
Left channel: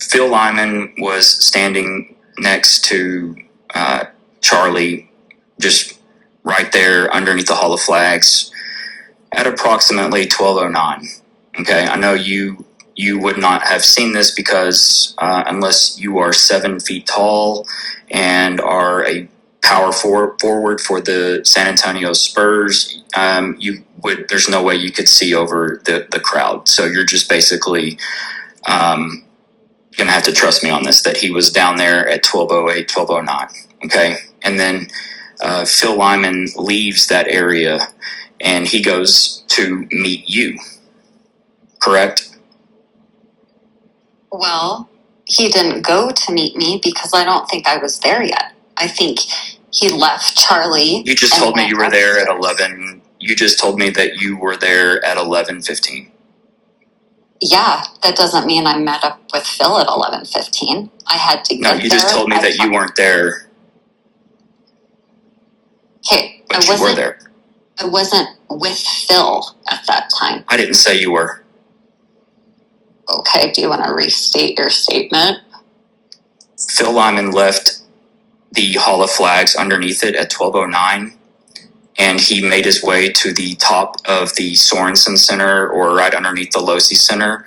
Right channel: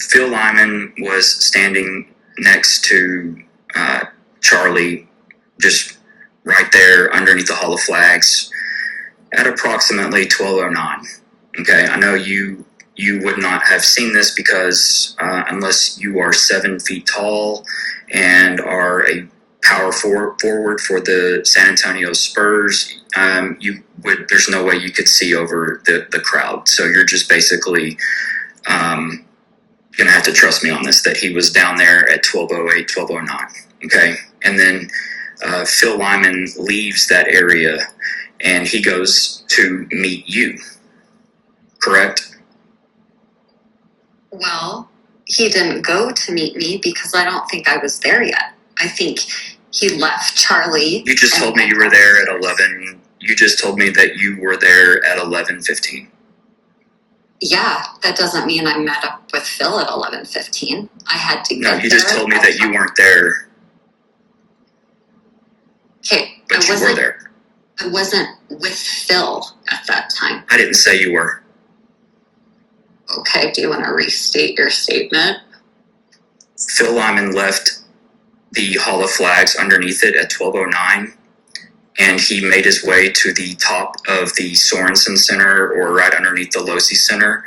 Phil Lyman was standing next to Charlie, just right there underneath the Hall of Flags at approximately 12:09. Okay, I know you would not have seen this because unless you are 7 feet tall and are a power forward for the San Antonio Spurs, there's no way you could see over the crowd. So you're just basically gonna have to trust me on this, that he was down there at 12:08, 12:09. Okay, and then Phil Lyman leaves that area and he goes to meet you, correct? Well, he didn't go to meet me because I don't think I was there yet. I think he left Charlie. You just told me you were there at 11. You just told me that you were there at 11:15. Yeah, that doesn't mean I met up with Phil at 11:15. I had to get there. No, you just told me that you weren't there. Okay, but you were there. I wasn't with Phil at that time. I didn't say you were. Okay, do you want to restate your statement? Phil Lyman left the Hall of Flags underneath it at 12:09, and he made his way to the top of the Sorensen Center, or right underneath the Losi Center,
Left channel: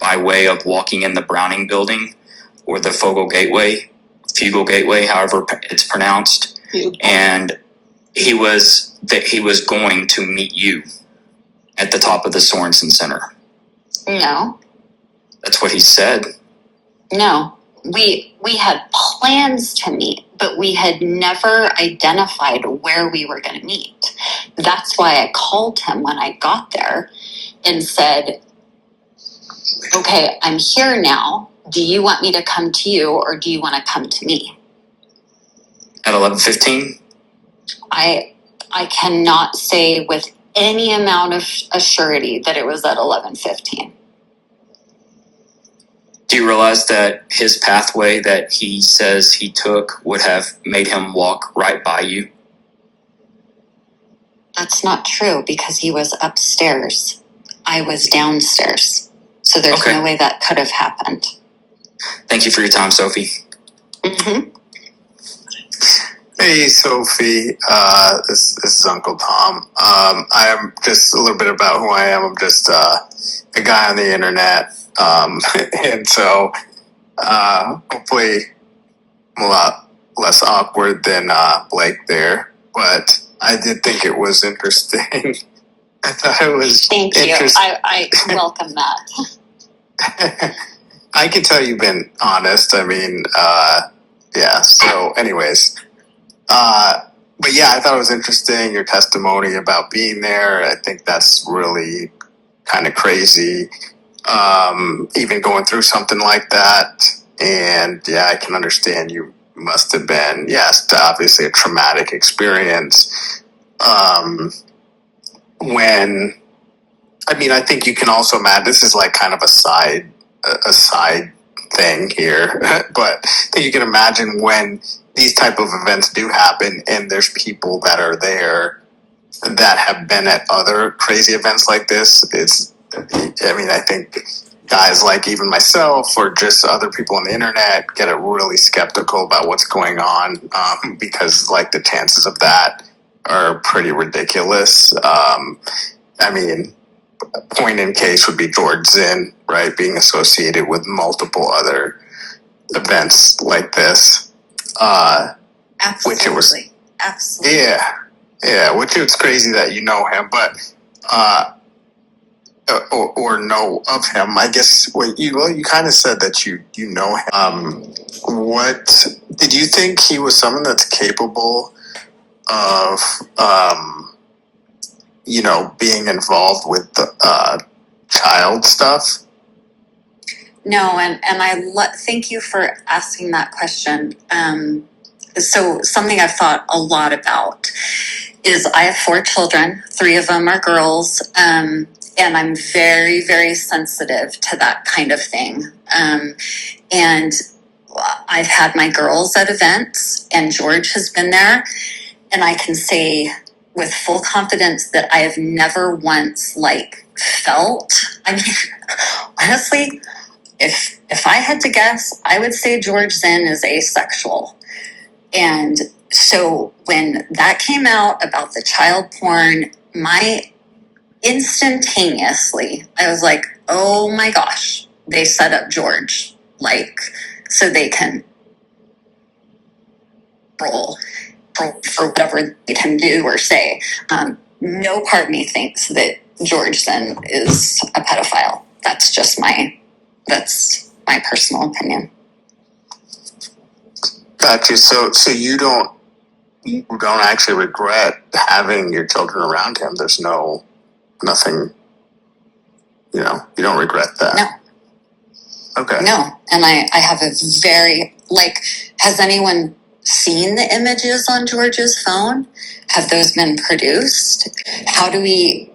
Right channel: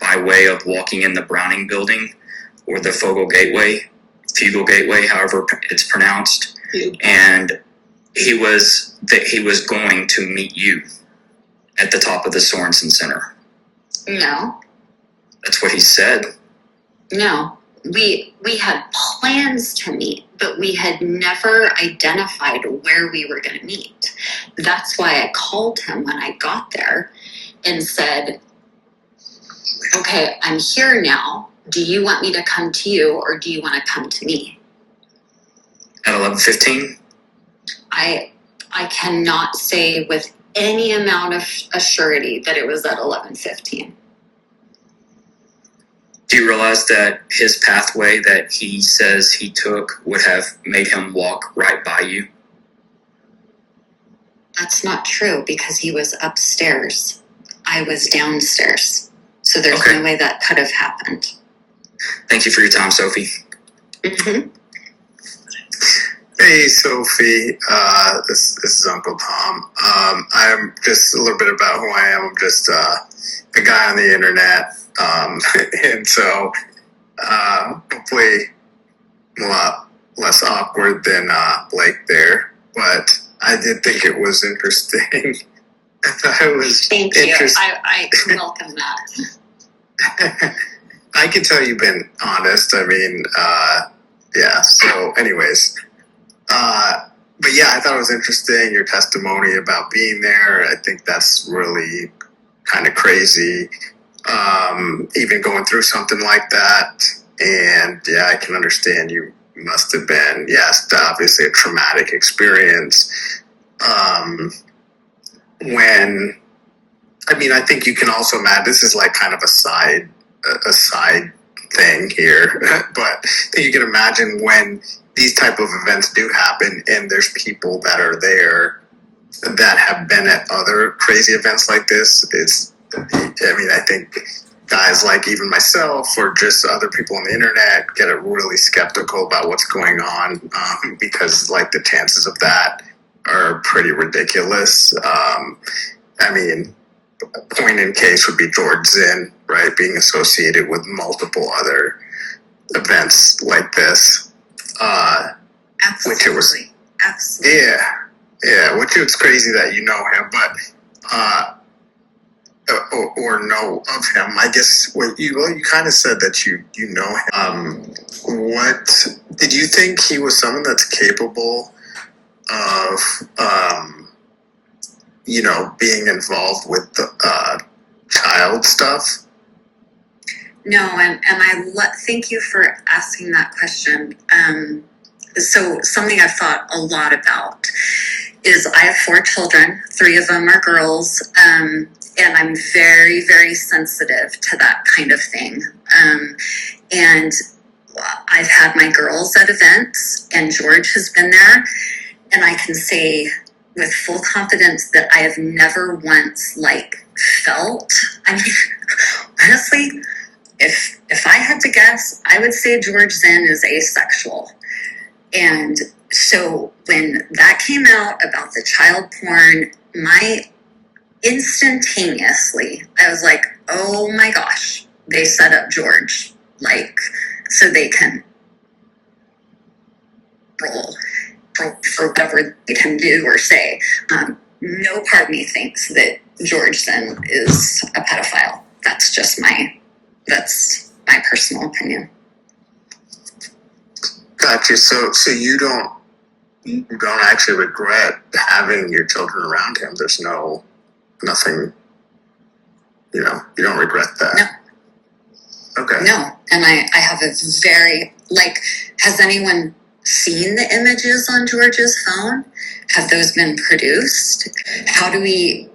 by way of walking in the Browning Building, or the Fugal Gateway, however it's pronounced. And he was going to meet you at the top of the Sorensen Center. No. That's what he said. No. We had plans to meet, but we had never identified where we were going to meet. That's why I called him when I got there and said, okay, I'm here now. Do you want me to come to you, or do you want to come to me? At 11:15? I cannot say with any amount of assurity that it was at 11:15. Do you realize that his pathway that he says he took would have made him walk right by you? That's not true, because he was upstairs. I was downstairs. So there's Okay. no way that could have happened. Thank you for your time, Sophie. Mm-hmm. Hey, Sophie. This is Uncle Tom. I'm just a little bit about who I am. I'm just a guy on the internet. And so hopefully I'm a lot less awkward than Blake there. But I did think it was interesting. I thought it was Thank you. interesting. I welcome that. I can tell you've been honest. I mean, yeah. So, anyways, but yeah, I thought it was interesting your testimony about being there. I think that's really kind of crazy. Even going through something like that, and yeah, I can understand you must have been, yes, obviously a traumatic experience. When, I mean, I think you can also imagine this is like kind of a side thing here, but I think you can imagine when these type of events do happen and there's people that are there that have been at other crazy events like this. I mean, I think guys like even myself or just other people on the internet get really skeptical about what's going on because like the chances of that are pretty ridiculous. I mean, point in case would be George Zinn, right? Being associated with multiple other events like this. Absolutely. Which it was, Absolutely. yeah, which it's crazy that you know him, but, or know of him. I guess you kind of said that you know him. What did you think he was someone that's capable of, being involved with the child stuff? No, and thank you for asking that question. So something I've thought a lot about is I have 4 children, 3 of them are girls, and I'm very, very sensitive to that kind of thing. And I've had my girls at events, and George has been there, and I can say with full confidence that I have never once felt. I mean, honestly, if I had to guess, I would say George Zinn is asexual. And so when that came out about the child porn, instantaneously, I was like, oh my gosh, they set up George, so they can roll for whatever they can do or say. No part of me thinks that George Zinn is a pedophile. That's my personal opinion. Gotcha. So you don't actually regret having your children around him. There's nothing, you don't regret that. No. Okay. No. And I have a very, has anyone seen the images on George's phone? Have those been produced? How do we,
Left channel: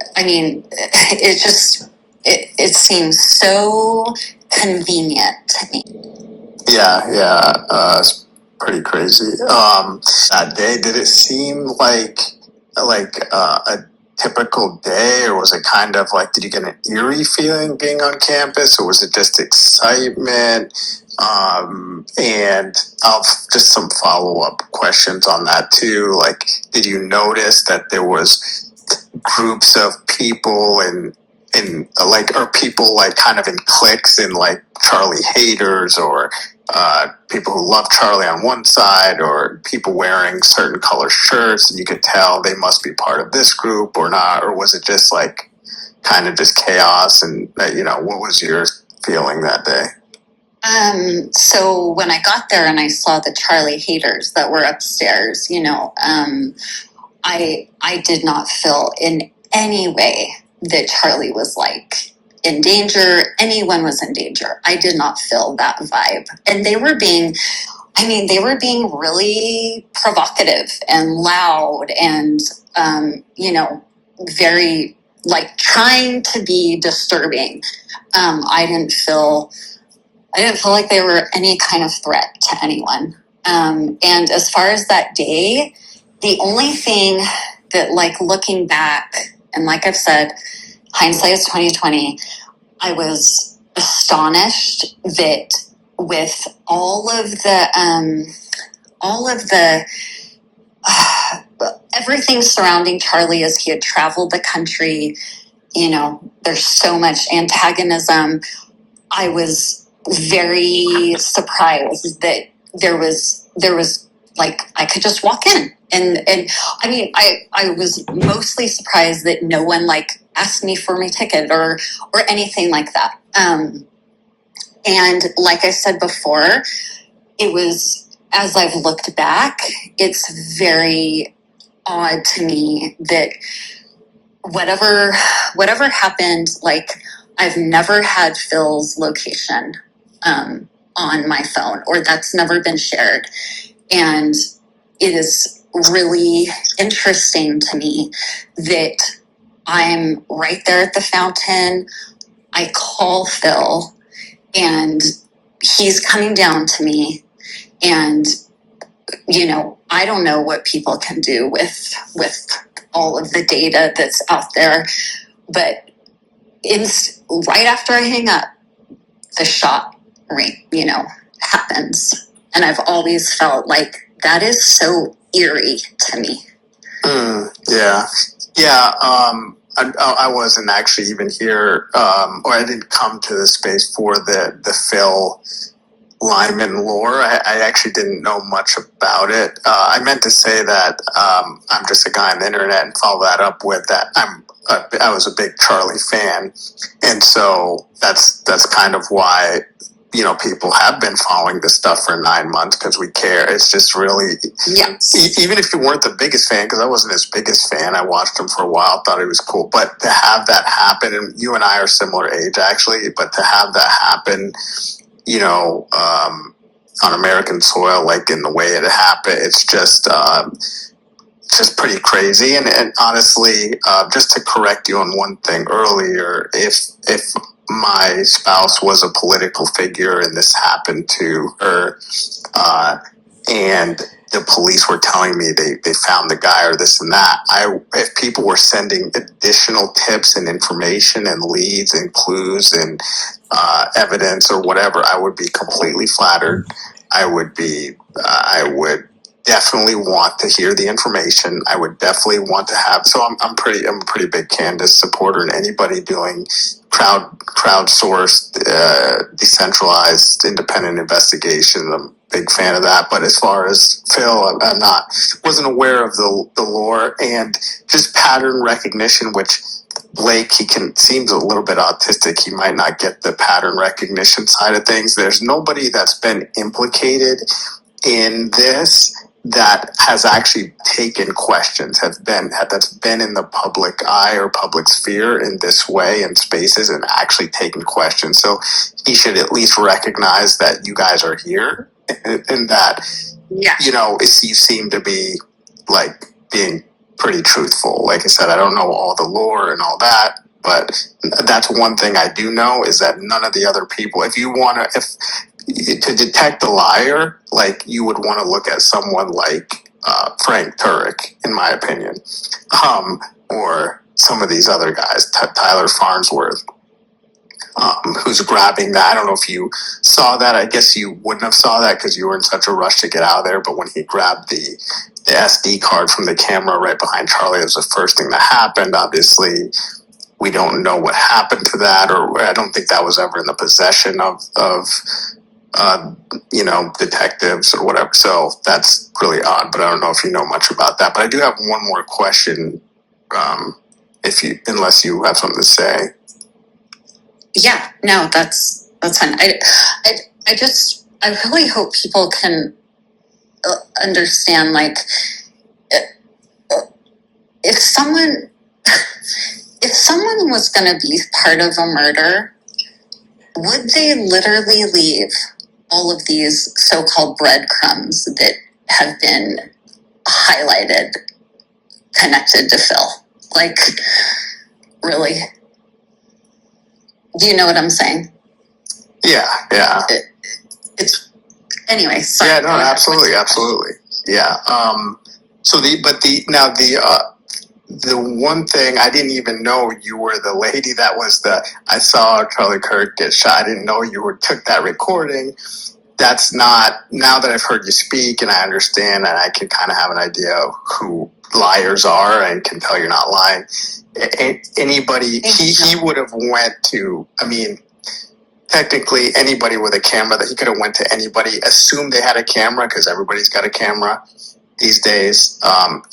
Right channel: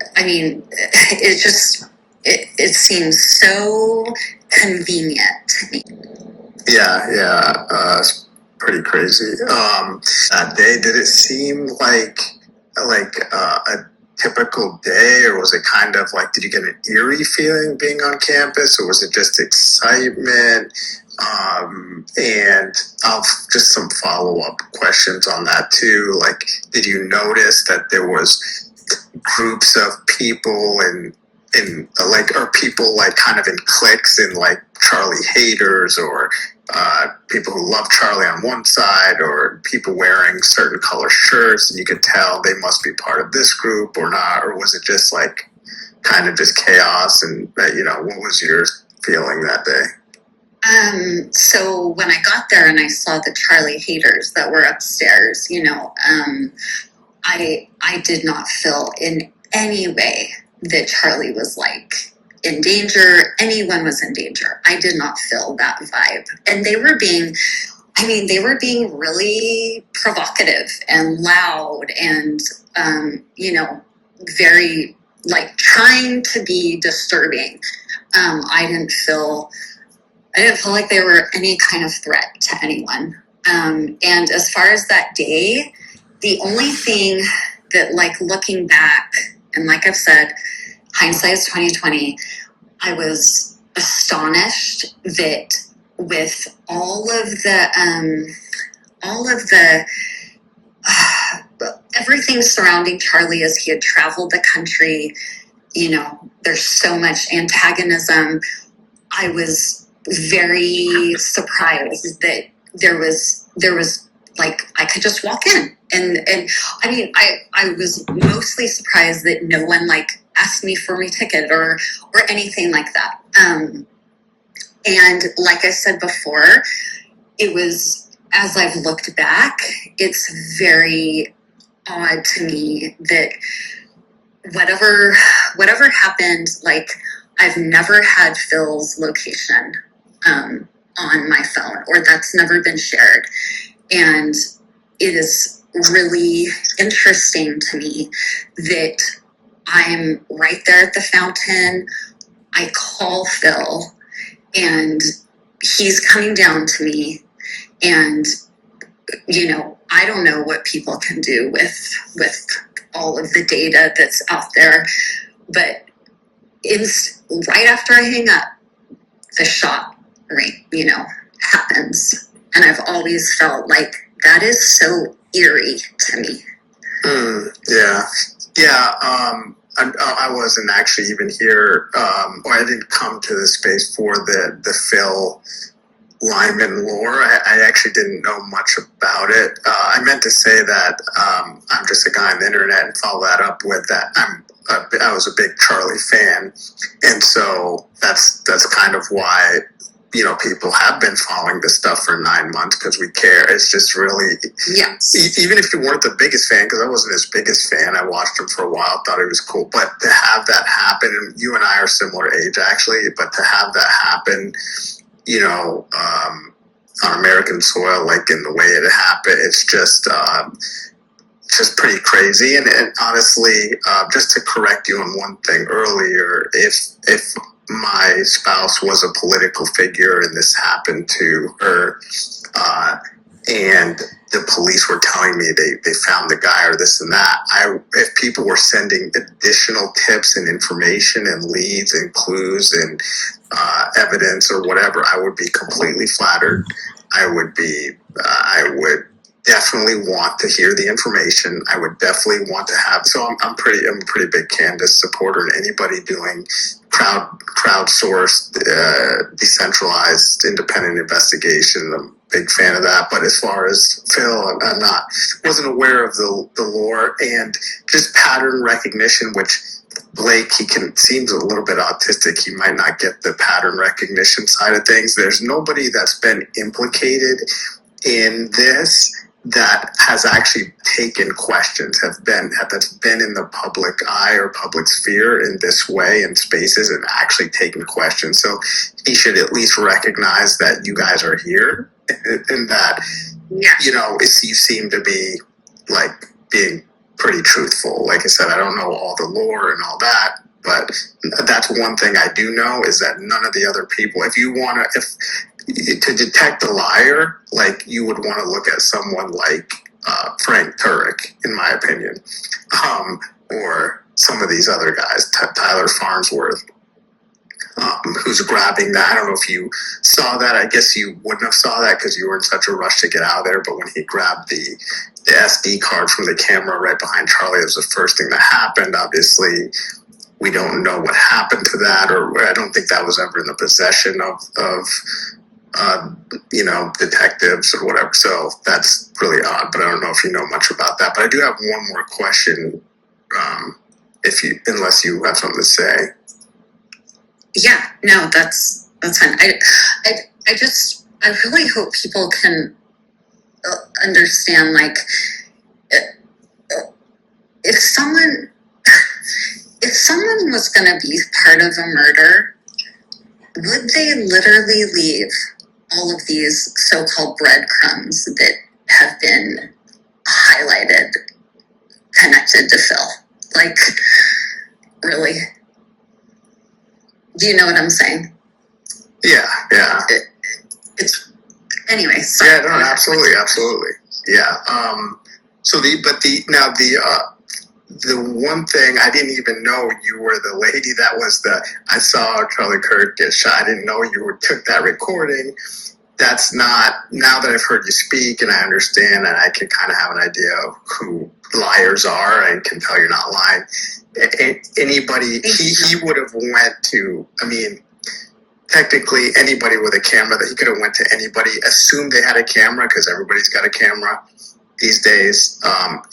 it seems so convenient to me. Yeah. It's pretty crazy. That day, did it seem like a typical day, or was it kind of did you get an eerie feeling being on campus, or was it just excitement? And I'll just some follow-up questions on that too. Did you notice that there was groups of people or people kind of in cliques and Charlie haters, or people who love Charlie on one side, or people wearing certain color shirts and you could tell they must be part of this group or not? Or was it just kind of just chaos? And what was your feeling that day? So when I got there and I saw the Charlie haters that were upstairs, I did not feel in any way that Charlie was in danger. Anyone was in danger. I did not feel that vibe. And they were being really provocative and loud and, very trying to be disturbing. I didn't feel like they were any kind of threat to anyone. And as far as that day, the only thing that looking back, and like I've said, hindsight is 20/20, I was astonished that with all of the everything surrounding Charlie as he had traveled the country, there's so much antagonism. I was very surprised that there was like I could just walk in and I mean I was mostly surprised that no one like asked me for my ticket or anything like that. And like I said before, it was, as I've looked back, it's very odd to me that whatever happened, like I've never had Phil's location on my phone, or that's never been shared. And it is really interesting to me that I'm right there at the fountain. I call Phil and he's coming down to me, and I don't know what people can do with all of the data that's out there, but it's right after I hang up, the shot happens, and I've always felt like that is so eerie to me. Yeah. I wasn't actually even here, or I didn't come to the space for the Phil Lyman lore. I actually didn't know much about it. I meant to say that I'm just a guy on the internet and follow that up with that. I was a big Charlie fan, and so that's kind of why people have been following this stuff for 9 months, because we care. It's just really, even if you weren't the biggest fan, because I wasn't his biggest fan, I watched him for a while, thought he was cool, but to have that happen, and you and I are similar age actually, but to have that happen, on American soil, like in the way it happened, it's just pretty crazy. And honestly, just to correct you on one thing earlier, if my spouse was a political figure and this happened to her, and the police were telling me they found the guy or this and that, if people were sending additional tips and information and leads and clues and evidence or whatever, I would be completely flattered. I would definitely want to hear the information. I would definitely want to have. So I'm a pretty big Candace supporter, and anybody doing crowdsourced, decentralized, independent investigation, I'm a big fan of that. But as far as Phil, wasn't aware of the lore and just pattern recognition, which Blake, seems a little bit autistic. He might not get the pattern recognition side of things. There's nobody that's been implicated in this that has actually taken questions, that's been in the public eye or public sphere in this way in spaces and actually taken questions. So he should at least recognize that you guys are here and that, you seem to be like being pretty truthful. Like I said, I don't know all the lore and all that, but that's one thing I do know is that none of the other people, to detect a liar, like you would want to look at someone like Frank Turek, in my opinion, or some of these other guys, Tyler Farnsworth, who's grabbing that. I don't know if you saw that. I guess you wouldn't have saw that because you were in such a rush to get out of there. But when he grabbed the SD card from the camera right behind Charlie, it was the first thing that happened. Obviously, we don't know what happened to that, or I don't think that was ever in the possession of detectives or whatever. So that's really odd, but I don't know if you know much about that. But I do have one more question, unless you have something to say. Yeah, no, that's fine. I really hope people can understand, like, if someone was going to be part of a murder, would they literally leave all of these so-called breadcrumbs that have been highlighted connected to Phil? Like, really? Do you know what I'm saying? Yeah. It's anyway. Sorry. Yeah, no, absolutely. Yeah. the one thing I didn't even know you were the lady that was I saw Charlie Kirk get shot. I didn't know you took that recording. That's not, now that I've heard you speak and I understand and I can kind of have an idea of who liars are and can tell you're not lying. Anybody, he would have went to, I mean, technically anybody with a camera, that he could have went to anybody, assumed they had a camera because everybody's got a camera these days,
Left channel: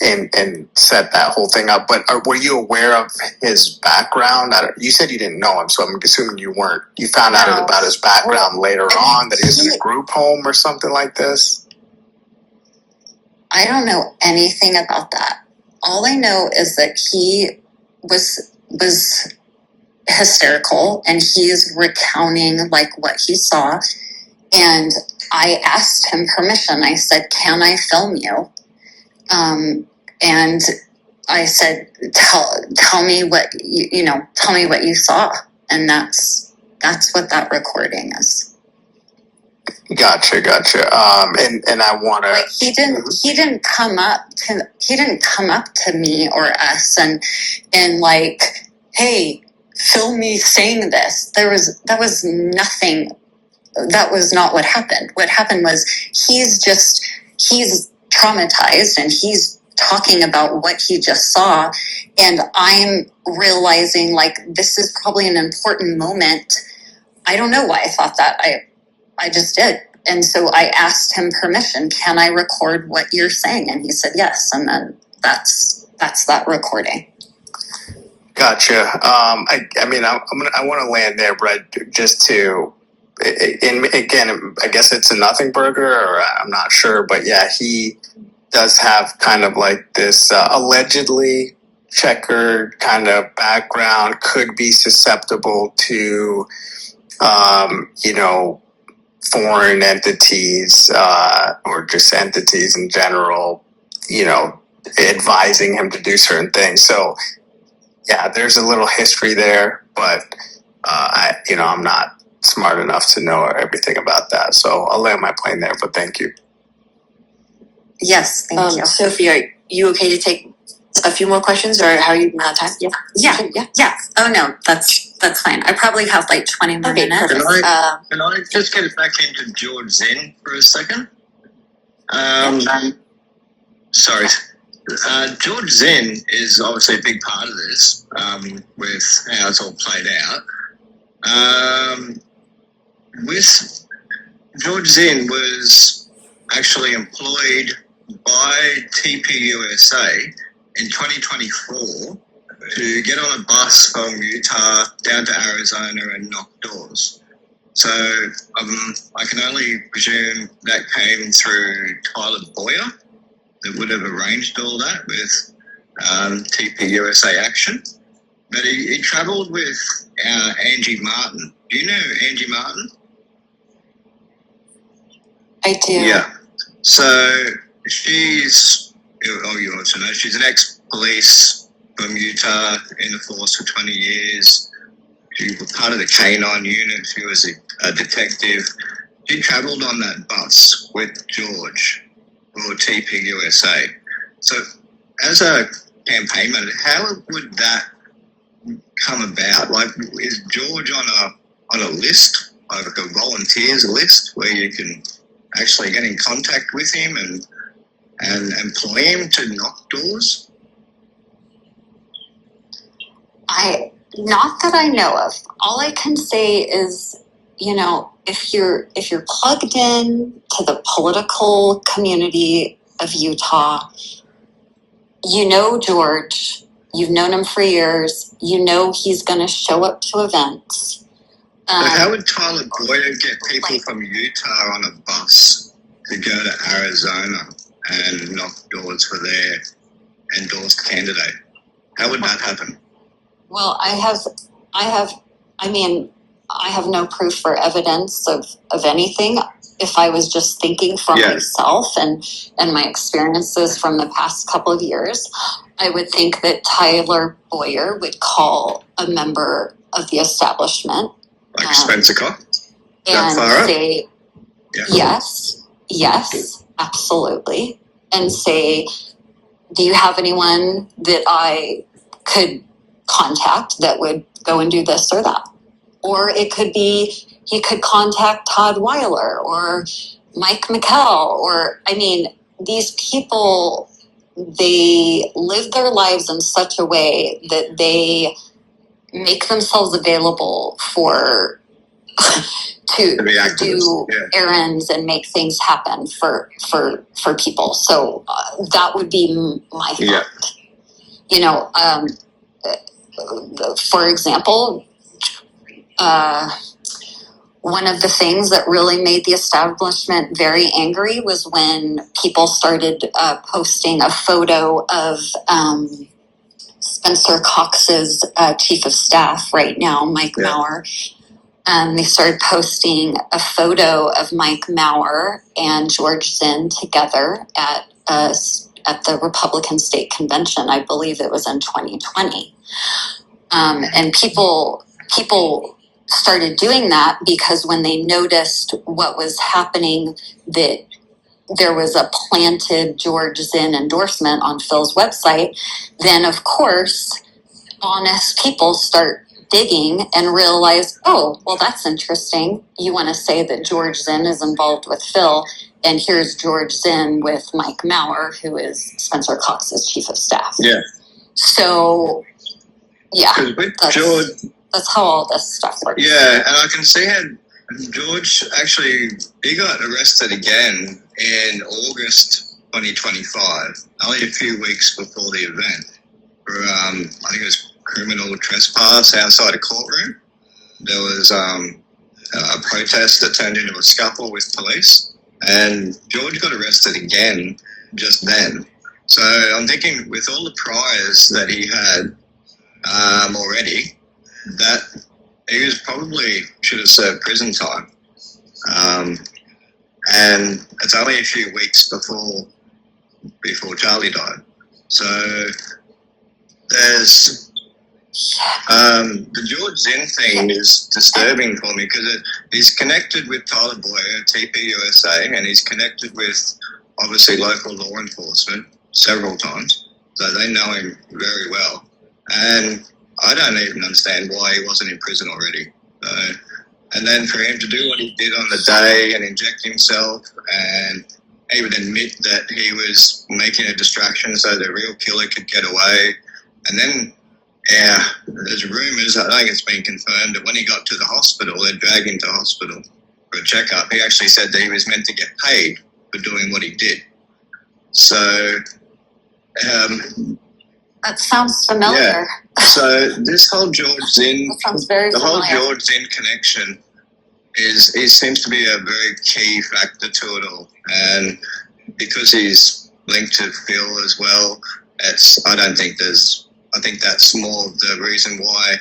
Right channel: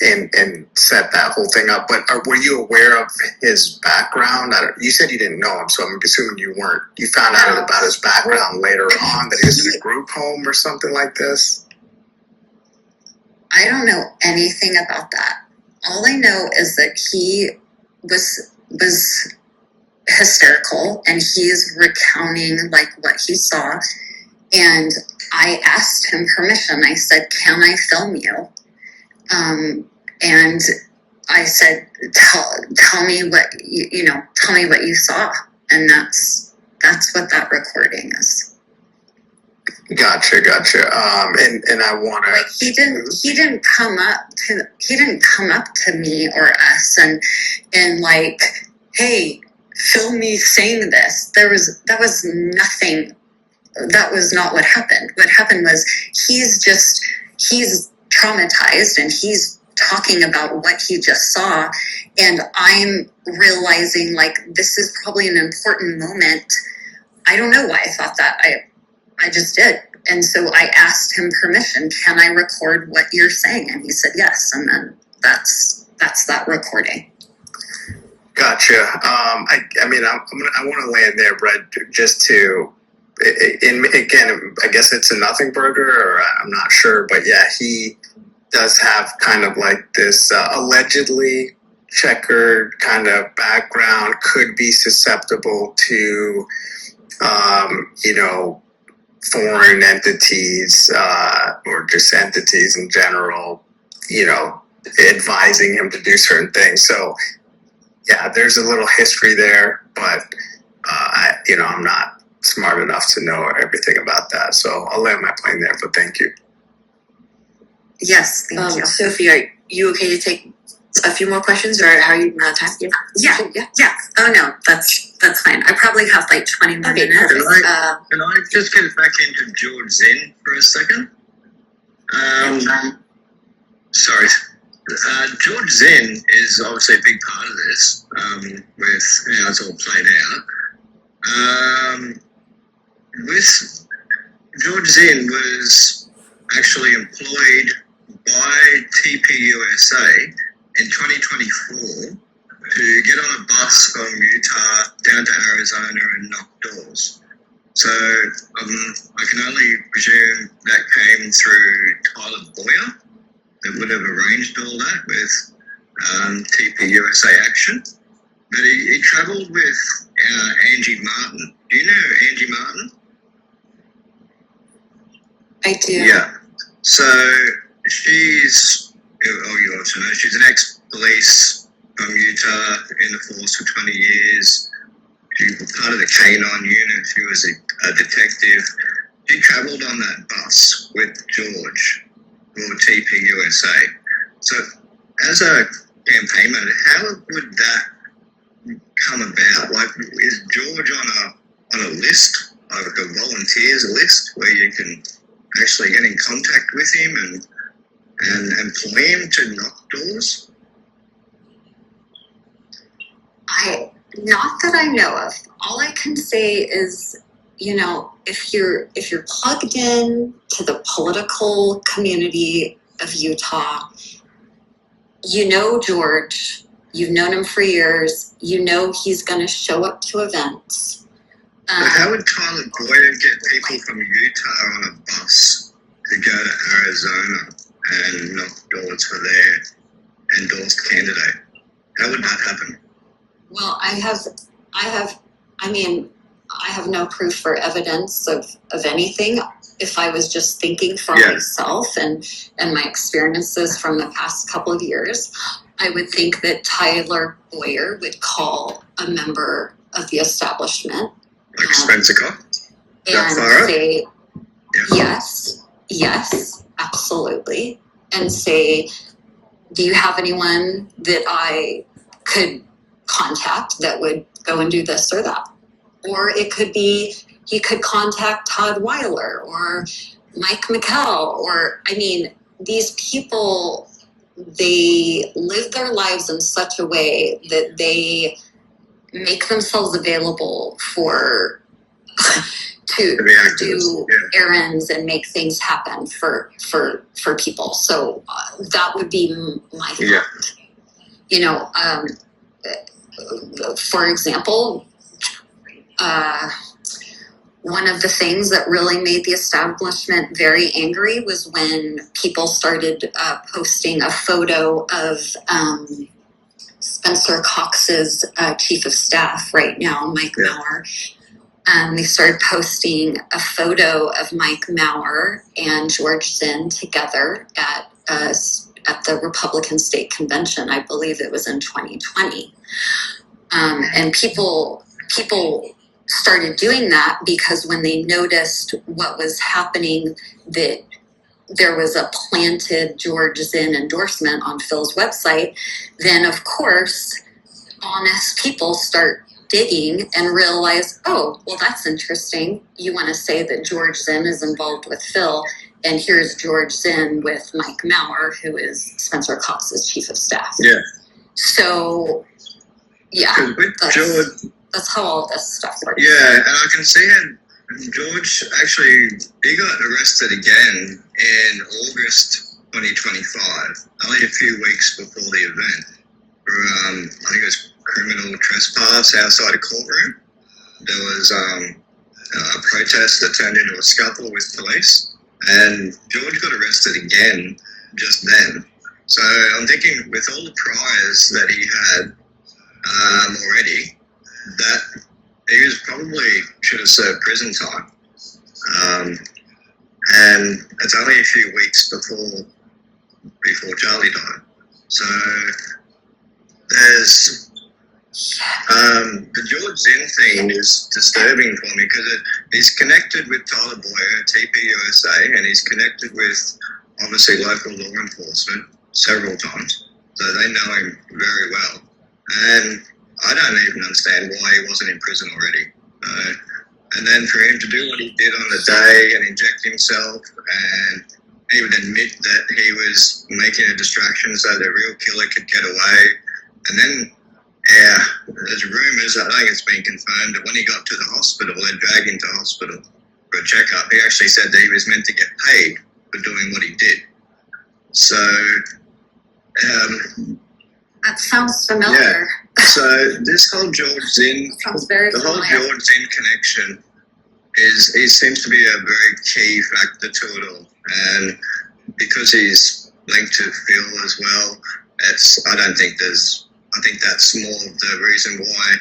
and set that whole thing up. But were you aware of his background? You said you didn't know him, so I'm assuming you weren't. You found out about his background later on, that he was in a group home or something like this? I don't know anything about that. All I know is that he was hysterical, and he is recounting like what he saw. And I asked him permission. I said, "Can I film you?" And I said, "Tell me what tell me what you saw." And that's what that recording is. Gotcha. And I want to. Like he didn't come up to me or us and like, "Hey, film me saying this." That was nothing. That was not what happened. What happened was he's traumatized and he's talking about what he just saw. And I'm realizing like, this is probably an important moment. I don't know why I thought that. I just did. And so I asked him permission. "Can I record what you're saying?" And he said yes. And then that's that recording. Gotcha. I mean, I want to land there, Brett, just to, and again, I guess it's a nothing burger, or I'm not sure, but yeah, he does have kind of like this allegedly checkered kind of background, could be susceptible to, foreign entities, or just entities in general, advising him to do certain things. So yeah, there's a little history there, but I'm not smart enough to know everything about that. So I'll land my plane there, but thank you. Yes, thank you. Sophie, are you okay to take a few more questions, or how are you out of time? Yeah. Oh no, that's fine. I probably have like 20 more minutes. Can I just get back into George Zinn for a second? Sorry. George Zinn is obviously a big part of this, with how it's all played out. With George Zinn was actually employed by TPUSA in 2024 to get on a bus from Utah down to Arizona and knock doors. So I can only presume that came through Tyler Boyer, that would have arranged all that with TPUSA Action. But he travelled with Angie Martin. Do you know Angie Martin? I do. Yeah. So she's, you also know, she's an ex-police from Utah, in the force for 20 years. She was part of the K-9 unit. She was a detective. She travelled on that bus with George for TPUSA. So as a campaign manager, how would that come about? Like, is George on a list, like a volunteers list, where you can actually get in contact with him and employ him to knock doors? Not that I know of. All I can say is, if you're plugged in to the political community of Utah, George, you've known him for years, he's going to show up to events. But how would Tyler Boyer get people from Utah on a bus to go to Arizona and knock doors for their endorsed candidate? How would that happen? Well, I have no proof or evidence of anything. If I was just thinking for myself and my experiences from the past couple of years, I would think that Tyler Boyer would call a member of the establishment, like Spencer Cox, and say, yes, absolutely, and say, do you have anyone that I could contact that would go and do this or that? Or it could be he could contact Todd Weiler or Mike McKell, or, I mean, these people, they live their lives in such a way that they make themselves available to do errands and make things happen for people. So that would be my thought. You know, for example, one of the things that really made the establishment very angry was when people started posting a photo of Spencer Cox's chief of staff right now, Mike Maurer. They started posting a photo of Mike Maurer and George Zinn together at the Republican State Convention. I believe it was in 2020. And people started doing that because when they noticed what was happening, that there was a planted George Zinn endorsement on Phil's website, then of course honest people start digging and realize, oh, well, that's interesting. You want to say that George Zinn is involved with Phil, and here's George Zinn with Mike Maurer, who is Spencer Cox's chief of staff. Yeah. So, yeah, that's how all this stuff works. Yeah, and I can see how George actually, he got arrested again in August 2025, only a few weeks before the event, for, I think it was criminal trespass outside a courtroom. There was a protest that turned into a scuffle with police, and George got arrested again just then. So I'm thinking with all the priors that he had already, that he was probably should have served prison time. And it's only a few weeks before Charlie died. So there's the George Zinn thing is disturbing for me because he's connected with Tyler Boyer at TPUSA, and he's connected with obviously local law enforcement several times. So they know him very well. And I don't even understand why he wasn't in prison already. And then for him to do what he did on the day and inject himself and even admit that he was making a distraction so the real killer could get away. And then, yeah, there's rumours, I think it's been confirmed, that when he got to the hospital, they dragged him to hospital for a checkup. He actually said that he was meant to get paid for doing what he did. So, that sounds familiar. Yeah. So this whole George Zinn, the whole George Zinn connection seems to be a very key factor to it all. And because he's linked to Phil as well, I think that's more of the reason why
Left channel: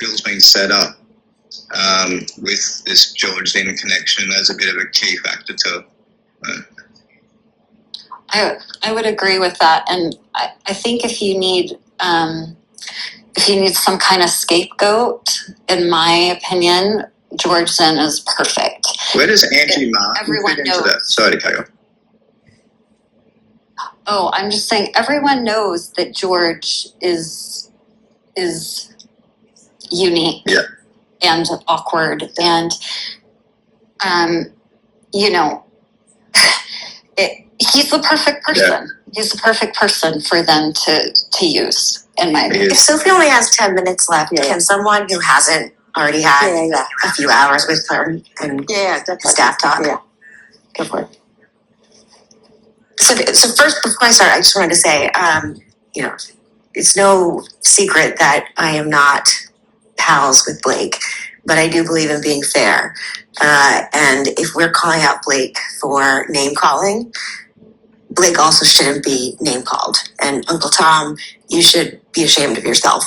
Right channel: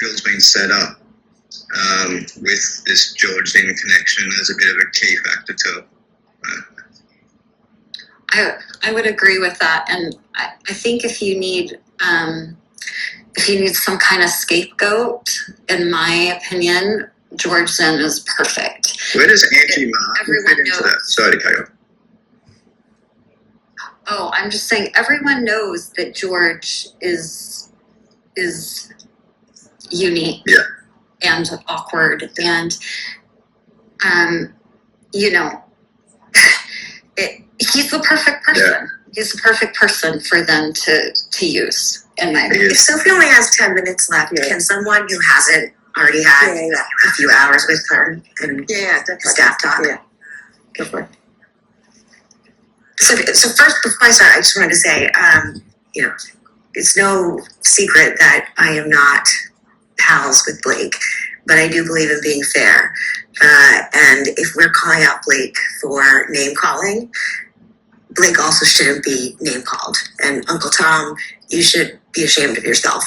Phil's been set up with this George Zinn connection as a bit of a key factor to it. I would agree with that, and I think if you need some kind of scapegoat, in my opinion, George Zinn is perfect. Where does Angie Martin everyone fit into knows, that? Sorry to cut you off. Oh, I'm just saying everyone knows that George is unique and awkward, and he's the perfect person. Yeah. He's the perfect person for them to use, in my opinion. If Sophie only has 10 minutes left, can someone who hasn't already had a few hours with her and staff talk? Yeah. Go for it. So first, before I start, I just wanted to say, it's no secret that I am not pals with Blake, but I do believe in being fair. And if we're calling out Blake for name calling, Blake also shouldn't be name called. And Uncle Tom, you should be ashamed of yourself.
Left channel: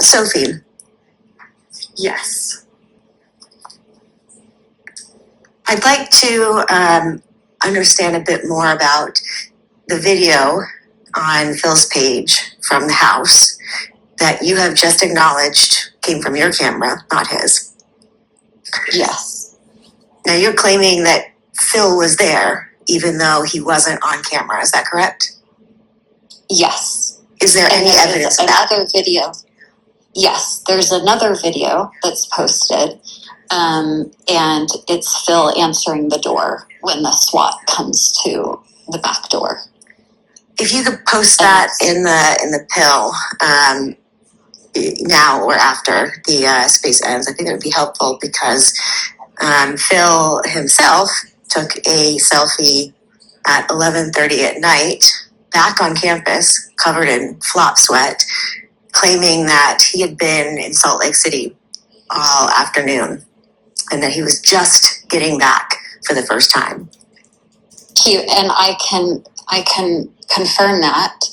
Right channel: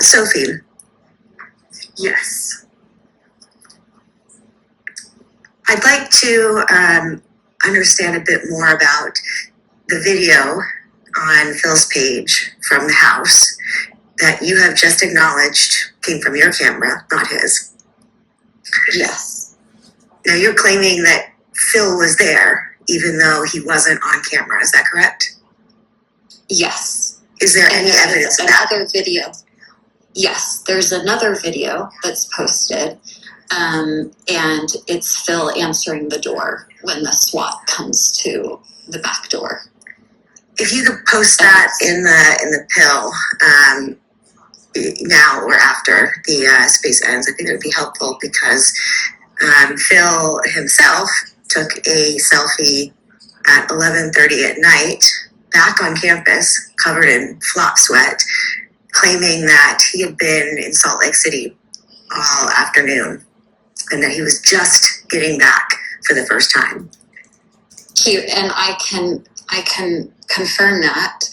Sophie. Yes. I'd like to understand a bit more about the video on Phil's page from the house that you have just acknowledged came from your camera, not his. Yes. Now you're claiming that Phil was there even though he wasn't on camera. Is that correct? Yes. Is there any And evidence of that? another video? Yes, there's another video that's posted, and it's Phil answering the door when the SWAT comes to the back door. If you could post that in the pill now or after the space ends, I think that would be helpful because Phil himself took a selfie at 11:30 at night back on campus, covered in flop sweat, claiming that he had been in Salt Lake City all afternoon and that he was just getting back for the first time. And I can confirm that.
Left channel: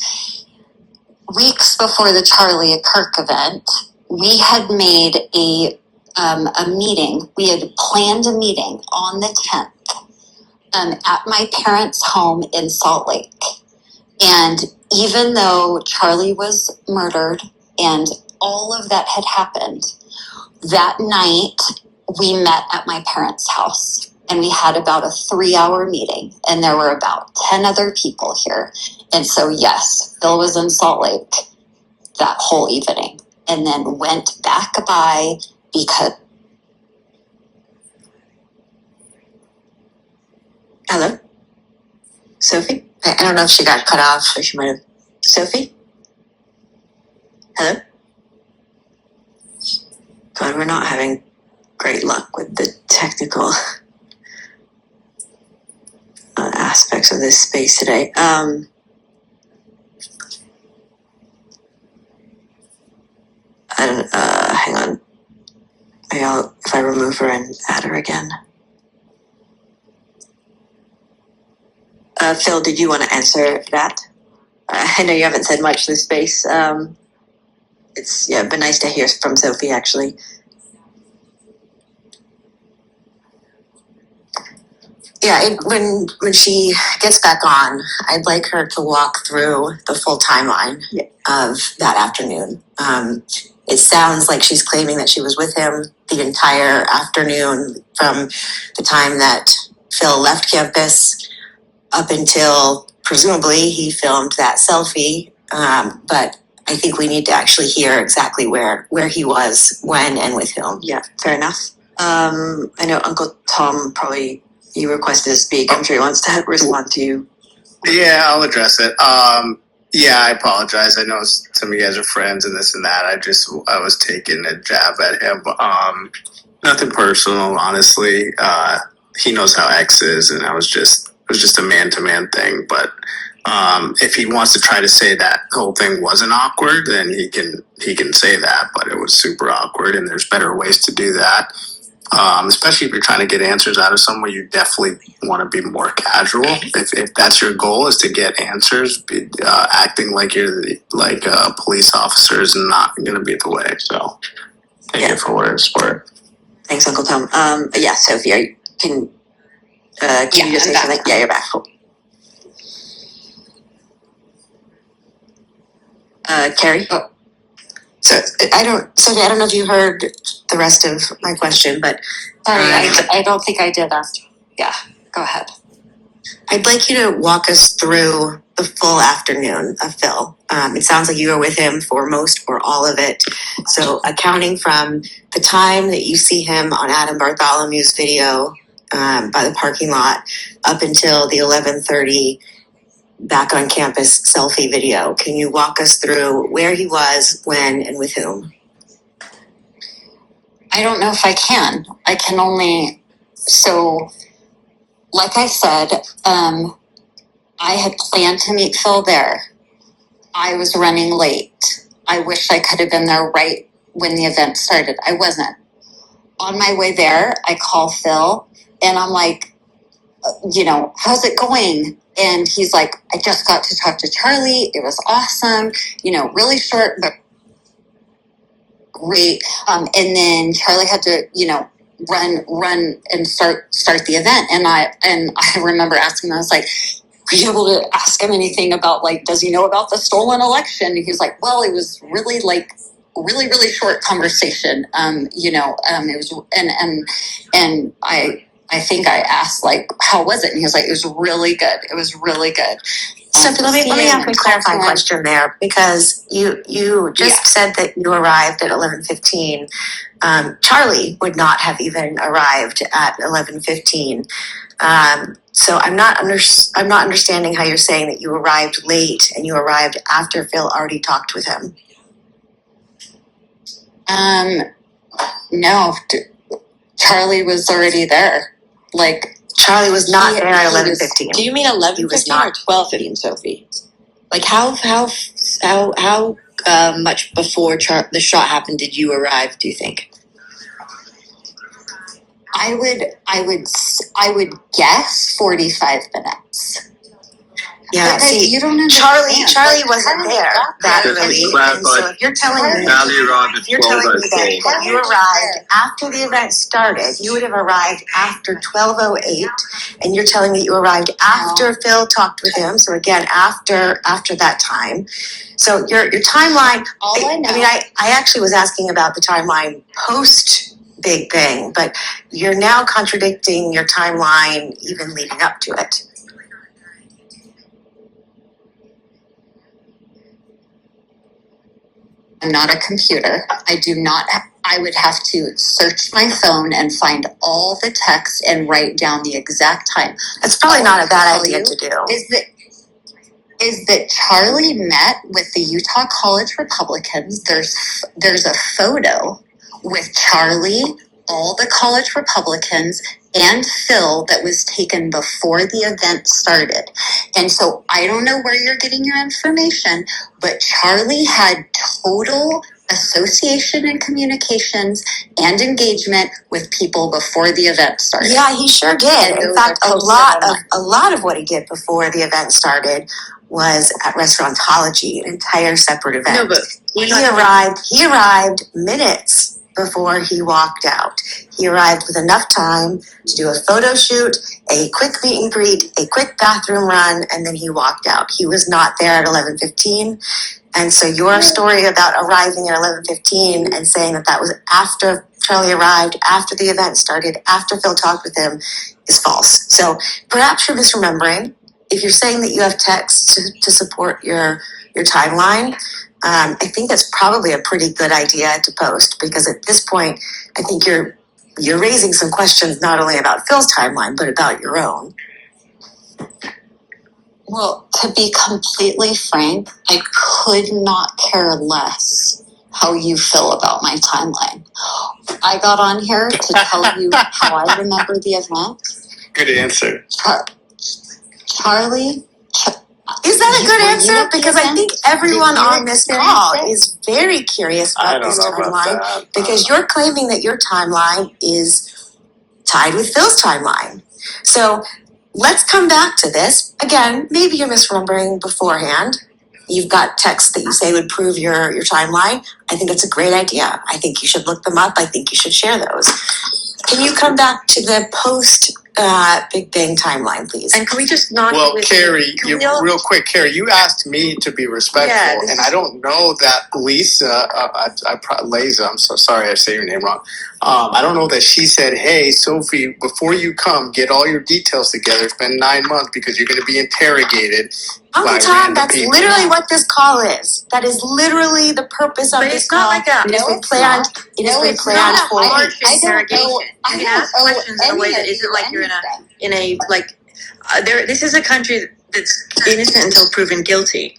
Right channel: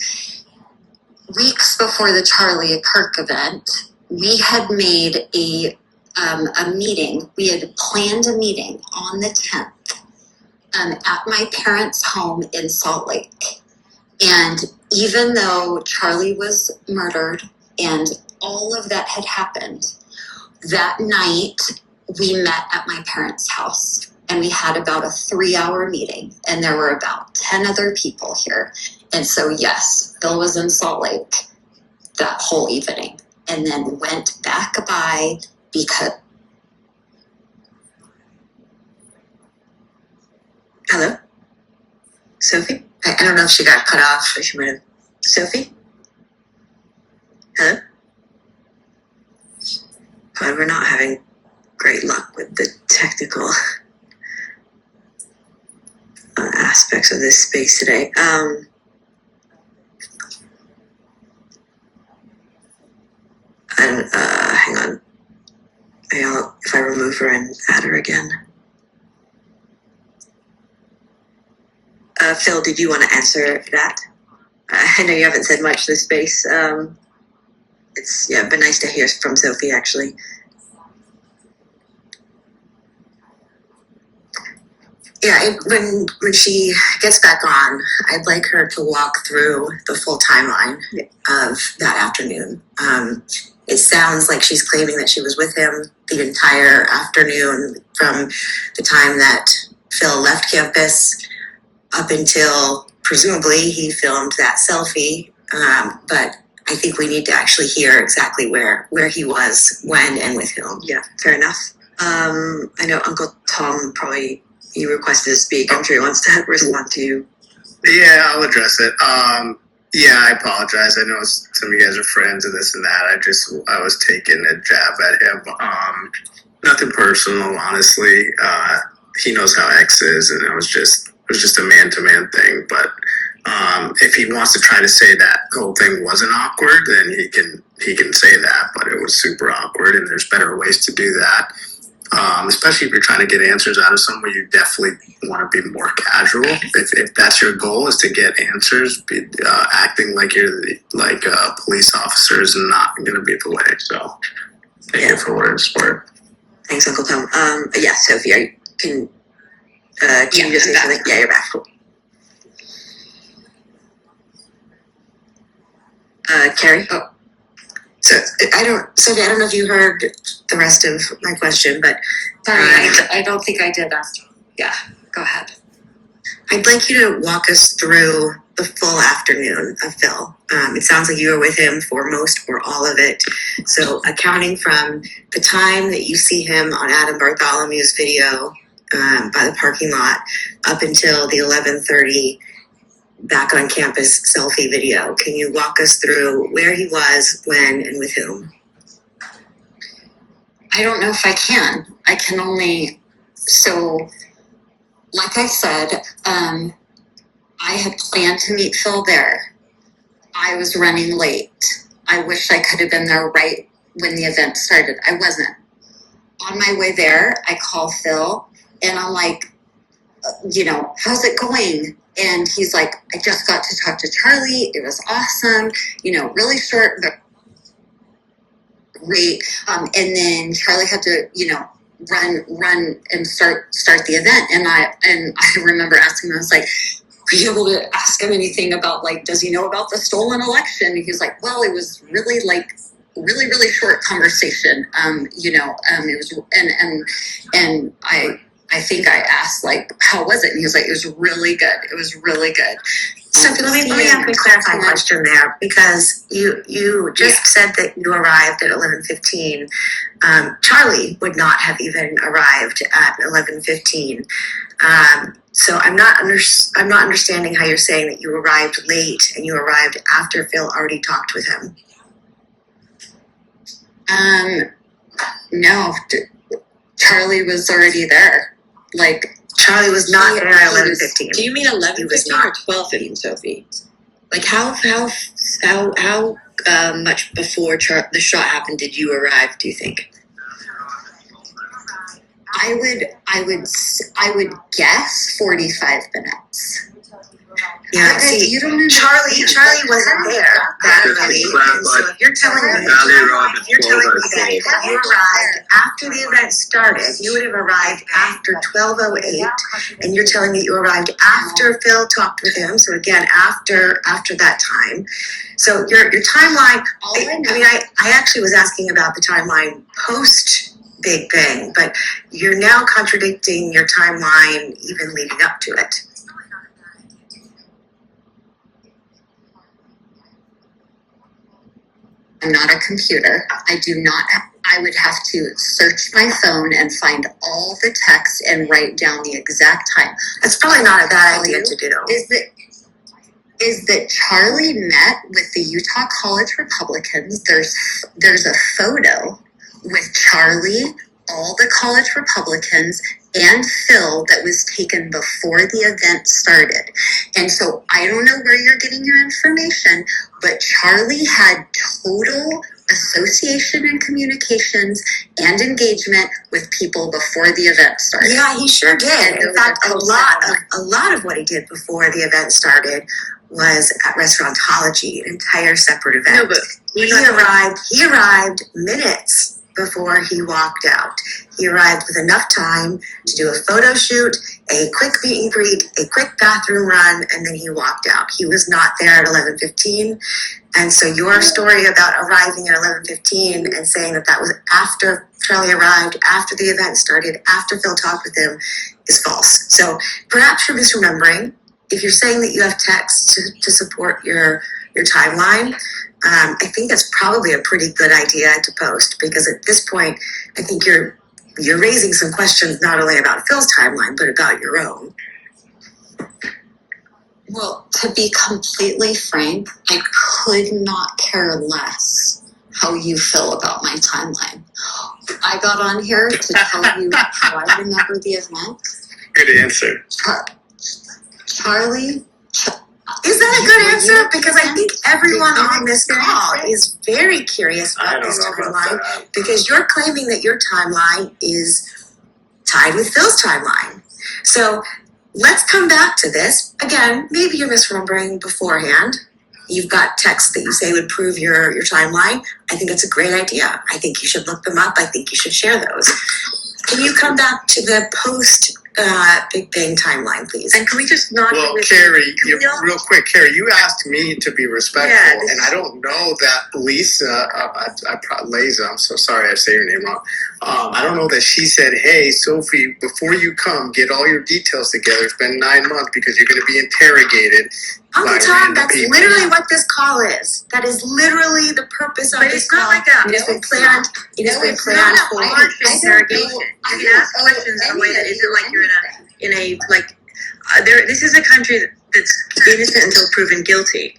Weeks before the Charlie Kirk event, we had made a meeting. We had planned a meeting on the 10th at my parents' home in Salt Lake. And even though Charlie was murdered and all of that had happened, that night we met at my parents' house and we had about a 3-hour meeting and there were about 10 other people here. And so, yes, Phil was in Salt Lake that whole evening and then went back by because... Hello? Sophie? I don't know if she got cut off or she might have... Sophie? Hello? God, we're not having great luck with the technical aspects of this space today. Hang on. If I remove her and add her again. Phil, did you want to answer that? I know you haven't said much this space. It's been nice to hear from Sophie, actually. Yeah, when she gets back on, I'd like her to walk through the full timeline of that afternoon. It sounds like she's claiming that she was with him the entire afternoon from the time that Phil left campus up until presumably he filmed that selfie. But I think we need to actually hear exactly where he was, when, and with whom. Yeah, fair enough. I know Uncle Tom probably, he requested to speak. I'm sure he wants to respond to you. Yeah, I'll address it. Yeah, I apologize. I know some of you guys are friends and this and that. I was taking a jab at him. Nothing personal, honestly. He knows how X is, and it was just a man-to-man thing. But if he wants to try to say that the whole thing wasn't awkward, then he can say that. But it was super awkward, and there's better ways to do that. Especially if you're trying to get answers out of someone, you definitely want to be more casual. If that's your goal, is to get answers, acting like you're like a police officer is not going to be the way. So take it for what it's worth. Thanks, Uncle Tom. Yeah, Sophie, can you just say something? Yeah, you're back. Cool. Carrie? Oh. So Sophie, I don't know if you heard the rest of my question, but Sorry, I don't think I did ask. Yeah, go ahead. I'd like you to walk us through the full afternoon of Phil. It sounds like you were with him for most or all of it. So accounting from the time that you see him on Adam Bartholomew's video by the parking lot up until the 11:30 back on campus selfie video. Can you walk us through where he was, when, and with whom? I don't know if I can. I can only... So, like I said, I had planned to meet Phil there. I was running late. I wish I could have been there right when the event started. I wasn't. On my way there, I call Phil, and I'm like, how's it going? And he's like, I just got to talk to Charlie. It was awesome. Really short, but great. And then Charlie had to, run and start the event. And I remember asking him, I was like, were you able to ask him anything about, does he know about the stolen election? And he's like, well, it was really really short conversation. It was, and I I think I asked, like, how was it? And he was like, it was really good. It was really good. Sophie, let me ask a clarifying question there, because you just said that you arrived at 11:15. Charlie would not have even arrived at 11:15. So I'm not understanding how you're saying that you arrived late and you arrived after Phil already talked with him. No, Charlie was already there. Like, Charlie was not there at 11:15. Do you mean 11:15 or 12:15, Sophie? Like how much before the shot happened did you arrive? Do you think? I would guess 45 minutes. Yeah, see, you don't understand. Charlie wasn't there that early. And so if you're telling me that you arrived after the event started, you would have arrived after 12:08, and you're telling me that you arrived after Phil talked with him. So again, after that time. So your timeline. All I know. I mean, I actually was asking about the timeline post Big Bang, but you're now contradicting your timeline even leading up to it. I'm not a computer. I would have to search my phone and find all the text and write down the exact time. That's probably not a bad idea to do. Is that Charlie met with the Utah College Republicans. There's a photo with Charlie, all the college Republicans, and Phil that was taken before the event started. And so I don't know where you're getting your information, but Charlie had total association and communications and engagement with people before the event started. Yeah, he sure did. In fact, a lot of what he did before the event started was at Restaurantology, an entire separate event. No, but he arrived minutes before he walked out. He arrived with enough time to do a photo shoot, a quick meet and greet, a quick bathroom run, and then he walked out. He was not there at 11:15. And so your story about arriving at 11:15 and saying that was after Charlie arrived, after the event started, after Phil talked with him, is false. So perhaps you're misremembering. If you're saying that you have text to support your timeline, I think that's probably a pretty good idea to post, because at this point, I think you're raising some questions not only about Phil's timeline, but about your own. Well, to be completely frank, I could not care less how you feel about my timeline. I got on here to tell you how I remember the event. Good answer. Charlie. Is that a good answer? Because I think everyone on this call is very curious about this timeline, because you're claiming that your timeline is tied with Phil's timeline. So let's come back to this. Again, maybe you're misremembering beforehand. You've got texts that you say would prove your timeline. I think it's a great idea. I think you should look them up. I think you should share those. Can you come back to the post Big Bang timeline, please? And can we just not? Well, Carrie, real quick, Carrie, you asked me to be respectful, and I don't know that Lisa, Liza, I'm so sorry I say your name wrong. I don't know that she said, "Hey, Sophie, before you come, get all your details together. It's been 9 months because you're going to be interrogated." Uncle Tom, that's literally what this call is. That is literally the purpose of this call. But it's not like It has been planned. It has been planned for. Harsh interrogation. You can ask questions in a way that isn't like you're in a like. This is a country that's innocent until proven guilty.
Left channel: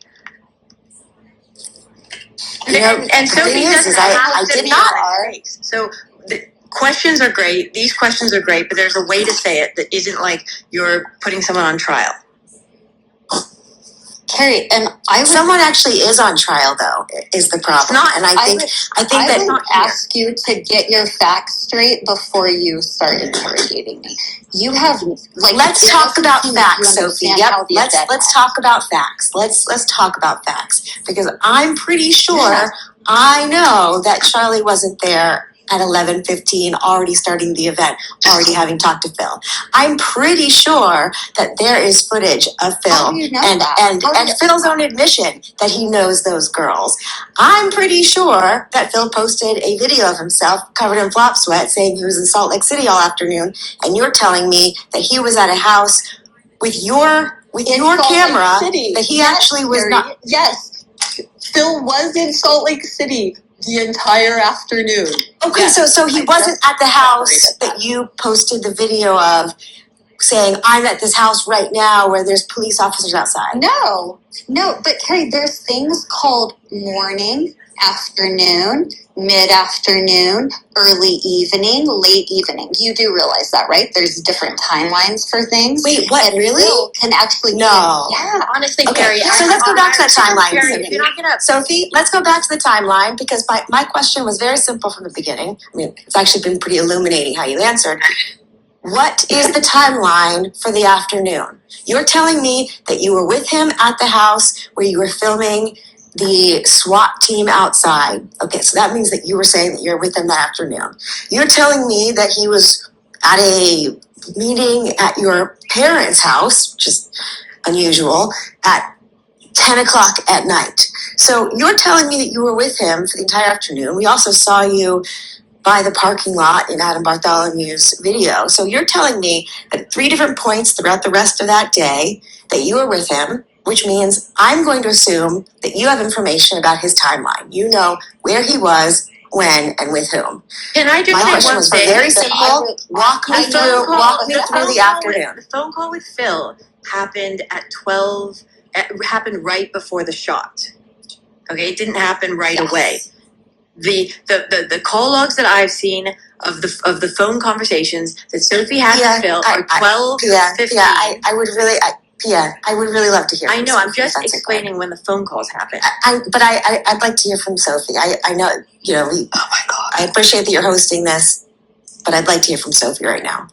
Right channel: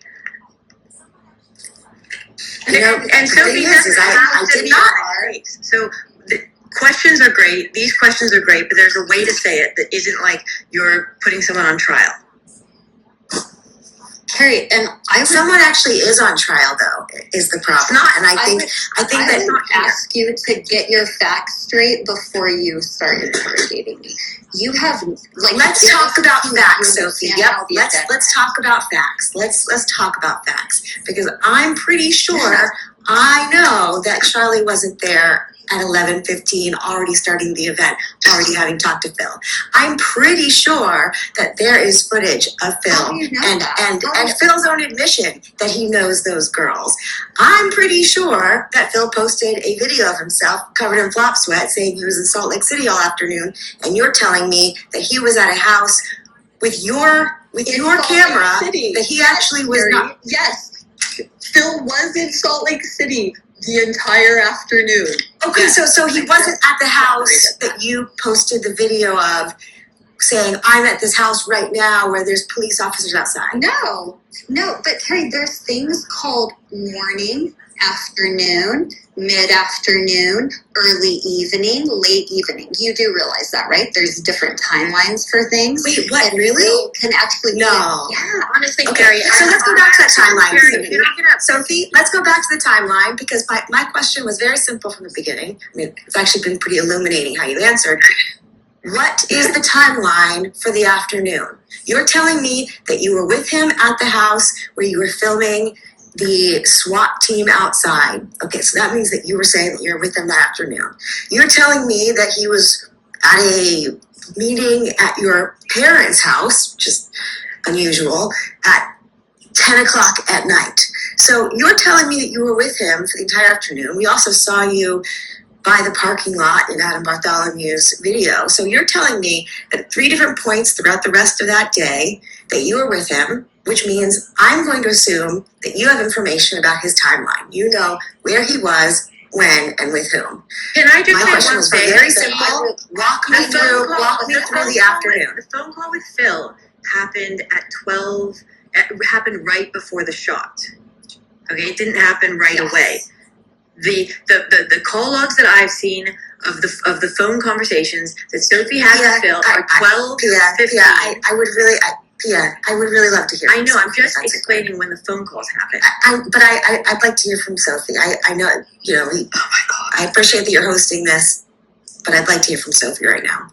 And Sophie doesn't have to be right. So the questions are great. These questions are great, but there's a way to say it that isn't like you're putting someone on trial. Carrie, and someone actually is on trial, though, is the problem. It's not, and I think I would ask you to get your facts straight before you start interrogating me. You have let's talk about facts, Sophie. Yep, let's talk about facts. Let's talk about facts, because I'm pretty sure I know that Charlie wasn't there at 11:15, already starting the event, already having talked to Phil. I'm pretty sure that there is footage of Phil How do you know and that? and Phil's own admission that he knows those girls. I'm pretty sure that Phil posted a video of himself covered in flop sweat saying he was in Salt Lake City all afternoon, and you're telling me that he was at a house with your camera, that he actually was not. Yes, Phil was in Salt Lake City the entire afternoon. Okay, Yes. so he wasn't at the house that you posted the video of saying, I'm at this house right now where there's police officers outside. No, but Carrie, there's things called morning, afternoon, mid-afternoon, early evening, late evening. You do realize that, right? There's different timelines for things. Wait, what, And really? Phil can actually No. Yeah. Honestly, Okay, Carrie, so let's go back to that timeline. Carrie, if you're not gonna Sophie, let's go back to the timeline because my question was very simple from the beginning. I mean, it's actually been pretty illuminating how you answered. What is the timeline for the afternoon? You're telling me that you were with him at the house where you were filming the SWAT team outside. Okay, so that means that you were saying that you're with him that afternoon. You're telling me that he was at a meeting at your parents' house, which is unusual, at 10 o'clock at night. So you're telling me that you were with him for the entire afternoon. We also saw you by the parking lot in Adam Bartholomew's video. So you're telling me that at 3 different points throughout the rest of that day that you were with him, which means I'm going to assume that you have information about his timeline. You know where he was, when, and with whom. Can I just My say question one was thing? very simple. Walk me through the afternoon. The phone call with Phil happened at 12. Happened right before the shot. Okay, it didn't happen right away. The call logs that I've seen of the phone conversations that Sophie had with Phil are 12, 15. I would really love to hear. I from know. I'm Sophie, just if that's explaining okay. when the phone calls happen. I'd like to hear from Sophie. I know, oh my God. I appreciate that you're hosting this, but I'd like to hear from Sophie right now.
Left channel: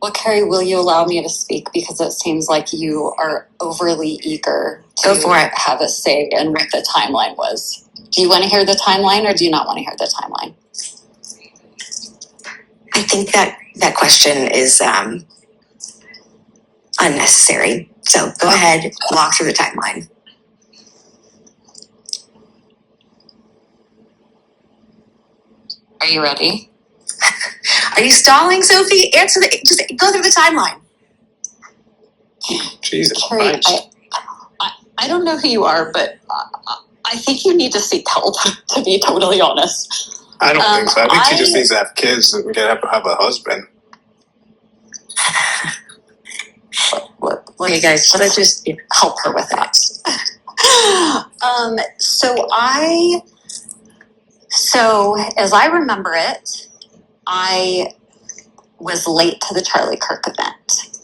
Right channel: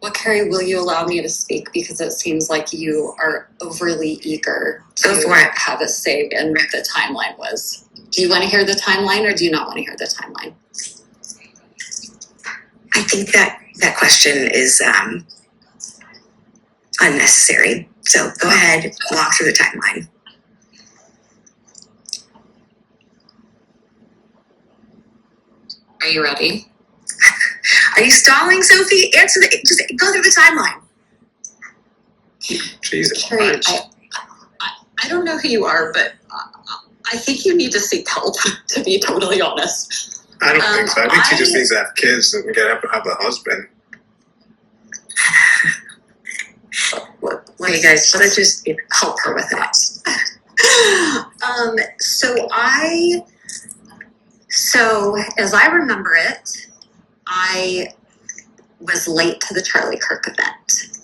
Well, Carrie, will you allow me to speak? Because it seems like you are overly eager to Go for it. have a say in what the timeline was. Do you want to hear the timeline or do you not want to hear the timeline? I think that question is unnecessary. So go ahead, walk through the timeline. Are you ready? Are you stalling, Sophie? Just go through the timeline. Jesus Carrie, Christ. I don't know who you are, but I think you need to seek help, to be totally honest. I don't think so. I think she just I- needs to have kids and have a husband. Okay, guys, let's just help her with that. So as I remember it, I was late to the Charlie Kirk event.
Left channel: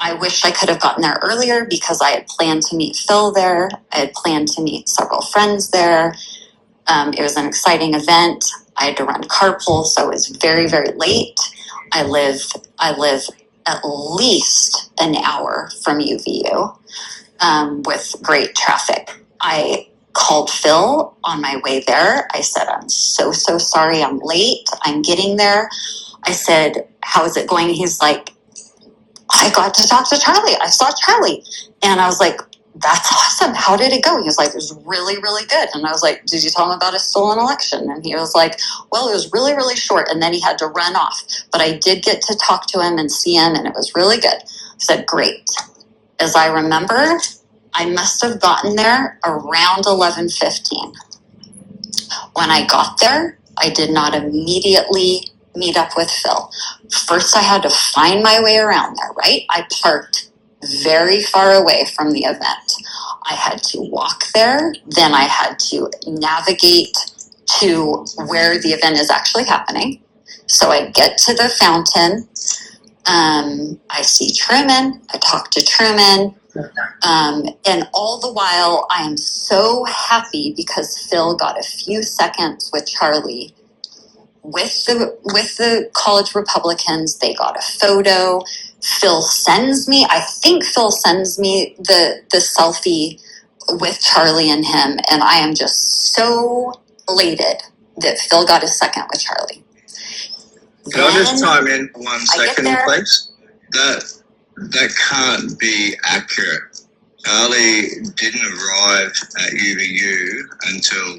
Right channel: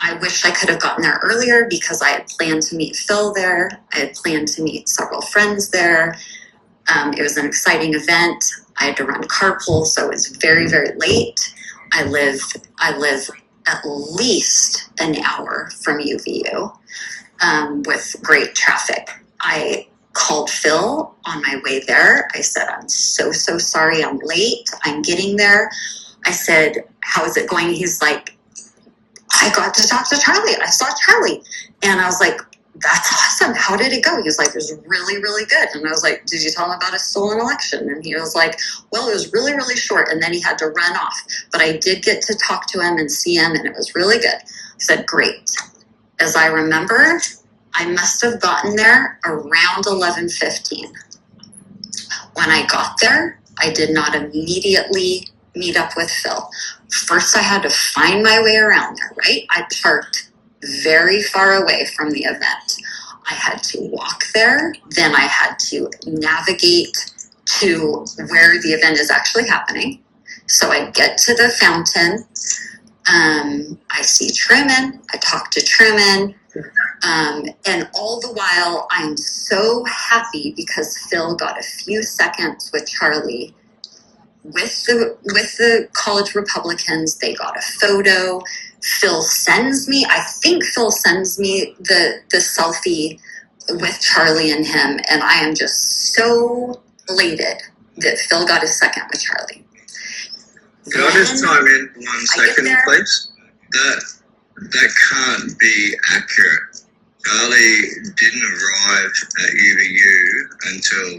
I wish I could have gotten there earlier because I had planned to meet Phil there. I had planned to meet several friends there. It was an exciting event. I had to run carpool, so I was very, very late. I live at least an hour from UVU with great traffic. I called Phil on my way there. I said, I'm so sorry I'm late. I'm getting there. I said, how is it going? He's like, I got to talk to Charlie. I saw Charlie. And I was like, that's awesome. How did it go? He was like, it was really, really good. And I was like, did you tell him about a stolen election? And he was like, well, it was really, really short. And then he had to run off. But I did get to talk to him and see him, and it was really good. I said, great. As I remember, I must have gotten there around 11:15. When I got there, I did not immediately meet up with Phil. First, I had to find my way around there, right? I parked very far away from the event. I had to walk there. Then I had to navigate to where the event is actually happening. So I get to the fountain. I see Truman. I talk to Truman. And all the while, I am so happy because Phil got a few seconds with Charlie. With the college Republicans, they got a photo. Phil sends me the selfie with Charlie and him, and I am just so elated that Phil got a second with Charlie. Can I just Then chime in 1 I get second, there. please? That can't be accurate. Charlie didn't arrive at UVU until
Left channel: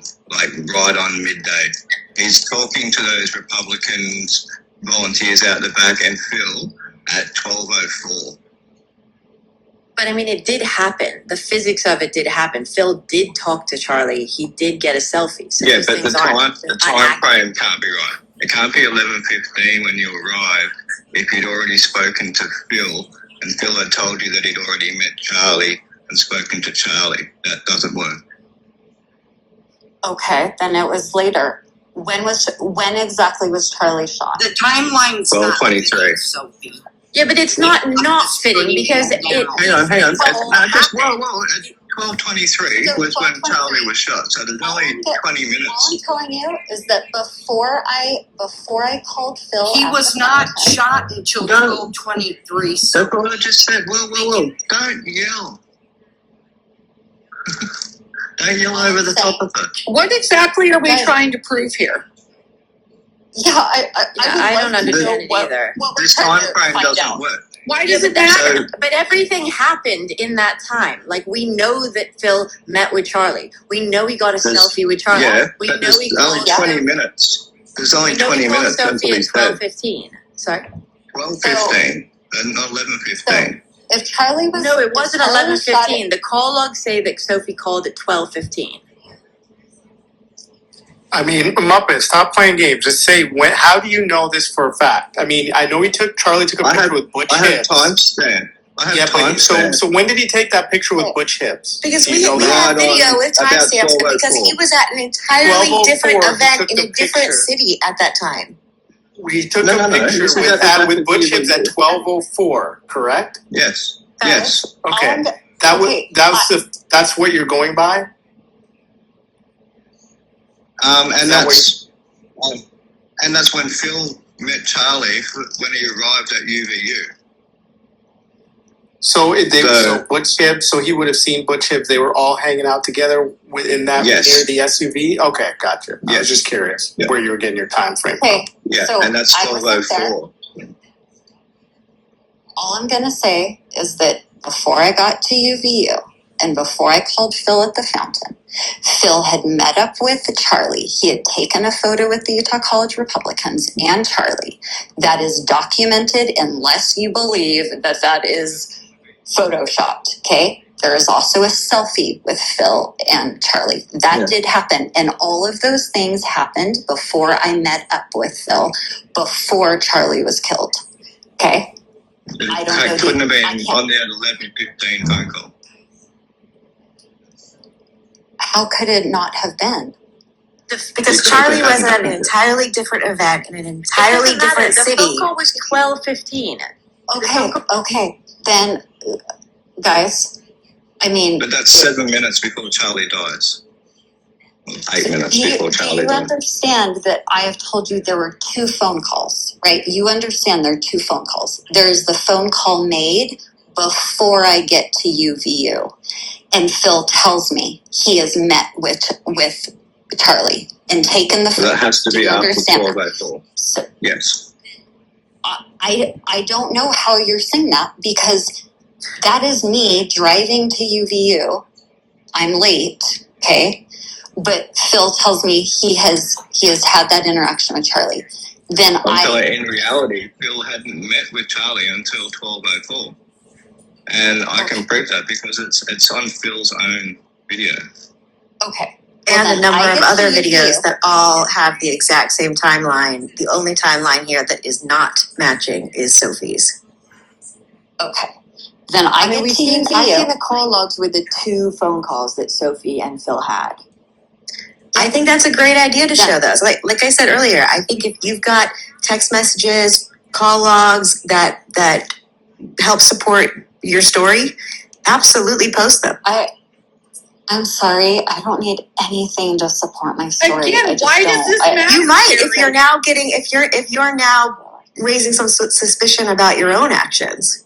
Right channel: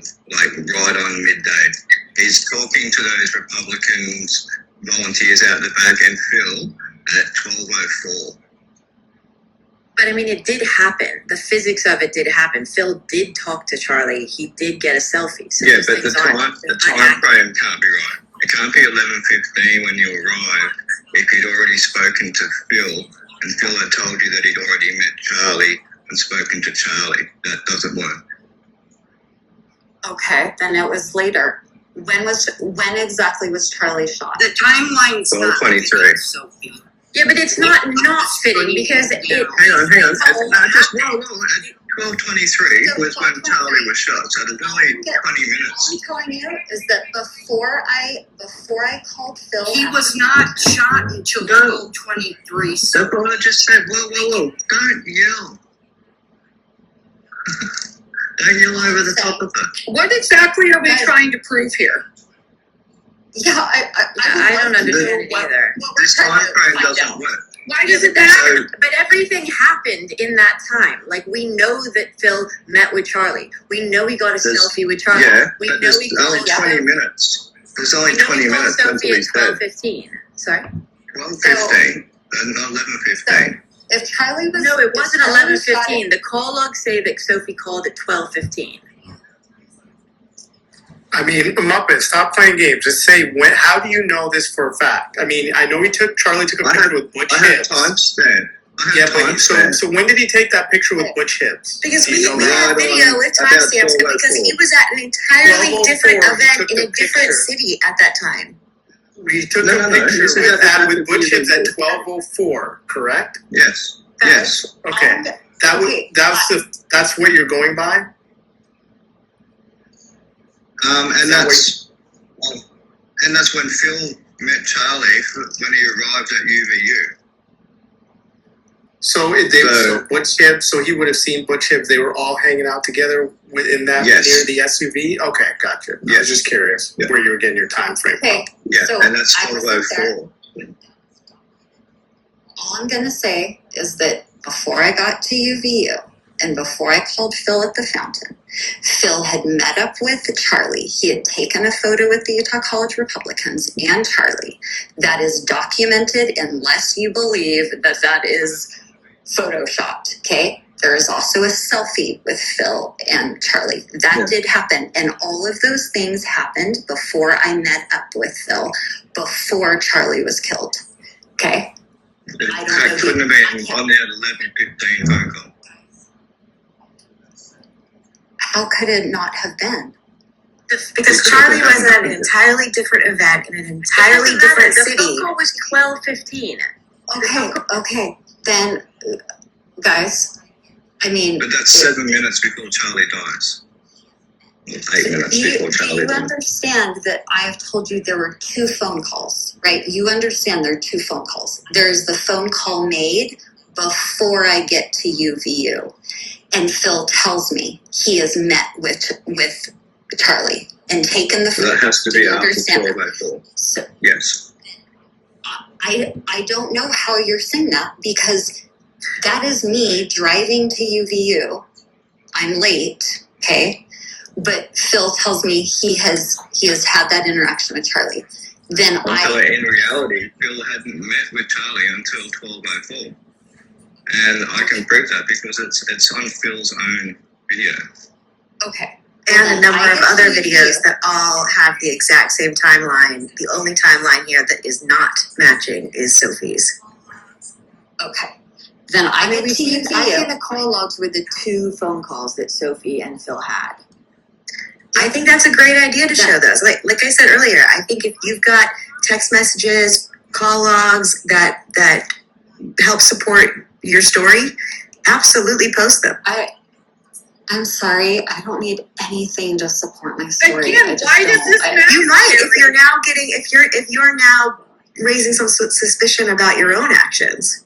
right on midday. He's talking to those Republicans volunteers out the back and Phil at 12:04. But I mean, it did happen. The physics of it did happen. Phil did talk to Charlie. He did get a selfie. So Yeah, these but the things aren't- time they're not accurate. frame can't be right. It can't be 11:15 when you arrive if you'd already spoken to Phil and Phil had told you that he'd already met Charlie and spoken to Charlie. That doesn't work. Okay, then it was later. When exactly was Charlie shot? The timeline's not 12:23. fitting, Sophie. Yeah, but it's not fitting because it. Hang on. Whoa. happened? 12:23 So was when 12:23. Charlie was shot. So there's only 20 All minutes. I'm telling you is that before I called Phil, He at was the not fountain, shot until No. 12:23. That's what I just said. Whoa. Don't yell. Don't yell over the top of it. What exactly are we Right. trying to prove here? Yeah, I don't understand it either. What we're This trying time to frame find doesn't out. work. Why Yeah, doesn't but that So- matter? But everything happened in that time. Like, we know that Phil met with Charlie. We know he got a There's- selfie with Charlie. Yeah, We but know there's he only called 20 minutes. There's only We know 20 he called minutes. That's Sophie what he at said. 12:15. Sorry. 12:15, not 11:15. If Charlie was No, it if wasn't Charlie was shot 11:15. The call logs say that Sophie called at 12:15. I mean, Muppet, stop playing games. Just say when. How do you know this for a fact? I mean, I know Charlie took a I picture have- with Butch I have Hibbs. timestamp. Yeah, but so when did he take that picture with Butch Hibbs? Because Do you know we that? have video with About timestamps because he 12:04. was at an entirely 12:04, different he event took in the a different picture. city at that time. We took No, a no, no. picture This is with, at the with Butch Hibbs at video. 12:04, correct? Yes. Yes. Okay, And- okay, that's what you're going by. And that's when Phil met Charlie when he arrived at UVU. So Butch Hibbs. So he would have seen Butch Hibbs. They were all hanging out together in that Yes. near the SUV. Okay, gotcha. I Yes. was just curious Yeah. where you were getting your time frame. Okay, Yeah, so and that's I wasn't there. 12:04. All I'm going to say is that before I got to UVU and before I called Phil at the fountain, Phil had met up with Charlie. He had taken a photo with the Utah College Republicans and Charlie. That is documented unless you believe that that is photoshopped, okay? There is also a selfie with Phil and Charlie. That Yeah. did happen. And all of those things happened before I met up with Phil, before Charlie was killed, okay? I don't know It couldn't have been I can't- on that 11:15 phone call. How could it not have been? Because Because Charlie it was happened. at an entirely different event in an entirely different The city. phone call was 12:15. Okay. Then, guys, I mean, But that's 7 minutes before Charlie dies. 8 minutes do before you Charlie dies. understand that I have told you there were 2 phone calls, right? You understand there are 2 phone calls. There's the phone call made before I get to UVU. And Phil tells me he has met with Charlie and taken the So that photo. has to Do be you after understand that? 12:04. So Yes. I don't know how you're saying that because that is me driving to UVU. I'm late, okay? But Phil tells me he has had that interaction with Charlie. Then In reality, Phil hadn't met with Charlie until 12:04. And I can prove that because it's on Phil's own video. okay. And Well, a then I number of get to other UVU. videos that all have the exact same timeline. The only timeline here that is not matching is Sophie's. Okay. Then I get we've to seen UVU. the call logs with the 2 phone calls that Sophie and Phil had. I think that's a great idea to That- show those. Like I said earlier, I think if you've got text messages, call logs that help support your story, absolutely post them. I'm sorry, I don't need anything to support my story. Again, I just why does don't. this matter? You might if you're now raising some suspicion about your own actions.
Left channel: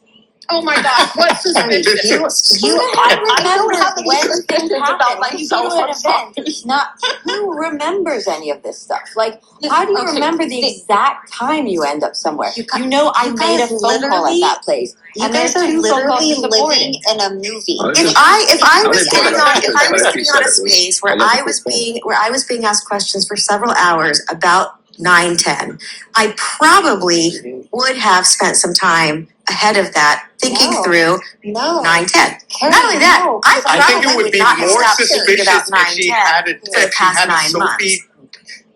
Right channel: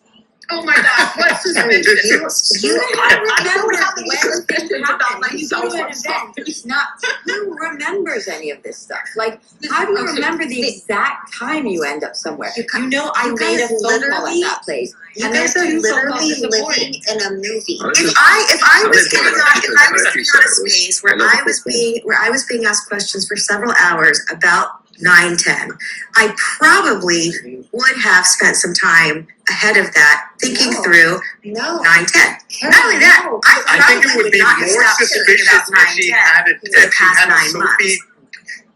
Oh my gosh, what's suspicious? I don't have any when suspicions about when you go myself. to an I'm event, sorry. it's not who remembers any of this stuff. Like, how do you Okay. remember the exact time you end up somewhere? You know, I you made a guys phone call at literally- that place, You and there guys are are 2 phone calls literally this morning. living in a movie. Oh, If I was I getting didn't on, know if I was that. getting on a space where I was being asked questions for several hours about 9/10, I probably would have spent some time ahead of that thinking No. through No. 9/10. Not only that, I I think it probably would be not have more stopped thinking suspicious about if she had 9/10 a, for the if she past had a 9 months.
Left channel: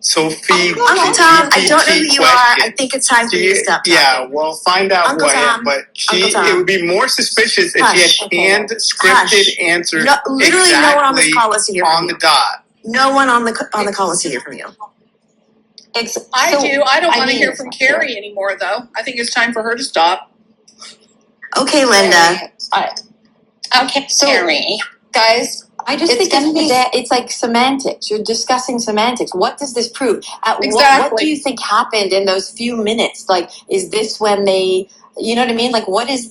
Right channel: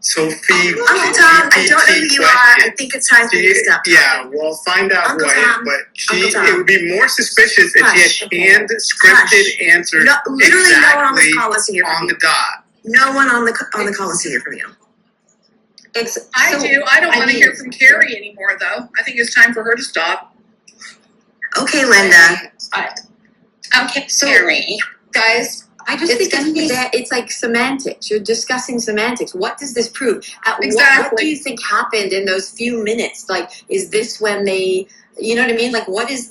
Sophie Uncle Tom, I don't know who you are. I question. think it's time for you to stop talking. Yeah, well, find out Uncle who I am. Tom, But Uncle Tom. it would be more suspicious if Hush. she had canned, scripted Hush. answers No, literally no one on this exactly call wants to hear on from the you. dot. No one on the call wants to hear from you. I do. I don't want to hear from Carrie anymore, though. I think it's time for her to stop. Okay, Linda. Okay, So- Carrie. Guys, I just It's think gonna be- it's like semantics. You're discussing semantics. What does this prove? What Exactly. do you think happened in those few minutes? Like, is this when they, you know what I mean? Like, what is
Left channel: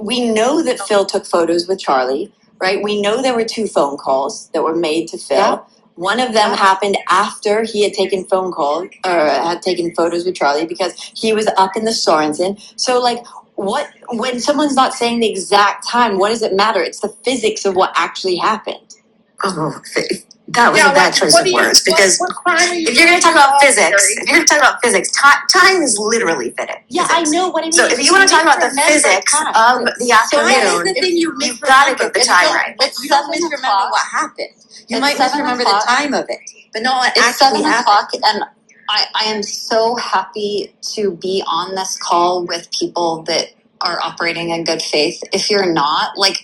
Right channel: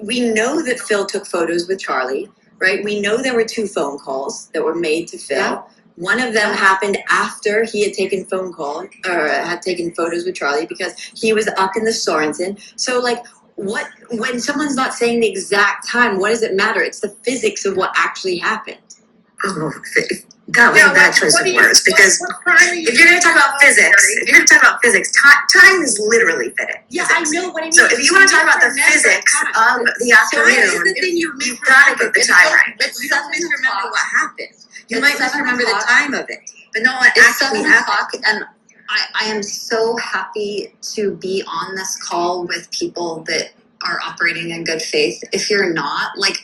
we know that Phil took photos with Charlie, right? We know there were 2 phone calls that were made to Phil. Yeah. One of them happened after he had taken had taken photos with Charlie because he was up in the Sorensen. So, like, when someone's not saying the exact time, what does it matter? It's the physics of what actually happened. Oh, that was a bad choice of words because what crime are you if you're going to talk about Carrie? physics, time is literally fitted. Yeah, I know what I mean. So if you want to talk about the physics of the afternoon, the thing you've got to get the time right. You don't misremember what happened. You It's might 7 misremember the o'clock. time of it, but not what It's actually 7 happened. o'clock, and I am so happy to be on this call with people that are operating in good faith. If you're not, like,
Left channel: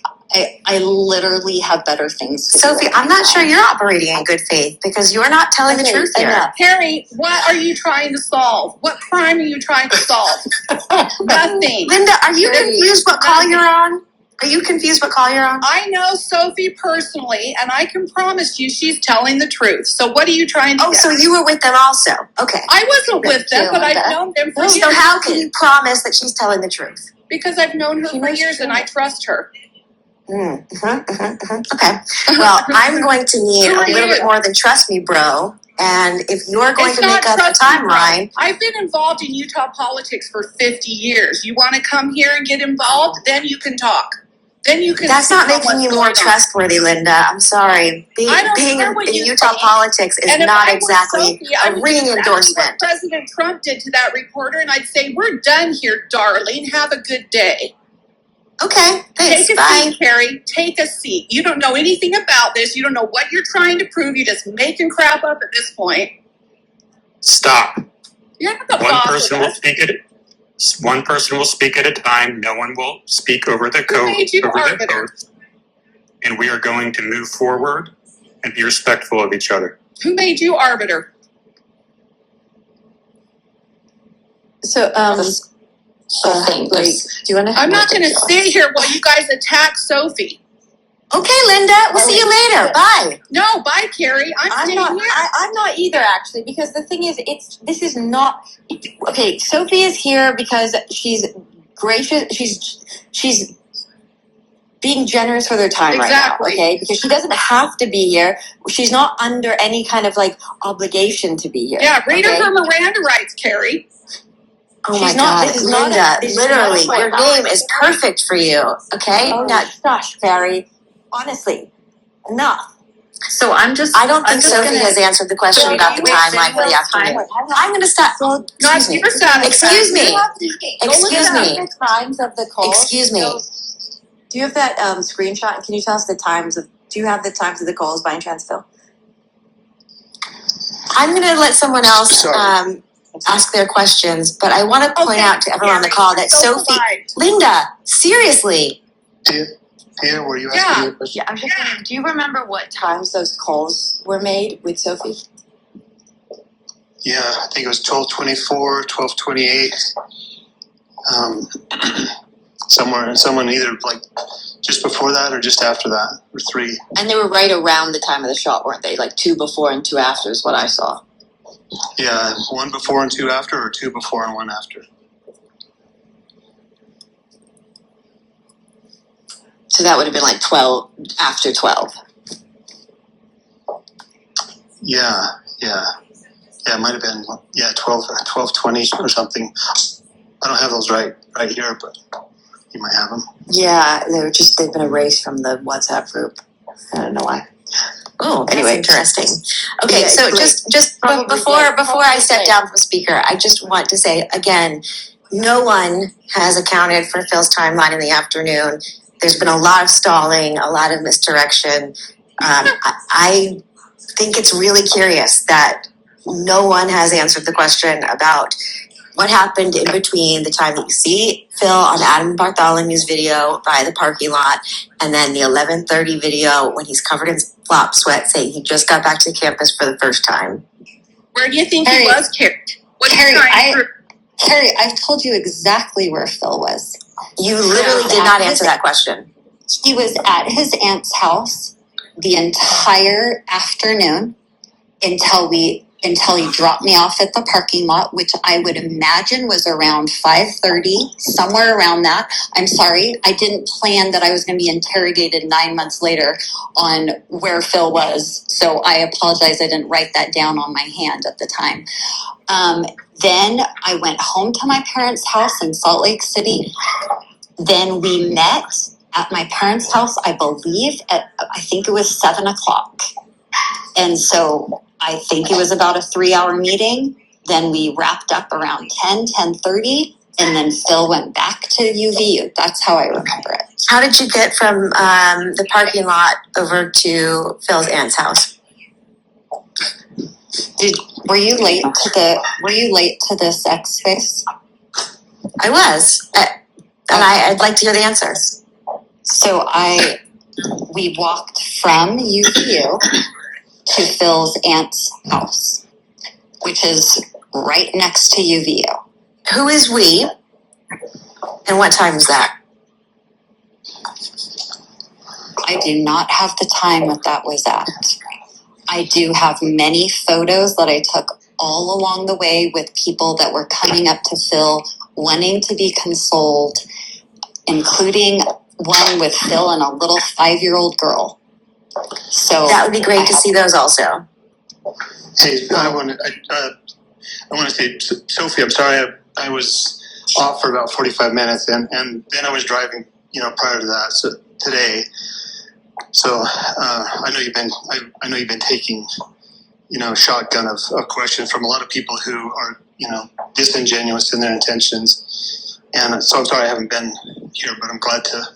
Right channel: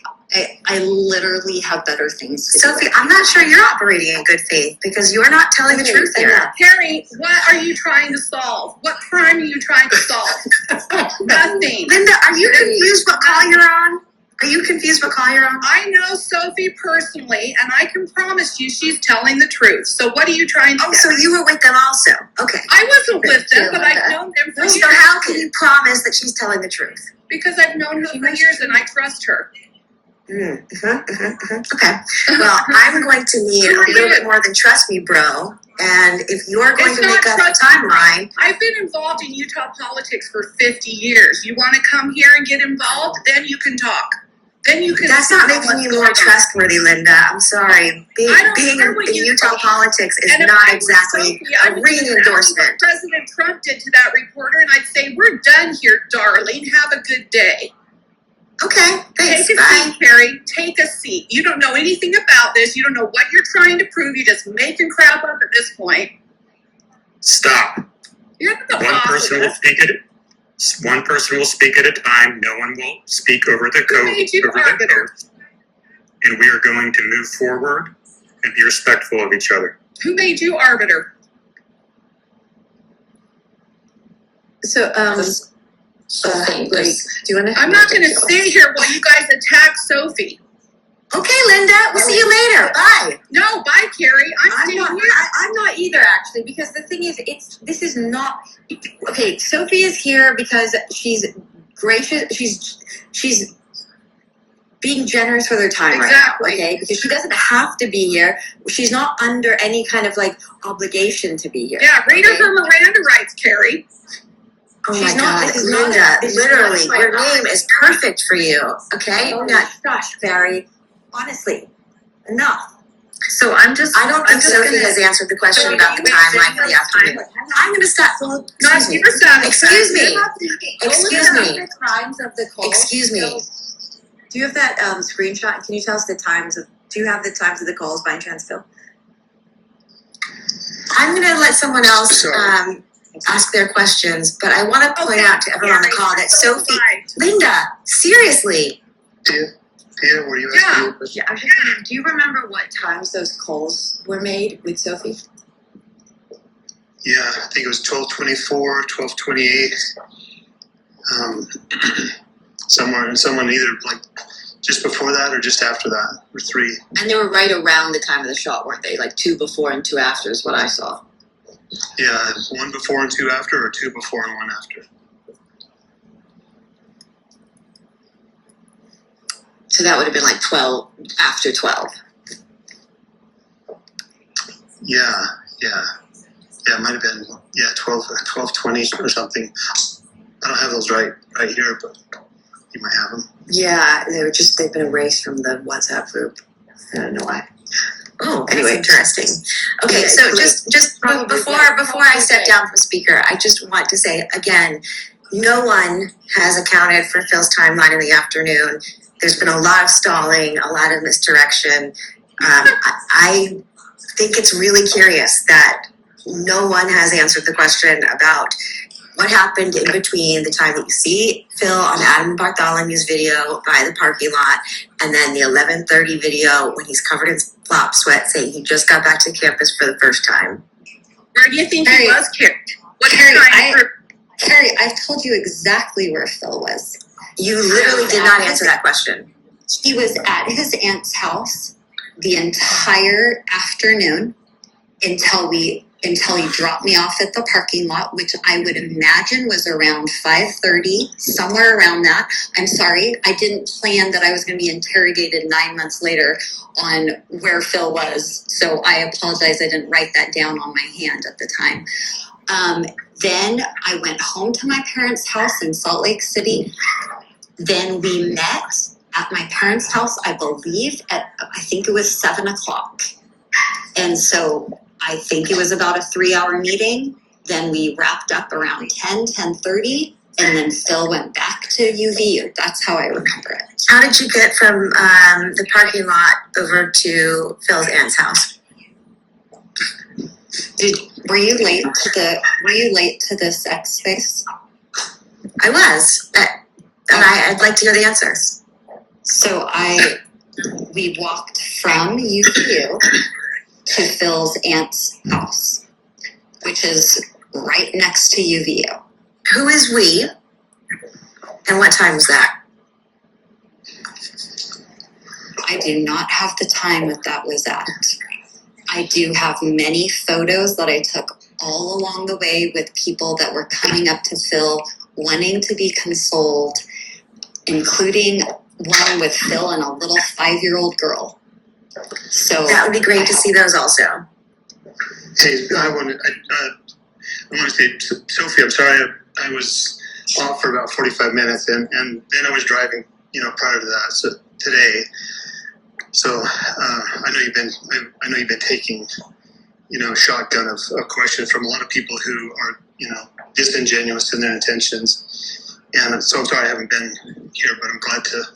I literally have better things to do. Sophie, I'm not sure you're operating in good faith because you're not telling the truth here. enough. Carrie, what are you trying to solve? What crime are you trying to solve? Nothing. Linda, are you confused what call you're on? Are you confused what call you're on? I know Sophie personally, and I can promise you she's telling the truth. So what are you trying to Oh, get? so you were with them also. Okay. I wasn't with them, you, but I've Linda. known them for So years. how can you promise that she's telling the truth? Because I've known her She for knows years she and I trust her. Okay. Well, I'm going to need Who a are little you? bit more than trust me, bro. And if you're going It's to make not up a trust me, timeline, I've been involved in Utah politics for 50 years. You want to come here and get involved? Then you can talk. Then you can. that's see not what's making you going more on. trustworthy, Linda. I'm sorry. I don't Being care in what you Utah think. politics is And if not I were exactly Sophie, I a would do ringing exactly endorsement. what President Trump did to that reporter, and I'd say, "We're done here, darling. Have a good day." Okay, thanks. Take a Bye. seat, Carrie. Take a seat. You don't know anything about this. You don't know what you're trying to prove. You're just making crap up at this point. Stop. You're not the One boss person of will us. speak at one person will speak at a time. No one will speak over the Who made you over the arbiter? oath. And we are going to move forward and be respectful of each other. Who made you arbiter? So, thing. like, do you want to? I'm not going to sit here while you guys attack Sophie. Okay, Linda. We'll see you later. Bye. No, bye, Carrie. I'm staying here. I'm not either, actually, because the thing is, this is not okay. Sophie is here because she's gracious. She's being generous with her time Exactly. right now. Okay, because she doesn't have to be here. She's not under any kind of like obligation to be here. Yeah, read her okay? her Miranda rights, Carrie. Oh She's my not- God, this is not Linda! this is Literally, not your my- name is perfect for you. Okay. Oh, Now, gosh, Barry. Honestly, enough. So I'm just. I don't think I'm just Sophie gonna- has answered the question So about you the make timeline for the videos afternoon. I'm going to stop. Well, Not excuse me. your satisfaction. Excuse me. Excuse me. The times of the calls. Excuse me. Do you have that screenshot? Can you tell us the times of? Do you have the times of the calls by any chance, Phil? I'm going to let someone else ask their questions, but I want to point out to everyone on the call that so Sophie, polite. Linda, seriously, Tia, were you Yeah. asking me a question? Yeah, I'm just wondering, do you remember what times those calls were made with Sophie? Yeah, I think it was 12:24, 12:28. Someone either like just before that or just after that, or 3. And they were right around the time of the shot, weren't they? Like 2 before and 2 after is what I saw. Yeah, 1 before and 2 after, or 2 before and 1 after. So that would have been like 12, after 12. Yeah. It might have been 12:20 or something. I don't have those right here, but you might have them. Yeah, they've been erased from the WhatsApp group. I don't know why. Oh, Anyway, interesting. Okay, Yeah, so great. just Probably before I step down from speaker, I just want to say again, no one has accounted for Phil's timeline in the afternoon. There's been a lot of stalling, a lot of misdirection. I think it's really curious that no one has answered the question about what happened in between the time that you see Phil on Adam Bartholomew's video by the parking lot and then the 11:30 video when he's covered in flop sweat saying he just got back to campus for the first time. Where do you think Carrie, he was, Carrie? Carrie, I've told you exactly where Phil was. You literally did not answer that question. He was at his aunt's house the entire afternoon until he dropped me off at the parking lot, which I would imagine was around 5:30, somewhere around that. I'm sorry, I didn't plan that I was going to be interrogated 9 months later on where Phil was. So I apologize, I didn't write that down on my hand at the time. Then I went home to my parents' house in Salt Lake City. Then we met at my parents' house, I believe, I think it was 7 o'clock. And so I think it was about a 3-hour meeting. Then we wrapped up around 10:30, and then Phil went back to UVU. That's how I remember it. How did you get from the parking lot over to Phil's aunt's house? Were you late to this X Space? I was, and I'd like to hear the answers. So we walked from UVU to Phil's aunt's house, which is right next to UVU. Who is we? And what time was that? I do not have the time that was at. I do have many photos that I took all along the way with people that were coming up to Phil wanting to be consoled, including one with Phil and a little 5-year-old girl. So that would be great to see those also. Hey, I want to say, Sophie, I'm sorry I was off for about 45 minutes, and then I was driving, prior to that. So today, I know you've been taking, shotgun of questions from a lot of people who are, disingenuous in their intentions, and so I'm sorry I haven't been here, but I'm glad to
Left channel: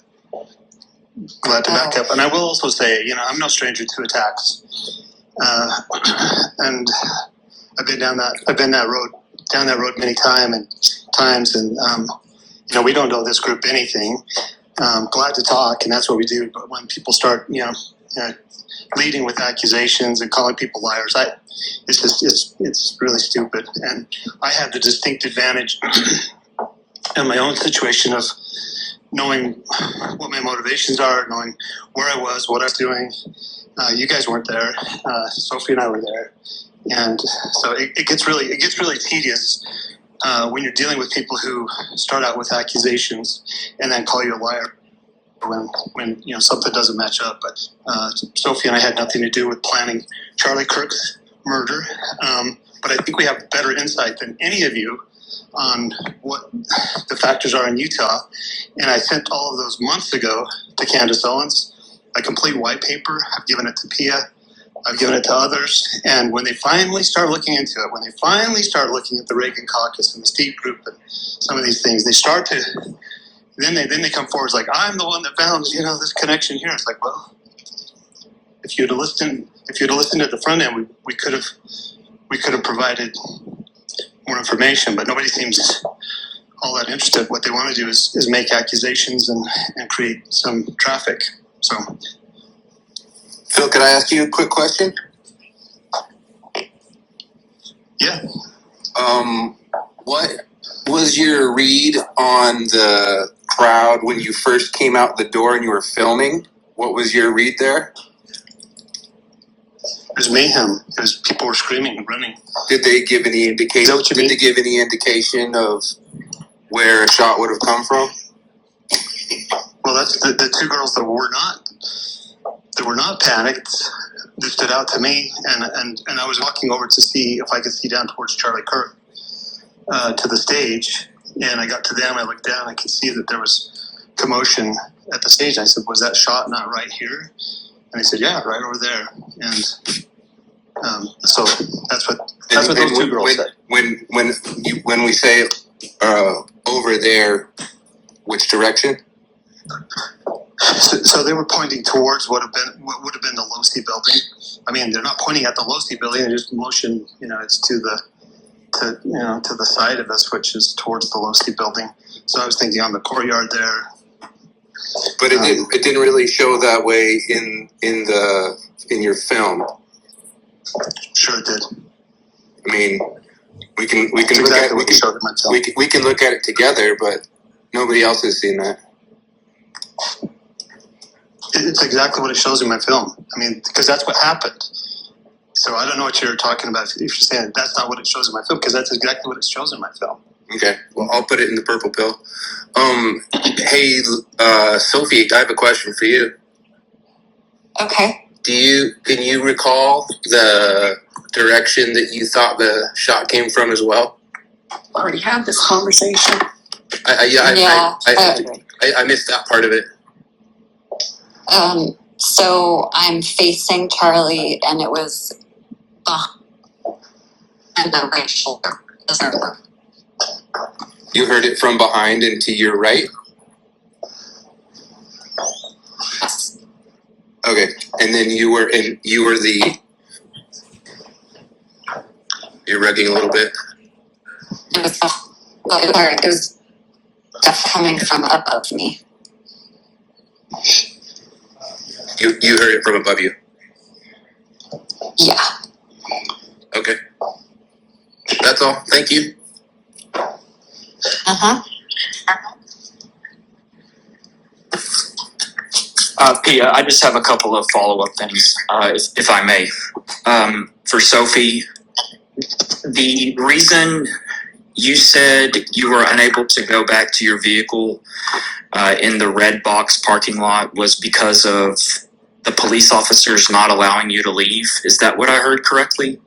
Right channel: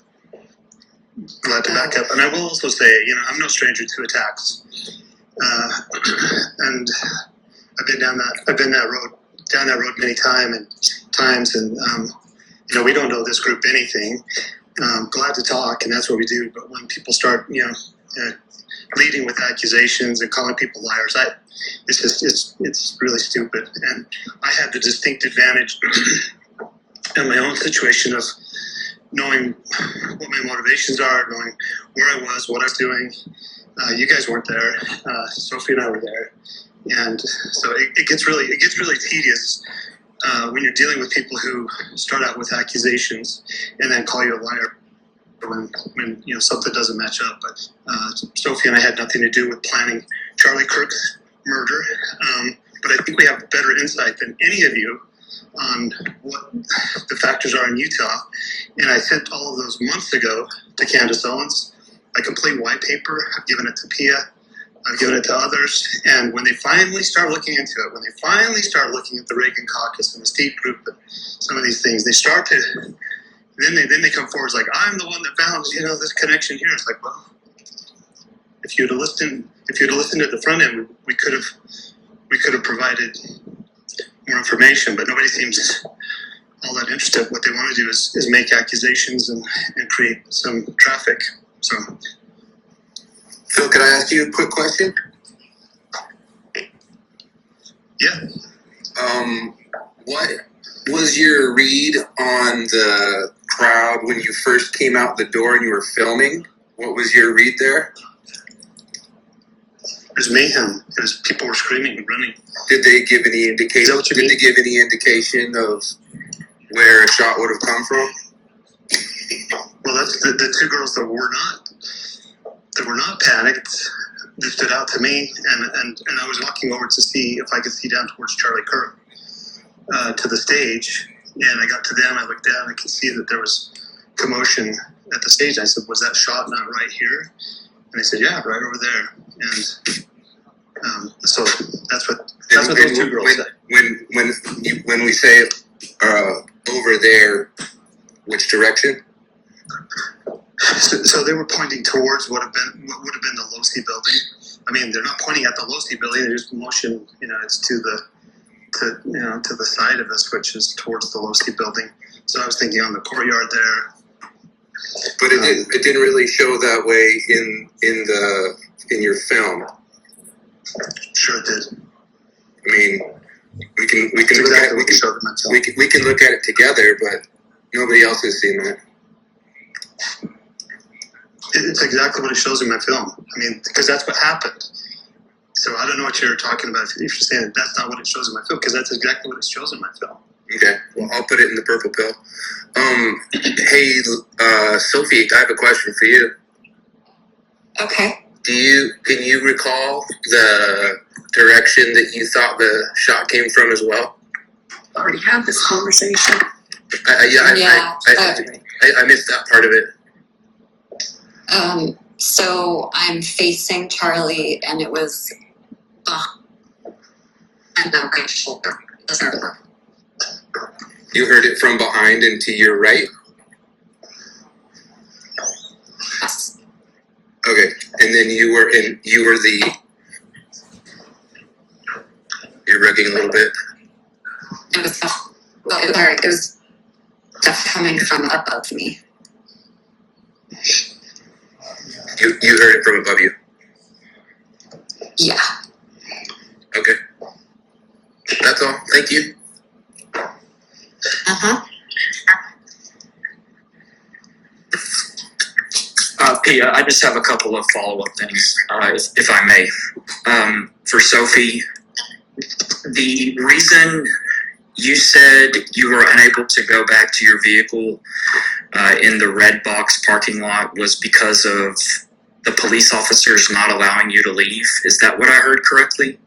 back up. And I will also say, I'm no stranger to attacks, and I've been down that road many times, and we don't owe this group anything. Glad to talk, and that's what we do. But when people start, leading with accusations and calling people liars, it's really stupid. And I had the distinct advantage in my own situation of knowing what my motivations are, knowing where I was, what I was doing. You guys weren't there. Sophie and I were there, and so it gets really tedious when you're dealing with people who start out with accusations and then call you a liar when something doesn't match up. But Sophie and I had nothing to do with planning Charlie Kirk's murder. But I think we have better insight than any of you on what the factors are in Utah. And I sent all of those months ago to Candace Owens, a complete white paper. I've given it to Pia. I've given it to others. And when they finally start looking into it, when they finally start looking at the Reagan caucus and the State group and some of these things, they start to, then they come forward like, I'm the one that found, this connection here. It's like, well, if you'd have listened at the front end, we could have provided more information, but nobody seems all that interested. What they want to do is make accusations and create some traffic. So, Phil, could I ask you a quick question? Yeah. What was your read on the crowd when you first came out the door and you were filming? What was your read there? It was mayhem. It was people were screaming and running. Did they give any indication? Is that what you mean? Did they give any indication of where a shot would have come from? Well, that's the two girls that were not panicked. They stood out to me, and I was walking over to see if I could see down towards Charlie Kirk to the stage, and I got to them. I looked down. I could see that there was commotion at the stage. I said, "Was that shot not right here?" And they said, "Yeah, right over there." And so that's what those two girls said. When we say over there, which direction? So they were pointing towards what would have been the Losi building. I mean, they're not pointing at the Losi building. They're just motion. It's to the side of us, which is towards the Losi building. So I was thinking on the courtyard there. But it didn't really show that way in your film. Sure it did. I mean, we can look at it. We can look at it together, but nobody else has seen that. It's exactly what it shows in my film. I mean, because that's what happened. So I don't know what you're talking about if you're saying that that's not what it shows in my film, because that's exactly what it shows in my film. Okay, well, I'll put it in the purple pill. Hey, Sophie, I have a question for you. Okay. Can you recall the direction that you thought the shot came from as well? Already had this conversation. I missed that part of it. So I'm facing Charlie, and it was behind the right shoulder. You heard it from behind and to your right? Yes. Okay, and then you're rugging a little bit? It was coming from above me. You heard it from above you? Yeah. Okay. That's all. Thank you. Uh-huh. Pia, I just have a couple of follow-up things, if I may. For Sophie, the reason you said you were unable to go back to your vehicle in the red box parking lot was because of the police officers not allowing you to leave. Is that what I heard correctly?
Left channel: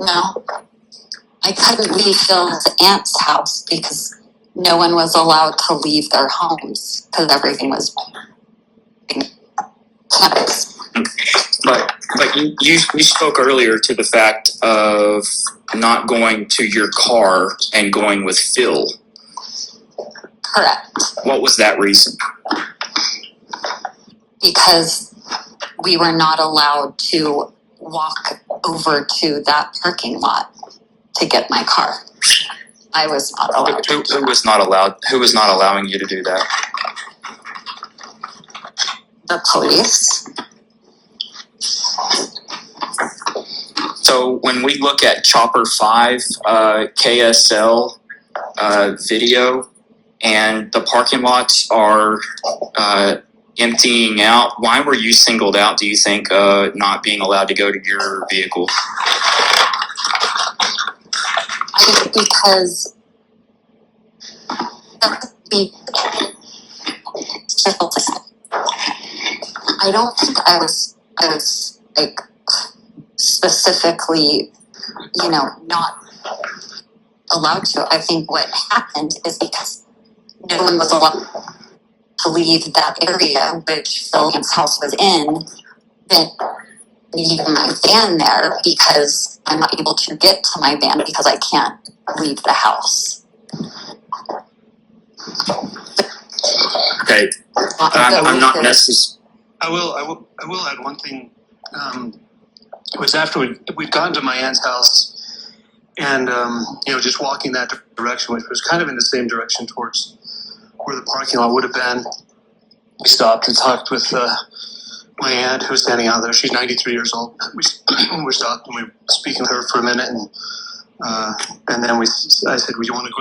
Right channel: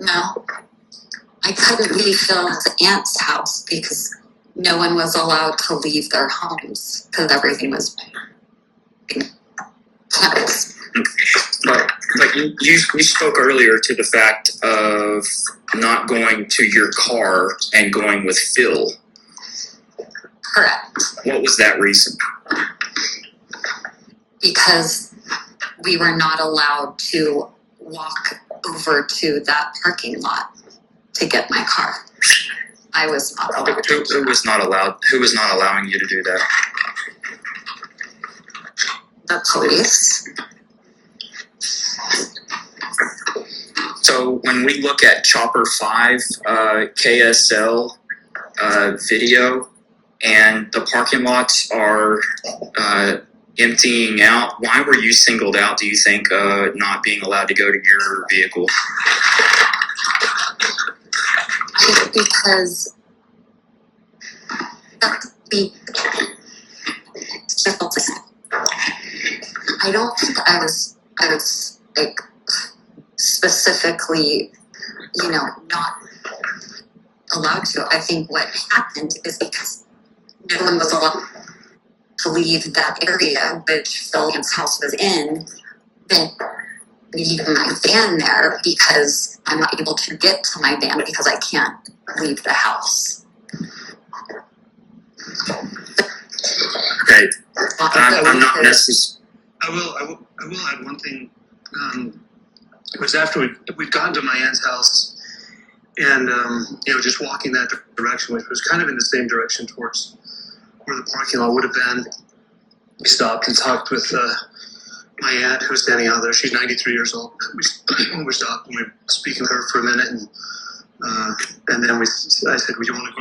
No. I couldn't leave Phil's aunt's house because no one was allowed to leave their homes because everything was closed. But you spoke earlier to the fact of not going to your car and going with Phil. Correct. What was that reason? Because we were not allowed to walk over to that parking lot to get my car. I was not allowed. Who was not allowed? Who was not allowing you to do that? The police. So when we look at Chopper 5 KSL video and the parking lots are emptying out, why were you singled out, do you think, not being allowed to go to your vehicle? Because I don't think I was like specifically, not allowed to. I think what happened is because no one was allowed to leave that area, which Phil's house was in, then leaving my van there because I'm not able to get to my van because I can't leave the house. Okay, I'm not necessarily. I will add one thing. It was after we'd gotten to my aunt's house, and just walking that direction, which was kind of in the same direction towards where the parking lot would have been. We stopped and talked with my aunt, who was standing out there. She's 93 years old. We stopped and we were speaking with her for a minute, and then I said, "Well, you want to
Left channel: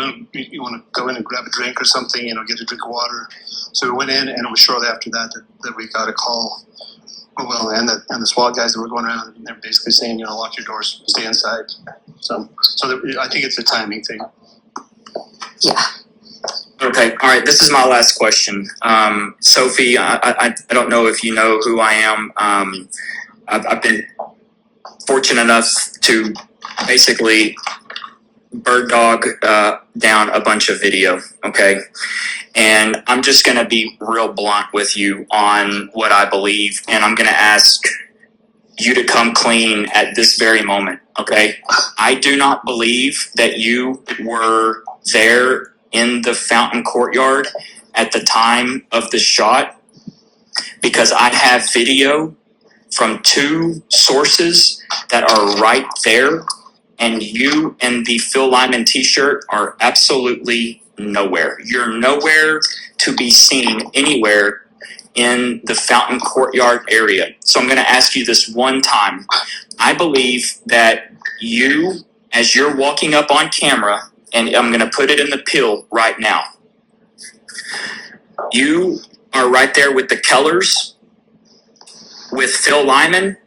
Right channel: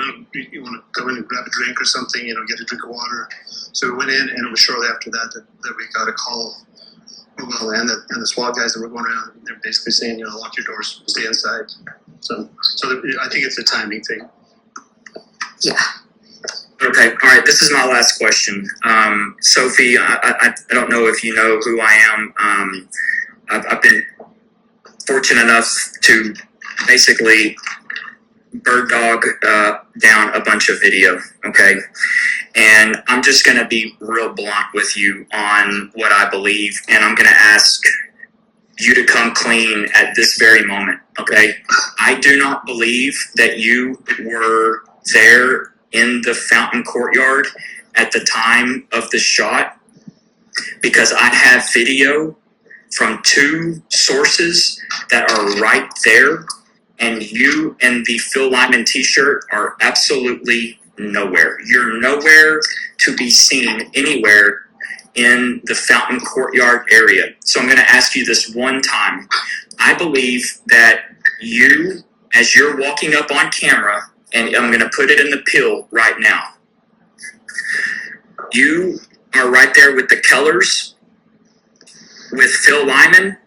go in and grab a drink or something? Get a drink of water." So we went in, and it was shortly after that we got a call. Well, and the SWAT guys that were going around, they're basically saying, lock your doors, stay inside. So I think it's a timing thing. Yeah. Okay, all right. This is my last question. Sophie, I don't know if you know who I am. I've been fortunate enough to basically bird dog down a bunch of video, okay? And I'm just going to be real blunt with you on what I believe, and I'm going to ask you to come clean at this very moment, okay? I do not believe that you were there in the fountain courtyard at the time of the shot, because I have video from 2 sources that are right there, and you and the Phil Lyman t-shirt are absolutely nowhere. You're nowhere to be seen anywhere in the fountain courtyard area. So I'm going to ask you this one time. I believe that you, as you're walking up on camera, and I'm going to put it in the pill right now, you are right there with the Kellers, with Phil Lyman.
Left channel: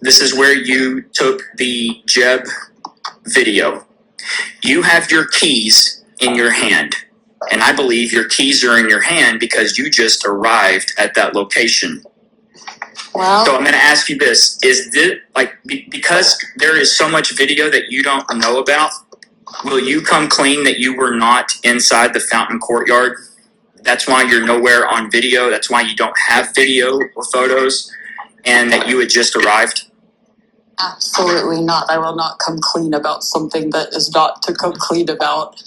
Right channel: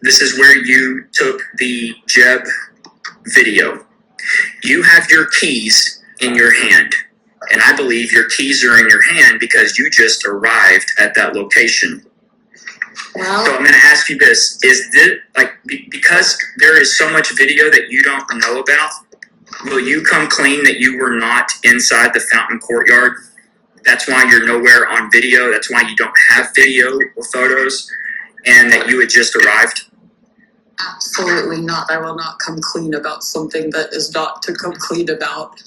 This is where you took the Jeb video. You have your keys in your hand, and I believe your keys are in your hand because you just arrived at that location. Well, So I'm going to ask you this: is this because there is so much video that you don't know about? Will you come clean that you were not inside the fountain courtyard? That's why you're nowhere on video. That's why you don't have video or photos, and that you had just arrived. Absolutely not. I will not come clean about something that is not to come clean about.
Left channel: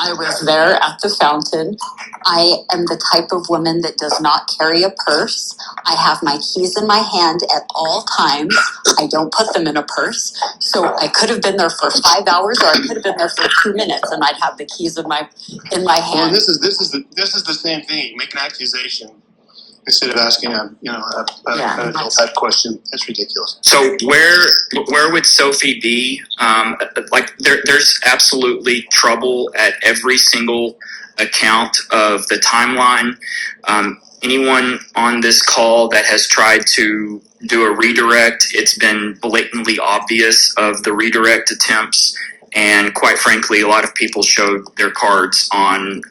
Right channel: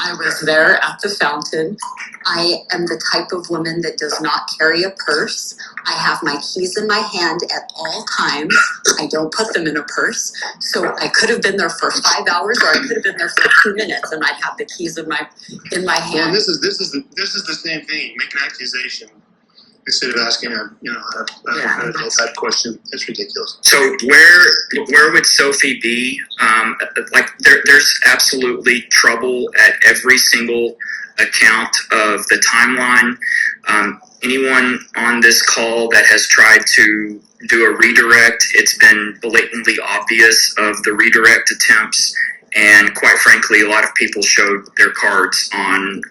I was there at the fountain. I am the type of woman that does not carry a purse. I have my keys in my hand at all times. I don't put them in a purse. So I could have been there for 5 hours, or I could have been there for 2 minutes, and I'd have the keys in my hand. Well, this is the same thing. You make an accusation instead of asking a medical type question. It's ridiculous. So where would Sophie be? There's absolutely trouble at every single account of the timeline. Anyone on this call that has tried to do a redirect, it's been blatantly obvious of the redirect attempts. And quite frankly, a lot of people showed their cards on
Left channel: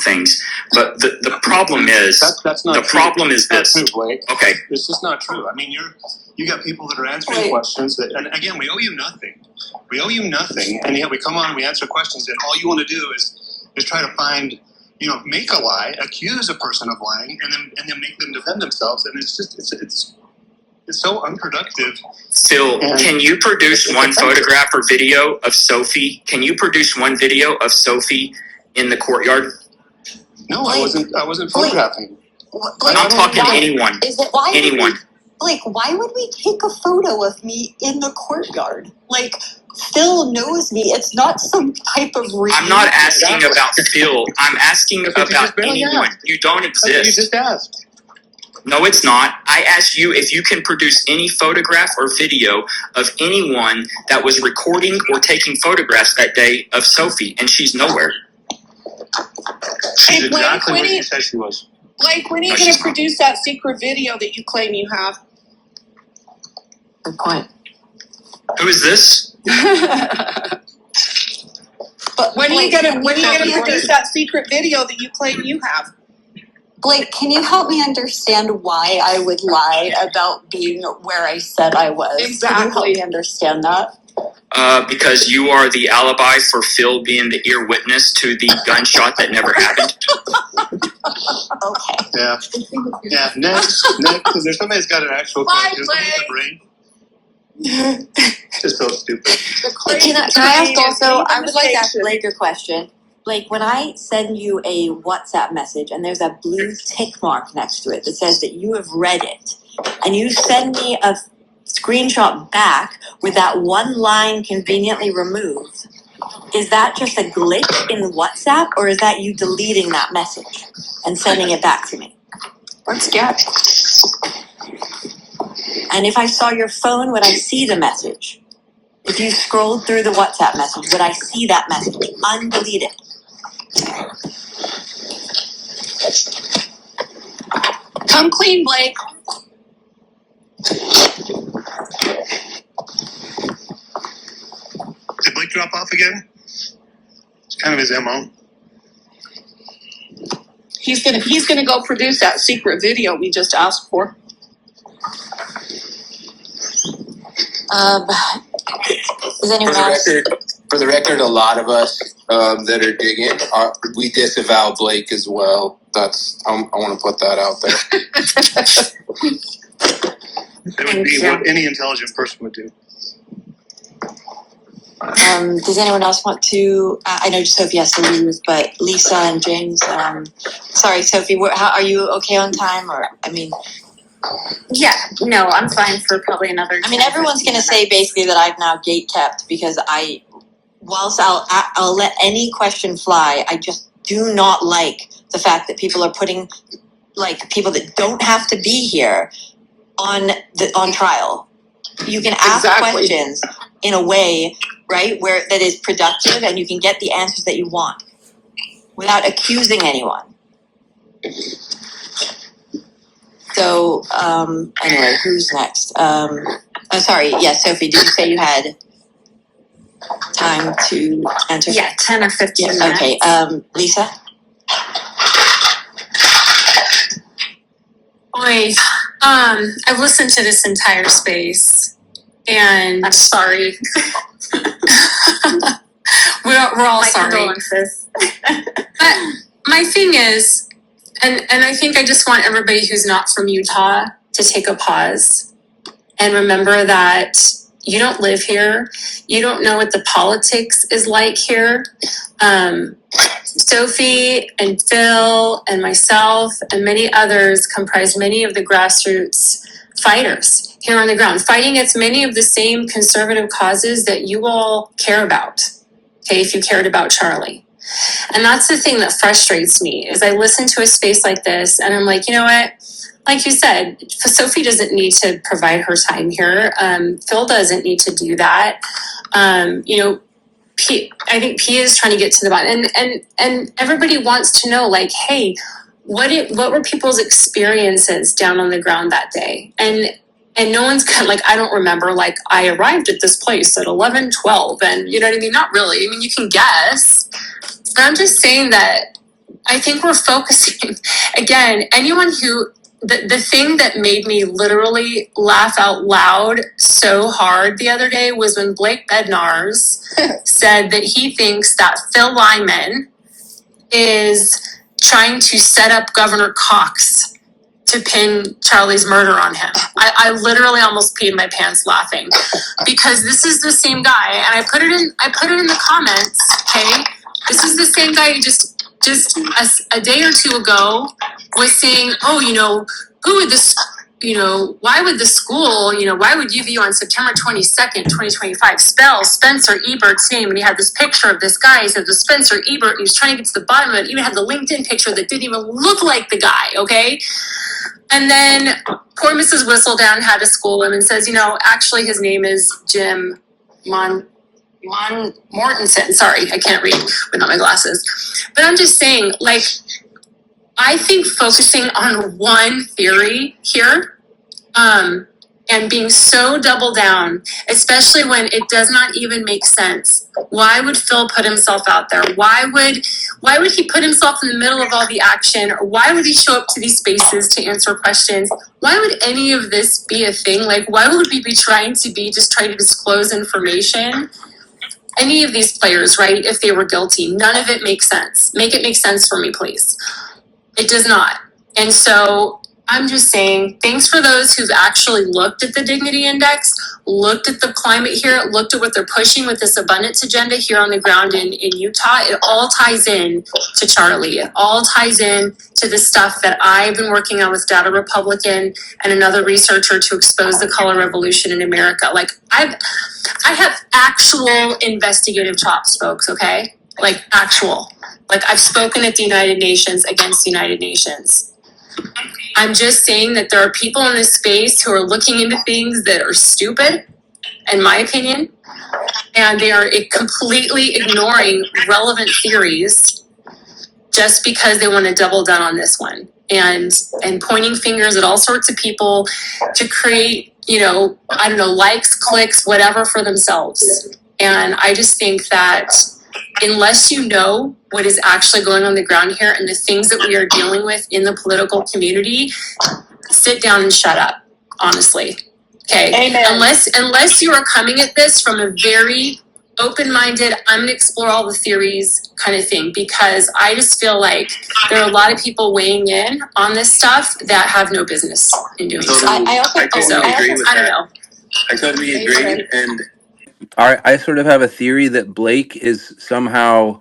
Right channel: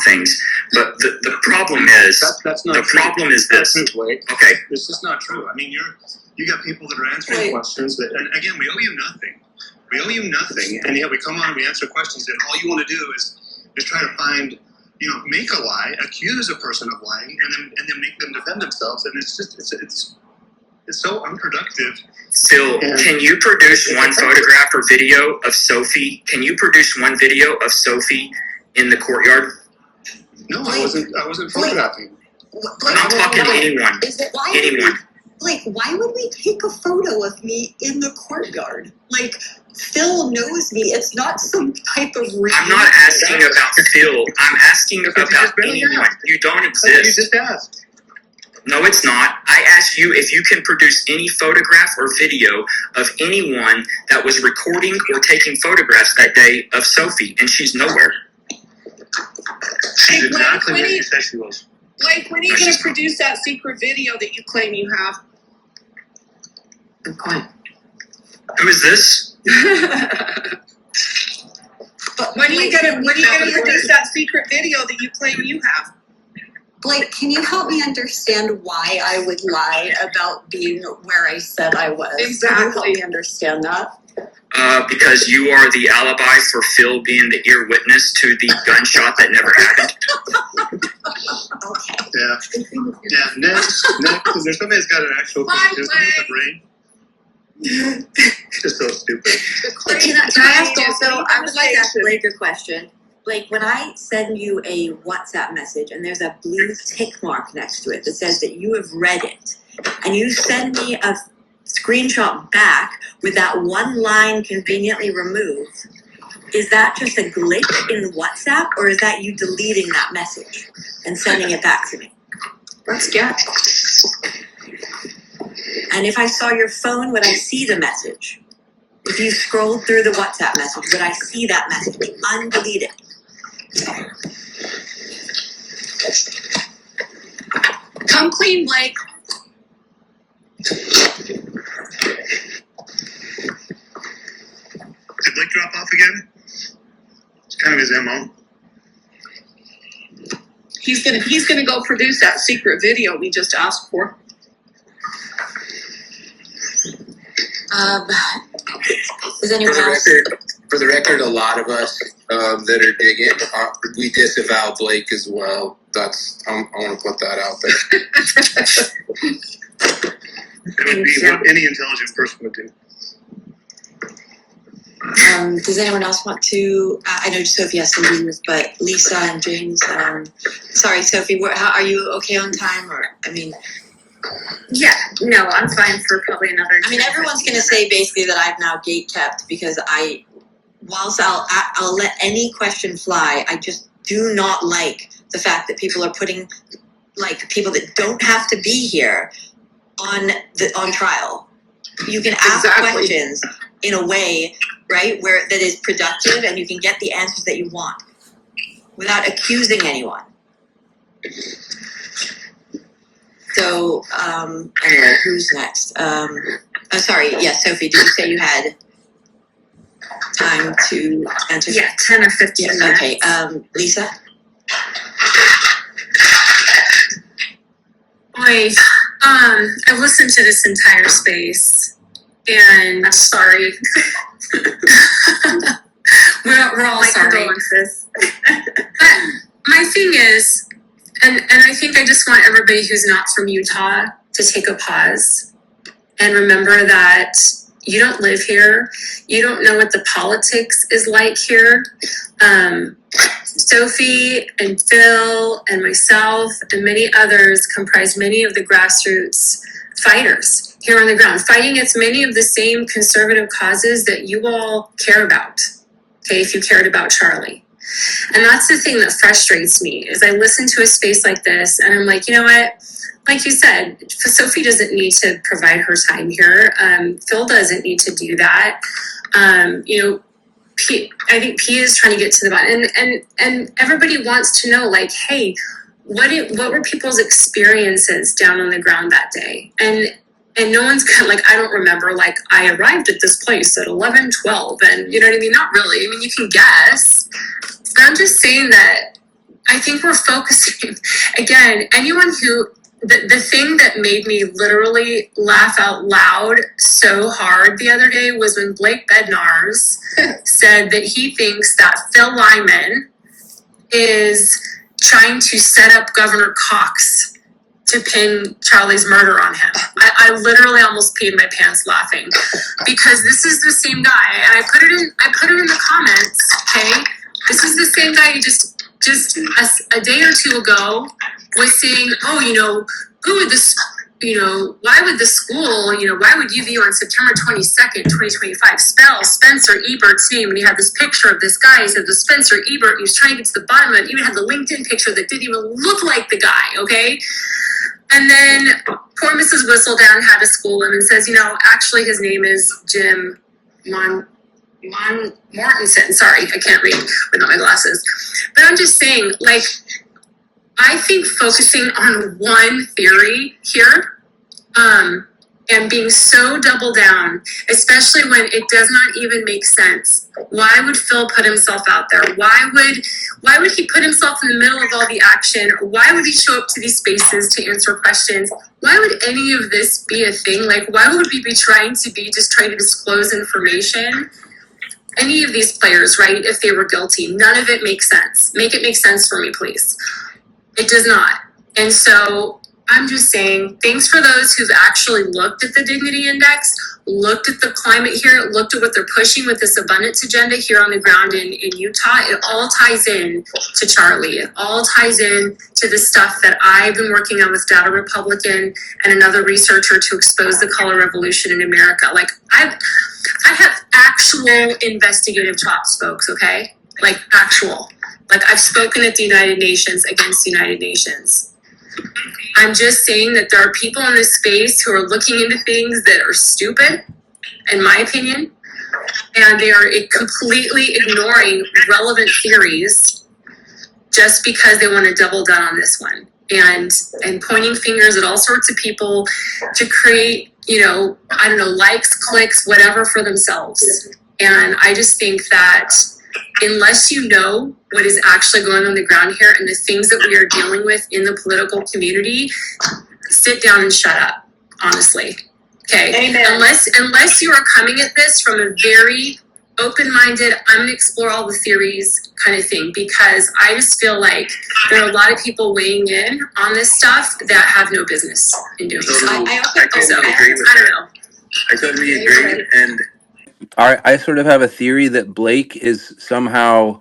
things. But the problem is that's not the true. problem is That's this. not true, Blake. Okay. It's just not true. I mean, you got people that are answering questions that, and again, we owe you nothing. We owe you nothing, and yet we come on and we answer questions, and all you want to do is try to find, make a lie, accuse a person of lying, and then make them defend themselves, and it's just it's so unproductive. Phil, can you produce one photograph or video of Sophie? Can you produce one video of Sophie in the courtyard? No, I wasn't photographing. I'm talking to anyone. Anyone. Blake, why would we take a photo of me in the courtyard? Like, Phil knows me. It's not some type of reason. I'm not asking about Phil. I'm asking about anyone. You don't exist. You just asked. No, it's not. I asked you if you can produce any photograph or video of anyone that was recording or taking photographs that day of Sophie, and she's nowhere. She's exactly where you said she was. Like, when are you going to produce that secret video that you claim you have? Good point. Who is this? But when are you going to produce that secret video that you claim you have? Blake, can you help me understand why I would lie about being where I said I was? Exactly. Can you help me understand that? Because you are the alibi for Phil being the ear witness to the gunshot that never happened. Okay. Yeah. Next, because there's somebody that's got an actual question with the brain. Just so stupid. Can I ask also? I would like to ask Blake a question. Blake, when I send you a WhatsApp message and there's a blue tick mark next to it that says that you have read it, and you send me a screenshot back with that one line conveniently removed, is that just a glitch in WhatsApp, or is that you deleting that message and sending it back to me? Let's get. And if I saw your phone, would I see the message? If you scrolled through the WhatsApp message, would I see that message undeleted? Come clean, Blake. Did Blake drop off again? It's kind of his MO. He's gonna go produce that secret video we just asked for. Does anyone else? For the record, a lot of us that are digging, we disavow Blake as well. I want to put that out there. That would be what any intelligent person would do. Does anyone else want to? I know Sophie has to leave, but Lisa and James. Sorry, Sophie. How are you? Okay on time? Or Yeah, no, I'm fine for probably another. Everyone's going to say basically that I've now gate kept because whilst I'll let any question fly, I just do not like the fact that people are putting people that don't have to be here on trial. You can ask questions in a way, right, where that is productive and you can get the answers that you want without accusing anyone. So, anyway, who's next? Sorry. Yeah, Sophie, did you say you had time to answer? Yeah, 10 or 15 minutes. Okay, Lisa? I've listened to this entire space, and I'm sorry. we're all my sorry. Condolences. But my thing is, and I think I just want everybody who's not from Utah to take a pause and remember that you don't live here. You don't know what the politics is like here. Sophie and Phil and myself and many others comprise many of the grassroots fighters here on the ground, fighting against many of the same conservative causes that you all care about, okay, if you cared about Charlie. And that's the thing that frustrates me, is I listen to a space like this and I'm like, you know what? Like you said, Sophie doesn't need to provide her time here. Phil doesn't need to do that. I think P is trying to get to the bottom, and everybody wants to know, like, hey, what were people's experiences down on the ground that day? And no one's I don't remember, I arrived at this place at 11:12, and you know what I mean? Not really. I mean, you can guess. But I'm just saying that I think we're focusing, again, anyone who, the thing that made me literally laugh out loud so hard the other day was when Blake Bednarz said that he thinks that Phil Lyman is trying to set up Governor Cox to pin Charlie's murder on him. I literally almost peed my pants laughing because this is the same guy, and I put it in the comments, okay? This is the same guy who just a day or two ago was saying, who would this, why would the school, why would UVU on September 22nd, 2025 spell Spencer Ebert's name? And he had this picture of this guy. He said, the Spencer Ebert, he was trying to get to the bottom of it. Even had the LinkedIn picture that didn't even look like the guy, okay? And then poor Mrs. Whistledown had to school him and says, actually his name is Jim Mortensen. Sorry, I can't read without my glasses. But I'm just saying, I think focusing on one theory here, and being so double down, especially when it does not even make sense. Why would Phil put himself out there? Why would he put himself in the middle of all the action? Or why would he show up to these spaces to answer questions? Why would any of this be a thing? Why would we be trying to disclose information? Any of these players, right, if they were guilty, none of it makes sense. Make it make sense for me, please. It does not. And so I'm just saying, thanks for those who've actually looked at the Dignity Index, looked at the climate here, looked at what they're pushing with this abundance agenda here on the ground in Utah. It all ties in to Charlie. It all ties in to the stuff that I've been working on with Data Republican and another researcher to expose the color revolution in America. I have actual investigative chops, folks, okay? Actual. I've spoken at the United Nations against the United Nations. I'm just saying that there are people in this space who are looking into things that are stupid, in my opinion, and they are completely ignoring relevant theories just because they want to double down on this one and pointing fingers at all sorts of people to create, likes, clicks, whatever for themselves. And I just think that unless you know what is actually going on the ground here and the things that we are dealing with in the political community, sit down and shut up, honestly. Okay. Amen. Unless you are coming at this from a very open-minded, I'm going to explore all the theories kind of thing, because I just feel like there are a lot of people weighing in on this stuff that have no business in doing so. I don't know. I totally agree. And I sort of have a theory that Blake is somehow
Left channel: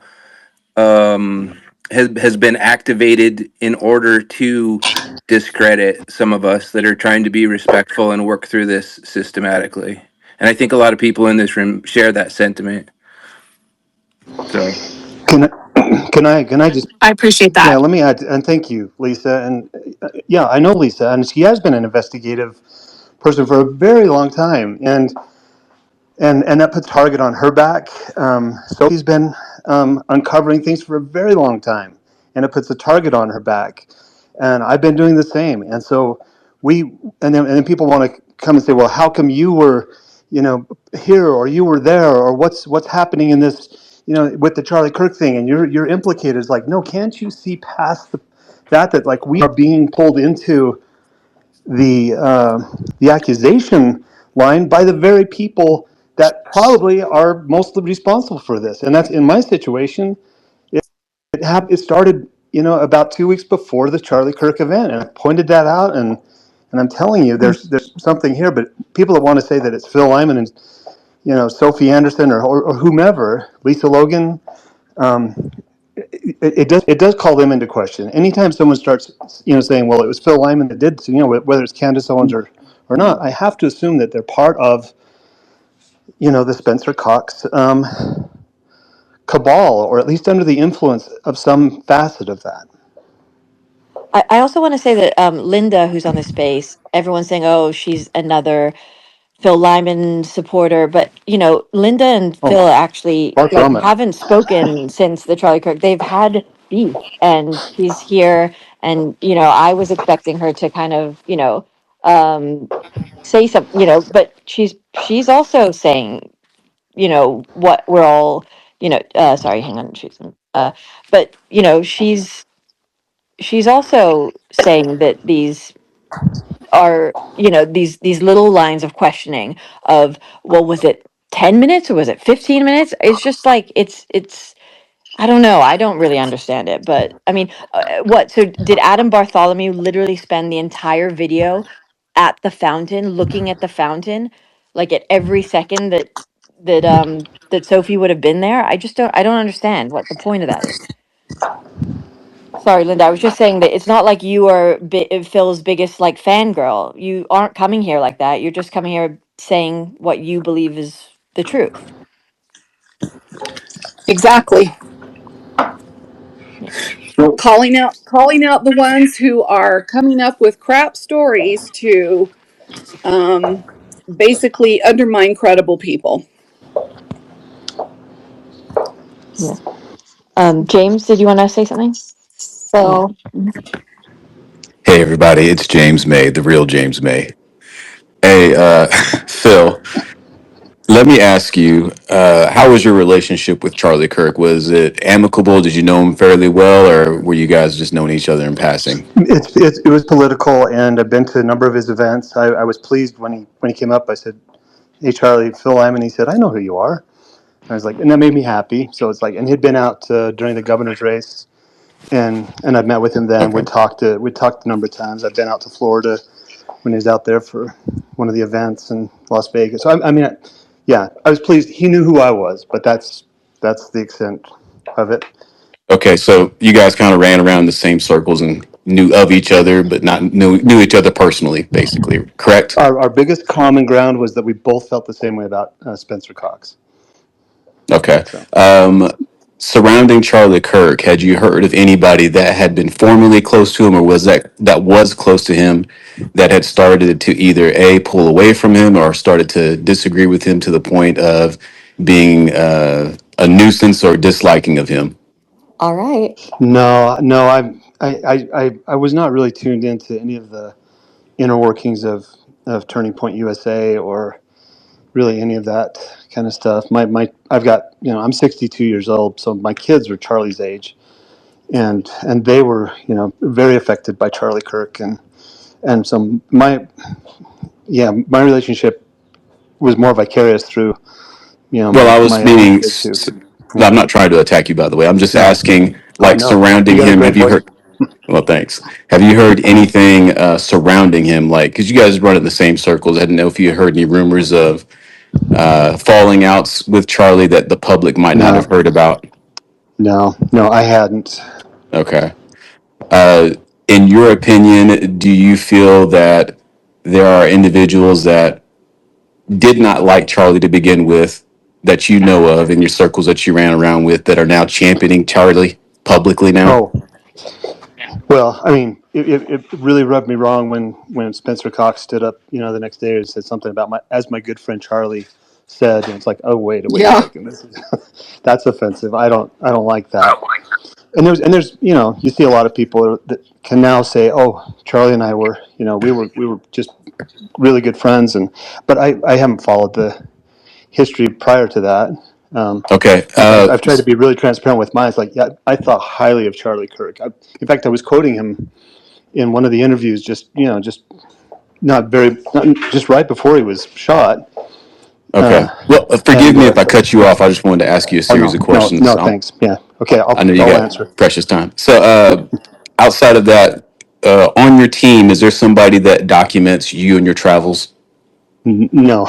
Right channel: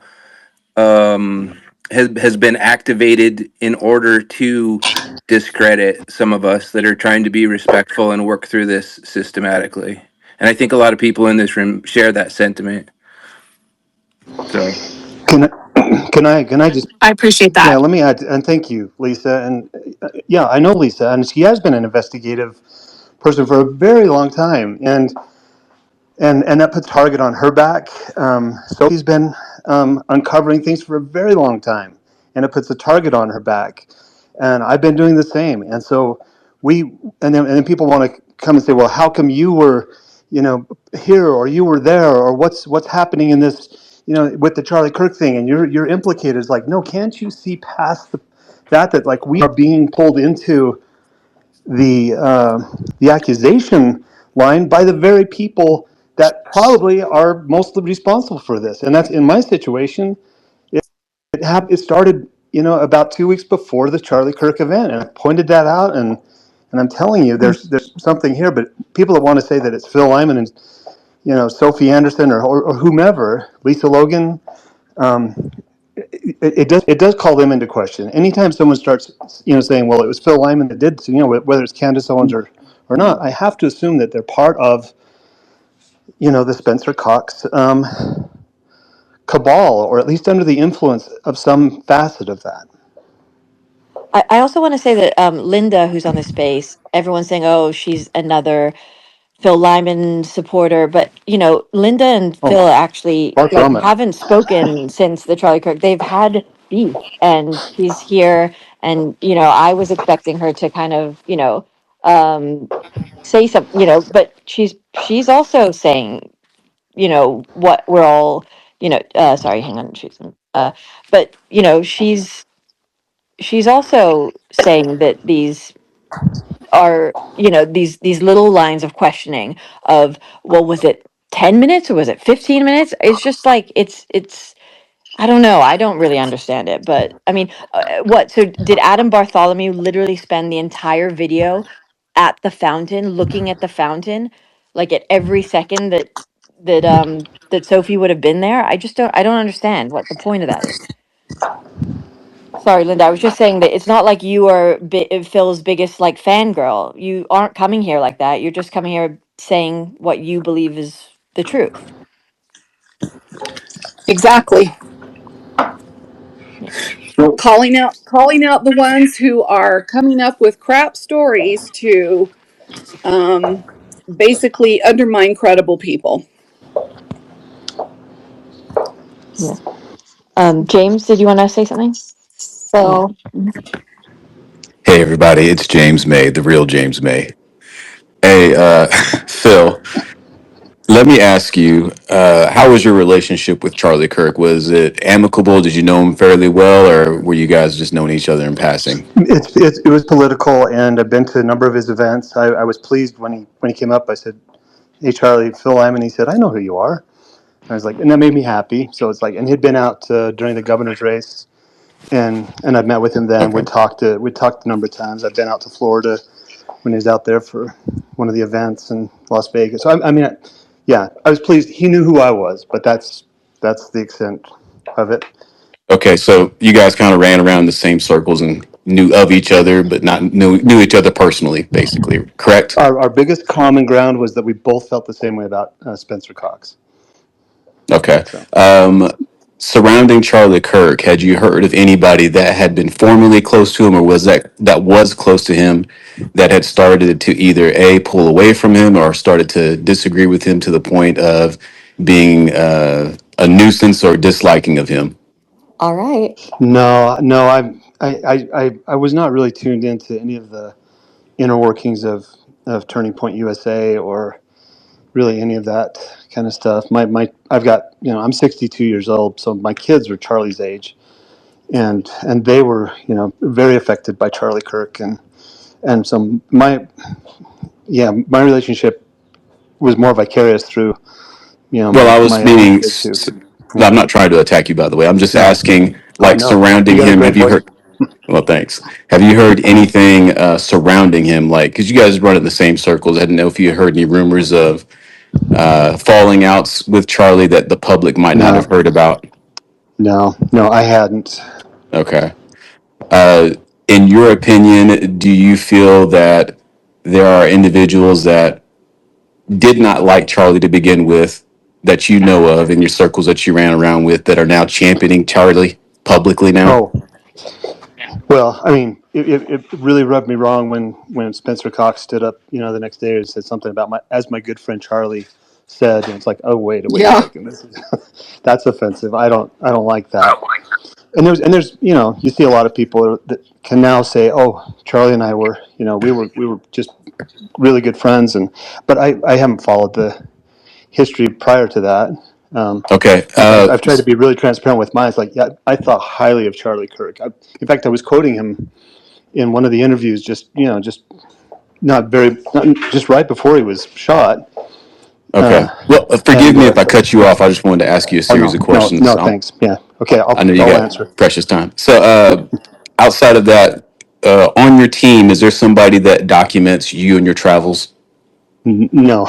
has been activated in order to discredit some of us that are trying to be respectful and work through this systematically. And I think a lot of people in this room share that sentiment. So Can I just? I appreciate that. Yeah, let me add, and thank you, Lisa. And yeah, I know Lisa, and she has been an investigative person for a very long time, and that puts target on her back. Sophie's been uncovering things for a very long time, and it puts a target on her back. And I've been doing the same. And so and then people want to come and say, well, how come you were, here, or you were there, or what's happening in this, with the Charlie Kirk thing, and you're implicated. It's like, no, can't you see past that like we are being pulled into the accusation line by the very people that probably are mostly responsible for this. And that's in my situation. It started, about 2 weeks before the Charlie Kirk event, and I pointed that out. And I'm telling you, there's something here. But people that want to say that it's Phil Lyman and Sophie Anderson or whomever, Lisa Logan. It does call them into question. Anytime someone starts, saying, well, it was Phil Lyman that did, whether it's Candace Owens or not, I have to assume that they're part of, the Spencer Cox cabal, or at least under the influence of some facet of that. I also want to say that Linda, who's on the space, everyone's saying, oh, she's another Phil Lyman supporter, but Linda and Phil actually Far from it. haven't spoken since the Charlie Kirk. They've had beef, and she's here, and I was expecting her to kind of say something, but she's also saying what we're all sorry, hang on, but she's also saying that these are these little lines of questioning of, well, was it 10 minutes or was it 15 minutes? It's just like it's I don't know, I don't really understand it. But I mean, what, so did Adam Bartholomew literally spend the entire video at the fountain, looking at the fountain, like at every second that Sophie would have been there? I don't understand what the point of that is. Sorry, Linda. I was just saying that it's not like you are Phil's biggest like fangirl. You aren't coming here like that. You're just coming here saying what you believe is the truth. Exactly. Calling out the ones who are coming up with crap stories to basically undermine credible people. Yeah. James, did you want to say something? So. Hey everybody, it's James May, the real James May. Hey, Phil, let me ask you, how was your relationship with Charlie Kirk? Was it amicable? Did you know him fairly well, or were you guys just knowing each other in passing? It was political, and I've been to a number of his events. I was pleased when he came up. I said, hey, Charlie, Phil Lyman. He said, I know who you are. I was like, and that made me happy. So it's like, and he'd been out during the governor's race, and I'd met with him then. We talked a number of times. I've been out to Florida when he was out there for one of the events in Las Vegas. So I was pleased. He knew who I was, but that's the extent of it. Okay, so you guys kind of ran around the same circles and knew of each other, but not knew each other personally, basically, correct? Our biggest common ground was that we both felt the same way about Spencer Cox. Okay. Surrounding Charlie Kirk, had you heard of anybody that had been formerly close to him, or was that was close to him, that had started to either pull away from him or started to disagree with him to the point of being a nuisance or disliking of him? All right. No, I was not really tuned into any of the inner workings of Turning Point USA or really any of that kind of stuff. I've got, I'm 62 years old, so my kids are Charlie's age, and they were, very affected by Charlie Kirk, and so my relationship was more vicarious through, Well, I was my own meaning, kids too. I'm not trying to attack you, by the way. I'm just No, asking, I like, know you surrounding got a him. great Have you voice. heard? Well, thanks. Have you heard anything surrounding him? Like, because you guys run in the same circles. I didn't know if you heard any rumors of falling outs with Charlie that the public might not have No, heard about. no, I hadn't. Okay. In your opinion, do you feel that there are individuals that did not like Charlie to begin with, that you know of in your circles that you ran around with, that are now championing Charlie publicly now? Oh, well, I mean, it really rubbed me wrong when Spencer Cox stood up, the next day and said something about as my good friend Charlie said, and it's like, oh wait a Yeah. second, this is, that's offensive. I don't like that. And there's you see a lot of people that can now say, oh, Charlie and I were, we were just really good friends, but I haven't followed the history prior to that. Okay. I've tried to be really transparent with mine. It's like, yeah, I thought highly of Charlie Kirk. In fact, I was quoting him in one of the interviews, just just right before he was shot. Okay. Well, forgive And me if I cut you off. I just wanted to ask you a oh series of no, questions. thanks. Yeah, okay, I know you I'll got answer. precious time. So, outside of that, on your team, is there somebody that documents you and your travels? No,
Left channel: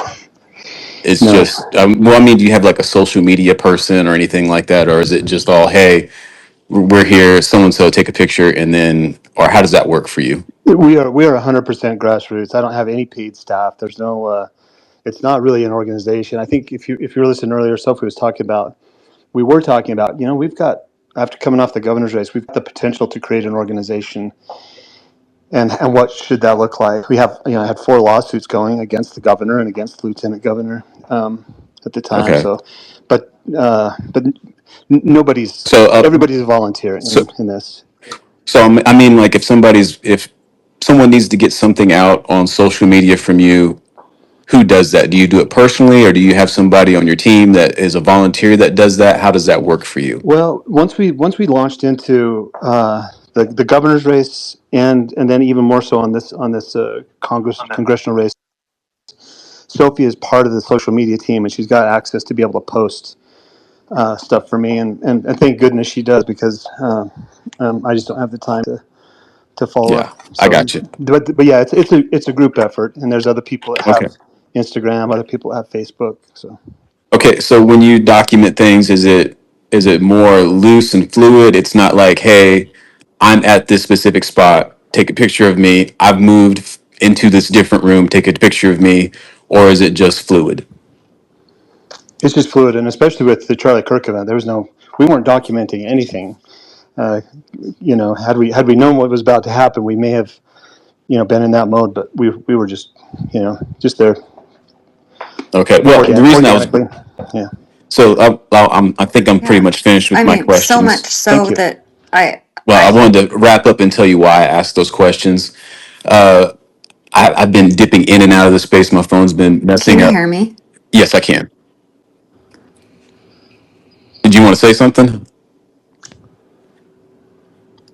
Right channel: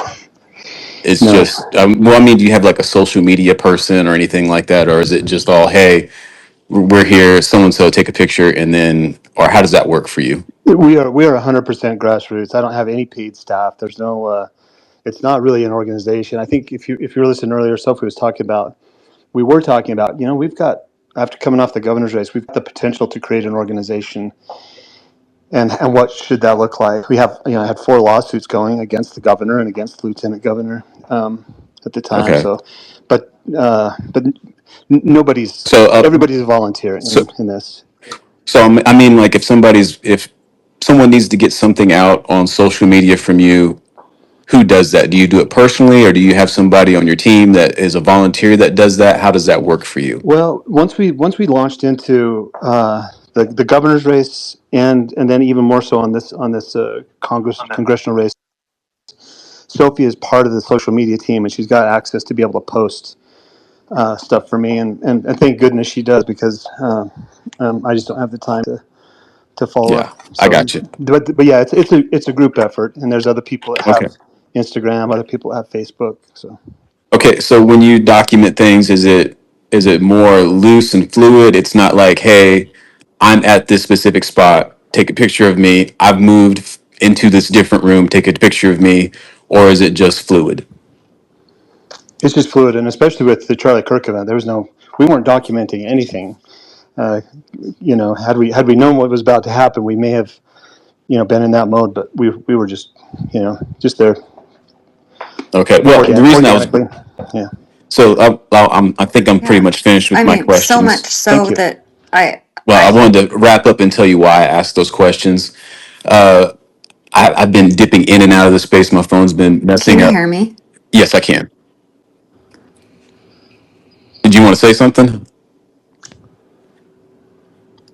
It's no. just, well, I mean, do you have like a social media person or anything like that? Or is it just all, hey, we're here, so and so, take a picture, and then, or how does that work for you? We are 100% grassroots. I don't have any paid staff. There's no. It's not really an organization. I think if you were listening earlier, Sophie was talking about. We were talking about. We've got, after coming off the governor's race, we've got the potential to create an organization. And what should that look like? We have, I had 4 lawsuits going against the governor and against the lieutenant governor at the time. Okay. So, but nobody's. So, Everybody's a volunteer so, in this. so I mean, like, if someone needs to get something out on social media from you, who does that? Do you do it personally, or do you have somebody on your team that is a volunteer that does that? How does that work for you? Well, once we launched into the governor's race, and then even more so on this congressional race, Sophie is part of the social media team, and she's got access to be able to post stuff for me, and thank goodness she does, because I just don't have the time to follow Yeah, up. I So, got you. but yeah, it's a group effort, and there's other people that Okay. have Instagram, other people that have Facebook. So Okay, so when you document things, is it more loose and fluid? It's not like, hey, I'm at this specific spot, take a picture of me. I've moved into this different room, take a picture of me, or is it just fluid? it's just fluid, and especially with the Charlie Kirk event, we weren't documenting anything. Uh, had we known what was about to happen, we may have, been in that mode. But we were just, just there. Okay. Well, the reason I was Organically, yeah. so I think I'm pretty Yeah. much finished with I my mean, so questions. much Thank so you. that I Well, I wanted to wrap up and tell you why I asked those questions. Uh, I've been dipping in and out of the space. My phone's been can messing you up. hear me? Yes, I can. Did you want to say something?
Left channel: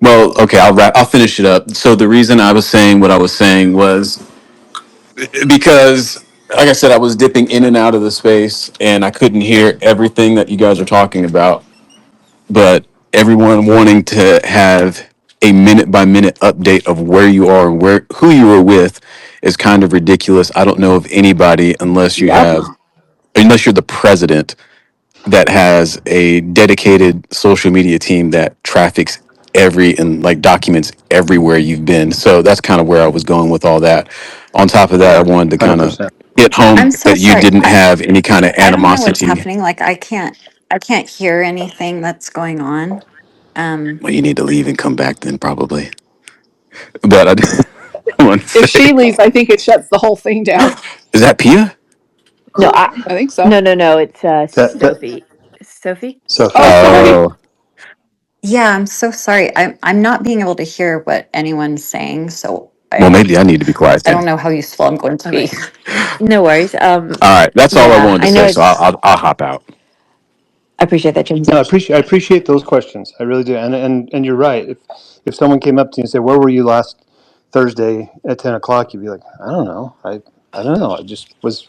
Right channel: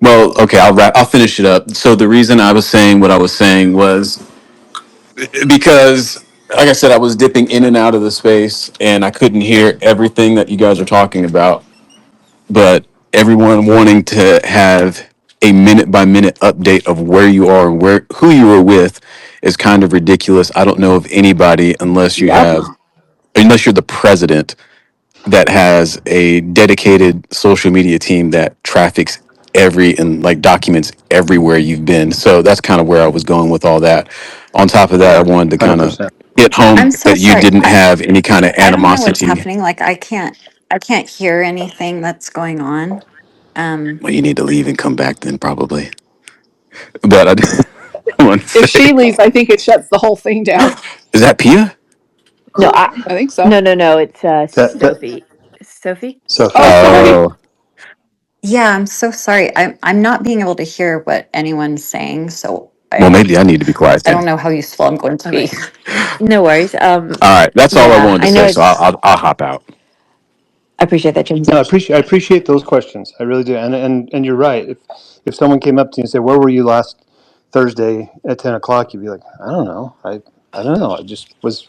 Well, okay, I'll finish it up. So the reason I was saying what I was saying was because, like I said, I was dipping in and out of the space, and I couldn't hear everything that you guys are talking about. But everyone wanting to have a minute by minute update of where you are and who you were with is kind of ridiculous. I don't know of anybody Yep. unless you're the president, that has a dedicated social media team that traffics and like documents everywhere you've been. So that's kind of where I was going with all that. On top of that, I wanted to kind of 100%. hit home I'm so that you sorry. didn't have any kind of I don't know what's animosity. happening. Like I can't hear anything that's going on. Well, you need to leave and come back then, probably. But I just want to If say, she leaves, I think it shuts the whole thing down. is that Pia? No, I think so. no. It's That Sophie. Sophie. Sophie. Oh, sorry. Oh, Yeah, I'm so sorry. I'm not being able to hear what anyone's saying. So Well, maybe I need to be quiet I then. don't know how useful I'm going to be. No worries. All right, that's all I Yeah, wanted to I know say. So it's. I'll hop out. I appreciate that, James. No, I appreciate those questions. I really do. And you're right. If someone came up to you and said, "Where were you last Thursday at 10 o'clock?" You'd be like, "I don't know. I don't know. I just was,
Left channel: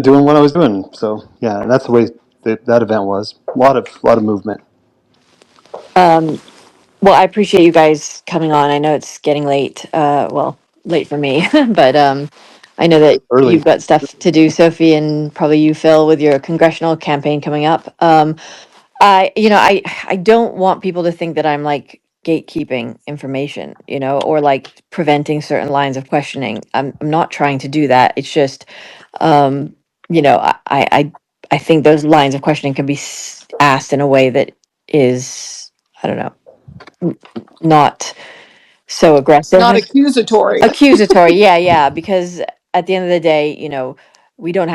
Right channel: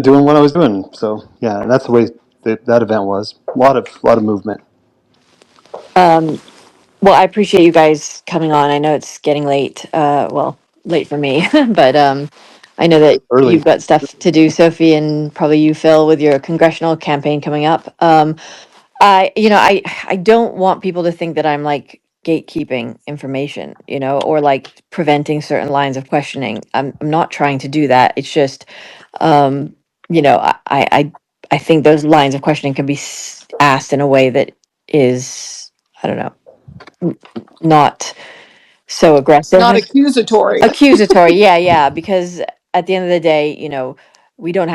doing what I was doing." So yeah, and that's the way that event was. A lot of movement. Um, well, I appreciate you guys coming on. I know it's getting late. Well, late for me, but I know that Early. you've got stuff to do, Sophie, and probably you, Phil, with your congressional campaign coming up. I don't want people to think that I'm like gatekeeping information, or like preventing certain lines of questioning. I'm not trying to do that. It's just, um, I think those lines of questioning can be asked in a way that is, I don't know, not so aggressive. Not accusatory. Accusatory, yeah, because at the end of the day, we don't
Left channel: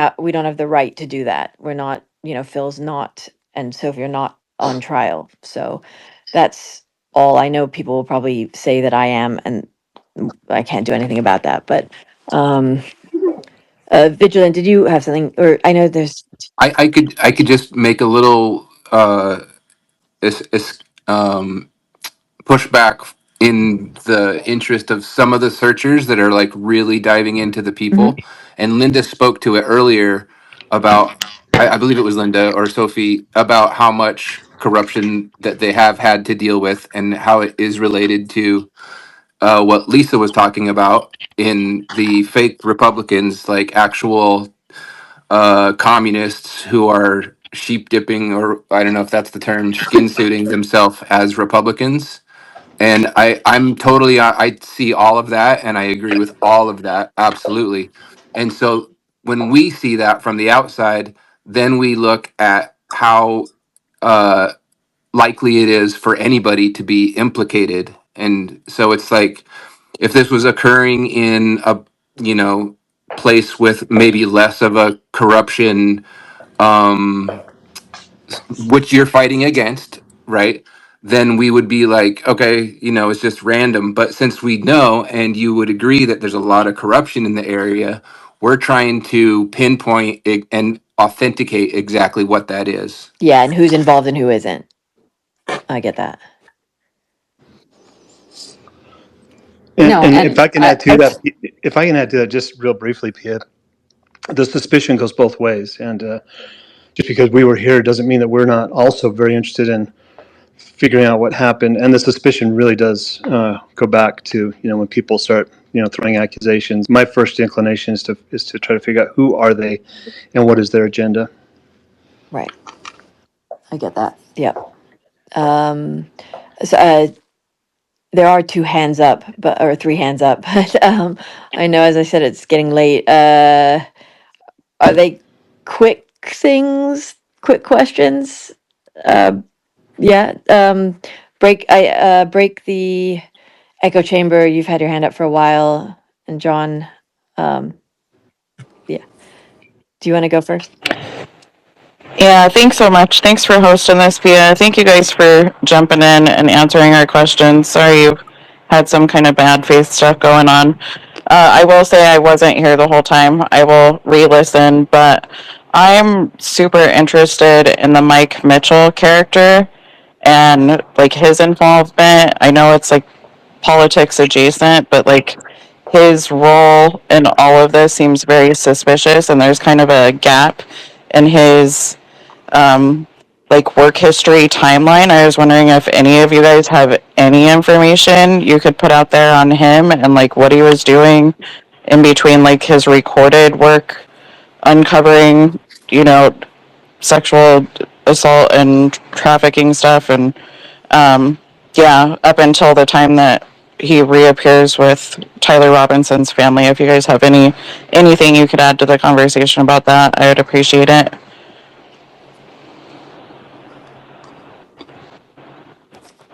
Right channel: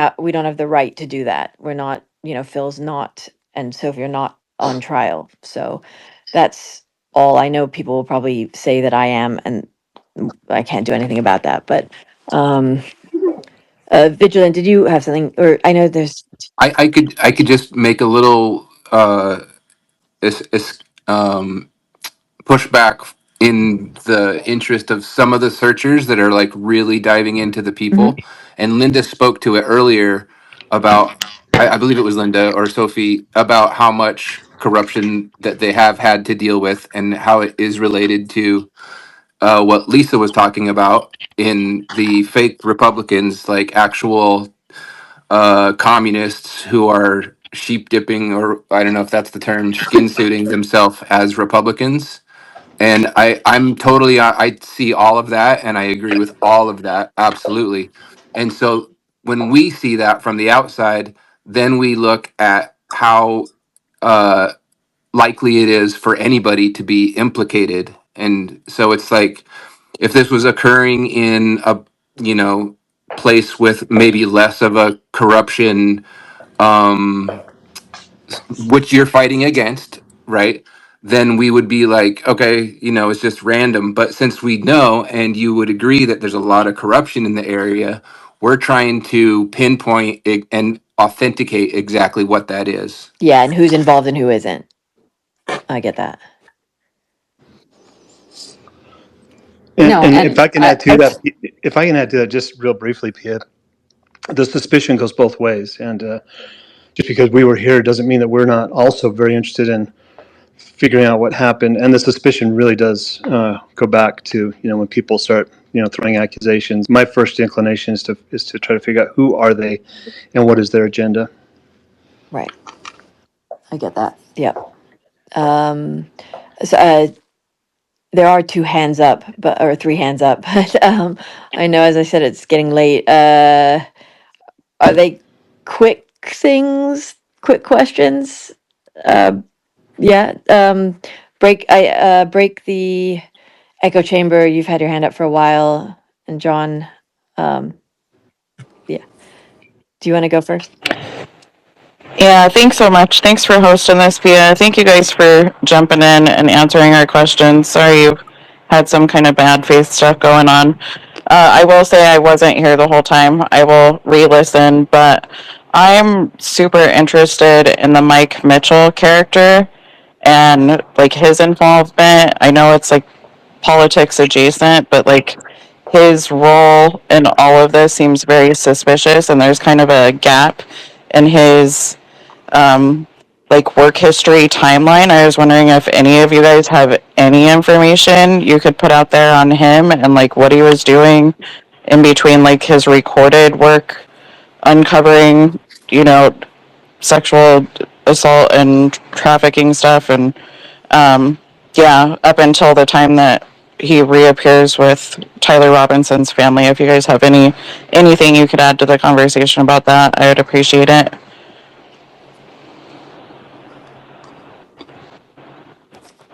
have the right to do that. We're not, Phil's not, and Sophie are not on trial. So that's all. I know people will probably say that I am, and I can't do anything about that. But um Vigilant, did you have something? Or I know there's. I could just make a little is, is, um, pushback in the interest of some of the searchers that are like really diving into the Mhm. people. And Linda spoke to it earlier about, I believe it was Linda or Sophie, about how much corruption that they have had to deal with and how it is related to what Lisa was talking about in the fake Republicans, like actual communists who are sheep dipping, or I don't know if that's the term, skin suiting themselves as Republicans. And I'm totally, I see all of that and I agree with all of that. Absolutely. And so when we see that from the outside, then we look at how uh, likely it is for anybody to be implicated. And so it's like, if this was occurring in a, you know, place with maybe less of a corruption, um, which you're fighting against, right? Then we would be like, okay, it's just random. But since we know, and you would agree that there's a lot of corruption in the area, we're trying to pinpoint it and authenticate exactly what that is. Yeah, and who's involved and who isn't. I get that. And, No, and and if I can add to that, just real briefly, Pia, the suspicion goes both ways. And just because we were here doesn't mean that we're not also very interested in figuring out what happened. And the suspicion really does go back to, when people start, throwing accusations. My first inclination is to try to figure out who are they and what is their agenda. right, I get that. Yep. Um, so, there are two hands up, or three hands up, but I know, as I said, it's getting late. Are they quick things? Quick questions? Uh, yeah. Break the echo chamber. You've had your hand up for a while, and John. Um, yeah. Do you want to go first? Yeah, thanks so much. Thanks for hosting this, Pia. Thank you guys for jumping in and answering our questions. Sorry you had some kind of bad faith stuff going on. I will say I wasn't here the whole time. I will re-listen, but I'm super interested in the Mike Mitchell character and like his involvement. I know it's like politics adjacent, but like his role in all of this seems very suspicious, and there's kind of a gap in his like work history timeline. I was wondering if any of you guys have any information you could put out there on him and like what he was doing in between like his recorded work uncovering, you know, sexual assault and trafficking stuff and yeah, up until the time that he reappears with Tyler Robinson's family. If you guys have anything you could add to the conversation about that, I would appreciate it.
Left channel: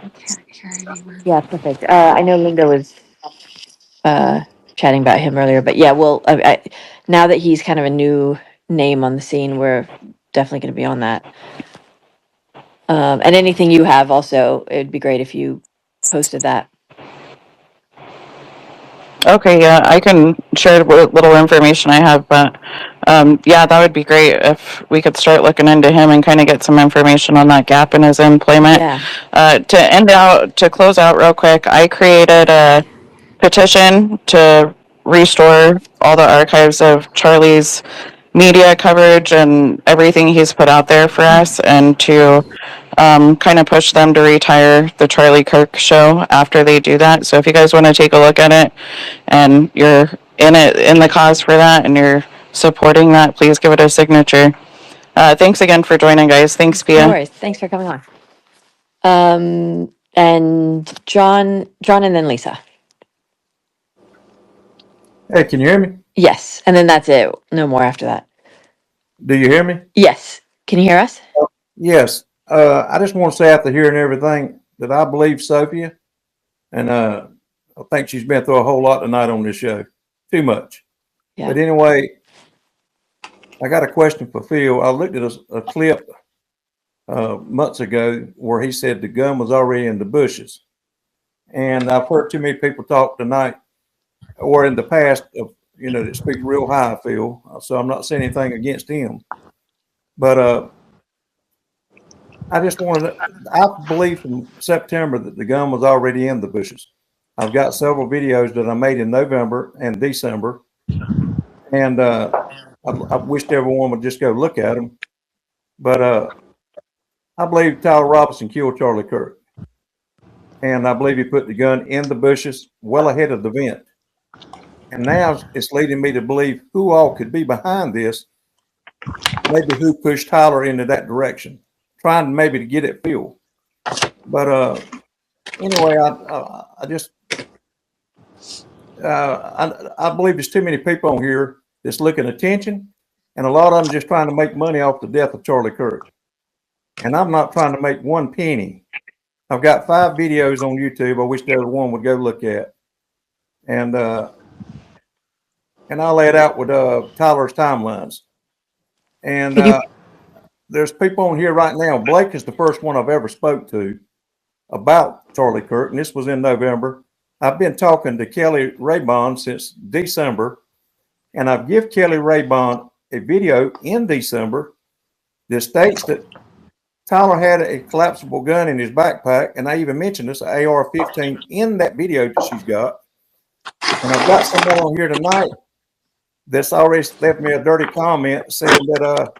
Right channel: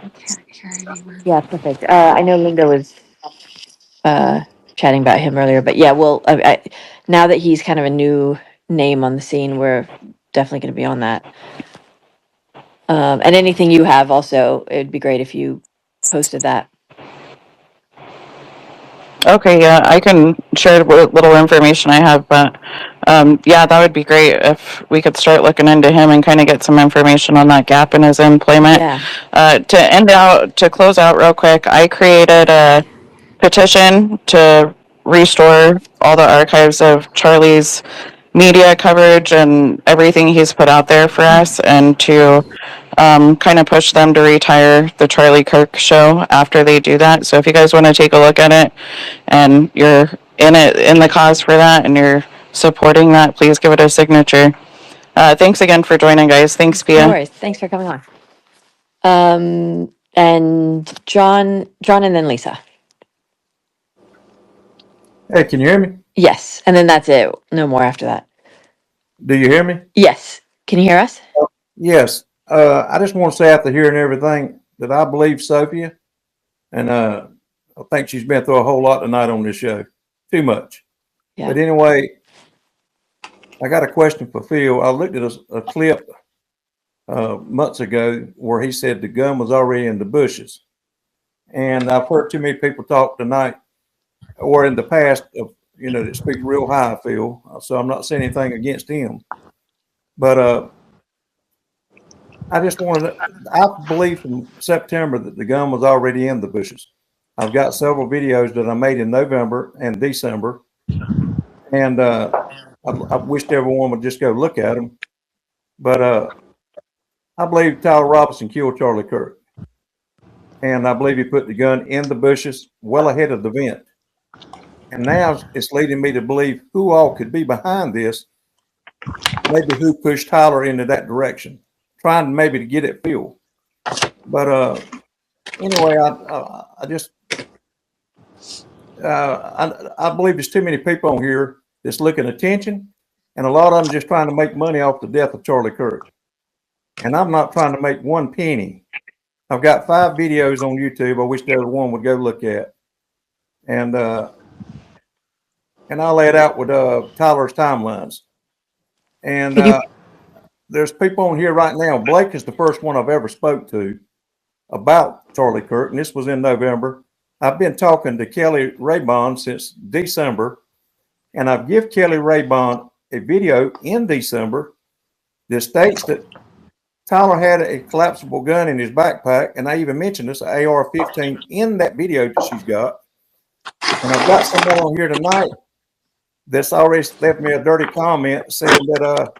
I can't hear anyone. Yeah, perfect. I know Linda was uh, chatting about him earlier, but yeah, well, now that he's kind of a new name on the scene, we're definitely going to be on that. And anything you have also, it would be great if you posted that. Okay, yeah, I can share what little information I have, but yeah, that would be great if we could start looking into him and kind of get some information on that gap in his employment. Yeah. To close out real quick, I created a petition to restore all the archives of Charlie's media coverage and everything he's put out there for us, and to kind of push them to retire the Charlie Kirk show after they do that. So if you guys want to take a look at it and you're in the cause for that and you're supporting that, please give it a signature. Thanks again for joining, guys. Thanks, Pia. No worries. Thanks for coming on. And John, and then Lisa. Hey, can you hear me? Yes, and then that's it. No more after that. Do you hear me? Yes. Can you hear us? Yes. I just want to say after hearing everything that I believe Sophia, and I think she's been through a whole lot tonight on this show. Too much. Yeah. But anyway, I got a question for Phil. I looked at a clip months ago where he said the gun was already in the bushes. And I've heard too many people talk tonight or in the past of, that speak real high, Phil. So I'm not saying anything against him. But I just wanted to, I believe from September that the gun was already in the bushes. I've got several videos that I made in November and December. And I wished everyone would just go look at them. But I believe Tyler Robinson killed Charlie Kirk. And I believe he put the gun in the bushes well ahead of the event. And now it's leading me to believe who all could be behind this. Maybe who pushed Tyler into that direction, trying maybe to get at Phil. But anyway, I just I believe there's too many people on here that's looking attention, and a lot of them just trying to make money off the death of Charlie Kirk. And I'm not trying to make one penny. I've got 5 videos on YouTube. I wish everyone would go look at, and I'll lay it out with Tyler's timelines. And there's people on here right now. Blake is the first one I've ever spoke to about Charlie Kirk, and this was in November. I've been talking to Kelly Raybon since December, and I've given Kelly Raybon a video in December that states that Tyler had a collapsible gun in his backpack, and I even mentioned this AR-15 in that video that she's got. And I've got someone on here tonight that's already left me a dirty comment saying that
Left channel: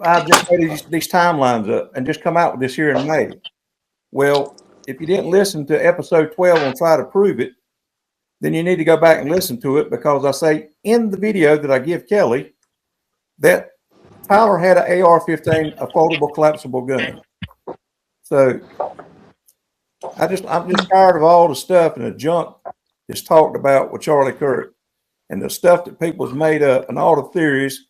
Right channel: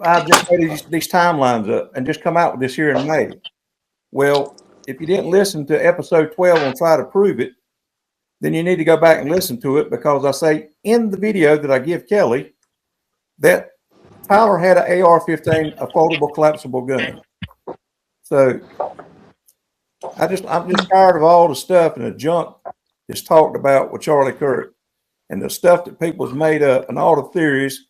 I just made these timelines up and just come out with this here in May. Well, if you didn't listen to episode 12 on Try to Prove It, then you need to go back and listen to it, because I say in the video that I give Kelly that Tyler had an AR-15, a foldable collapsible gun. So I'm just tired of all the stuff and the junk that's talked about with Charlie Kirk and the stuff that people's made up and all the theories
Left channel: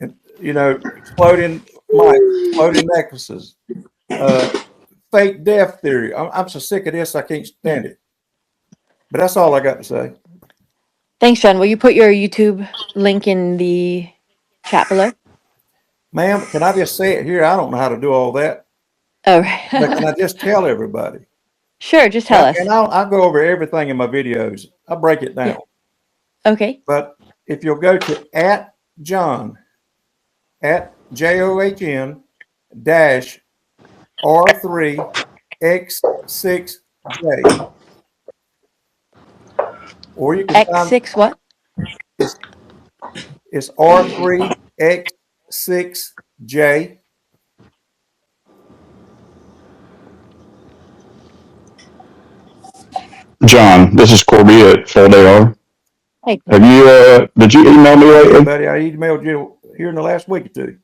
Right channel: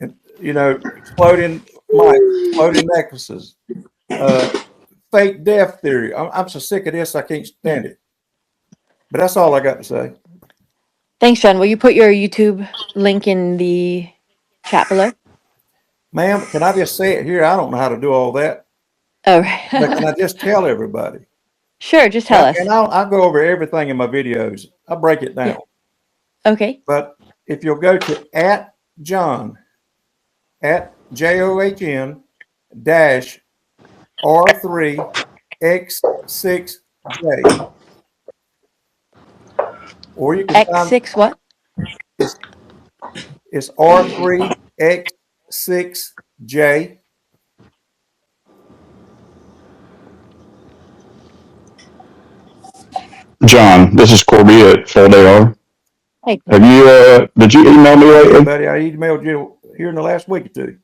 and, exploding mics, exploding necklaces, fake death theory. I'm so sick of this, I can't stand it. But that's all I got to say. Thanks, John. Will you put your YouTube link in the chat below? Ma'am, can I just say it here? I don't know how to do all that. Oh, but can I just tell everybody? Sure, just tell us. And I'll go over everything in my videos. I'll break it down. Yeah. Okay. But if you'll go to @John, @JOHN -R3X6J. Or you can X6 what? It's R3X6J. John, this is Corby at Full AR. Hey. Have you did you email me lately? Buddy, I emailed you here in the last week or two.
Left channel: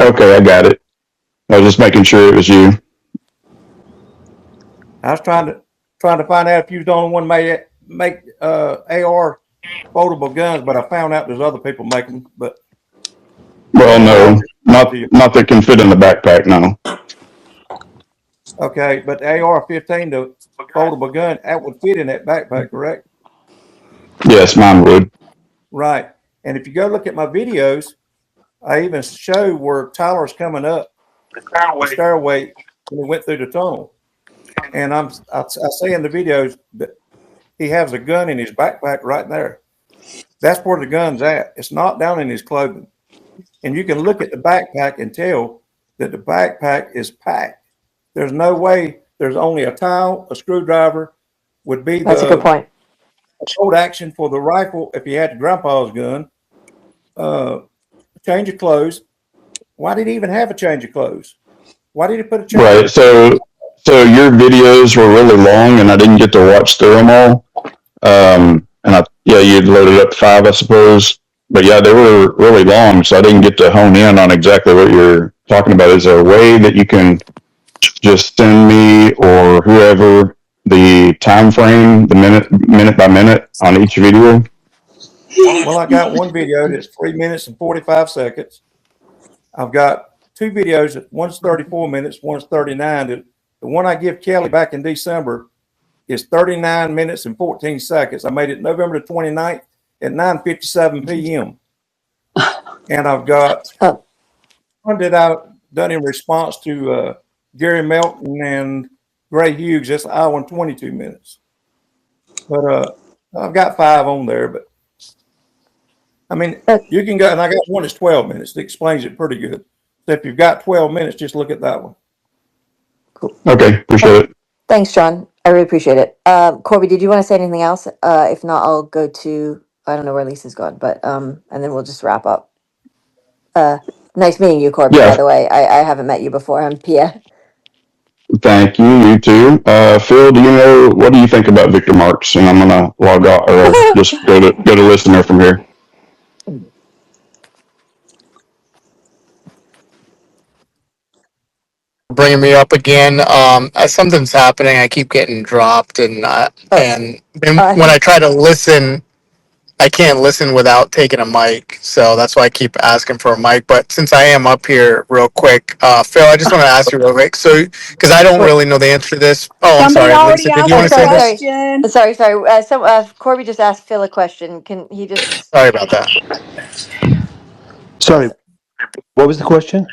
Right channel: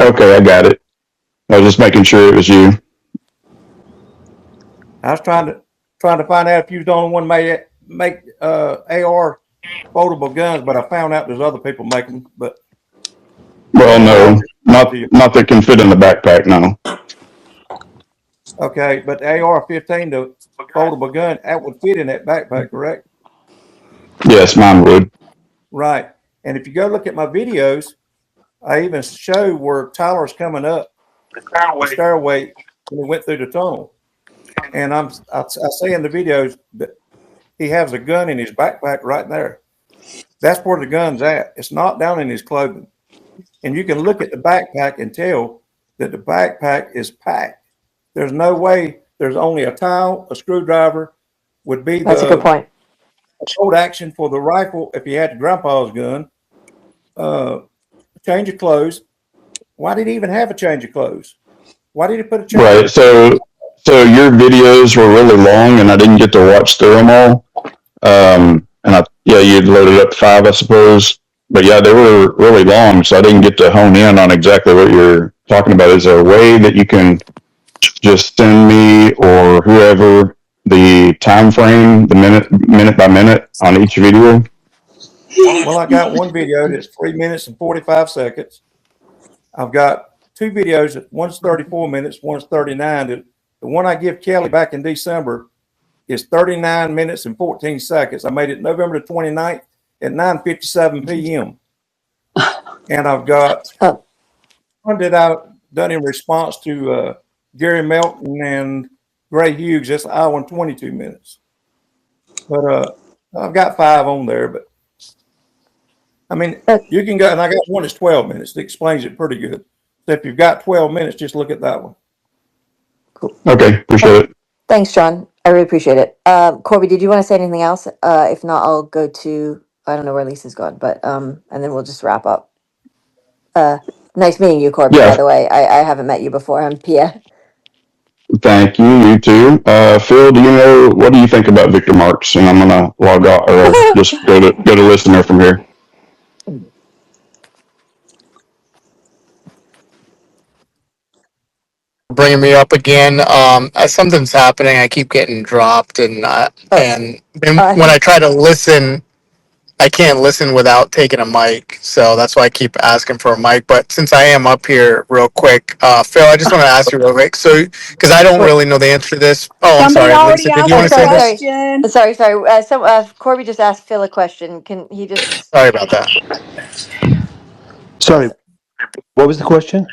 Okay, I got it. I was just making sure it was you. I was trying to find out if you was the only one make AR foldable guns, but I found out there's other people making them. But well, no, not that can fit in the backpack. No. Okay, but the AR-15, the foldable gun, that would fit in that backpack, correct? Yes, mine would. Right. And if you go look at my videos, I even show where Tyler's coming up the stairway when he went through the tunnel. And I say in the videos that he has a gun in his backpack right there. That's where the gun's at. It's not down in his clothing. And you can look at the backpack and tell that the backpack is packed. There's no way there's only a towel, a screwdriver would be That's a good point. bolt action for the rifle if he had grandpa's gun. Change of clothes. Why did he even have a change of clothes? Why did he put a change? Right. So your videos were really long, and I didn't get to watch through them all. And you'd loaded up 5, I suppose. But yeah, they were really long, so I didn't get to hone in on exactly what you're talking about. Is there a way that you can just send me or whoever the time frame, the minute by minute on each video? Well, I got one video that's 3 minutes and 45 seconds. I've got 2 videos that one's 34 minutes, one's 39. The one I give Kelly back in December is 39 minutes and 14 seconds. I made it November the 29th at 9:57 p.m. And I've got one that I've done in response to Gary Melton and Gray Hughes. That's an hour and 22 minutes. But I've got 5 on there. But I mean, you can go, and I got one that's 12 minutes that explains it pretty good. So if you've got 12 minutes, just look at that one. Cool. Okay, appreciate it. Thanks, John. I really appreciate it. Corby, did you want to say anything else? If not, I'll go to, I don't know where Lisa's gone, but and then we'll just wrap up. Nice meeting you, Corby, by the way. I haven't met you before. I'm Pia. Thank you. You too. Phil, what do you think about Victor Marks? And I'm gonna log out or just go to listener from here. Bringing me up again. Something's happening. I keep getting dropped, and when I try to listen, I can't listen without taking a mic. So that's why I keep asking for a mic. But since I am up here real quick, Phil, I just want to ask you real quick. So, because I don't really know the answer to this. Oh, I'm sorry. Lisa, did you want to say this? Sorry. Corby just asked Phil a question. Can he just? Sorry about that. Sorry. What was the question?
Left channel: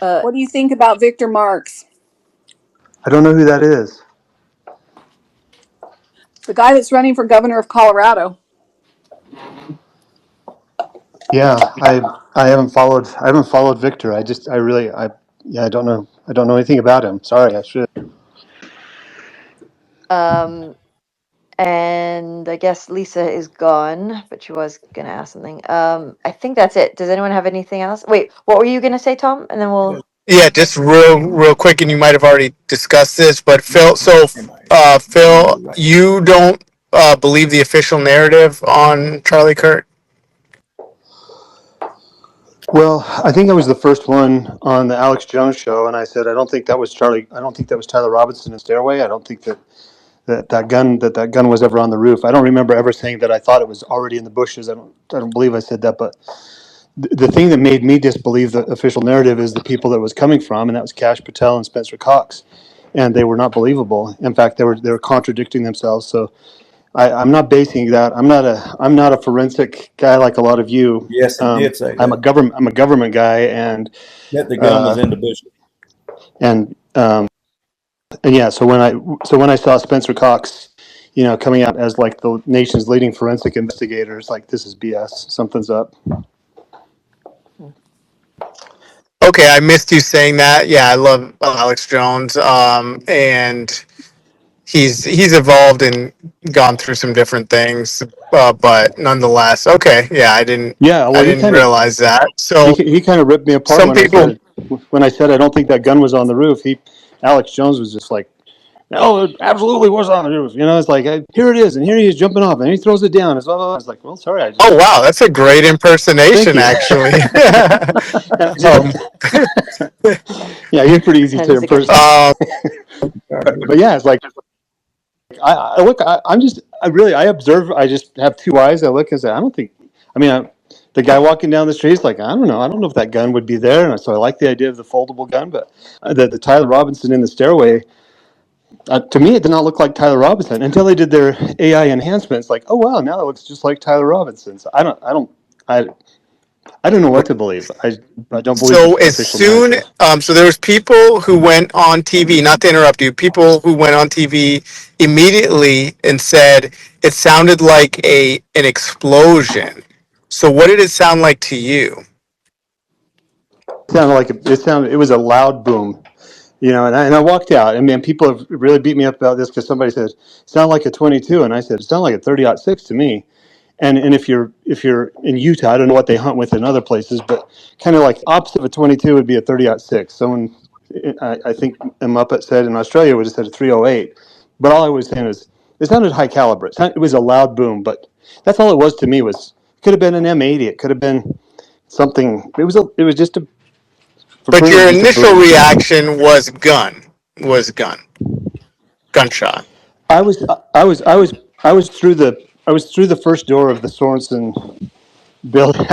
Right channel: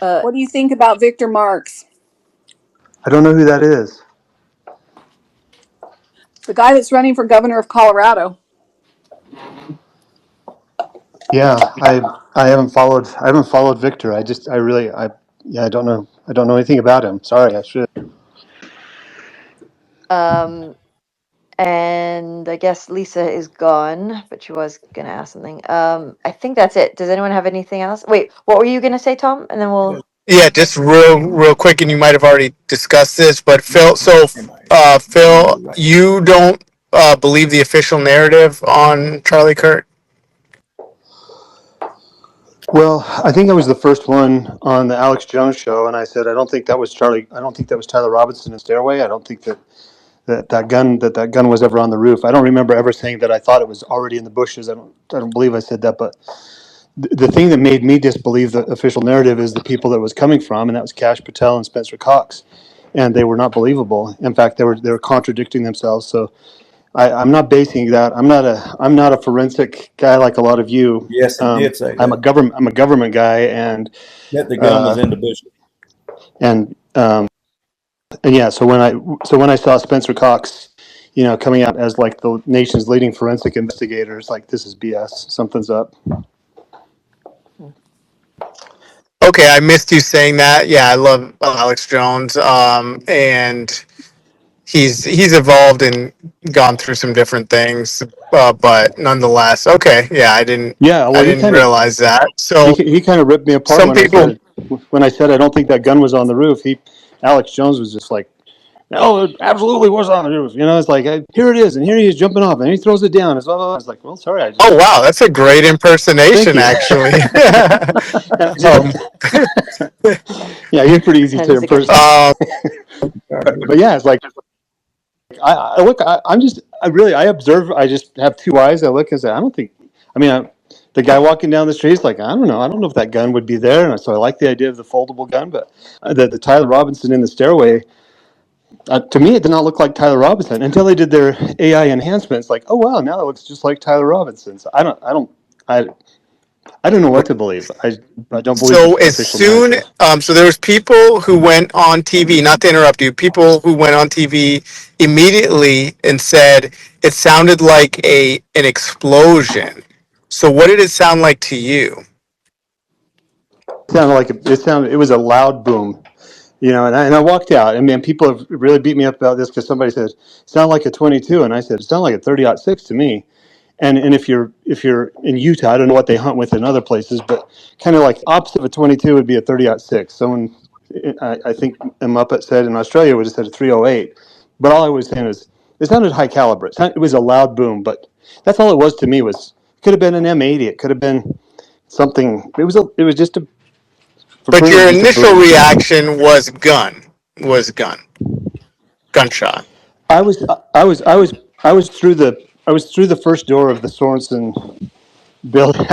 What do you think about Victor Marks? I don't know who that is. The guy that's running for governor of Colorado. Yeah, I haven't followed Victor. I don't know anything about him. Sorry, I should. And I guess Lisa is gone, but she was gonna ask something. I think that's it. Does anyone have anything else? Wait, what were you gonna say, Tom? And then we'll. Yeah, just real quick, and you might have already discussed this, but Phil, Phil, you don't believe the official narrative on Charlie Kirk? Well, I think I was the first one on the Alex Jones show, and I said I don't think that was Charlie. I don't think that was Tyler Robinson in Stairway. I don't think that gun was ever on the roof. I don't remember ever saying that I thought it was already in the bushes. I don't believe I said that, but the thing that made me disbelieve the official narrative is the people that it was coming from, and that was Kash Patel and Spencer Cox, and they were not believable. In fact, they were contradicting themselves. So I'm not basing that. I'm not a forensic guy like a lot of you. Yes, he did say that. I'm a government guy, and that the gun was in the bushes. And yeah, so when I saw Spencer Cox, coming out as like the nation's leading forensic investigator, it's like, this is BS. Something's up. Okay, I missed you saying that. Yeah, I love Alex Jones, and he's evolved and gone through some different things, but nonetheless, okay. Yeah, I didn't realize that. So he kind of ripped me apart when I said I don't think that gun was on the roof. Alex Jones was just like, no, it absolutely was on the roof. It's like, here it is, and here he is jumping off, and he throws it down. I was like, well, sorry. Oh wow, that's a great impersonation, actually. Yeah, you're pretty easy to impersonate. But yeah, it's like, I look. I observe. I just have 2 eyes. I look and say, I don't think. The guy walking down the street is like, I don't know. I don't know if that gun would be there. And so I like the idea of the foldable gun, but the Tyler Robinson in the stairway. To me, it did not look like Tyler Robinson until they did their AI enhancements. Like, oh wow, now it looks just like Tyler Robinson. So I don't know what to believe. I don't believe So the as official soon, narrative. so there was people who went on TV, not to interrupt you, people who went on TV immediately and said it sounded like an explosion. So what did it sound like to you? It was a loud boom, and I walked out. I mean, people have really beat me up about this because somebody said, it sounded like a 22. And I said, it sounded like a 30-06 to me. And if you're in Utah, I don't know what they hunt with in other places, but kind of like opposite of a 22 would be a 30-06. Someone, I think Muppet said in Australia would have said a 308. But all I was saying is it sounded high caliber. It was a loud boom, but that's all it was to me. Could have been an M80. It could have been something. It was just for But Peru, your just a initial boom. reaction was gunshot. I was through the first door of the Sorensen building.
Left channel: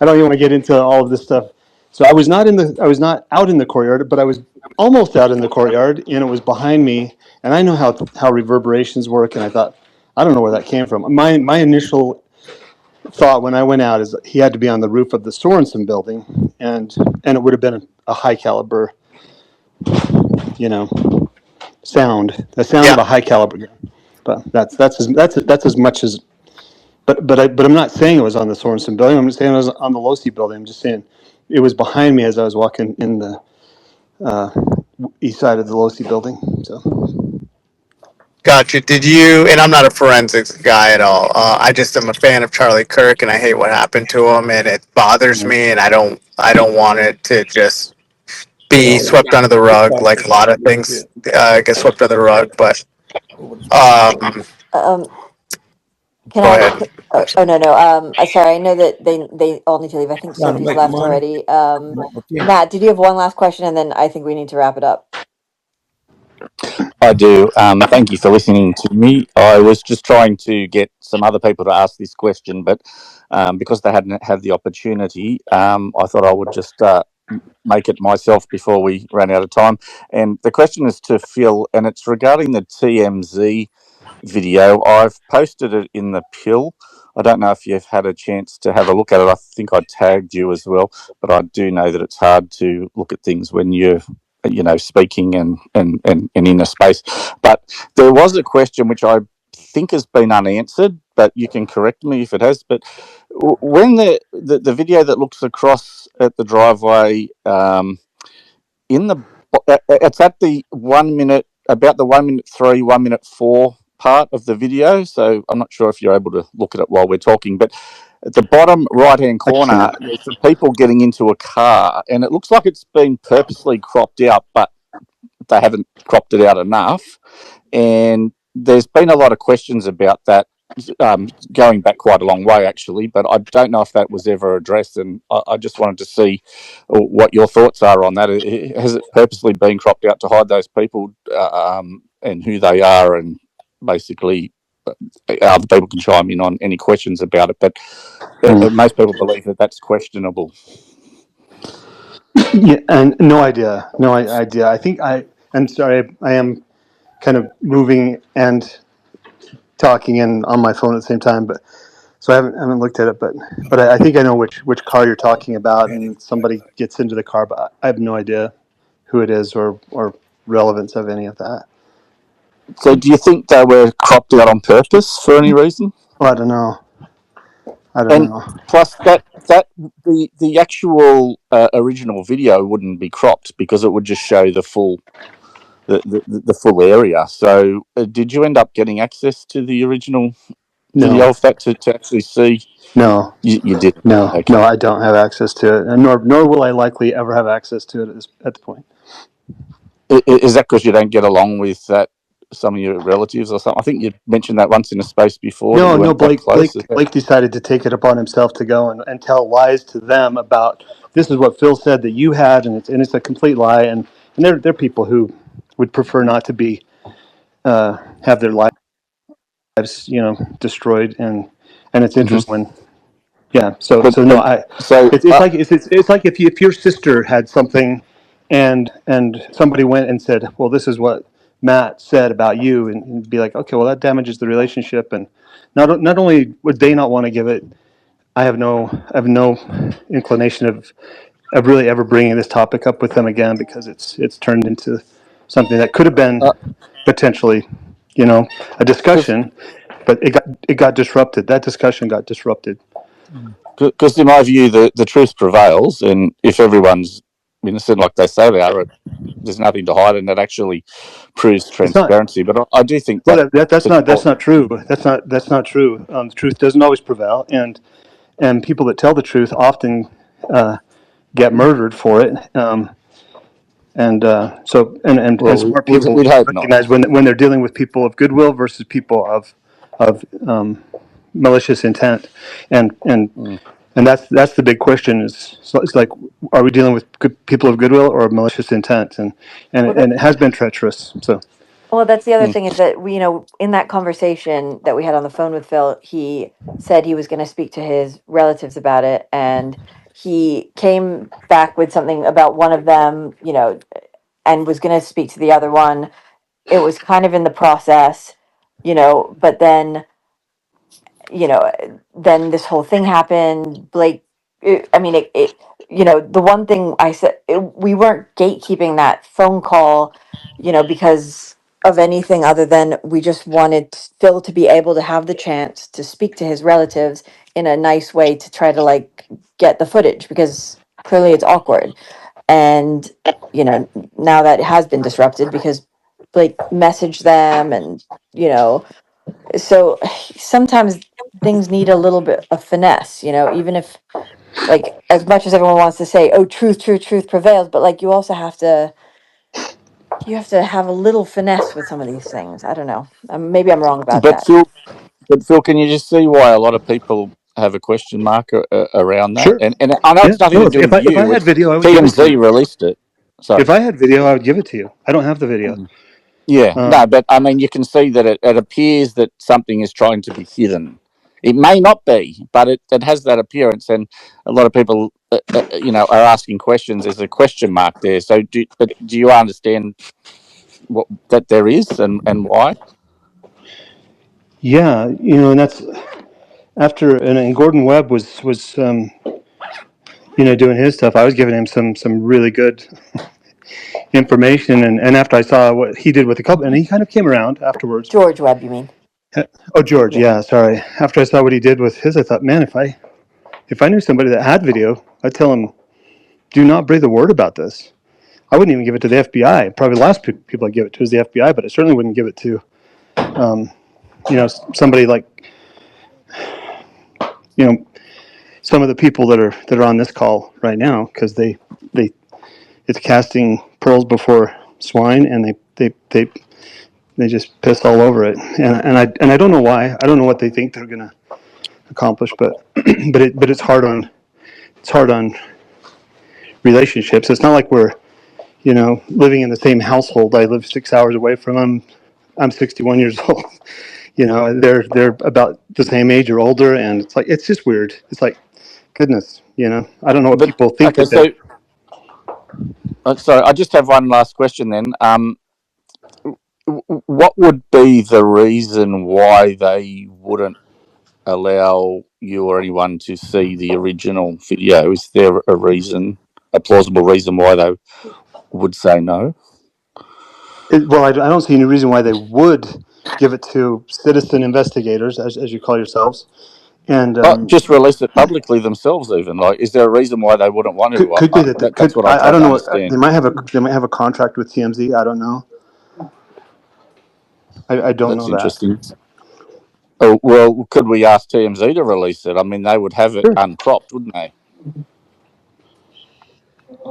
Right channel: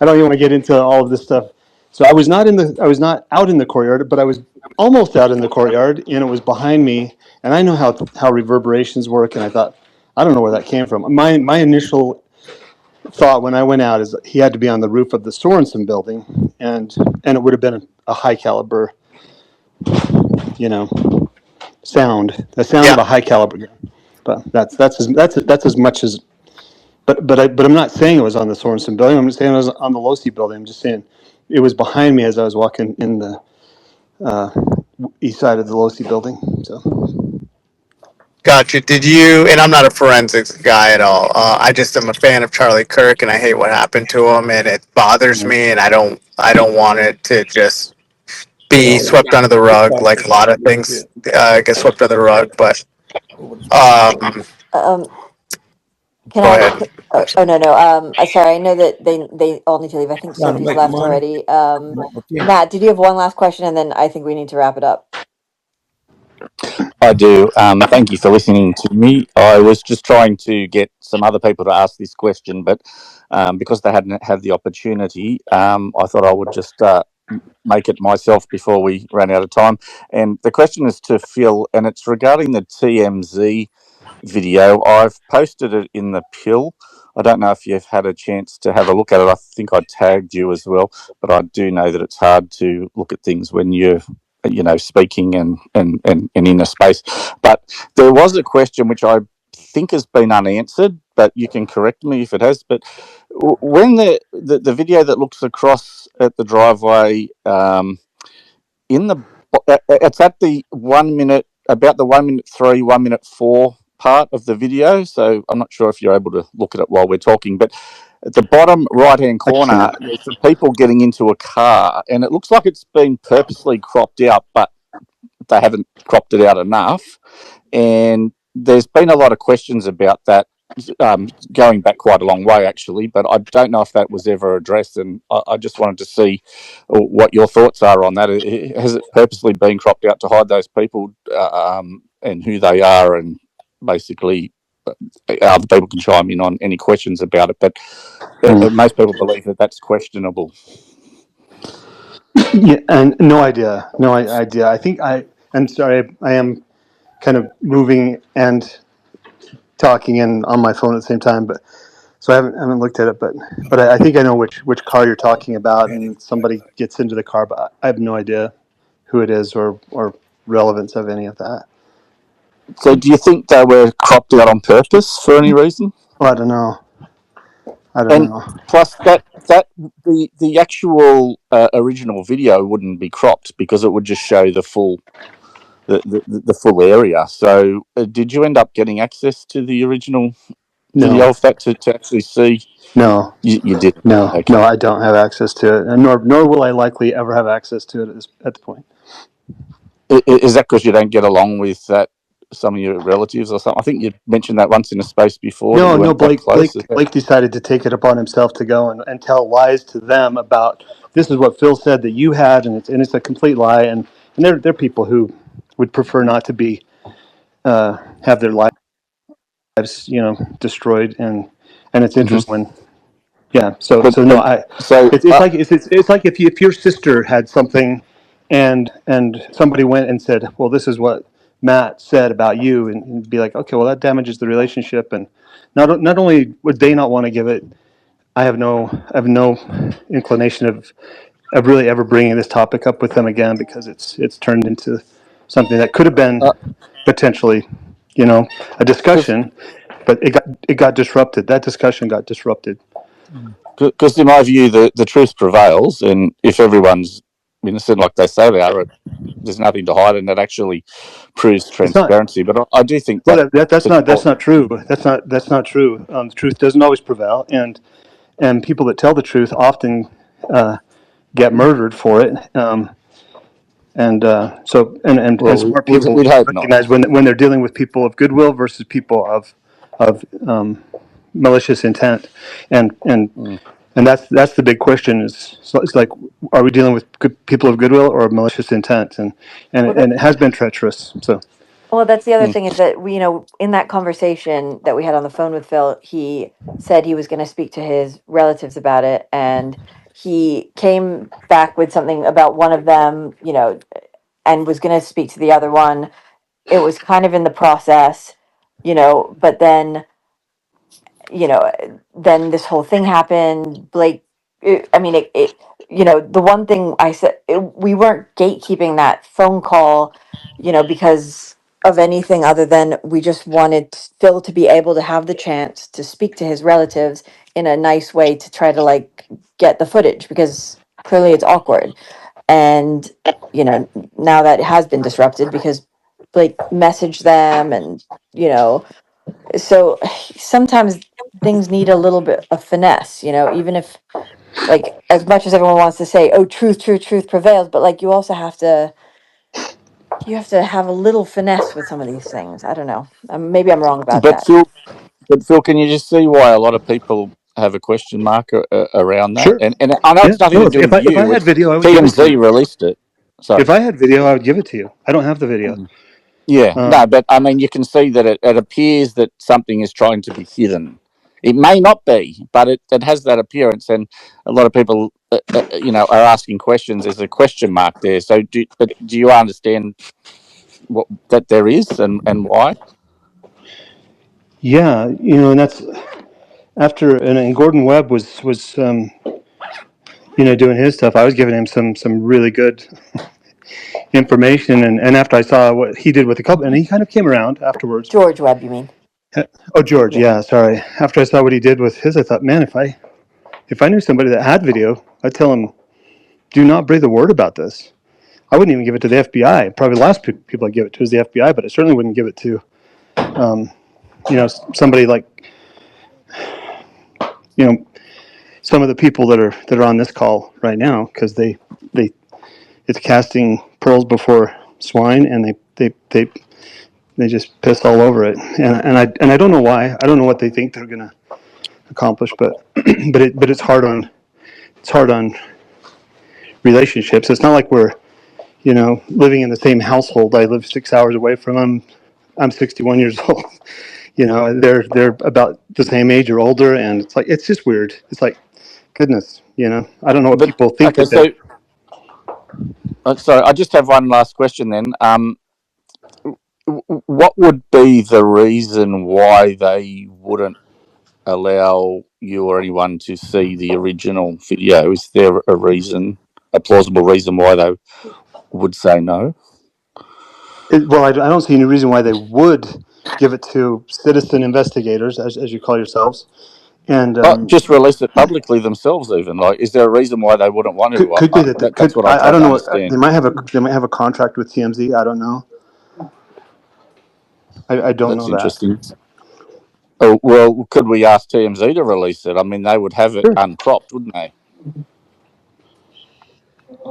I don't even want to get into all of this stuff. So I was not out in the courtyard, but I was almost out in the courtyard, and it was behind me. And I know how reverberations work, and I thought, I don't know where that came from. My initial thought when I went out is he had to be on the roof of the Sorensen building, and it would have been a high caliber, sound, the sound Yeah. of a high caliber gun. But that's as much as. But I'm not saying it was on the Sorensen building. I'm just saying it was on the Losi building. I'm just saying it was behind me as I was walking in the east side of the Losi building. So Gotcha. Did you? And I'm not a forensics guy at all. I just am a fan of Charlie Kirk, and I hate what happened to him, and it bothers me, and I don't want it to just be Well, swept under the it's rug like like a lot of things get swept under the rug. But yeah. Can go I? ahead. Oh no no. Sorry. I know that they all need to leave. I think Trying to Sophie's make left money. already. Yeah. Matt, did you have one last question, and then I think we need to wrap it up. I do. Thank you for listening to me. I was just trying to get some other people to ask this question, but because they hadn't had the opportunity, I thought I would just make it myself before we ran out of time. And the question is to Phil, and it's regarding the TMZ video. I've posted it in the pill. I don't know if you've had a chance to have a look at it. I think I tagged you as well, but I do know that it's hard to look at things when you're speaking and in a space. But there was a question which I think has been unanswered, but you can correct me if it has. But when the video that looks across at the driveway, in the it's at the 1 minute, about the 1 minute 3, 1 minute 4 part of the video. So I'm not sure if you're able to look at it while we're talking, but at the bottom right hand I corner, can't. there's some people getting into a car, and it looks like it's been purposely cropped out, but they haven't cropped it out enough. And there's been a lot of questions about that, going back quite a long way, actually, but I don't know if that was ever addressed. And I just wanted to see what your thoughts are on that. Has it purposely been cropped out to hide those people, and who they are? And basically, other people can chime in on any questions about it. But most people believe that that's questionable. Yeah, and no idea. I'm sorry. I am kind of moving and talking and on my phone at the same time, but so I haven't looked at it, but I think I know which car you're talking about, and somebody gets into the car, but I have no idea who it is or relevance of any of that. So, do you think they were cropped out on purpose for any reason? Well, I don't know. And plus, the actual original video wouldn't be cropped because it would just show the full the full area. So, did you end up getting access to the original video of that to actually see? No, you did. no, Okay. no. I don't have access to it, and nor will I likely ever have access to it at the point. Is that because you don't get along with some of your relatives or something? I think you mentioned that once in a space before that you No. weren't that close. Blake decided to take it upon himself to go and tell lies to them about this is what Phil said that you had, and it's a complete lie, and they're people who would prefer not to be have their lives destroyed, and it's interesting when so no, it's like if your sister had something and somebody went and said, well, this is what Matt said about you, and be like, okay, well, that damages the relationship, and not only would they not want to give it I have no inclination of really ever bringing this topic up with them again, because it's turned into something that could have been potentially, a discussion, but it got disrupted. That discussion got disrupted. Because in my view, the truth prevails, and if everyone's innocent like they say they are, there's nothing to hide, and that actually proves It's not. transparency. But I do think Well, that's not people, true. That's not true. The truth doesn't always prevail, and people that tell the truth often get murdered for it. And well, smart we'd people hope not. recognize when they're dealing with people of goodwill versus people of malicious intent, and Mm. and that's the big question. It's like, are we dealing with good people of goodwill or malicious intent? Well, And it has been treacherous. So Well, that's the other Mm. thing is that we, in that conversation that we had on the phone with Phil, he said he was going to speak to his relatives about it, and he came back with something about one of them, and was going to speak to the other one. It was kind of in the process, but then then this whole thing happened. Blake, I mean, the one thing I said, we weren't gatekeeping that phone call, because of anything other than we just wanted Phil to be able to have the chance to speak to his relatives in a nice way to try to get the footage, because clearly it's awkward. And, now that it has been disrupted because Blake messaged them and, so sometimes things need a little bit of finesse, even if, as much as everyone wants to say, oh, truth prevails, but you also have to have a little finesse with some of these things. I don't know. Maybe I'm wrong about But that. Phil, can you just see why a lot of people have a question mark around that? sure, And I know yeah. it's nothing No, to do if with I you. had It's video, I would give it to TMZ you. released it. If Sorry. I had video, I would give it to you. I don't have the video. Yeah, Um, no, but I mean, you can see that it appears that something is trying to be hidden. It may not be, but it has that appearance, and a lot of people, are asking questions. There's a question mark there. So, do you understand what that there is and why? yeah, and that's after, and Gordon Webb was doing his stuff. I was giving him some really good information, and after I saw what he did with the couple, and he kind of came around afterwards. George Webb, you mean? Oh, George, Yeah. yeah, sorry. After I saw what he did with his, I thought, man, if I knew somebody that had video, I'd tell him, do not breathe a word about this. I wouldn't even give it to the FBI. Probably the last people I'd give it to is the FBI, but I certainly wouldn't give it to, somebody like, some of the people that are on this call right now, because it's casting pearls before swine, and they just piss all over it, and I don't know why. I don't know what they think they're gonna accomplish, but but it's hard on relationships. It's not like we're living in the same household. I live 6 hours away from them. I'm 61 years old. They're about the same age or older, and it's just weird. It's like, goodness, I don't know what But people think okay, that they're. so sorry, I just have one last question then. What would be the reason why they wouldn't allow you or anyone to see the original video? Is there a reason, a plausible reason why they would say no? Well, I don't see any reason why they would give it to citizen investigators, as you call yourselves, and Just release it publicly themselves. Even like, is there a reason why they wouldn't want to? could be that they That's could. what I'm I trying don't to know. understand. They might have a contract with TMZ. I don't know. I don't That's know that. interesting. Oh well, could we ask TMZ to release it? I mean, they would have it Sure. uncropped, wouldn't they?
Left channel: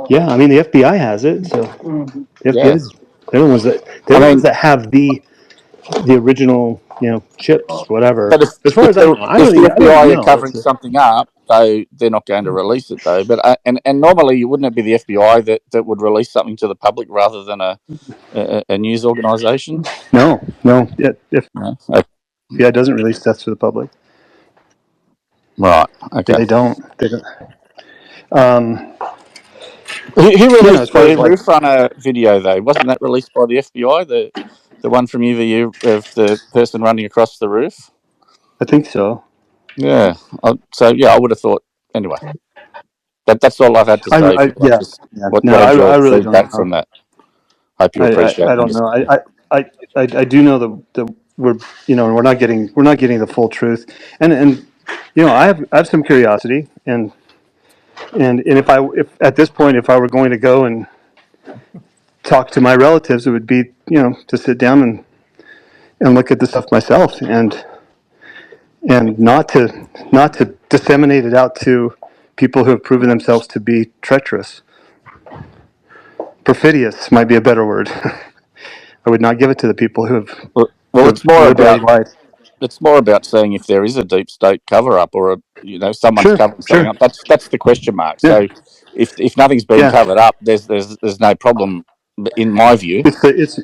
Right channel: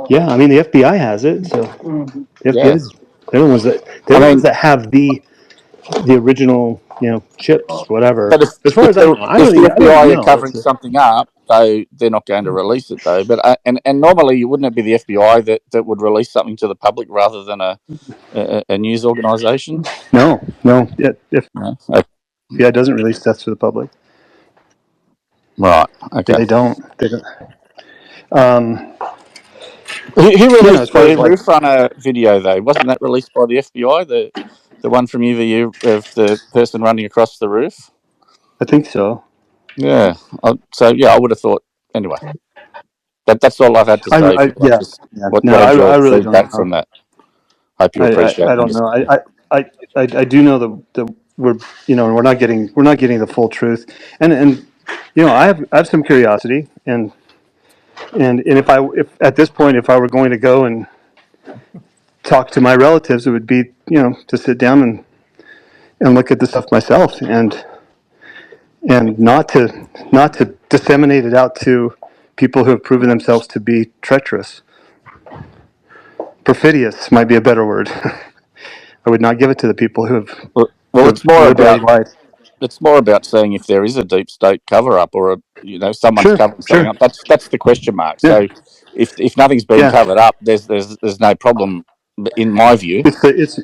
Yeah, I mean the FBI has it, so the Yeah. FBI's they're I the ones mean, that have the original chips, whatever. but if As far if as I the know, if the I don't even FBI are know. covering something up, they're not going to release it though. But and normally, wouldn't it be the FBI that would release something to the public rather than a news organisation? No. No? FBI doesn't release stuff to the public. Right. Okay. They don't. They don't. Um, Who as released far the as like, roof runner video though? Wasn't that released by the FBI? The one from UVU of the person running across the roof. I think so. Yeah. So yeah, I would have thought anyway. That's all I've had to say. Yeah, Just yeah. what No, wanted your I really don't feedback know. from that. Hope you appreciate I my don't know. discussion. I do know that we're, we're not getting the full truth, and I have some curiosity, and if at this point, if I were going to go and talk to my relatives, it would be, to sit down and look at the stuff myself, and not to disseminate it out to people who have proven themselves to be treacherous. Perfidious might be a better word. I would not give it to the people who Well, have deliberately lied. it's more about seeing if there is a deep state cover up, or someone's Sure, covering something sure. up. That's the question mark. Yeah, So if nothing's been yeah. covered up, there's no problem in my view. It's So it's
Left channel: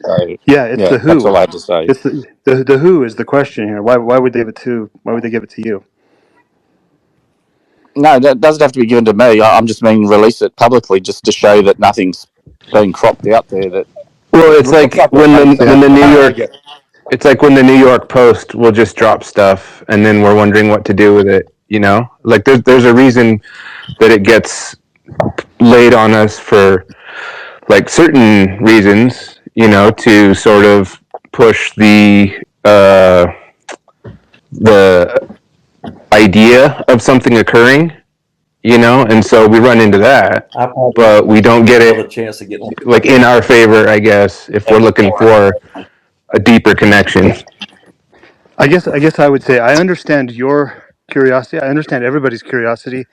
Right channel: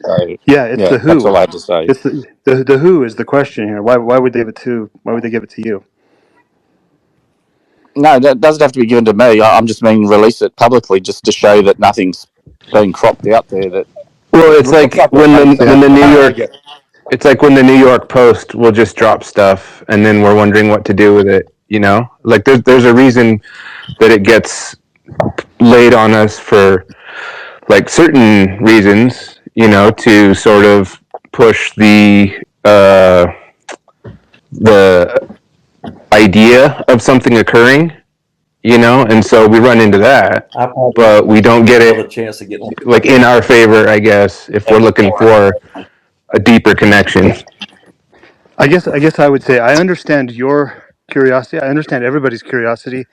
yeah, the that's who. all I had to say. It's the who is the question here. Why would they give it to? Why would they give it to you? No, that doesn't have to be given to me. I'm just meaning release it publicly, just to show that nothing's been cropped out there. That Well, it's looks like like they've had Yeah, when some. the New I York, get. it's like when the New York Post will just drop stuff, and then we're wondering what to do with it. Like there's a reason that it gets laid on us for like certain reasons. To sort of push the idea of something occurring. And so we run into that, I probably but we don't get another it chance to get on. like in our favor, I guess, if we're looking for a deeper connection. I guess I would say I understand your curiosity. I understand everybody's curiosity.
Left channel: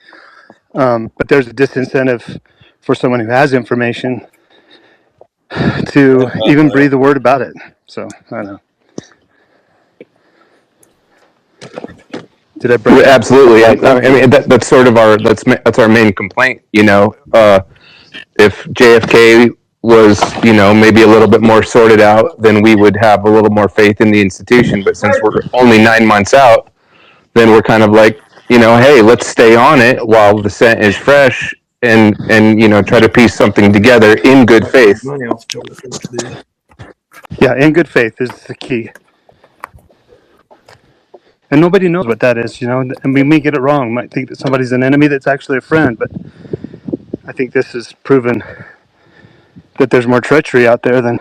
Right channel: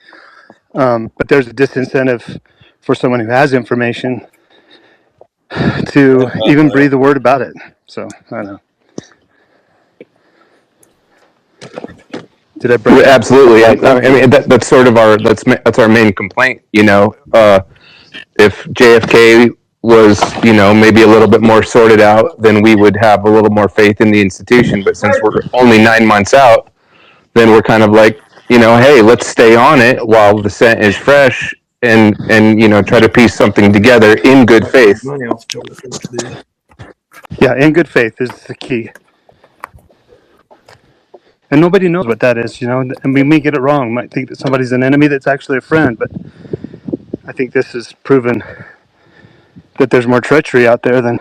But there's a disincentive for someone who has information to even breathe a word about it. So I don't know. Did I break up? Absolutely, Okay, and I thank you. mean that's sort of that's our main complaint. If JFK was maybe a little bit more sorted out, then we would have a little more faith in the institution. But since we're only 9 months out, then we're kind of like, hey, let's stay on it while the scent is fresh, and try to piece something together in good faith. Money off the deal. Yeah, in good faith is the key. And nobody knows what that is, and we may get it wrong. Might think that somebody's an enemy that's actually a friend, but I think this has proven that there's more treachery out there than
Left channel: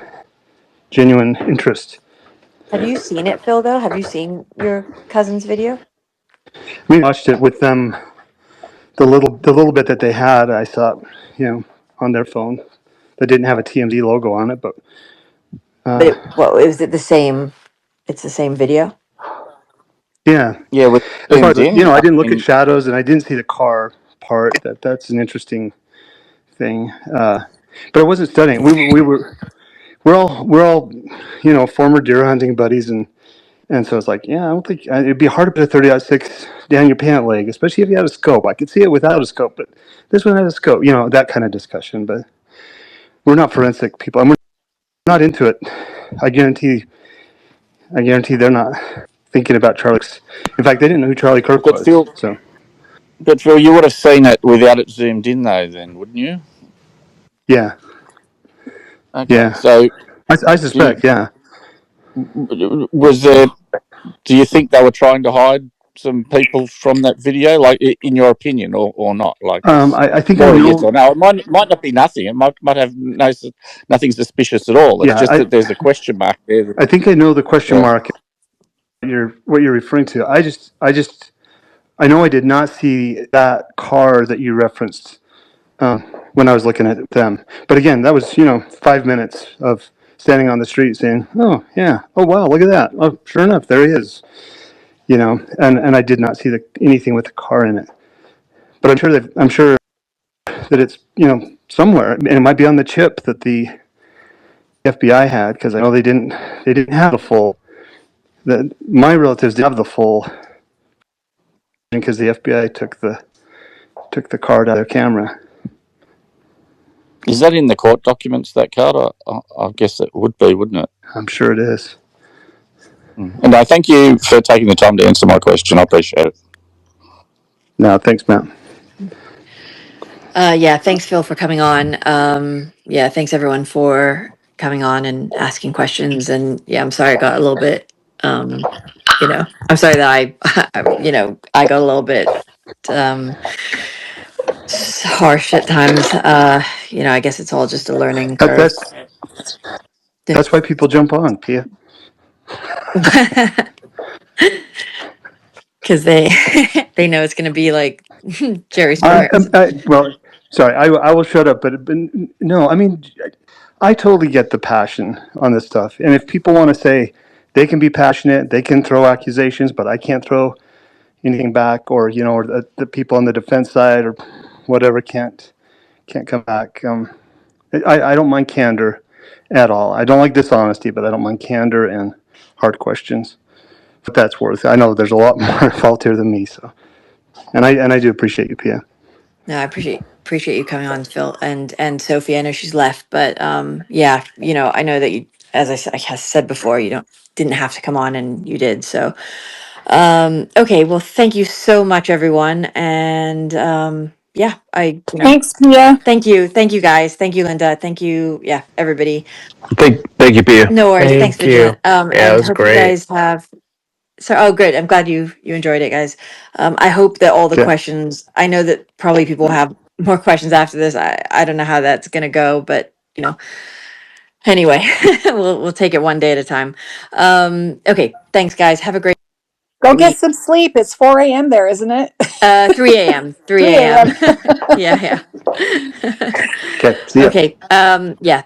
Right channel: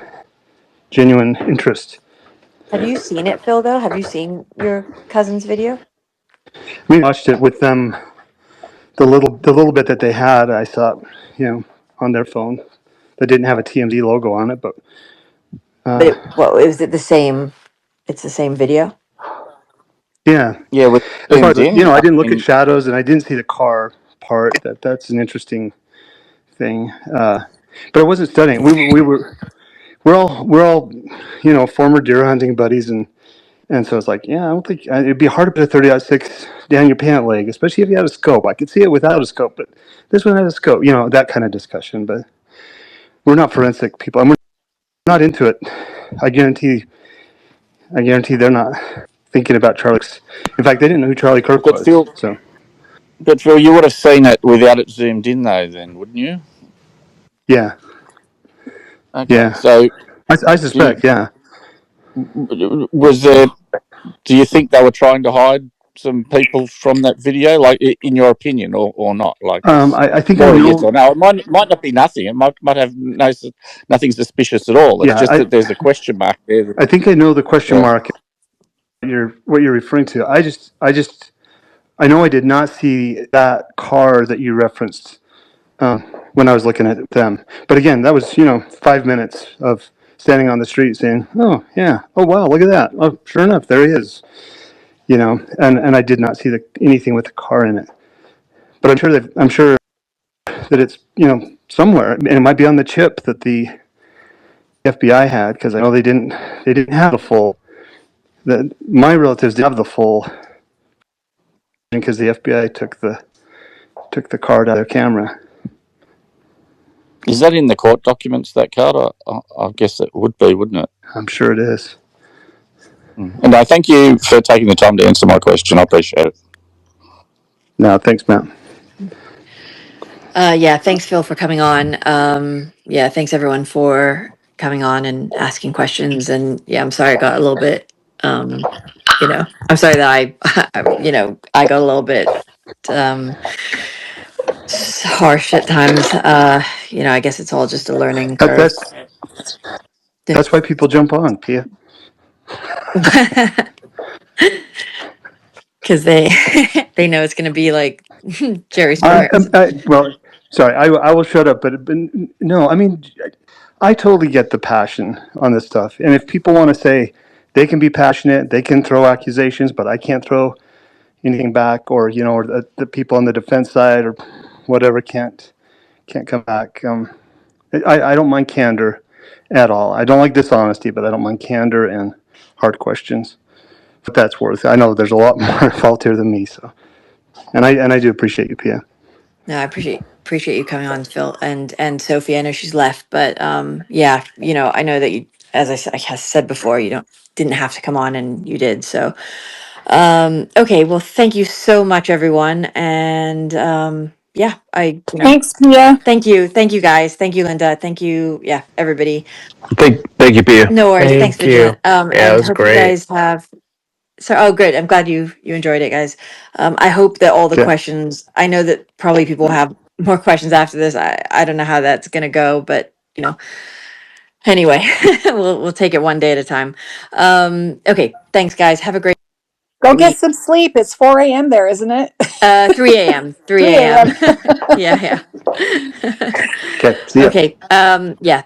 genuine interest. Have you seen it, Phil, though? Have you seen your cousin's video? We watched it with them. The little bit that they had, I saw, on their phone. That didn't have a TMZ logo on it, but But is it the same? It's the same video? yeah. Yeah, with As far zoomed as in. I I didn't look at mean, shadows, and I didn't see the car part. That's an interesting thing. But I wasn't studying. We're all former deer hunting buddies, and so it's like, yeah, I don't think it'd be hard to put a 30-06 down your pant leg, especially if you had a scope. I could see it without a scope, but this one had a scope. That kind of discussion. But we're not forensic people, and we're not into it. I guarantee they're not thinking about Charlie's. In fact, they didn't know who Charlie Kirk but was. Phil, So you would have seen it without it zoomed in, though, then, wouldn't you? yeah, Okay, yeah. so I do suspect, yeah. was there? Do you think they were trying to hide some people from that video, like in your opinion, or not? Like it's I think I more a yes or know. no. It might not be nothing. It might have nothing suspicious at all. It's Yeah, just that there's a question mark there. I think I know the question Yeah. mark. What you're referring to. I know I did not see that car that you referenced when I was looking at them. But again, that was 5 minutes of standing on the street saying, "Oh yeah, oh wow, look at that. Oh, sure enough, there he is." And I did not see anything with the car in it. But I'm sure that it's somewhere, and it might be on the chip that the FBI had, because I know they didn't have the full. That my relatives didn't have the full, because the FBI took the card out of their camera. Is that in the court documents? That card? I guess it would be, wouldn't it? I'm sure it is. And I thank you for taking the time to answer my question. I appreciate it. No, thanks, Matt. Yeah, thanks, Phil, for coming on. Yeah, thanks everyone for coming on and asking questions. And yeah, I'm sorry it got a little bit You know, I'm sorry that I got a little bit harsh at times. I guess it's all just a learning That, curve. that's why people jump on, Pia. Because they they know it's going to be like Jerry Springer. Well, sorry, I will shut up. But no, I mean, I totally get the passion on this stuff. And if people want to say they can be passionate, they can throw accusations, but I can't throw anything back, or or the people on the defense side or whatever can't come back. I don't mind candor at all. I don't like dishonesty, but I don't mind candor and hard questions. But that's worth it. I know there's a lot more involved here than me. So, and I do appreciate you, Pia. No, I appreciate you coming on, Phil, and Sophie. I know she's left, but yeah, I know that you, as I said before, you didn't have to come on, and you did. So, okay, well, thank you so much, everyone, and yeah, Thanks, Pia. thank you guys, thank you, Linda, thank you, yeah, everybody. Thank you, Pia. No worries, thanks, Thank you. Vigilante. Yeah, it And was hope you great. guys have. So, oh, good. I'm glad you enjoyed it, guys. I hope that all the Okay. questions. I know that probably people have more questions after this. I don't know how that's gonna go, but anyway, we'll take it one day at a time. Okay, thanks, guys. Have a great Go get week. some sleep. It's 4 a.m. there, isn't it? 3 a.m. 3 3 a.m. a.m. Yeah. Okay. See ya. Okay. Yeah.